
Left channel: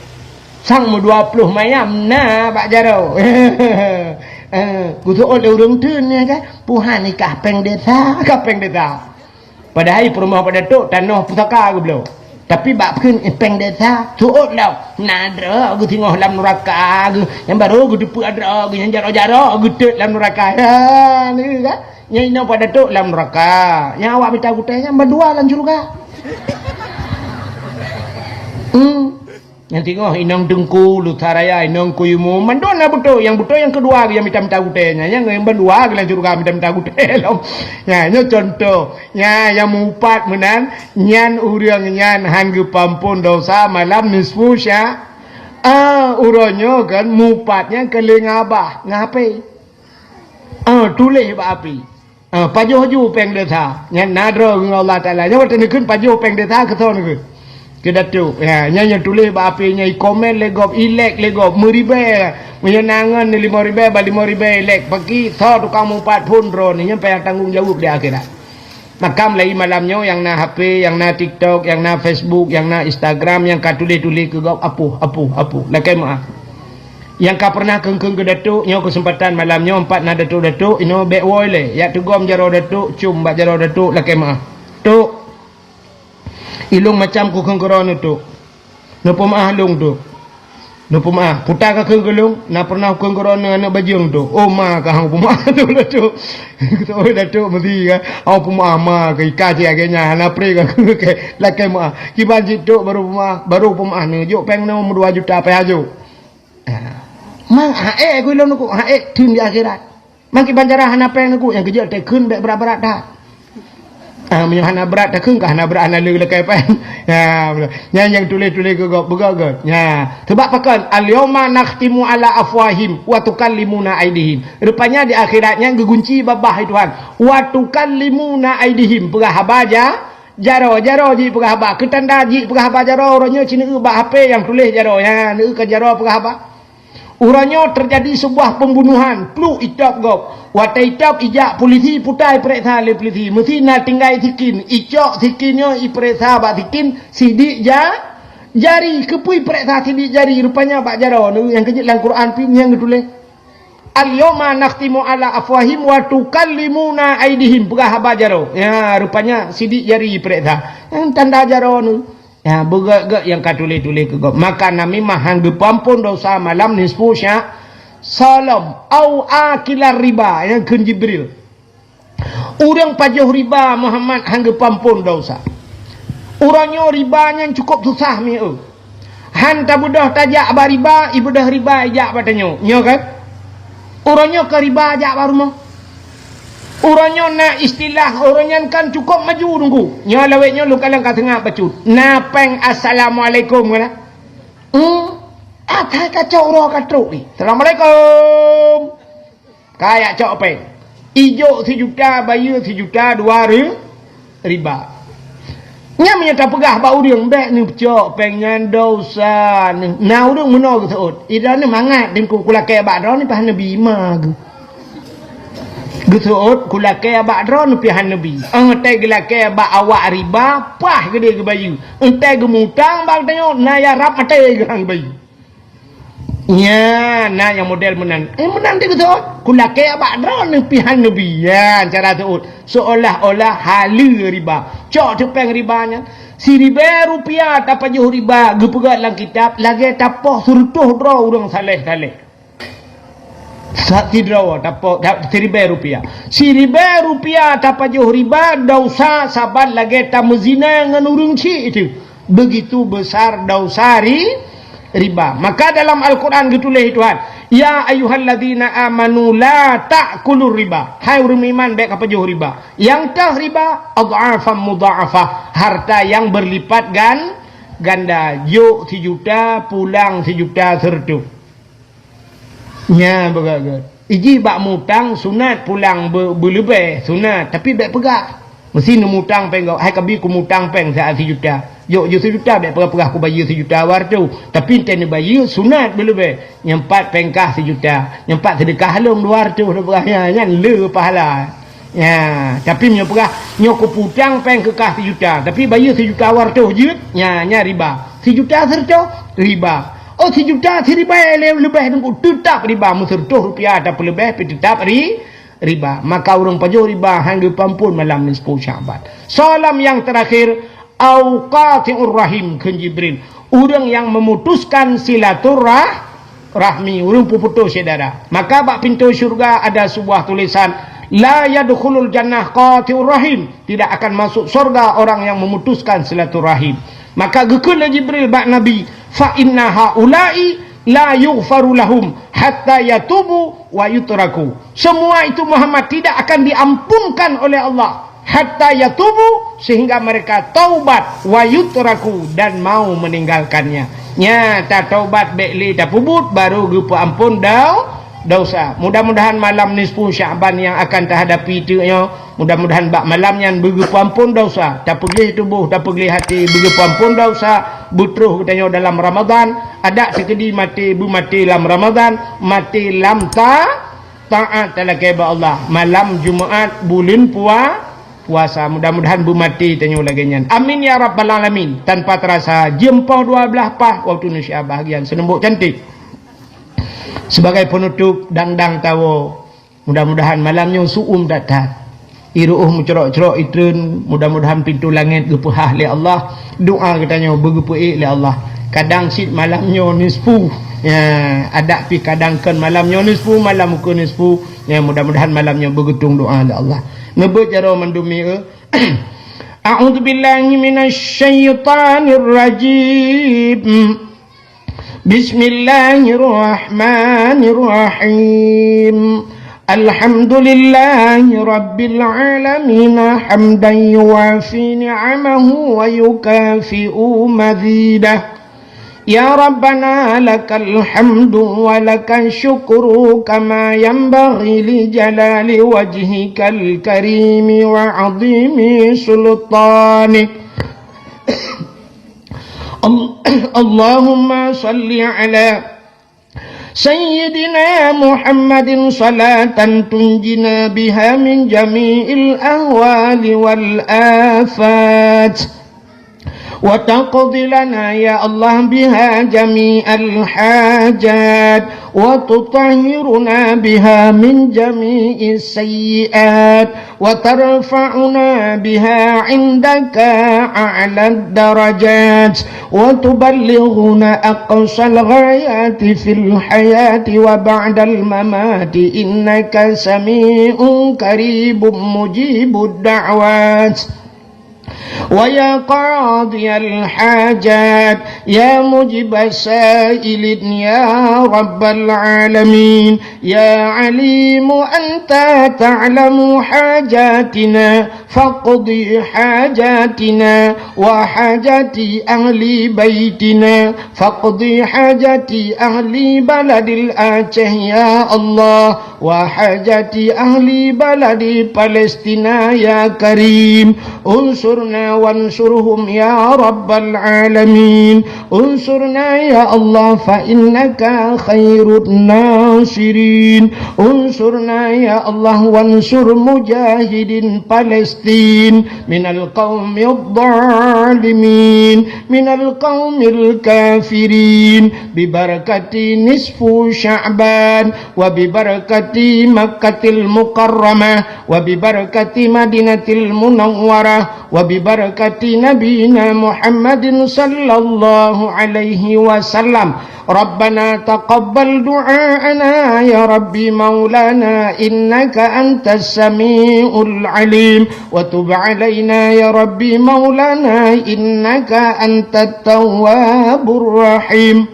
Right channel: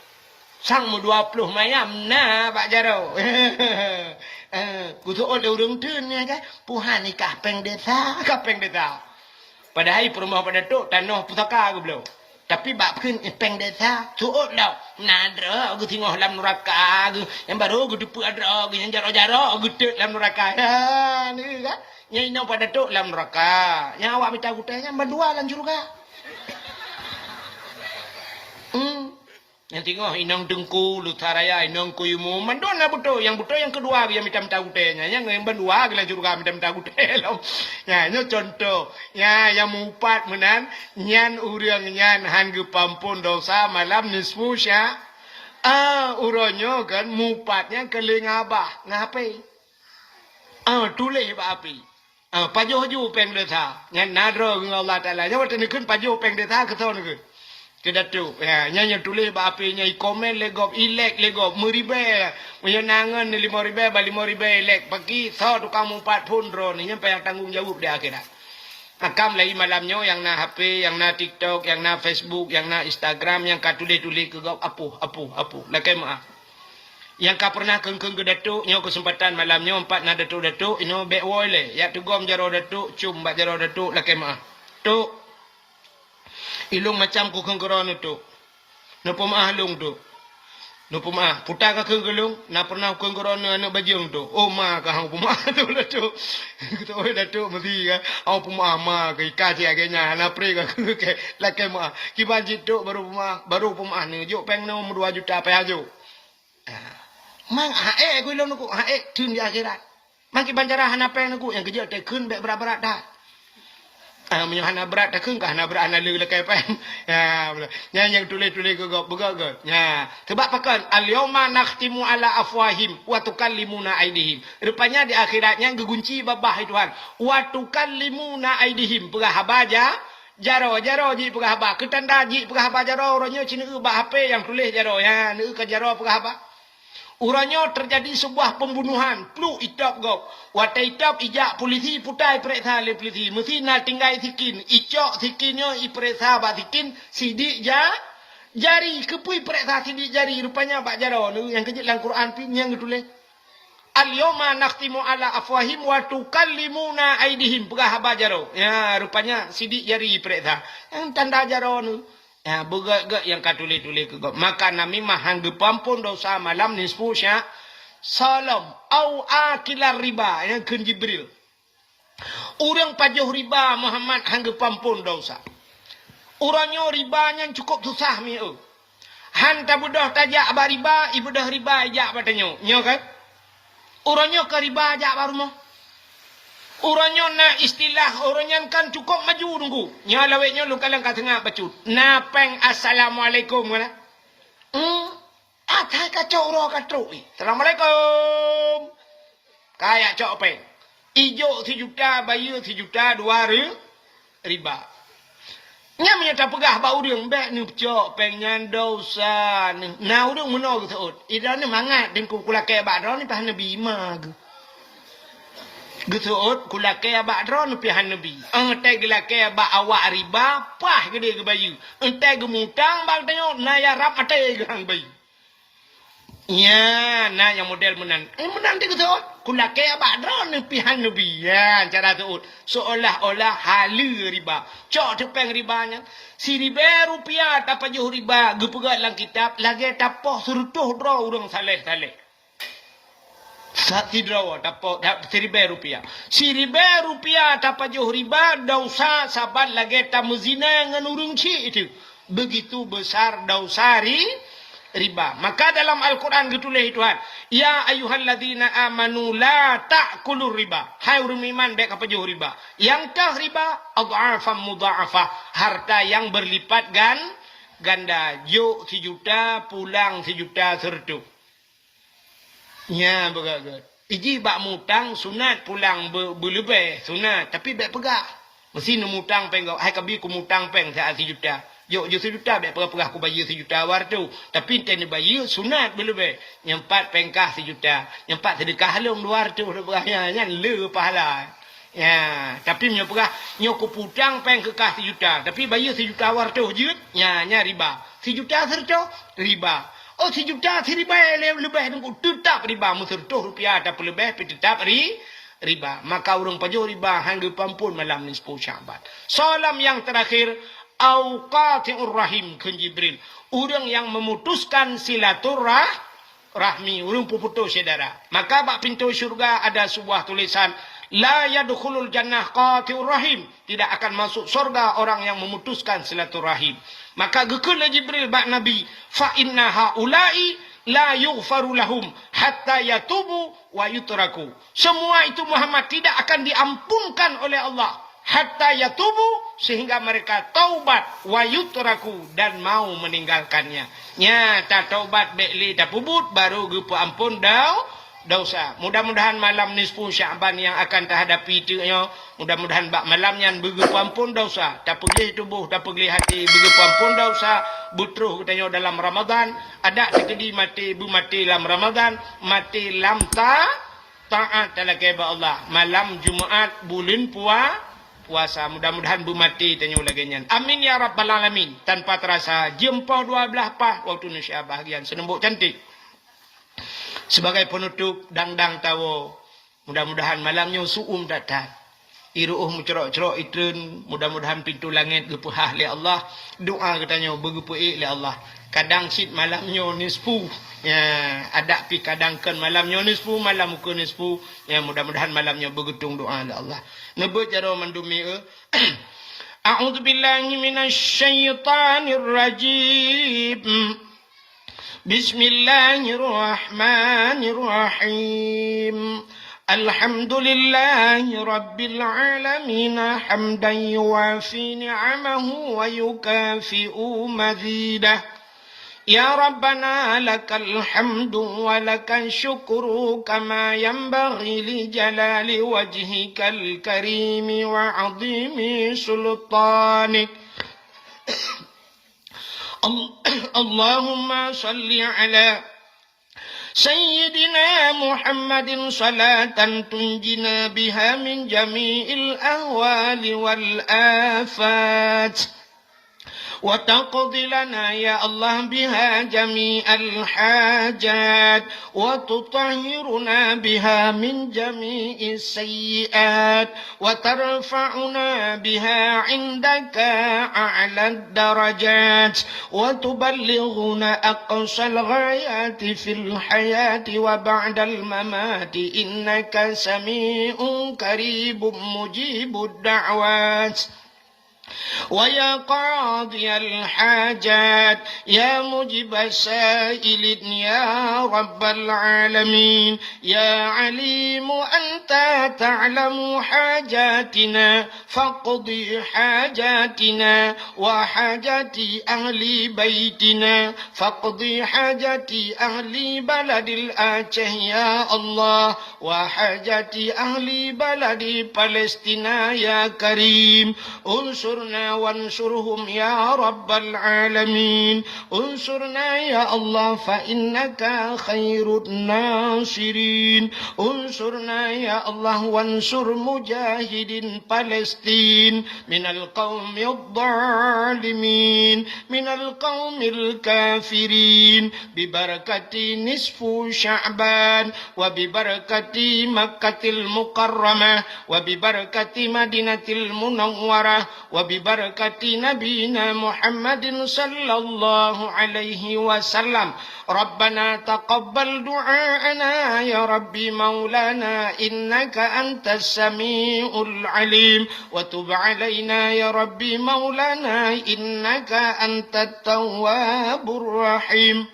sang mu 20 mayam na Pak jaro kutu oleh urung tun ya kan puhan ni kapeng desa padahal perumah Pak Datuk tanah pusaka aku belum tapi bak pun peng desa tuot lau nadra aku tengok dalam neraka aku yang baru aku depu ada aku yang jaro-jaro aku tek dalam neraka ni kan yang ina Pak Datuk dalam neraka yang awak minta aku tanya berdua dalam surga. Yang tengok inang dengku lutaraya inang kuyumu mandona betul yang kedua yang minta gutenya yang berdua gelan surga minta gutel ya ini contoh ya yang mumpat menan nyan urang nyan han gepampun dosa malam nisfu sya uronyo kan mumpatnya keling abah ngapai tulis ba api pajuh ju peng desa nyan nadro Allah taala nya wate nekeun pajuh peng desa keton ke Kedatuk, yang tulis apinya komen legop ilek legop meribe, menyenangan ni 5,000 ba 5,000 ilek pagi thor tukang 40 pun ni nyampe tanggung jawab di akhirat. Makam lagi malamnya yang na HP, yang na TikTok, yang na Facebook, yang na Instagram, yang ka tulis-tulis ke gop apu. Lakai maaf. Yang ka pernah kengkeng ke datuk, nyo kesempatan malamnya 4 na datuk ino back wall le. Ya tugom jaro datuk, cum bak jaro datuk lakai maaf. Tuk ilung macam ku kengkeron tu. Napa maah lung tu. Napa maah putar ka kenggelung na pernah kengkeron anak bajung tu. Oh ma ka hang pemaah tu lah tu. Kita oi datuk mesti ka. Au pemaah ma ka ika si agenya na pre ka ke lakai maah. Ki banjit tu baru pemaah ni juk peng no 2 juta pe aju. Mang ku ilung ku tun di akhirat. Mang ki banjara hana peng ku yang kerja te kun berat-berat dah. Hana berat tak kengkah hana berat hana le kai pen yang tulis-tulis ke begak sebab pakan al-yawma nakhtimu ala afwahim wa tukallimuna aidihim rupanya di akhiratnya gegunci babah Tuhan wa tukallimuna aidihim pegah habaja jaro ji pegah haba ketanda ji pegah haba jaro orangnya cina ubah HP yang tulis jaro ya ni ke jaro pegah haba urangnya terjadi sebuah pembunuhan plu itap gop watai itap ijak polisi putai periksa le polisi mesti nak tinggai sikin icok sikinnya iperiksa bak sikin sidik jari kepui periksa sidik jari rupanya bak jaro ni yang kejut dalam Quran pi yang tulis al-yawma nakhtimu ala afwahim wa tukallimuna aidihim pegah haba jaro ya rupanya sidik jari periksa yang tanda jaro ni ya begak yang katulis-tulis ke gop maka nami mahang gepampun dosa malam nisfu sya salam au akilar riba yang kun Jibril urang pajuh riba Muhammad hang gepampun dosa urangnya ribanya cukup susah mi han tabudah tajak ba riba ibudah riba ajak batanyo nyo kan urangnya ke riba ajak baru mah Orangnya nak istilah orangnya kan cukup maju tunggu. Nya laweknya lu kalang kat tengah bacut. Napeng assalamualaikum kena. Atai kacau roh katruk ni. Assalamualaikum. Kayak cok peng. Ijo 1 juta, bayar 1 juta, 2 riba. Nya menyata pegah bau dia mbek ni cok pengnya dosa ni. Nah udung menol keut. Ida ni mangat dengku kula ke abak ni pahan nabi ma ke. Geut kula ke abak ni pahan nabi. Entai gela ke abak awak riba, pah gede ke bayu. Entai gemutang bang tengok na ya rap mate gerang bayu. Ya, nah yang model menang. Menang dia kata, kulake abak drone ni pihan nabi. Ya, cara tu seolah-olah halu riba. Cok tepeng ribanya. Si riba rupiah tak pajuh riba. Gepegat dalam kitab. Lagi tapoh surtuh draw orang saleh-saleh. Sati draw tapoh si riba rupiah. Si riba rupiah tak pajuh riba. Dosa sabat lagi tamuzina dengan urung cik itu. Begitu besar dosa riba. Maka dalam Al-Quran ditulis Tuhan, ya ayyuhalladzina amanu la ta'kulur riba. Hai orang iman baik apa jauh riba. Yang tah riba adhafan mudha'afah, harta yang berlipat ganda. Juk 1 juta pulang 1 juta sertu. Nya begagat. Iji bak mutang sunat pulang berlebih sunat tapi baik pegak. Mesti numutang peng hai kabi ku mutang peng saat 1 juta. Yo 1 juta dak pegah aku bayar 1 juta war tu. Tapi enten bayar sunat belum nyempat pengkah 1 juta. Nyempat sedekah long luar tu pegahnya nyan le pahala. Ya, tapi nya pegah nyo ku putang peng kekah 1 juta. Tapi bayar 1 juta war tu je nya riba. 1 juta serto riba. Oh 1 juta si riba lebih tunggu tetap riba musertuh rupiah ada lebih tetap riba. Maka orang pajuh riba hangga pampun malam ni 10 Syaban. Salam yang terakhir Auqati'ur rahim ke Jibril. Orang yang memutuskan silaturahmi, orang putus saudara. Maka bak pintu syurga ada sebuah tulisan, la yadkhulul jannah qati'ur rahim. Tidak akan masuk surga orang yang memutuskan silaturahim. Maka gekeun Jibril bak Nabi, fa inna haula'i la yughfaru lahum hatta yatubu wa yutraku. Semua itu Muhammad tidak akan diampunkan oleh Allah hatta yatubu, sehingga mereka taubat wa yutraku, dan mau meninggalkannya. Nya tak taubat bekli tak pubut baru gepu ampun dosa. Mudah-mudahan malam nisfu Syaban yang akan terhadapi itu mudah-mudahan bak malam yang begepu ampun dosa. Tak pergi tubuh, tak pergi hati, begepu ampun dosa. Butruh katanya dalam Ramadan, ada sekedi mati dalam Ramadan, mati lam taat talakai ba Allah. Malam Jumaat bulan puasa, mudah-mudahan bu mati tanya lagi nyan. Amin ya rabbal alamin. Tanpa terasa jempol 12 pah waktu Indonesia bahagian senembuk cantik. Sebagai penutup dangdang tawo, mudah-mudahan malamnya suum datang. Iruh mencerok-cerok itun, mudah-mudahan pintu langit gepuhah li Allah. Doa katanya bergepuh li Allah. Kadang sit malamnya nisfu. Ya, ada pi kadang kan malamnya nisfu, malam ke nisfu. Ya, mudah-mudahan malamnya bergetung doa li Allah. Nebut jaro mendumi A'udzu billahi minasyaitonir rajim. Bismillahirrahmanirrahim. Alhamdulillahi rabbil alamin hamdan yuwafi ni'amahu wa yukafi'u mazidah. Ya Rabbana lakal hamdu wa lakal syukru kama yanbaghi li jalali wajhikal karimi wa azimi sultanik. Allahumma salli ala Sayyidina Muhammadin salatan tunjina biha min jami'il ahwali wal afat. وتقضي لنا يا الله بها جميع الحاجات وتطهرنا بها من جميع السيئات وترفعنا بها عندك أعلى الدرجات وتبلغنا أقصى الغايات في الحياة وبعد الممات إنك سميع قريب مجيب الدعوات. ويا قاضي الحاجات يا مجيب السائل يا رب العالمين يا عليم أنت تعلم حاجاتنا فاقضي حاجاتنا وحاجات أهل بيتنا فاقضي حاجات أهل بلد الآتيه يا الله وحاجات أهل بلد فلسطين يا كريم انصرنا وانصرهم يا رب العالمين انصرنا يا الله فإنك خير الناصرين انصرنا يا الله وانصر مجاهد فلسطين من القوم الظالمين من القوم الكافرين ببركة نصف شعبان وببركة مكة المكرمة وببركة مدينة المنورة وببركة نبينا محمد صلى الله عليه وسلم ربنا تقبل دعاءنا يا ربي مولانا إنك أنت السميع العليم وتب علينا يا ربي مولانا إنك أنت التواب الرحيم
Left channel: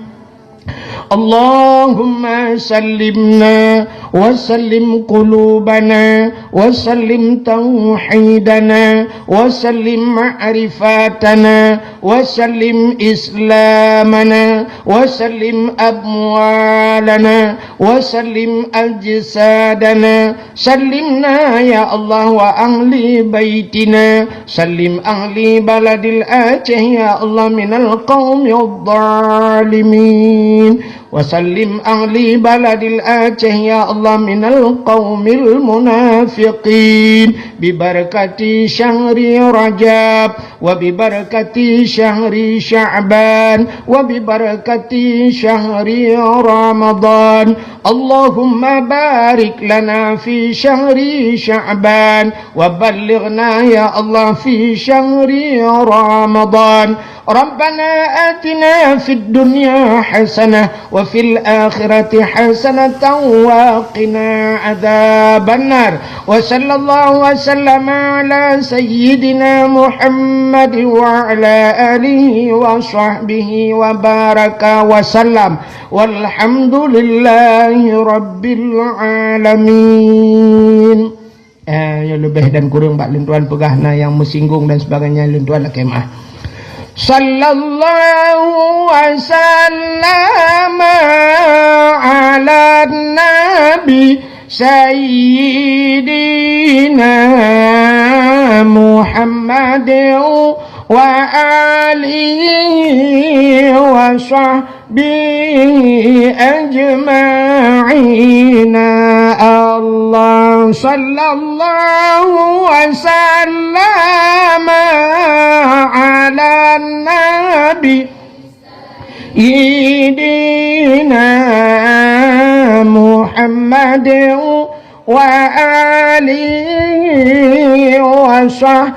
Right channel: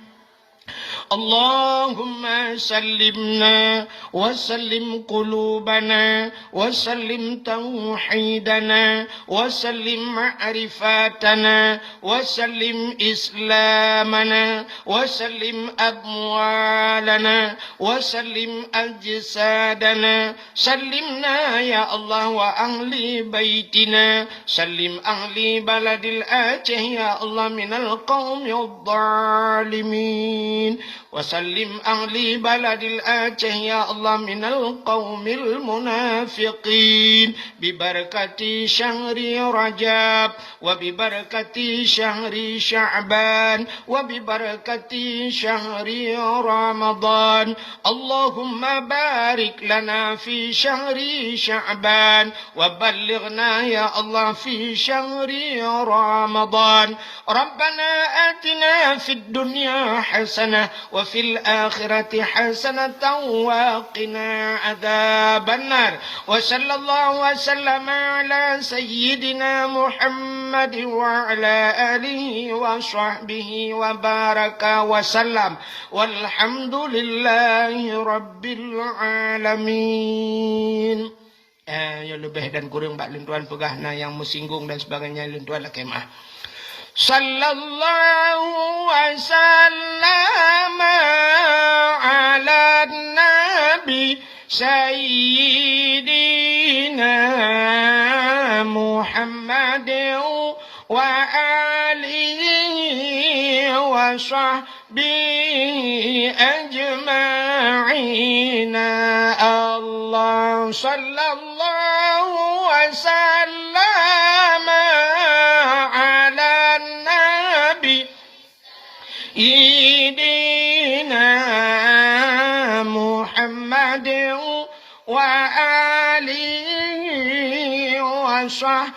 اللهم سلمنا وسلم قلوبنا وسلم توحيدنا وسلم معرفاتنا وسلم إسلامنا وسلم أموالنا وسلم أجسادنا سلمنا يا الله وأهل بيتنا سلم أهل بلد الآتيه يا الله من القوم الظالمين وسلم أهل بلد الآتيه يا الله من القوم المنافقين ببركة شهر رجب وببركة شهر شعبان وببركة شهر رمضان اللهم بارك لنا في شهر شعبان وبلغنا يا الله في شهر رمضان ربنا آتنا في الدنيا حسنة وفي الآخرة حسنة وقنا عذاب النار وصلى الله وسلم على سيدنا محمد وعلى آله وصحبه وبارك وسلم والحمد لله رب العالمين. Yang lebih dan kurang Pak Lentuan pegahna yang mersinggung dan sebagainya Lentuan kemah. Sallallahu wasallam ala nabi sayyidina Muhammad wa alihi wa sahbihi ajma'ina Allah sallallahu wasallam ala nabi sayyidina Muhammad wa alihi wa sahbihi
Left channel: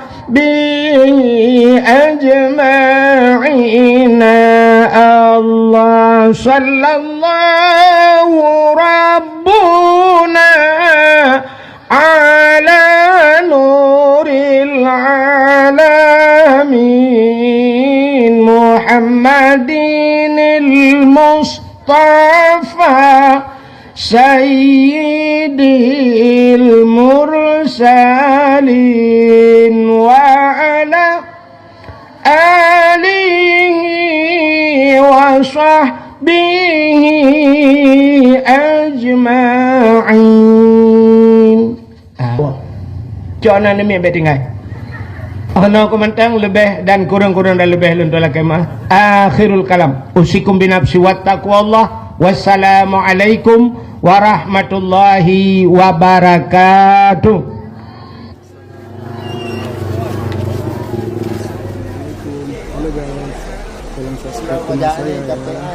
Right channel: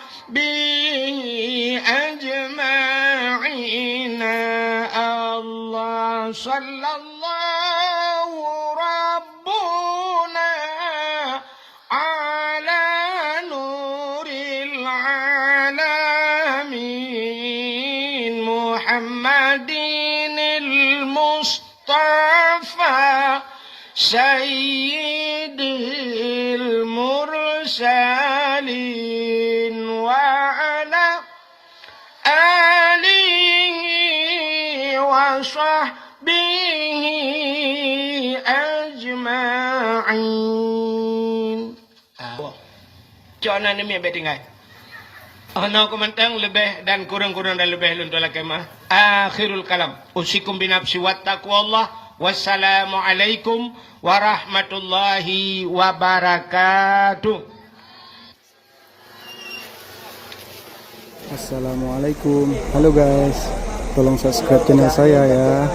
ajma'ina Allah sallallahu rabbuna ala nuril alamin Muhammadinil Mustafa sayyidil mursalin wa ala alihi wa sahbihi ajma'in. Jangan ni ambil tinggal. Ana komentang lebih dan kurang-kurang dan lebih lentulah kemah. Akhirul kalam. Usikum binafsi wattaqwallah. Wassalamualaikum warahmatullahi wabarakatuh. Assalamualaikum. Halo guys, tolong subscribe channel saya ya.